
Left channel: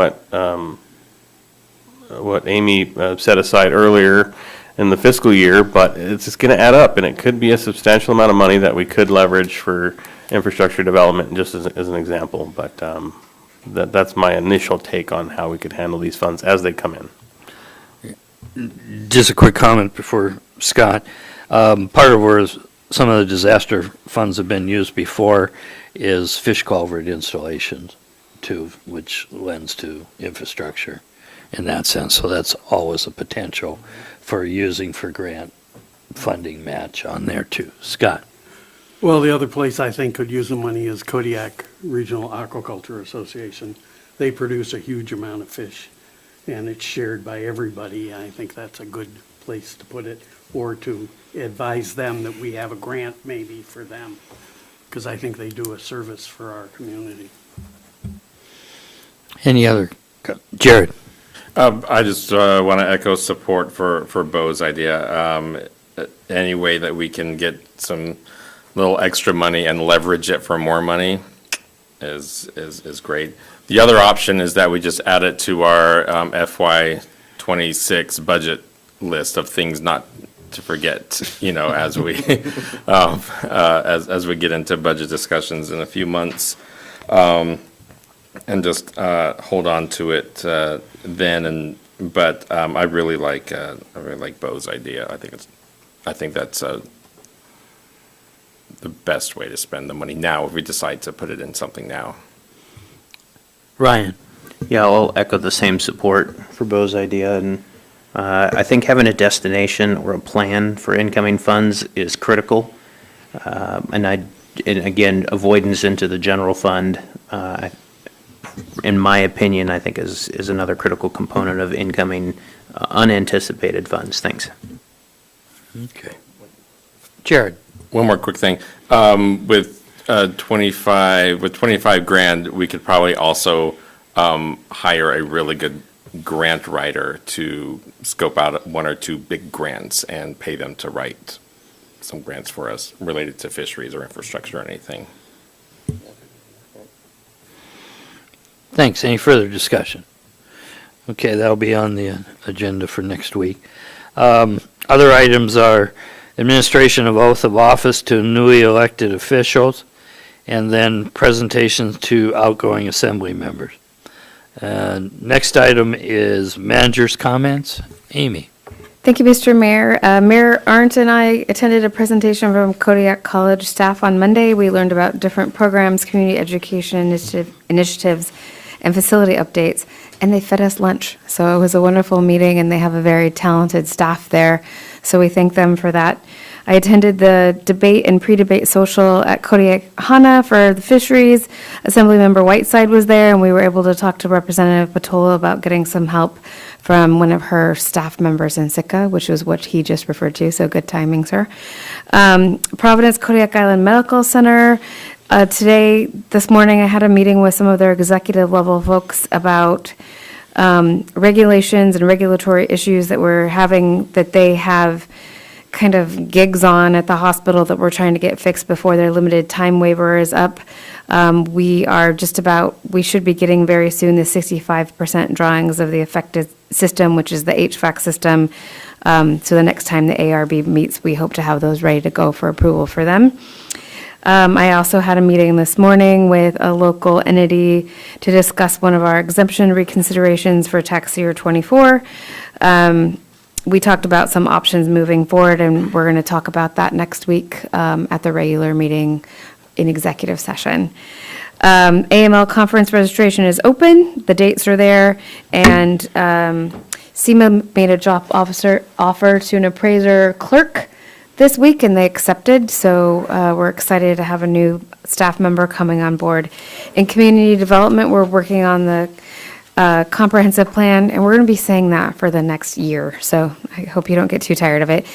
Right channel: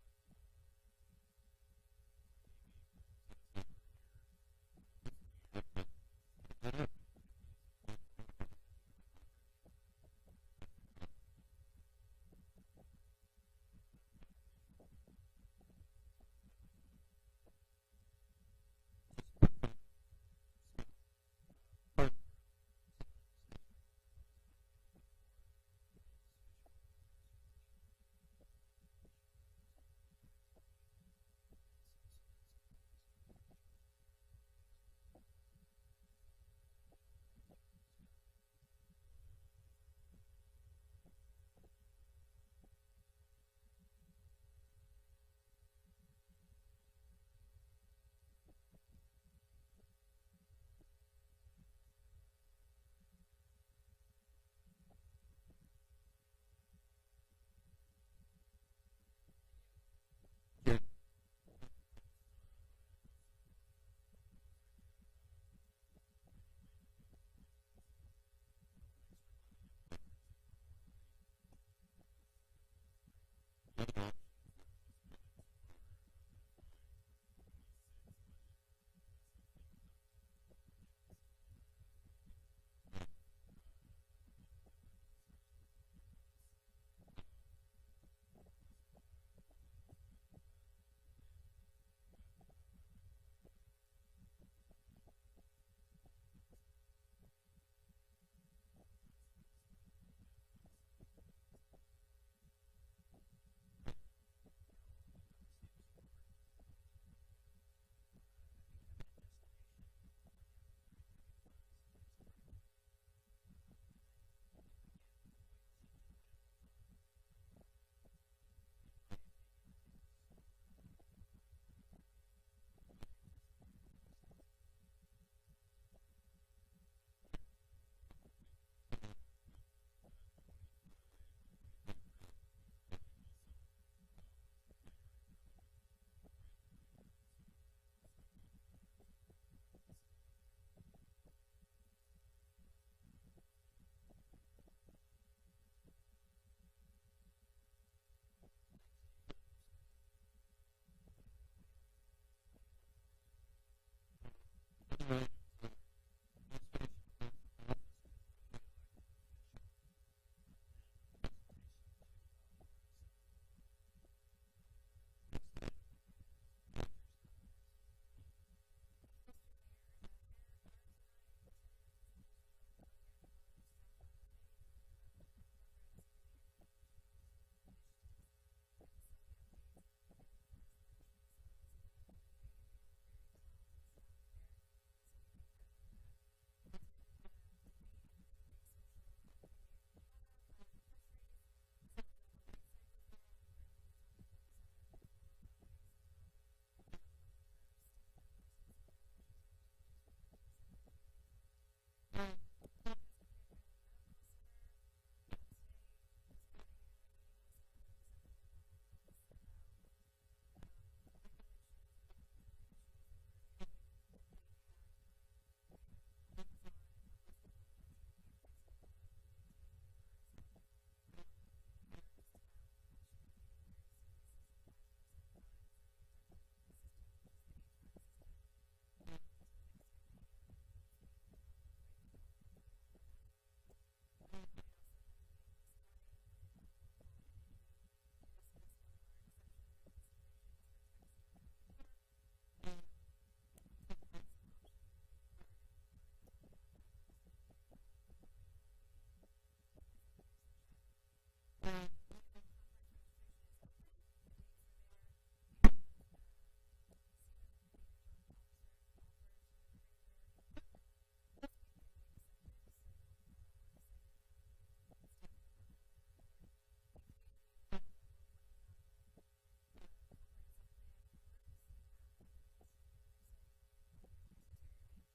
what Amy set aside earlier in the fiscal year, but it's just going to add up, and it could be a substantial amount of money that we could leverage for infrastructure development, just as an example. But that's my initial take on how we could handle these funds as they come in. Just a quick comment before Scott. Part of where some of the disaster funds have been used before is fish culvert installations too, which lends to infrastructure in that sense. So that's always a potential for using for grant funding match on there too. Scott? Well, the other place I think could use the money is Kodiak Regional Aquaculture Association. They produce a huge amount of fish, and it's shared by everybody. I think that's a good place to put it, or to advise them that we have a grant maybe for them, because I think they do a service for our community. Any other? Jared? I just want to echo support for Bo's idea. Any way that we can get some little extra money and leverage it for more money is great. The other option is that we just add it to our FY26 budget list of things not to forget, as we as we get into budget discussions in a few months, and just hold on to it then. But I really like Bo's idea. I think that's the best way to spend the money now if we decide to put it in something now. Ryan? Yeah, I'll echo the same support for Bo's idea, and I think having a destination or a plan for incoming funds is critical. And again, avoidance into the general fund, in my opinion, I think is another critical component of incoming unanticipated funds. Thanks. Okay. Jared? One more quick thing. With 25 grand, we could probably also hire a really good grant writer to scope out one or two big grants and pay them to write some grants for us related to fisheries or infrastructure or anything. Thanks. Any further discussion? Okay, that'll be on the agenda for next week. Other items are administration of oath of office to newly elected officials, and then presentations to outgoing assembly members. Next item is manager's comments. Amy. Thank you, Mr. Mayor. Mayor Arndt and I attended a presentation from Kodiak College staff on Monday. We learned about different programs, community education initiatives, and facility updates, and they fed us lunch. So it was a wonderful meeting, and they have a very talented staff there. So we thank them for that. I attended the debate and pre-debate social at Kodiak HANA for the fisheries. Assemblymember Whiteside was there, and we were able to talk to Representative Patola about getting some help from one of her staff members in Sitka, which was what he just referred to, so good timing, sir. Providence Kodiak Island Medical Center. This morning, I had a meeting with some of their executive level folks about regulations and regulatory issues that we're having, that they have kind of gigs on at the hospital that we're trying to get fixed before their limited time waiver is up. We should be getting very soon the 65% drawings of the affected system, which is the HVAC system. So the next time the ARB meets, we hope to have those ready to go for approval for them. I also had a meeting this morning with a local entity to discuss one of our exemption reconsiderations for tax year '24. We talked about some options moving forward, and we're going to talk about that next week at the regular meeting in executive session. AML conference registration is open. The dates are there, and SEMA made a job offer to an appraiser clerk this week, and they accepted, so we're excited to have a new staff member coming on board. In community development, we're working on the comprehensive plan, and we're going to be saying that for the next year, so I hope you don't get too tired of it.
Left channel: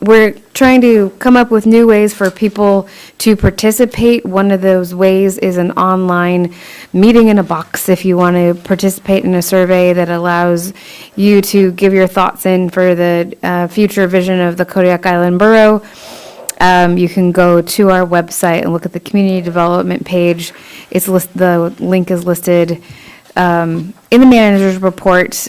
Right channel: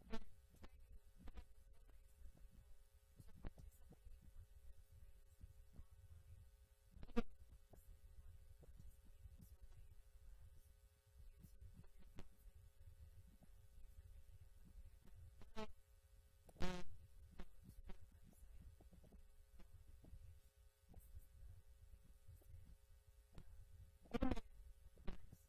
We're trying to come up with new ways for people to participate. One of those ways is an online meeting in a box. If you want to participate in a survey that allows you to give your thoughts in for the future vision of the Kodiak Island Borough, you can go to our website and look at the community development page. The link is listed in the manager's report,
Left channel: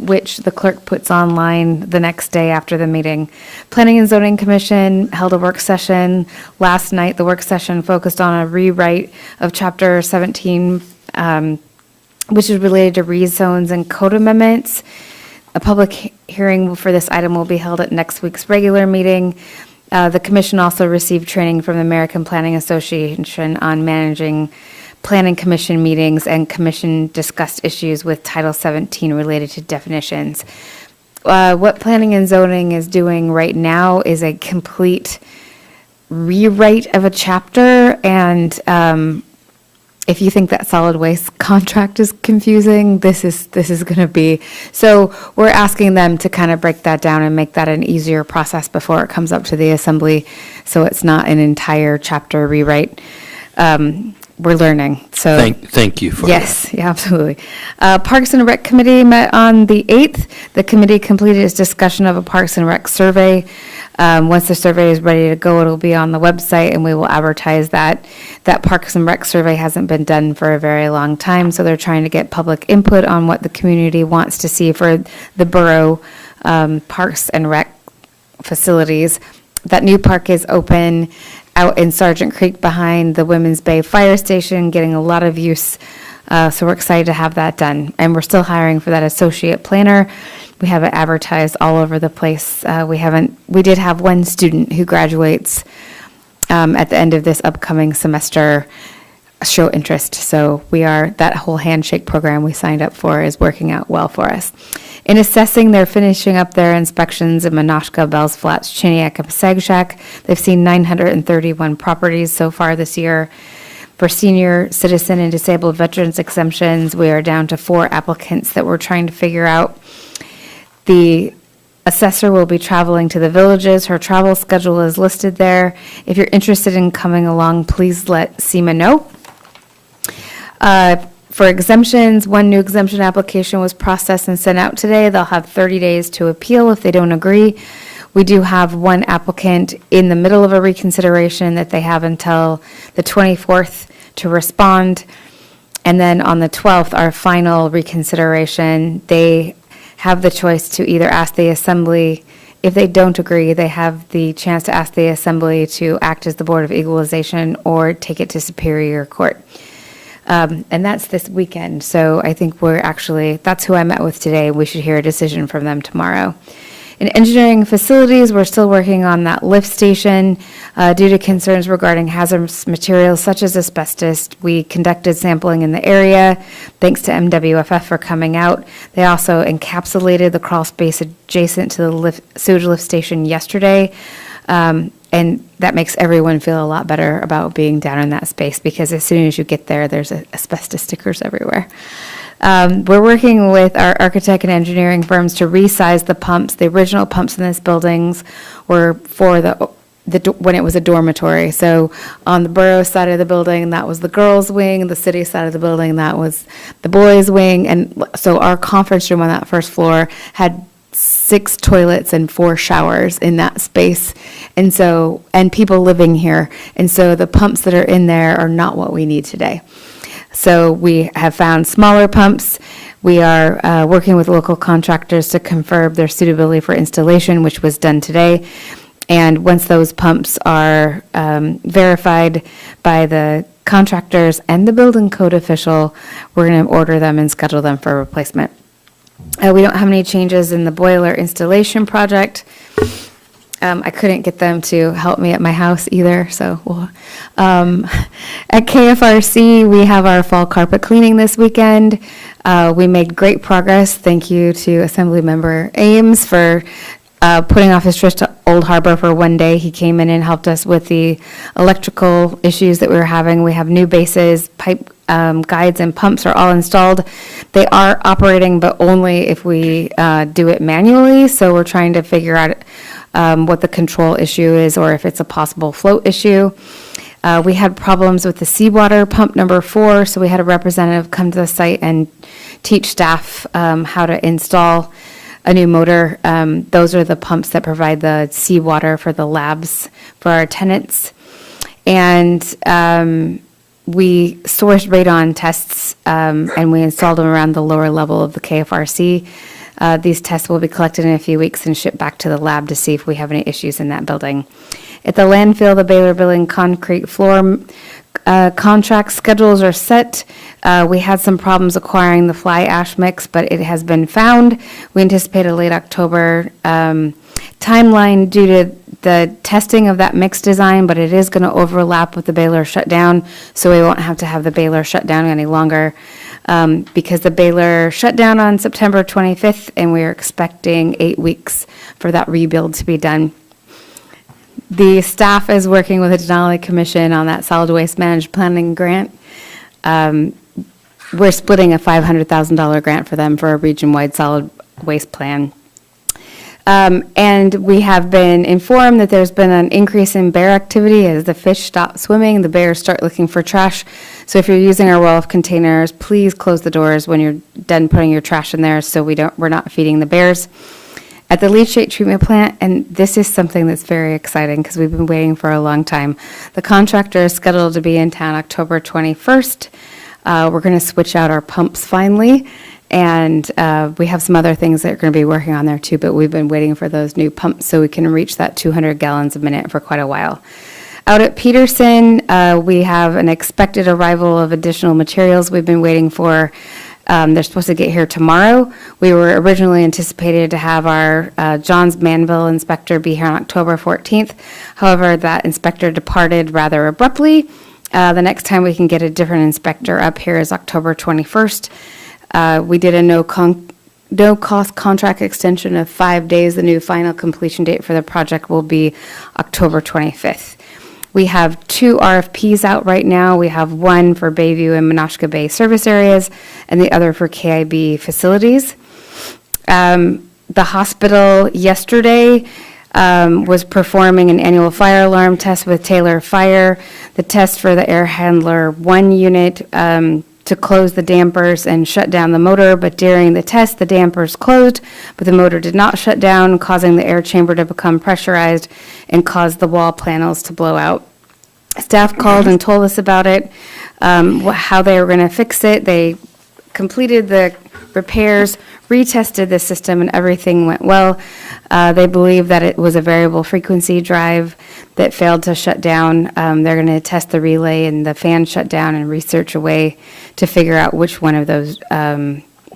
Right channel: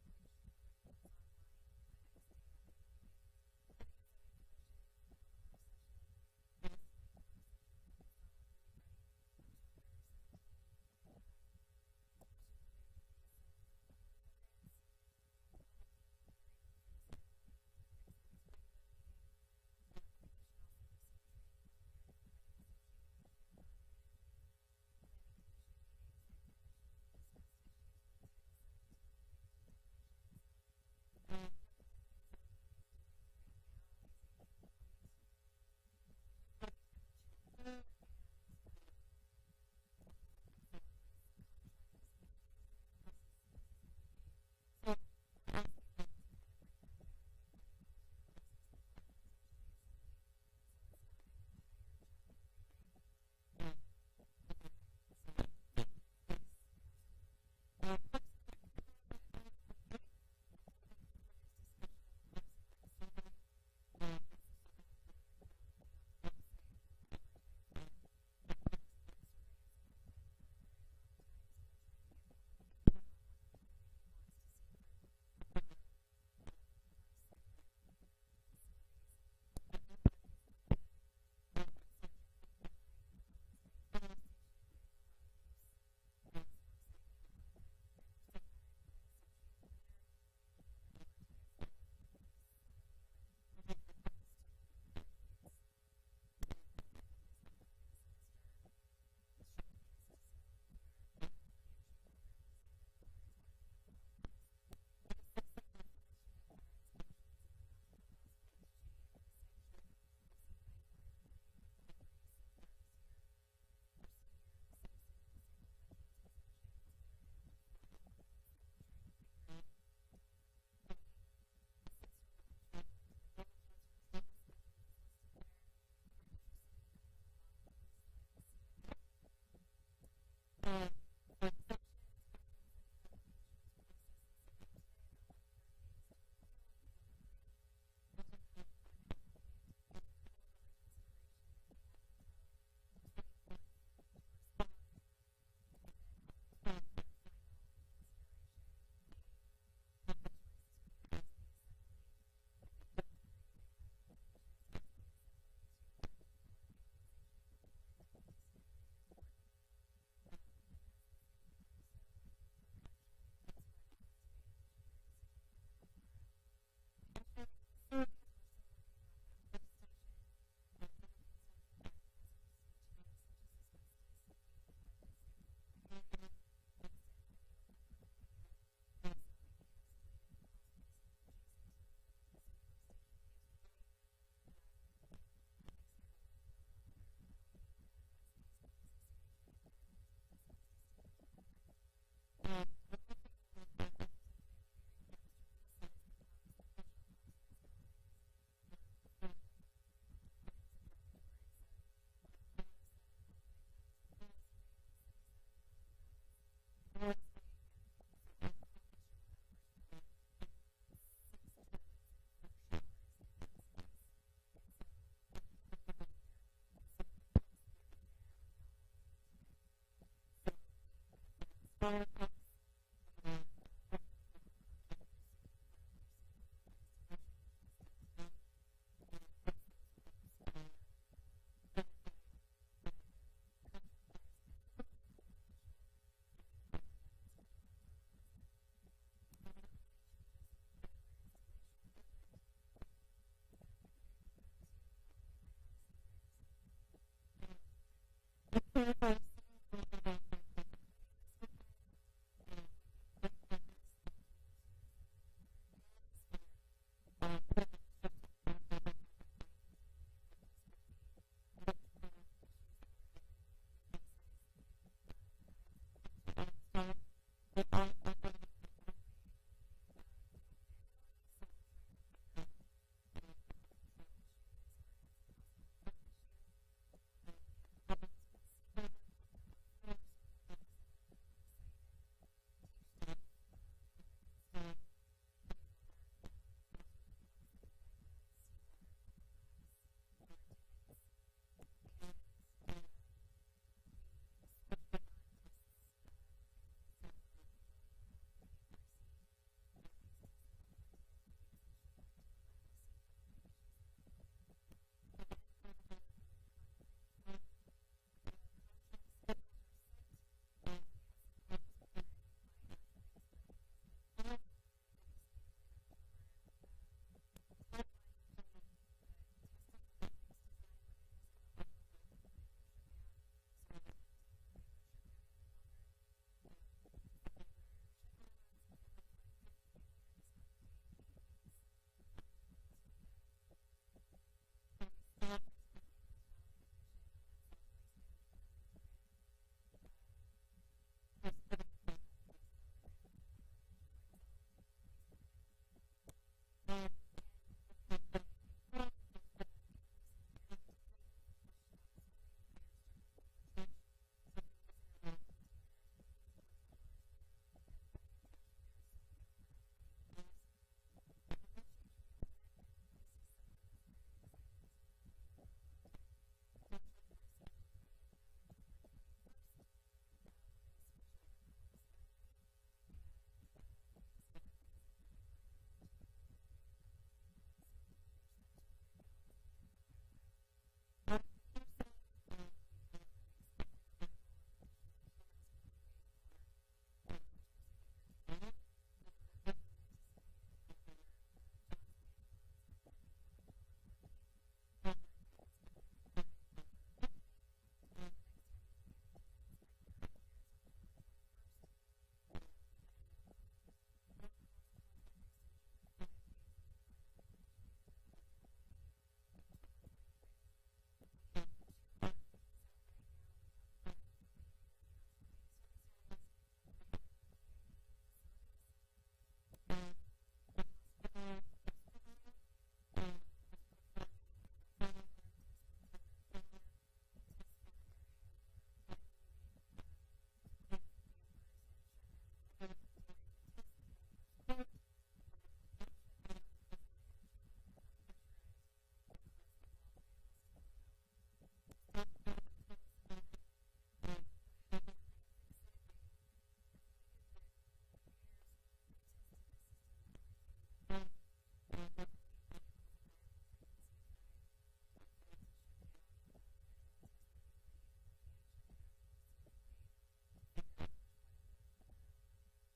which the clerk puts online the next day after the meeting. Planning and Zoning Commission held a work session last night. The work session focused on a rewrite of Chapter 17, which is related to rezones and code amendments. A public hearing for this item will be held at next week's regular meeting. The commission also received training from the American Planning Association on managing Planning Commission meetings, and commission discussed issues with Title 17 related to definitions. What Planning and Zoning is doing right now is a complete rewrite of a chapter, and if you think that solid waste contract is confusing, this is going to be. So we're asking them to kind of break that down and make that an easier process before it comes up to the assembly, so it's not an entire chapter rewrite. We're learning, so. Thank you for that. Yes, yeah, absolutely. Parks and Rec Committee met on the 8th. The committee completed its discussion of a Parks and Rec survey. Once the survey is ready to go, it'll be on the website, and we will advertise that. That Parks and Rec survey hasn't been done for a very long time, so they're trying to get public input on what the community wants to see for the borough Parks and Rec facilities. That new park is open out in Sargent Creek behind the Women's Bay Fire Station, getting a lot of use. So we're excited to have that done. And we're still hiring for that associate planner. We have it advertised all over the place. We did have one student who graduates at the end of this upcoming semester show interest. So that whole handshake program we signed up for is working out well for us. In assessing, they're finishing up their inspections in Minoshka, Bells Flats, Chiniak, and Sagshack. They've seen 931 properties so far this year. For senior citizen and disabled veterans exemptions, we are down to 4 applicants that we're trying to figure out. The assessor will be traveling to the villages. Her travel schedule is listed there. If you're interested in coming along, please let SEMA know. For exemptions, one new exemption application was processed and sent out today. They'll have 30 days to appeal if they don't agree. We do have one applicant in the middle of a reconsideration that they have until the 24th to respond. And then on the 12th, our final reconsideration, they have the choice to either ask the assembly. If they don't agree, they have the chance to ask the assembly to act as the Board of Equalization or take it to Superior Court. And that's this weekend. So I think that's who I met with today. We should hear a decision from them tomorrow. In engineering facilities, we're still working on that lift station due to concerns regarding hazardous materials such as asbestos. We conducted sampling in the area. Thanks to MWFF for coming out. They also encapsulated the crawl space adjacent to the sewage lift station yesterday. And that makes everyone feel a lot better about being down in that space, because as soon as you get there, there's asbestos stickers everywhere. We're working with our architect and engineering firms to resize the pumps. The original pumps in these buildings were for when it was a dormitory. So on the borough side of the building, that was the girls' wing. The city side of the building, that was the boys' wing. And so our conference room on that first floor had 6 toilets and 4 showers in that space. And so, and people living here. And so the pumps that are in there are not what we need today. So we have found smaller pumps. We are working with local contractors to confirm their suitability for installation, which was done today. And once those pumps are verified by the contractors and the building code official, we're going to order them and schedule them for replacement. We don't have any changes in the boiler installation project. I couldn't get them to help me at my house either, so we'll, at KFRC, we have our fall carpet cleaning this weekend. We made great progress. Thank you to Assemblymember Ames for putting off his trip to Old Harbor for one day. He came in and helped us with the electrical issues that we were having. We have new bases, pipe guides and pumps are all installed. They are operating, but only if we do it manually. So we're trying to figure out what the control issue is or if it's a possible float issue. We had problems with the seawater pump number 4, so we had a representative come to the site and teach staff how to install a new motor. Those are the pumps that provide the seawater for the labs for our tenants. And we sourced radon tests and we installed them around the lower level of the KFRC. These tests will be collected in a few weeks and shipped back to the lab to see if we have any issues in that building. At the landfill, the Baylor Building concrete floor contract schedules are set. We had some problems acquiring the fly ash mix, but it has been found. We anticipate a late October timeline due to the testing of that mix design, but it is going to overlap with the Baylor shutdown, so we won't have to have the Baylor shutdown any longer. Because the Baylor shut down on September 25th, and we are expecting 8 weeks for that rebuild to be done. The staff is working with the Denali Commission on that solid waste managed planning grant. We're splitting a $500,000 grant for them for a region-wide solid waste plan. And we have been informed that there's been an increase in bear activity as the fish stop swimming, the bears start looking for trash. So if you're using our roll-off containers, please close the doors when you're done putting your trash in there so we're not feeding the bears. At the leachate treatment plant, and this is something that's very exciting because we've been waiting for a long time. The contractor is scheduled to be in town October 21st. We're going to switch out our pumps finally. And we have some other things that are going to be working on there too, but we've been waiting for those new pumps so we can reach that 200 gallons a minute for quite a while. Out at Peterson, we have an expected arrival of additional materials we've been waiting for. They're supposed to get here tomorrow. We were originally anticipated to have our Johns Manville inspector be here on October 14th. However, that inspector departed rather abruptly. The next time we can get a different inspector up here is October 21st. We did a no-cost contract extension of 5 days. The new final completion date for the project will be October 25th. We have 2 RFPs out right now. We have one for Bayview and Menasha Bay service areas and the other for KIB facilities. The hospital yesterday was performing an annual fire alarm test with Taylor Fire. The test for the air handler 1 unit to close the dampers and shut down the motor, but during the test, the dampers closed, but the motor did not shut down, causing the air chamber to become pressurized and caused the wall panels to blow out. Staff called and told us about it, how they were going to fix it. They completed the repairs, retested the system, and everything went well. They believe that it was a variable frequency drive that failed to shut down. They're going to test the relay and the fan shut down and research a way to figure out which one of those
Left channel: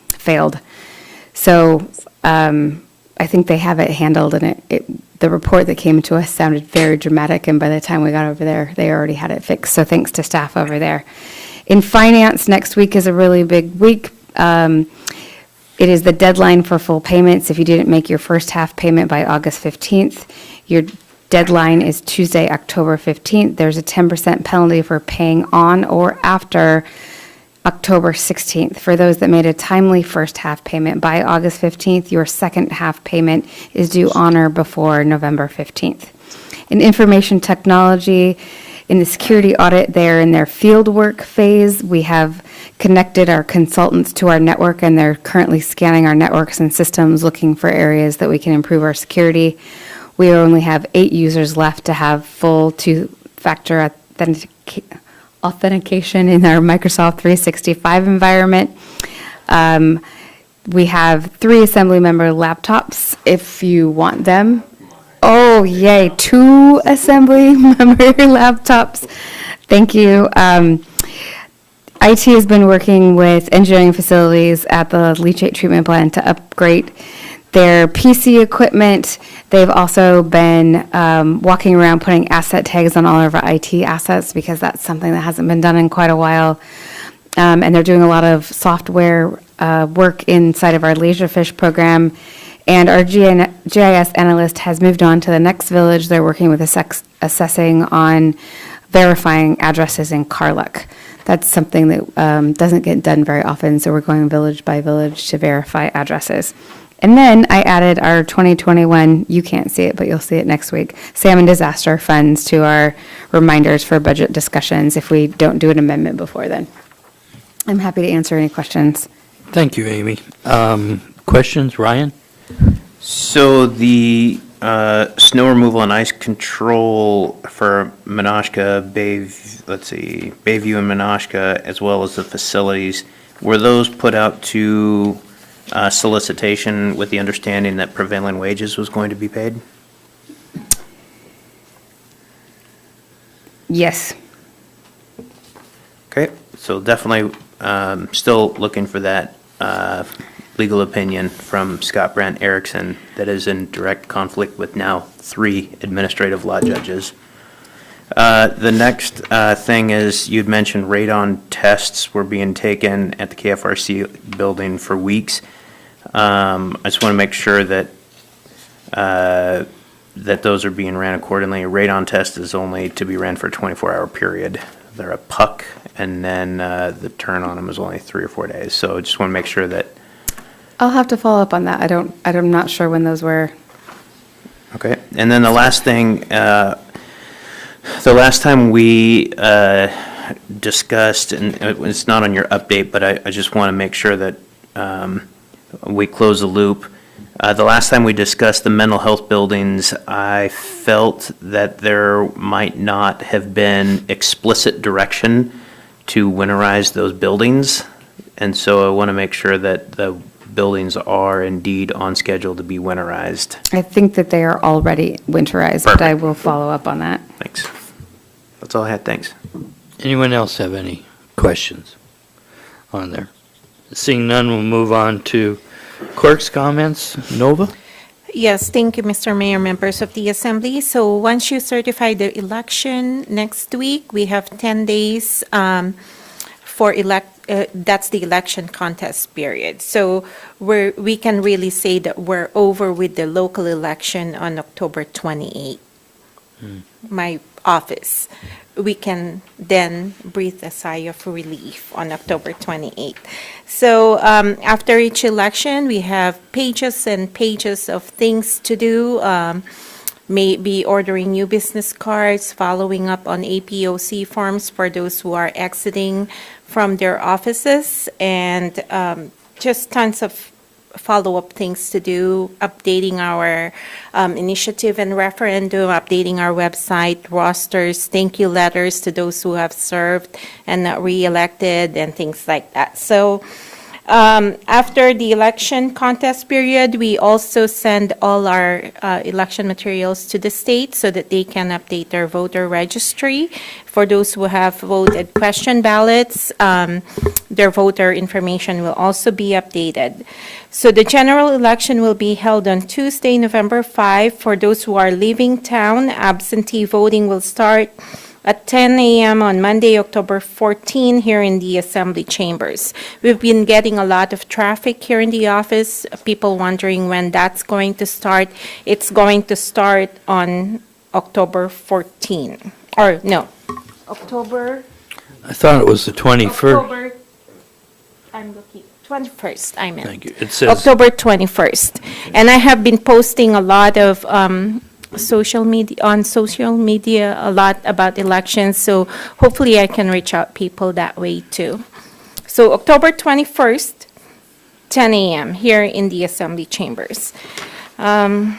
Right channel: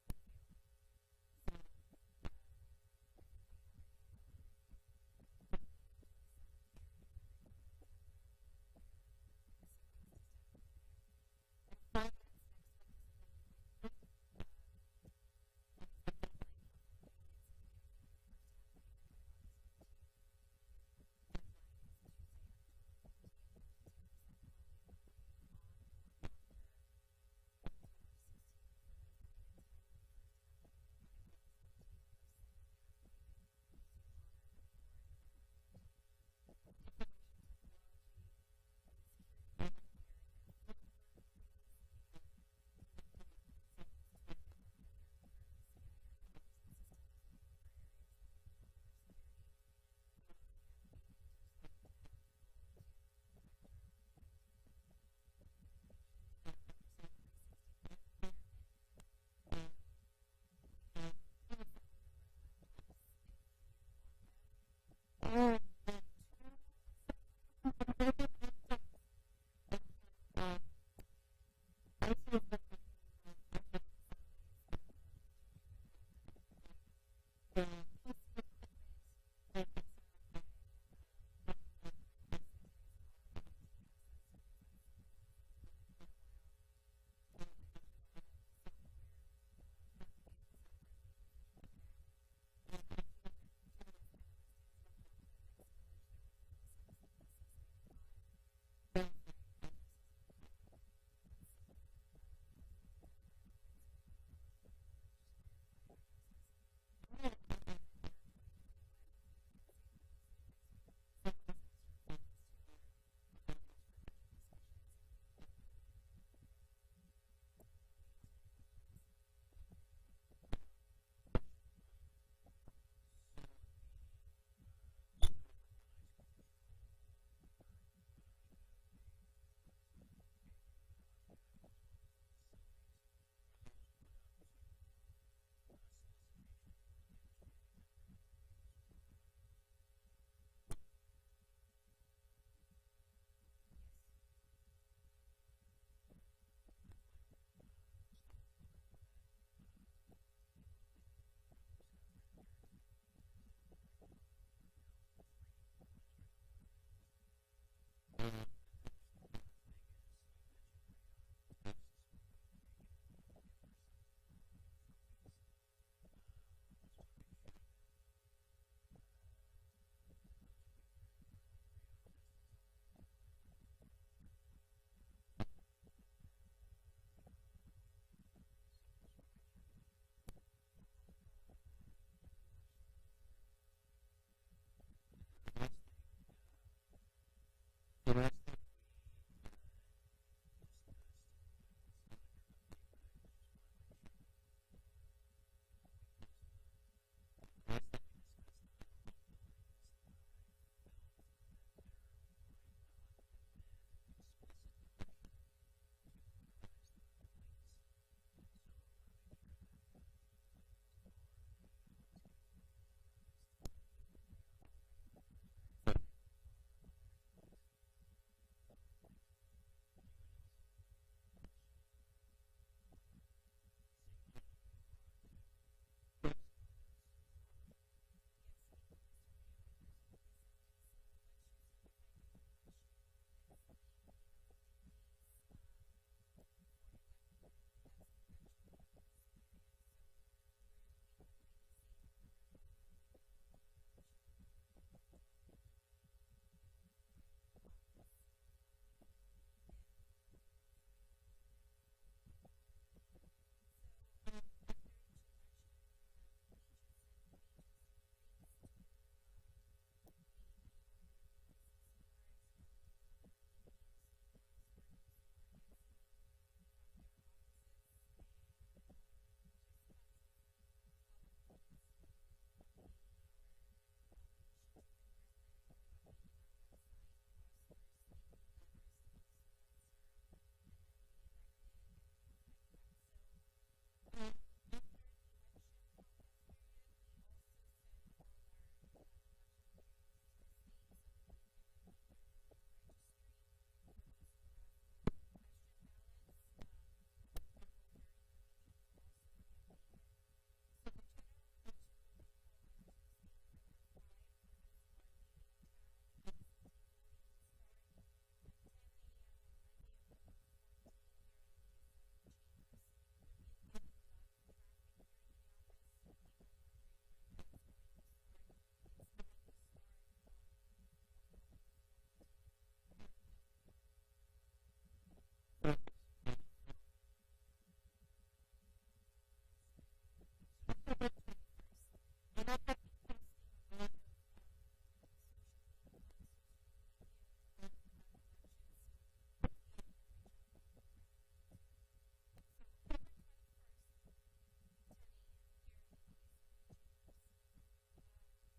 failed. So I think they have it handled, and the report that came to us sounded very dramatic, and by the time we got over there, they already had it fixed. So thanks to staff over there. In finance, next week is a really big week. It is the deadline for full payments. If you didn't make your first half payment by August 15th, your deadline is Tuesday, October 15th. There's a 10% penalty for paying on or after October 16th. For those that made a timely first half payment by August 15th, your second half payment is due on or before November 15th. In information technology, In the security audit, they're in their field work phase. We have connected our consultants to our network, and they're currently scanning our networks and systems, looking for areas that we can improve our security. We only have 8 users left to have full two-factor authentication in our Microsoft 365 environment. We have 3 assembly member laptops if you want them. Oh, yay, 2 assembly member laptops. Thank you. IT has been working with engineering facilities at the leachate treatment plant to upgrade their PC equipment. They've also been walking around putting asset tags on all of our IT assets because that's something that hasn't been done in quite a while. And they're doing a lot of software work inside of our Laserfish program. And our GIS analyst has moved on to the next village. They're working with assessing on verifying addresses in Carluck. That's something that doesn't get done very often, so we're going village by village to verify addresses. And then I added our 2021, you can't see it, but you'll see it next week, salmon disaster funds to our reminders for budget discussions if we don't do an amendment before then. I'm happy to answer any questions. Thank you, Amy. Questions, Ryan? So the snow removal and ice control for Menashka, Bayview and Menashka, as well as the facilities, were those put out to solicitation with the understanding that prevailing wages was going to be paid? Yes. Okay, so definitely still looking for that legal opinion from Scott Brandt Erickson that is in direct conflict with now 3 administrative law judges. The next thing is you'd mentioned radon tests were being taken at the KFRC building for weeks. I just want to make sure that that those are being ran accordingly. A radon test is only to be ran for a 24-hour period. They're a puck, and then the turn on them is only 3 or 4 days. So I just want to make sure that. I'll have to follow up on that. I'm not sure when those were. Okay, and then the last thing, the last time we discussed, and it's not on your update, but I just want to make sure that we close the loop. The last time we discussed the mental health buildings, I felt that there might not have been explicit direction to winterize those buildings. And so I want to make sure that the buildings are indeed on schedule to be winterized. I think that they are already winterized, but I will follow up on that. Thanks. That's all I had. Thanks. Anyone else have any questions on there? Seeing none, we'll move on to clerk's comments. Nova? Yes, thank you, Mr. Mayor, members of the Assembly. So once you certify the election next week, we have 10 days for that's the election contest period. So we can really say that we're over with the local election on October 28th. My office. We can then breathe a sigh of relief on October 28th. So after each election, we have pages and pages of things to do. Maybe ordering new business cards, following up on APOC forms for those who are exiting from their offices, and just tons of follow-up things to do, updating our initiative and referendum, updating our website, rosters, thank you letters to those who have served and not re-elected, and things like that. So after the election contest period, we also send all our election materials to the state so that they can update their voter registry. For those who have voted question ballots, their voter information will also be updated. So the general election will be held on Tuesday, November 5. For those who are leaving town, absentee voting will start at 10 a.m. on Monday, October 14, here in the Assembly chambers. We've been getting a lot of traffic here in the office, people wondering when that's going to start. It's going to start on October 14. Or, no, October... I thought it was the 21st. October, I'm looking, 21st, I meant. Thank you. It says October 21st. And I have been posting a lot of on social media a lot about elections, so hopefully I can reach out people that way too. So October 21st, 10 a.m. here in the Assembly Chambers. One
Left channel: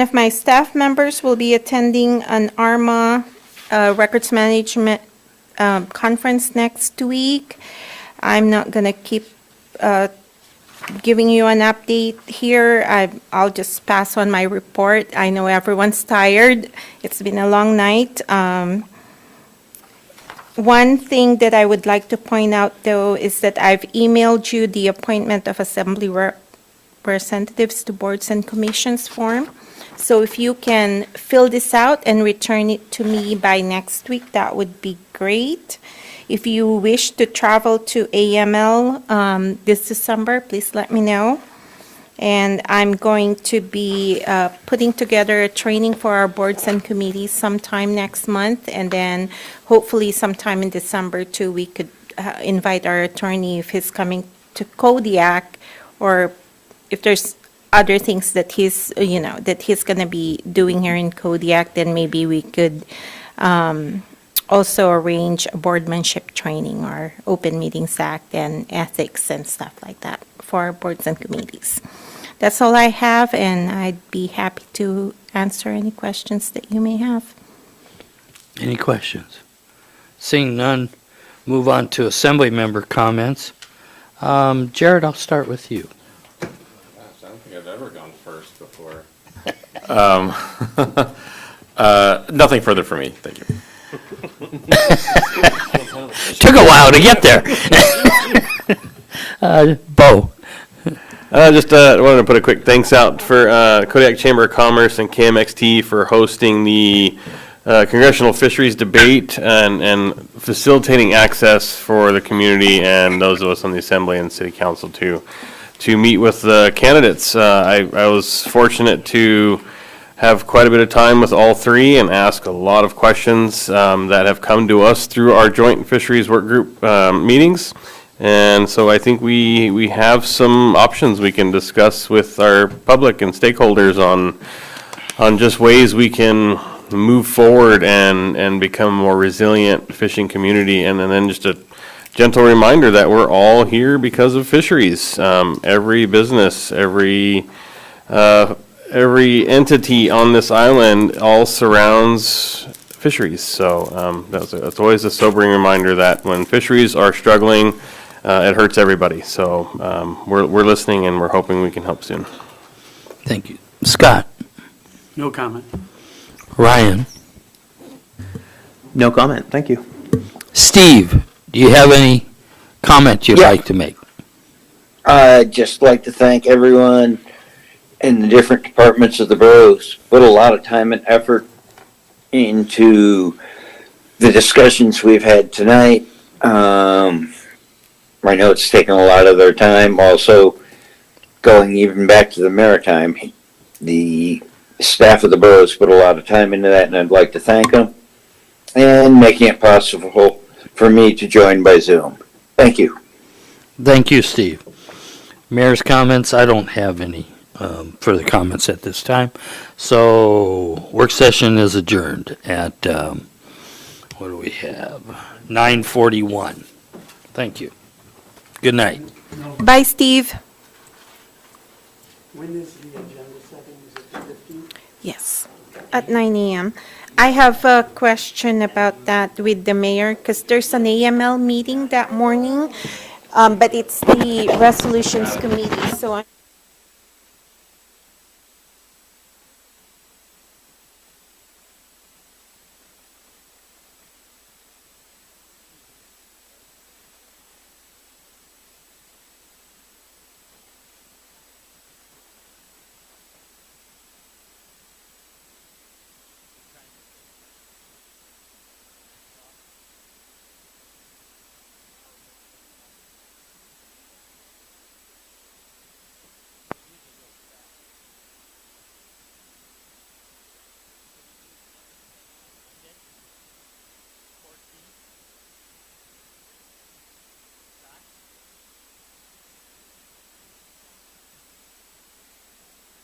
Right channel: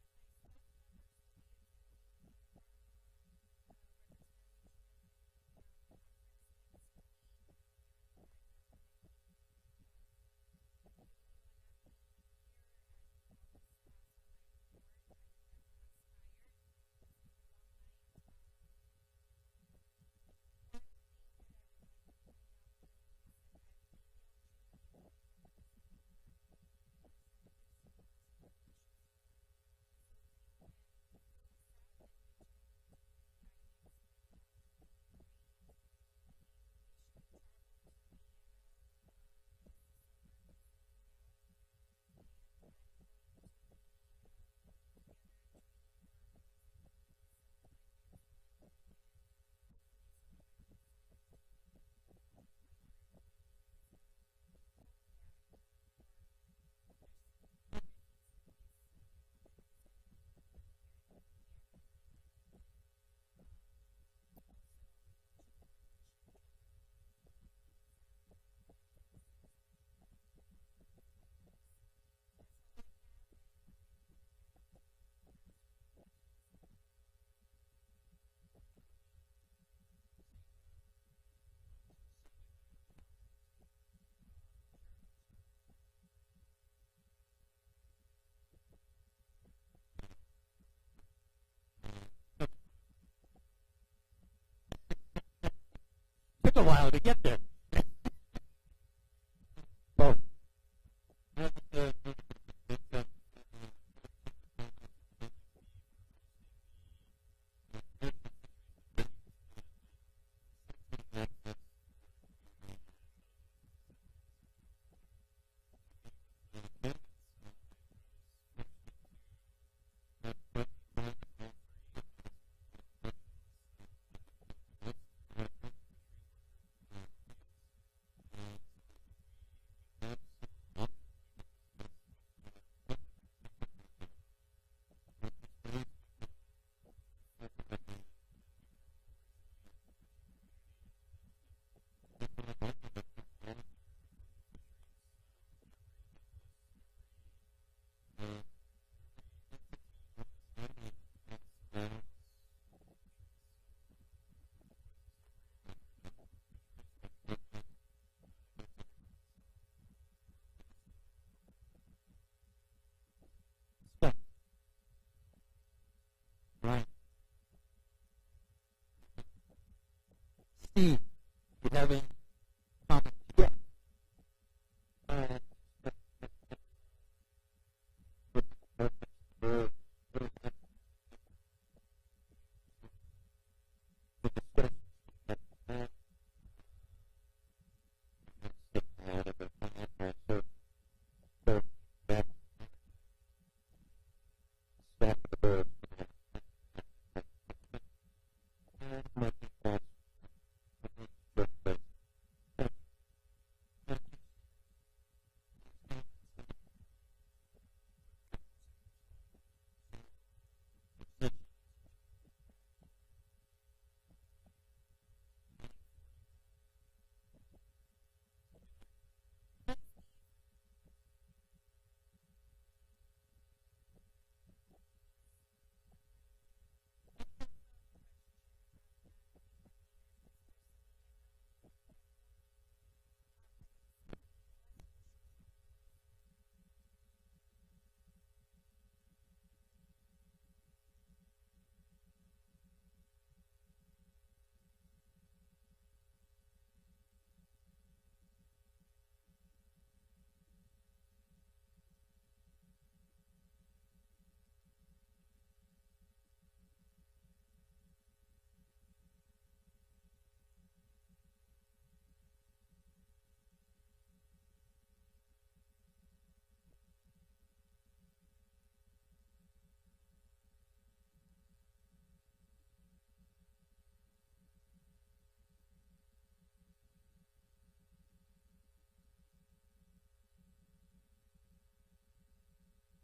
of my staff members will be attending an ARMA records management conference next week. I'm not going to keep giving you an update here. I'll just pass on my report. I know everyone's tired. It's been a long night. One thing that I would like to point out, though, is that I've emailed you the appointment of Assembly representatives to boards and commissions form. So if you can fill this out and return it to me by next week, that would be great. If you wish to travel to AML this December, please let me know. And I'm going to be putting together a training for our boards and committees sometime next month. And then hopefully sometime in December too, we could invite our attorney if he's coming to Kodiak, or if there's other things that he's going to be doing here in Kodiak, then maybe we could also arrange a boardmanship training or Open Meetings Act and ethics and stuff like that for our boards and committees. That's all I have, and I'd be happy to answer any questions that you may have. Any questions? Seeing none, move on to Assembly member comments. Jared, I'll start with you. Gosh, I don't think I've ever gone first before. Nothing further for me, thank you. Took a while to get there. Bo. Just wanted to put a quick thanks out for Kodiak Chamber of Commerce and KMXT for hosting the Congressional Fisheries Debate and facilitating access for the community and those of us on the Assembly and City Council to meet with the candidates. I was fortunate to have quite a bit of time with all three and ask a lot of questions that have come to us through our joint fisheries work group meetings. And so I think we have some options we can discuss with our public and stakeholders on just ways we can move forward and become a more resilient fishing community. And then just a gentle reminder that we're all here because of fisheries. Every business, every entity on this island all surrounds fisheries. So that's always a sobering reminder that when fisheries are struggling, it hurts everybody. So we're listening and we're hoping we can help soon. Thank you. Scott. No comment. Ryan. No comment, thank you. Steve, do you have any comment you'd like to make? I'd just like to thank everyone in the different departments of the boroughs. Put a lot of time and effort into the discussions we've had tonight. I know it's taken a lot of their time. Also, going even back to the Maritime, the staff of the boroughs put a lot of time into that, and I'd like to thank them, and making it possible for me to join by Zoom. Thank you. Thank you, Steve. Mayor's comments, I don't have any further comments at this time. So, work session is adjourned at, what do we have? 9:41. Thank you. Good night. Bye, Steve. When is the agenda setting? Is it 15? Yes, at 9 a.m. I have a question about that with the mayor, because there's an AML meeting that morning, but it's the resolutions committee, so I'm